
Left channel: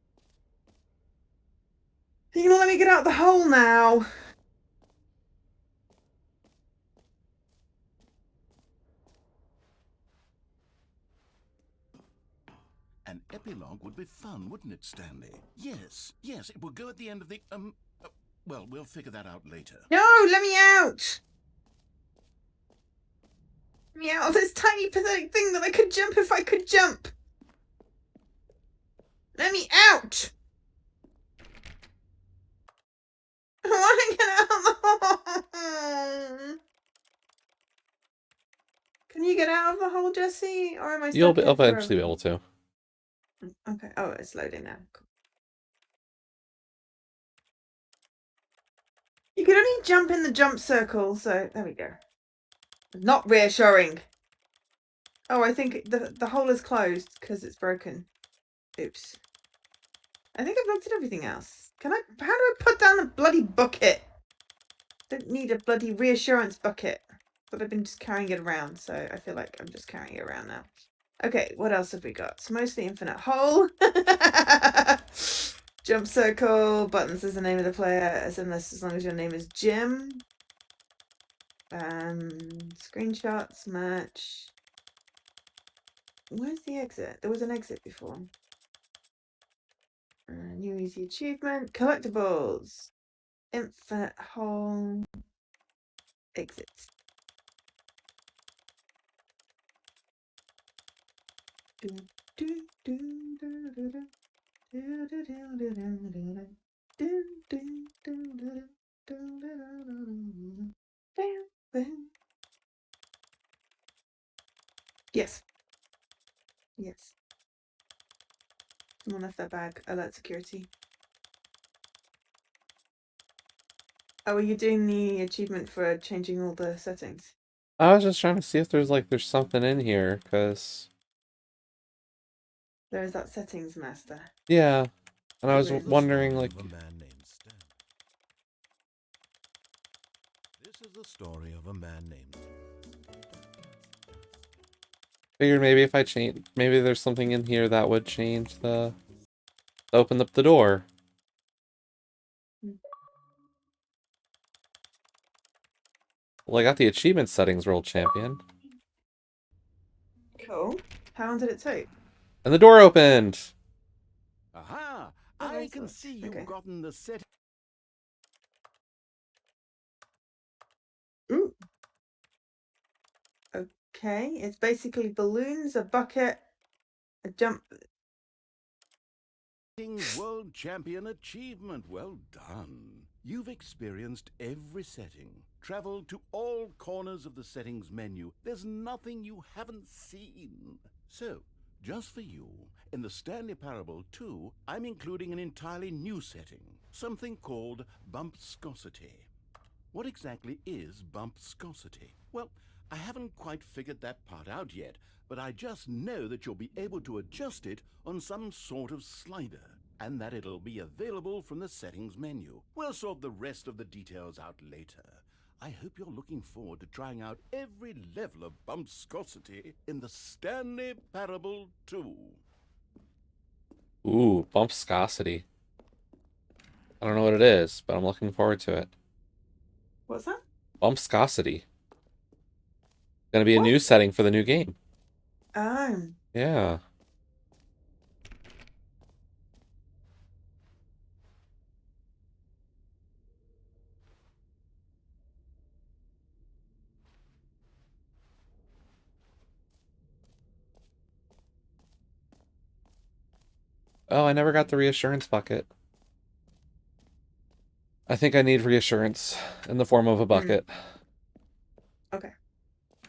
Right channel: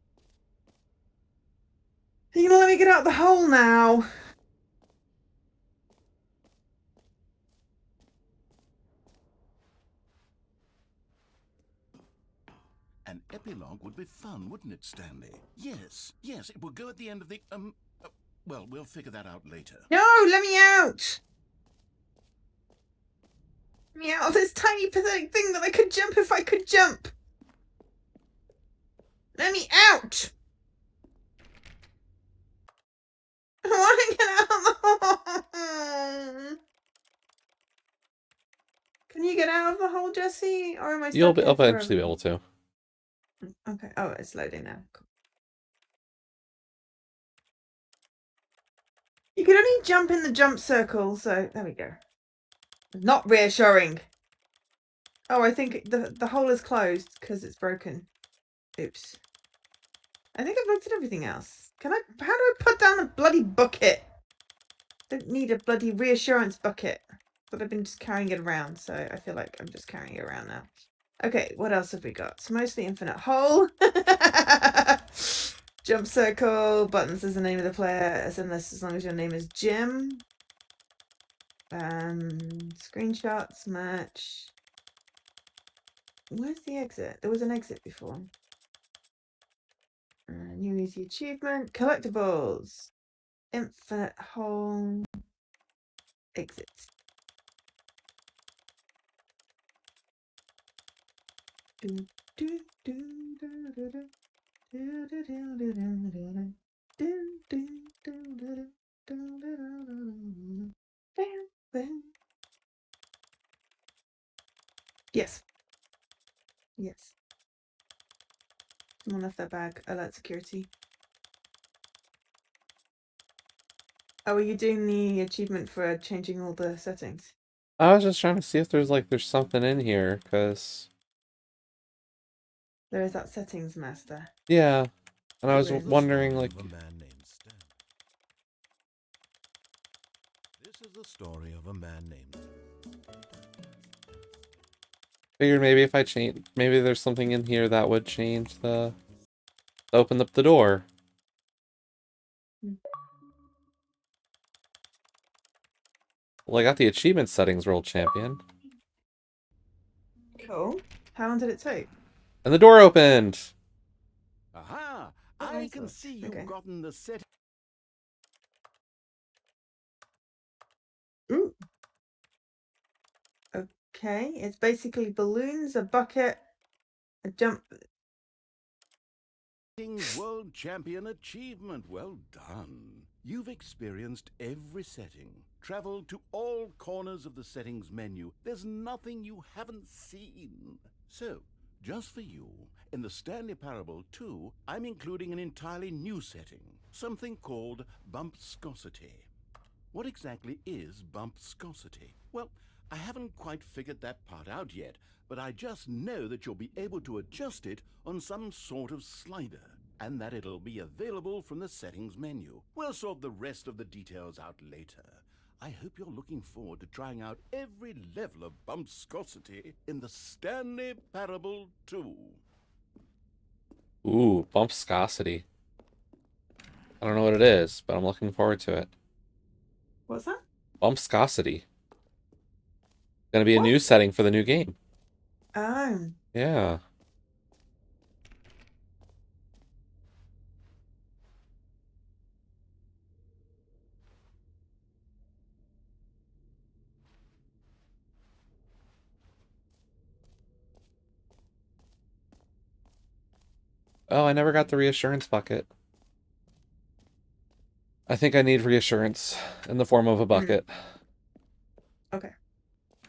Are you gonna let me get out the hole now? An epilogue would be fun, wouldn't it, Stanley? Yes, yes, it will go at the end of the, well, we'll figure that out later. No, let me out. Let me out of this tiny pathetic thing that I could jump if I could jump. Let me out. I want to get out of the hole. Can you get out of the hole, Jesse? Or am I stuck You'll here eventually be forever? able to. Okay. Oh, it's loading now. Cool. You can only jump in the jump circle, so there we go. Not reassuring. Oh, I think the hole is closed because it's broken. Oops. I think I've looked at everything else. How do I put down the bloody bucket? Don't need a bloody reassurance bucket. But I've been just carrying it around, so I feel like I'm just carrying it around now. Okay, what else have we got? It's mostly infinite hole. Jump circle. Buttons is the name of the player, as long as your name is Jim. Screenshots match. Where's the exit? There was an exit before. New easy achievement. Collectibles. Infinite hole. Exit. Yes. Yes. Someone left their bag. Alert security. Oh, are you doing the achievement for changing all the settings? I was just trying to see if there's something in here, because... There is that settings master. Yeah. And I was Balloons. wondering, like... Of a man named Stan. This is the story of a man named... Figured maybe if I change... Maybe there's something in here that would change the... Open up the door. Well, I got the achievement settings, World Champion. Cool. How long did it take? And the door opened! Aha! Oh, I excellent. can see you've Okay. gotten the set. Ooh. Okay, it's basically balloons, a bucket, a jump. World Champion achievement. Well done. You've experienced every setting, traveled to all corners of the settings menu. There's nothing you haven't seen. So, just for you, in the Stanley Parable 2, I'm including an entirely new setting, something called bumpscosity. What exactly is bumpscosity? Well, I haven't quite figured that part out yet, but I just know that you'll be able to adjust it on some sort of slider, and that it'll be available from the settings menu. We'll sort the rest of the details out later. I hope you're looking forward to trying out every level of bumpscosity in the Stanley Parable 2. Ooh, bumpscosity. I don't know what it is, but I'm looking forward to it. What's that? Bumpscosity. Gonna be a What? new setting for the new game. Oh. Yeah. Oh, I never got the reassurance bucket. I think I need reassurance in the form of a bucket. Okay.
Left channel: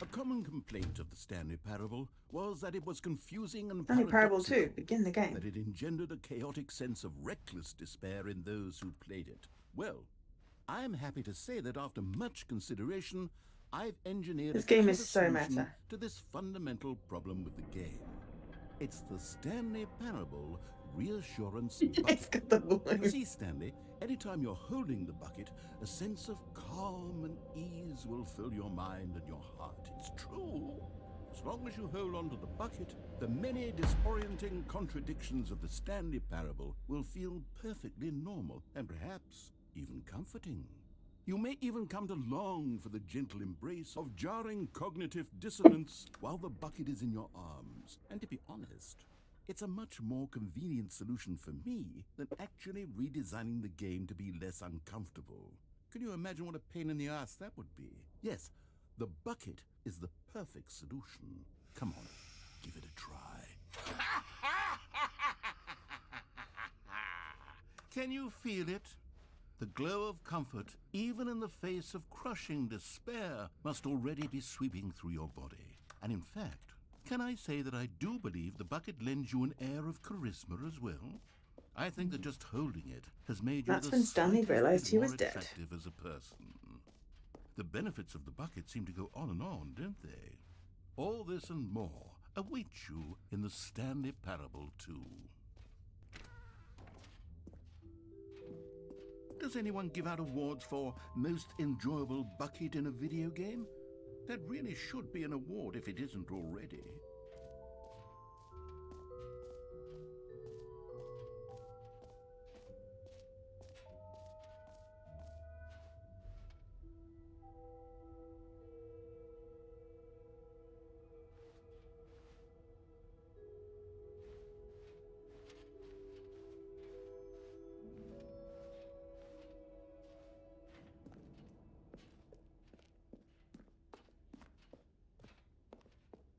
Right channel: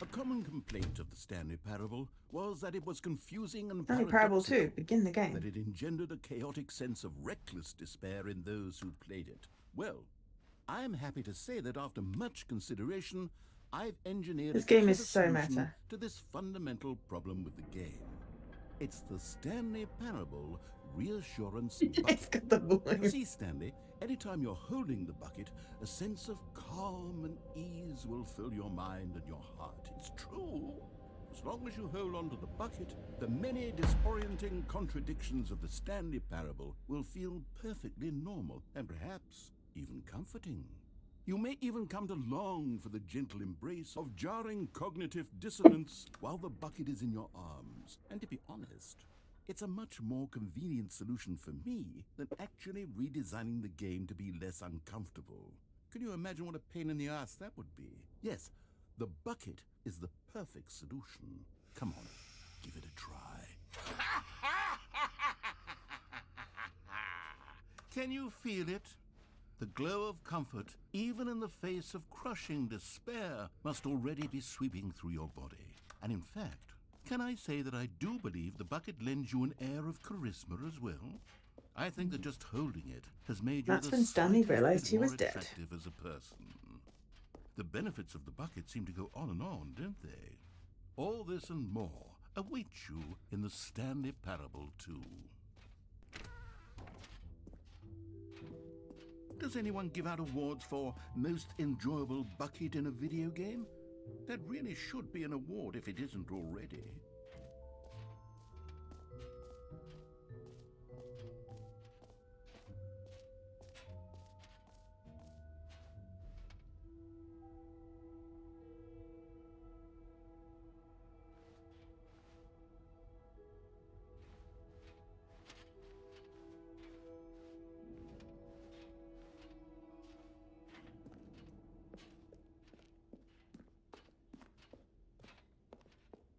A common complaint of the Stanley Parable was that it was confusing and Stanley Parable 2, paradoxical, begin the game. that it engendered a chaotic sense of reckless despair in those who played it. Well, I'm happy to say that after much consideration, I've engineered This a game clever is so solution meta. to this fundamental problem with the game. It's the Stanley Parable Reassurance It's Bucket. got the balloon. You see, Stanley, anytime you're holding the bucket, a sense of calm and ease will fill your mind and your heart. It's true. As long as you hold on to the bucket, the many disorienting contradictions of the Stanley Parable will feel perfectly normal and perhaps even comforting. You may even come to long for the gentle embrace of jarring cognitive dissonance while the bucket is in your arms. And to be honest, it's a much more convenient solution for me than actually redesigning the game to be less uncomfortable. Can you imagine what a pain in the ass that would be? Yes, the bucket is the perfect solution. Come on, give it a try. Can you feel it? The glow of comfort, even in the face of crushing despair, must already be sweeping through your body. And in fact, can I say that I do believe the bucket lends you an air of charisma as well? I think that just holding it has made you That's the when Stanley slightest realised bit he more was dead. attractive as a person. The benefits of the bucket seem to go on and on, don't they? All this and more await you in the Stanley Parable 2. Does anyone give out awards for most enjoyable bucket in a video game? That really should be an award if it isn't already.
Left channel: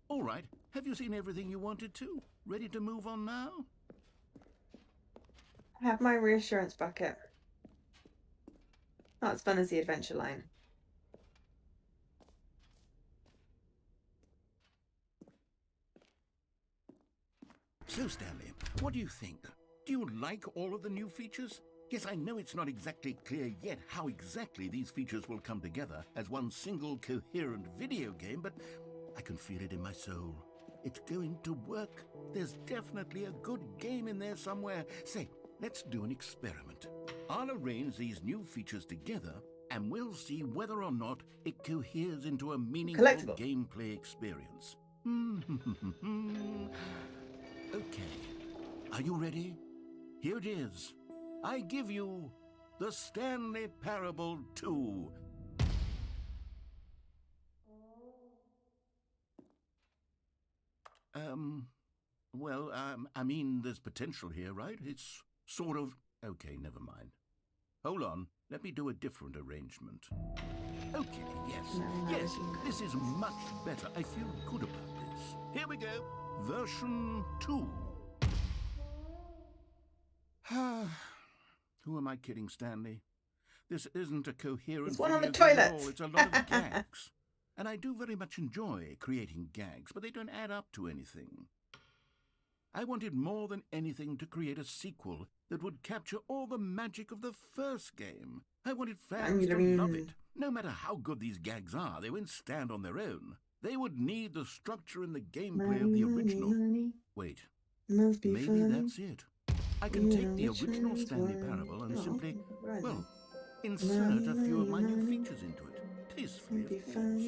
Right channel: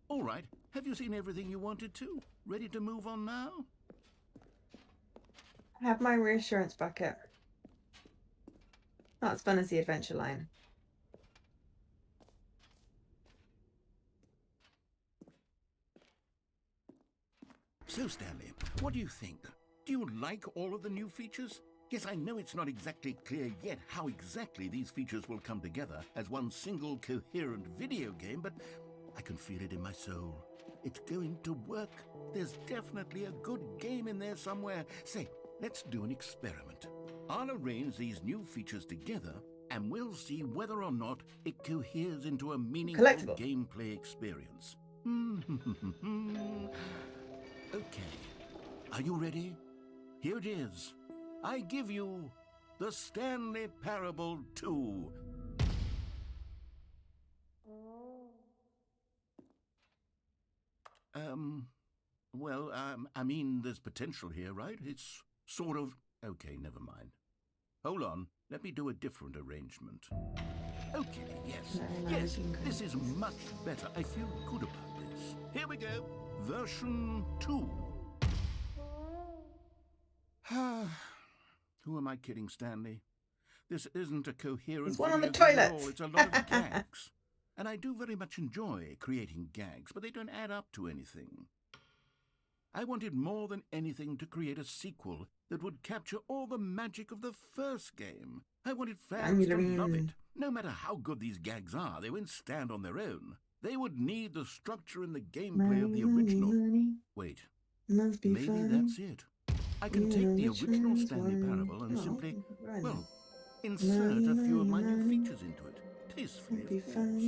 All right, have you seen everything you wanted to? Ready to move on now? I have my reassurance bucket. Not as fun as the adventure line. So, Stanley, what do you think? Do you like all of the new features? Yes, I know it's not exactly clear yet how exactly these features will come together as one single coherent video game, but I can feel it in my soul. It's going to work. There's definitely a good game in there somewhere. Say, let's do an experiment. I'll arrange these new features together, and we'll see whether or not it coheres into a meaningful Collectible. gameplay experience. Okay. Are you ready? Here it is. I give you the Stanley Parable 2. Well, I mean, there's potential here, right? It's sort of... Okay, never mind. Hold on. Let me do a different arrangement. Okay, yes, this is much better. I feel good about this. Here we go. Version 2. Who am I kidding, Stanley? This isn't a coherent There's one on the video game at toilet. all. It's a lot of gags. And I do very much enjoy creating gags, but they don't add up to anything. I wanted more than anything to create a sequel that would capture all the magic of the first game. I wanted fans to love it. No matter how good these gags are, they won't stand on their own. They would need the structure and the gameplay of the original. Wait, maybe that's it. I can take the original Stanley Parable and simply, well, insert a few of my new features into it. Tastefully, of course.